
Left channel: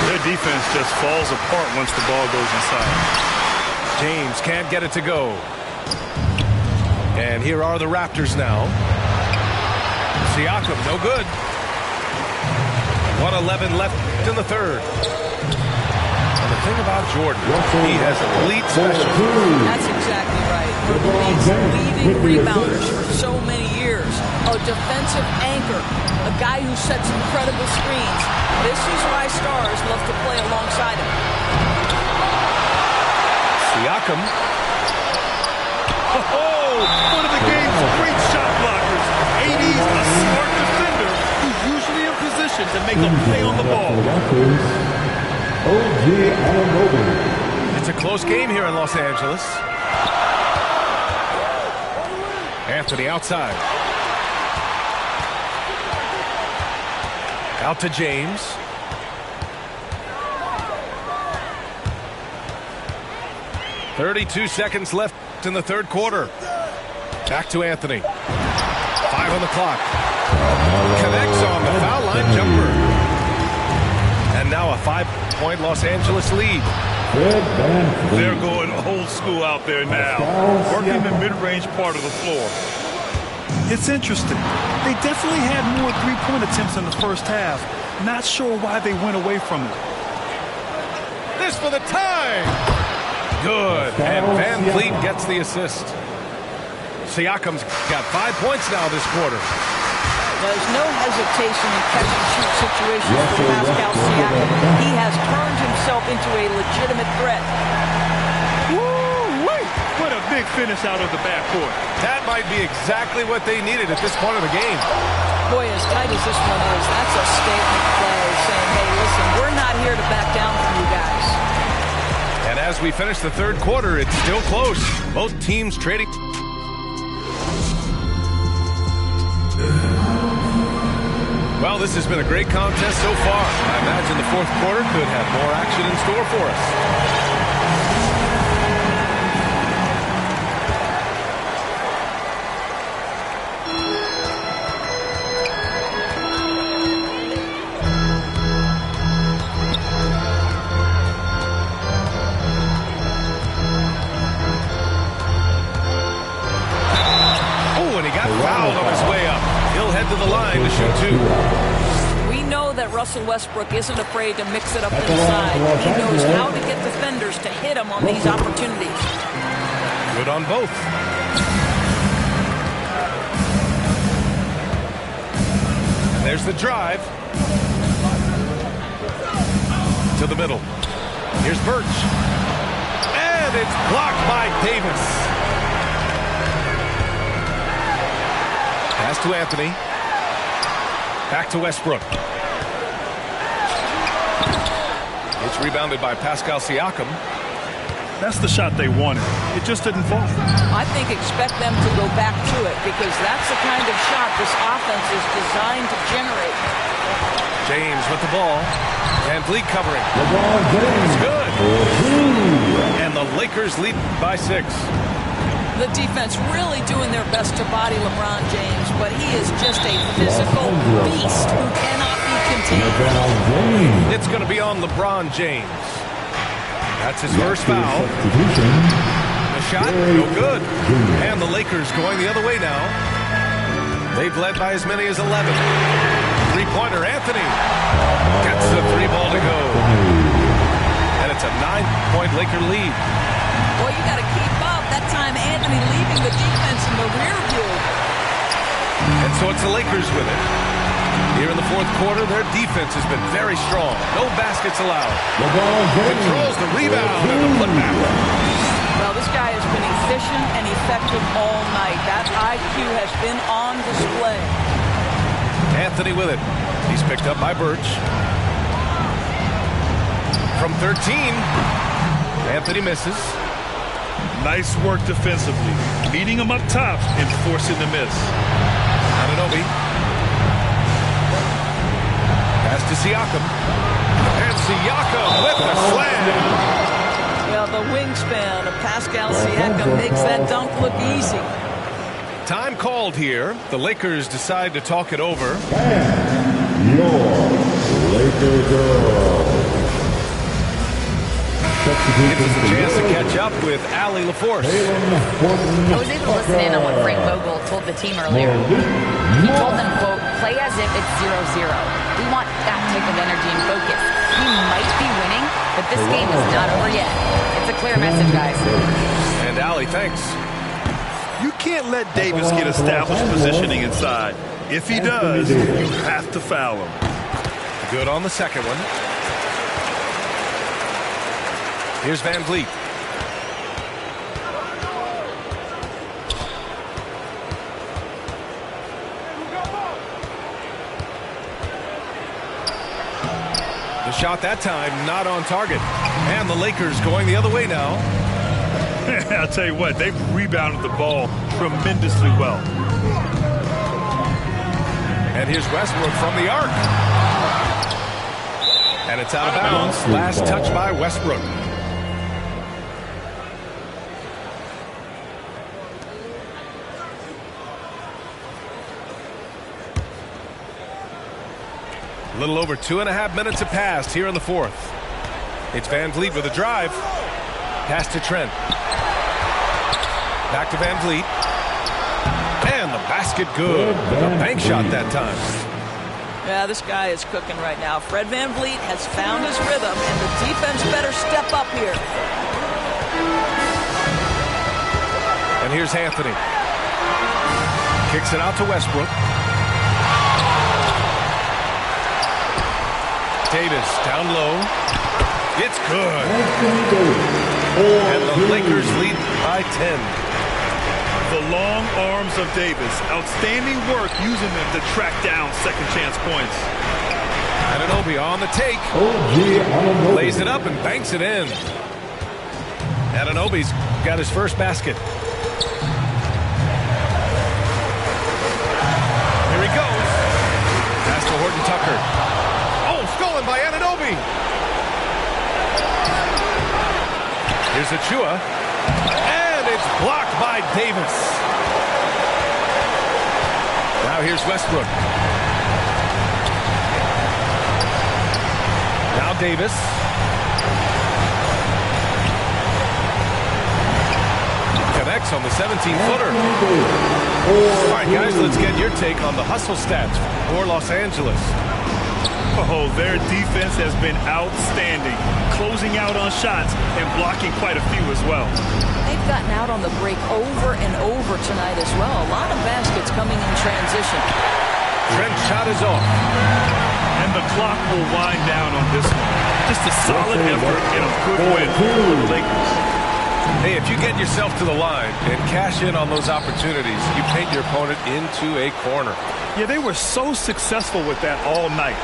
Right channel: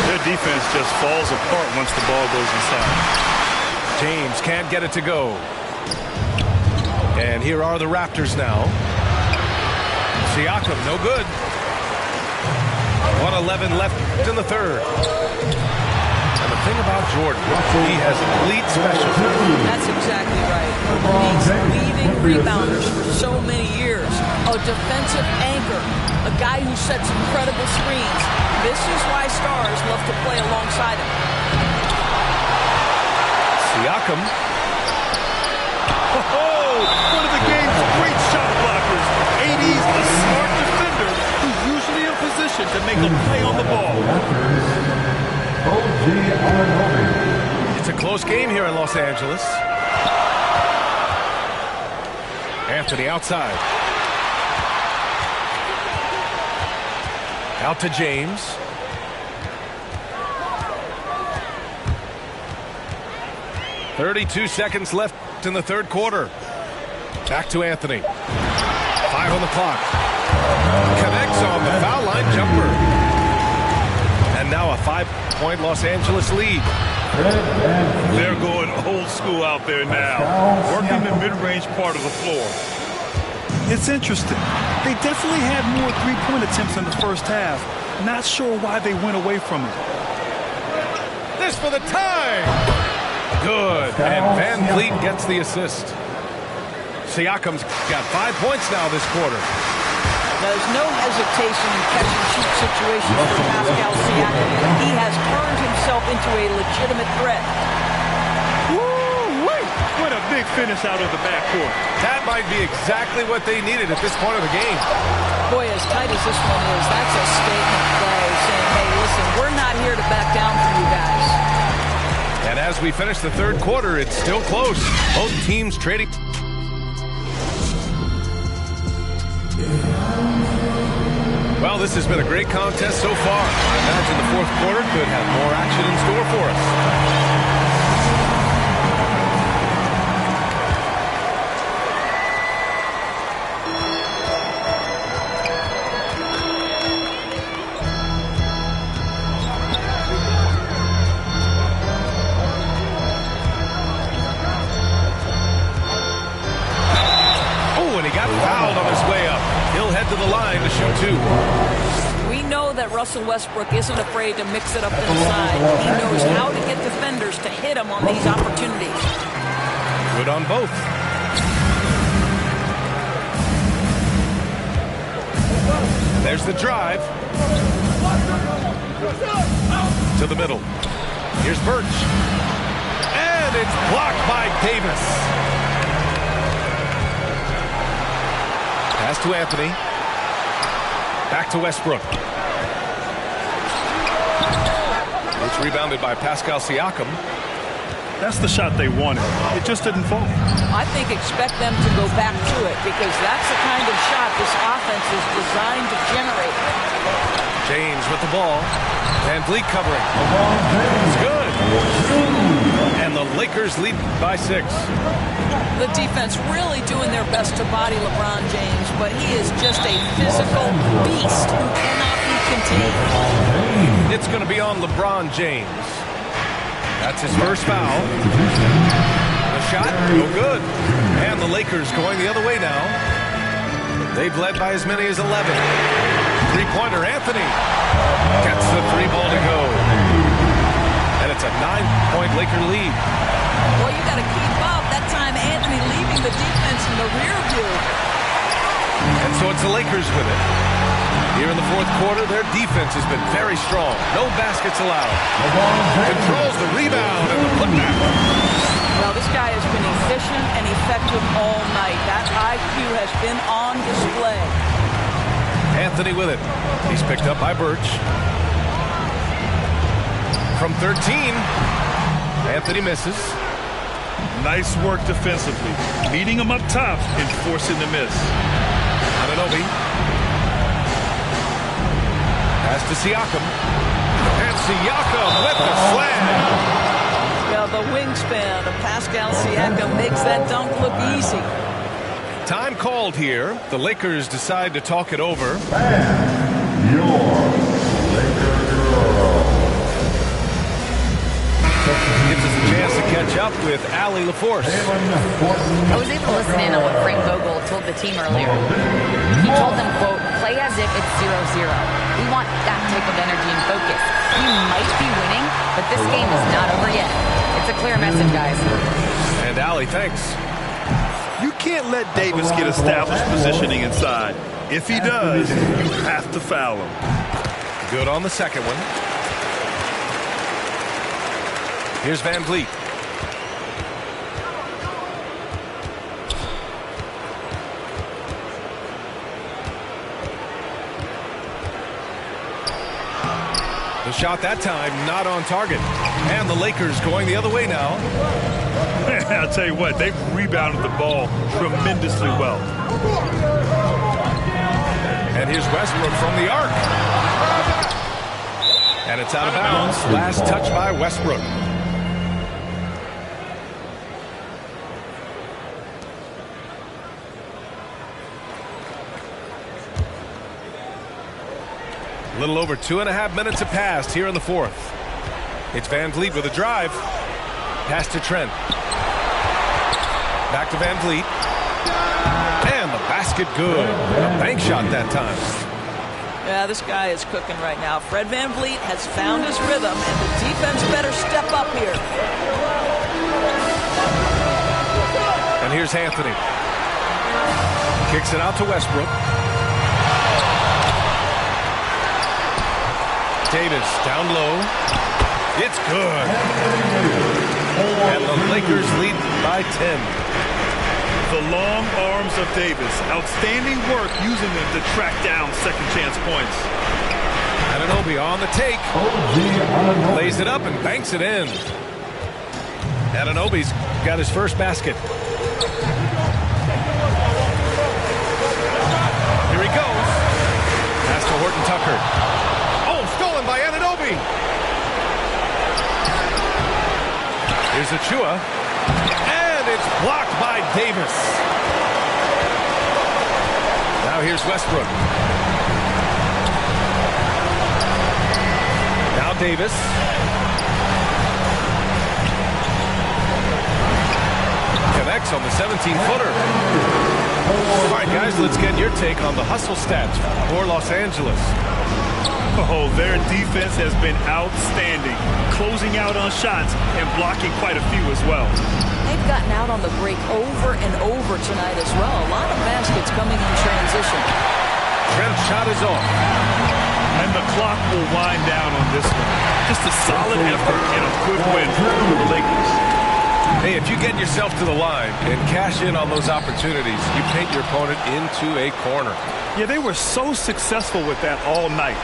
Their defense just falls apart once the ball goes inside. James can't get it to go. And here are the Raptors now. Siakam, no good. 1:11 left in the third. And the thing about Jordan, he has elite special. That's exactly right. One of the league's leading rebounders for so many years. A defensive anchor. A guy who sets incredible screens. This is why stars love to play alongside him. Siakam. Oh, one of the game's great shot blockers. AD's a smart defender who's usually in position to make a play on the ball. It's a close game here in Los Angeles. Anthony outside. Out to James. .32 seconds left in the third quarter. Back to Anthony. 5 on the clock. Connects on the foul line jumper. And now a 5-point Los Angeles lead. They're going old school out there now, working the mid-range part of the floor. It's interesting. They definitely had more three-point attempts in the first half. Not sure why they went away from it. This for the tie. Good. And Van Vliet gets the assist. Siakam's got 5 points now this quarter. There's no hesitation in catch-and-shoot situations for Pascal Siakam. He has turned himself into a legitimate threat. Woo-wee! What a big finish out of the backcourt. That might be exactly what they needed at this point of the game. Boy, as tight as this one is, that's a statement play saying, hey, listen, we're not here to back down from you guys. And As we finish the third quarter, it's still close. Both teams trading. Well, this has been a great contest so far. I imagine the fourth quarter could have more action in store for us. Fouled on his way up. He'll head to the line to shoot 2. We know that Russell Westbrook isn't afraid to mix it up inside. He knows how to get defenders to hit him on these opportunities. Good on both. And there's the drive. To the middle. Here's Birch. And it's blocked by Davis. Pass to Anthony. Back to Westbrook. It's rebounded by Pascal Siakam. That's the shot they wanted. It just didn't fall. I think expect them to go back to it because that's the kind of shot this offense is designed to generate. James with the ball. Van Vliet covering. It's good. And the Lakers lead by 6. The defense really doing their best to body LeBron James, but he is just a physical beast who cannot be contained. It's going to be on LeBron James. That's his first foul. The shot, no good. And the Lakers going the other way now. They've led by as many as 11. Three-pointer, Anthony. Gets the 3-ball to go. And it's a 9-point Laker lead. Well, you got to keep up. That time, Anthony leaving the defense in the rear view. And so it's the Lakers with it. Here in the fourth quarter, their defense has been very strong. No baskets allowed. Controls the rebound and the putback. Well, this guy has been efficient and effective all night. That IQ has been on display. Anthony with it. He's picked up by Birch. From 13, Anthony misses. Nice work defensively. Meeting him up top and forcing the miss. Anunoby. Pass to Siakam. And Siakam with the slam. Well, the wingspan of Pascal Siakam makes that dunk look easy. Time called here. The Lakers decide to talk it over. And your Laker girl. Gives us a chance to catch up with Allie LaForce. I was able to listen in on what Frank Vogel told the team earlier. He told them, quote, play as if it's 0-0. We want that type of energy and focus. We might be winning, but this game is not over yet. It's a clear message, guys. And Allie, thanks. You can't let Davis get established positioning inside. If he does, you have to foul him. Good on the second one. Here's Van Vliet. The shot that time not on target. And the Lakers going the other way now. I'll tell you what, they've rebounded the ball tremendously well. And here's Westbrook from the arc. And it's out of bounds. Last touch by Westbrook. A little over 2.5 minutes have passed here in the fourth. It's Van Vliet with a drive. Pass to Trent. Back to Van Vliet. And the basket good. A bank shot that time. Yeah, this guy is cooking right now. Fred Van Vliet has found his rhythm, and the defense better step up here. And here's Anthony. Kicks it out to Westbrook. Davis down low. It's good. And the Lakers lead by 10. The long arms of Davis. Outstanding work using them to track down second chance points. Anunoby on the take. Lays it up and banks it in. Anunoby's got his first basket. Here he goes. Pass to Horton Tucker. Oh, stolen by Anunoby. Here's Achua. And it's blocked by Davis. Now here's Westbrook. Now Davis. Connects on the 17-footer. All right, guys, let's get your take on the hustle stats for Los Angeles. Oh, their defense has been outstanding, closing out on shots and blocking quite a few as well. They've gotten out on the break over and over tonight as well. A lot of baskets coming in transition. Trent's shot is off. And the clock will wind down on this one. Just a solid effort and a good win for the Lakers. Hey, if you get yourself to the line and cash in on those opportunities, you paint your opponent into a corner. Yeah, they were so successful with that all night.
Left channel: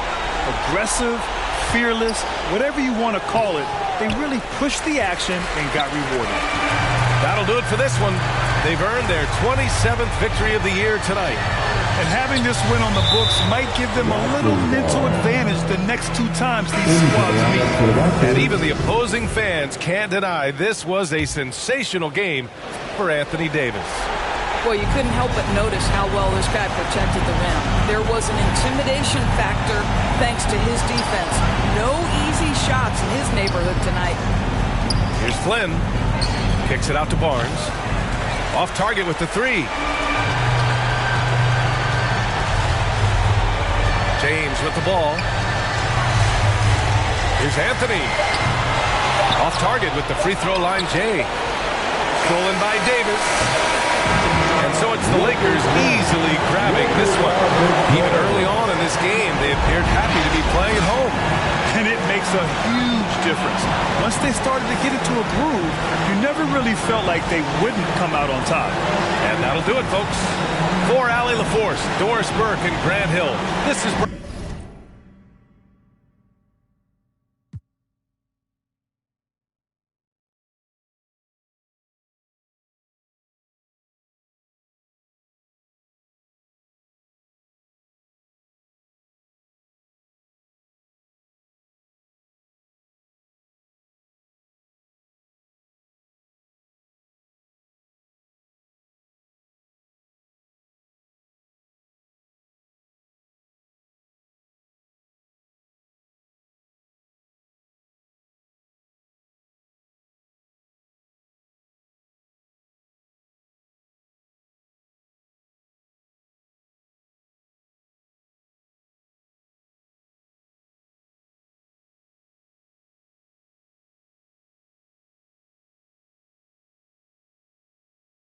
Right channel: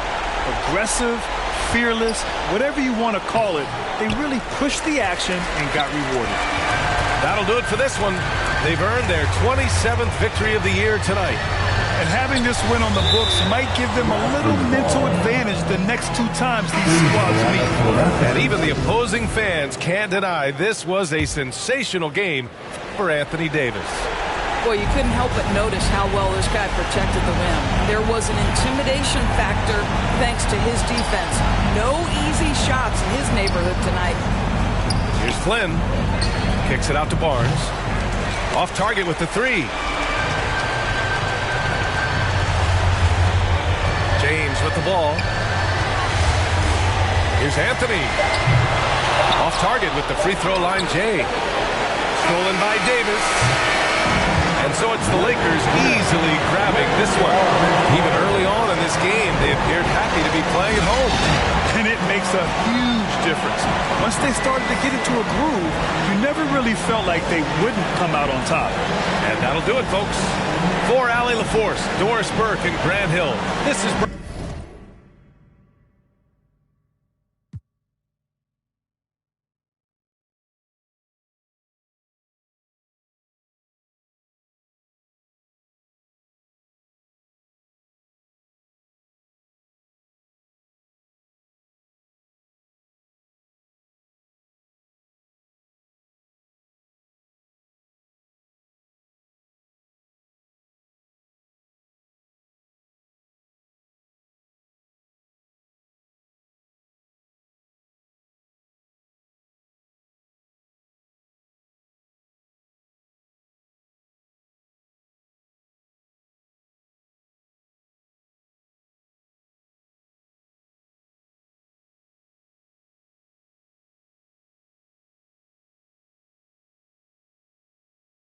Aggressive, fearless, whatever you want to call it, they really pushed the action and got rewarded. That'll do it for this one. They've earned their 27th victory of the year tonight. And having this win on the books might give them a little mental advantage the next two times these squads meet. And even the opposing fans can't deny this was a sensational game for Anthony Davis. Well, you couldn't help but notice how well this guy protected the rim. There was an intimidation factor thanks to his defense. No easy shots in his neighborhood tonight. Here's Flynn. Kicks it out to Barnes. Off target with the three. James with the ball. Here's Anthony. Off target with the free throw line, Jay. Stolen by Davis. And so it's the Lakers easily grabbing this one. Even early on in this game, they appeared happy to be playing at home. And it makes a huge difference. Once they started to get into a groove, you never really felt like they wouldn't come out on top. And that'll do it, folks. For Allie LaForce, Doris Burke, and Grant Hill, this is...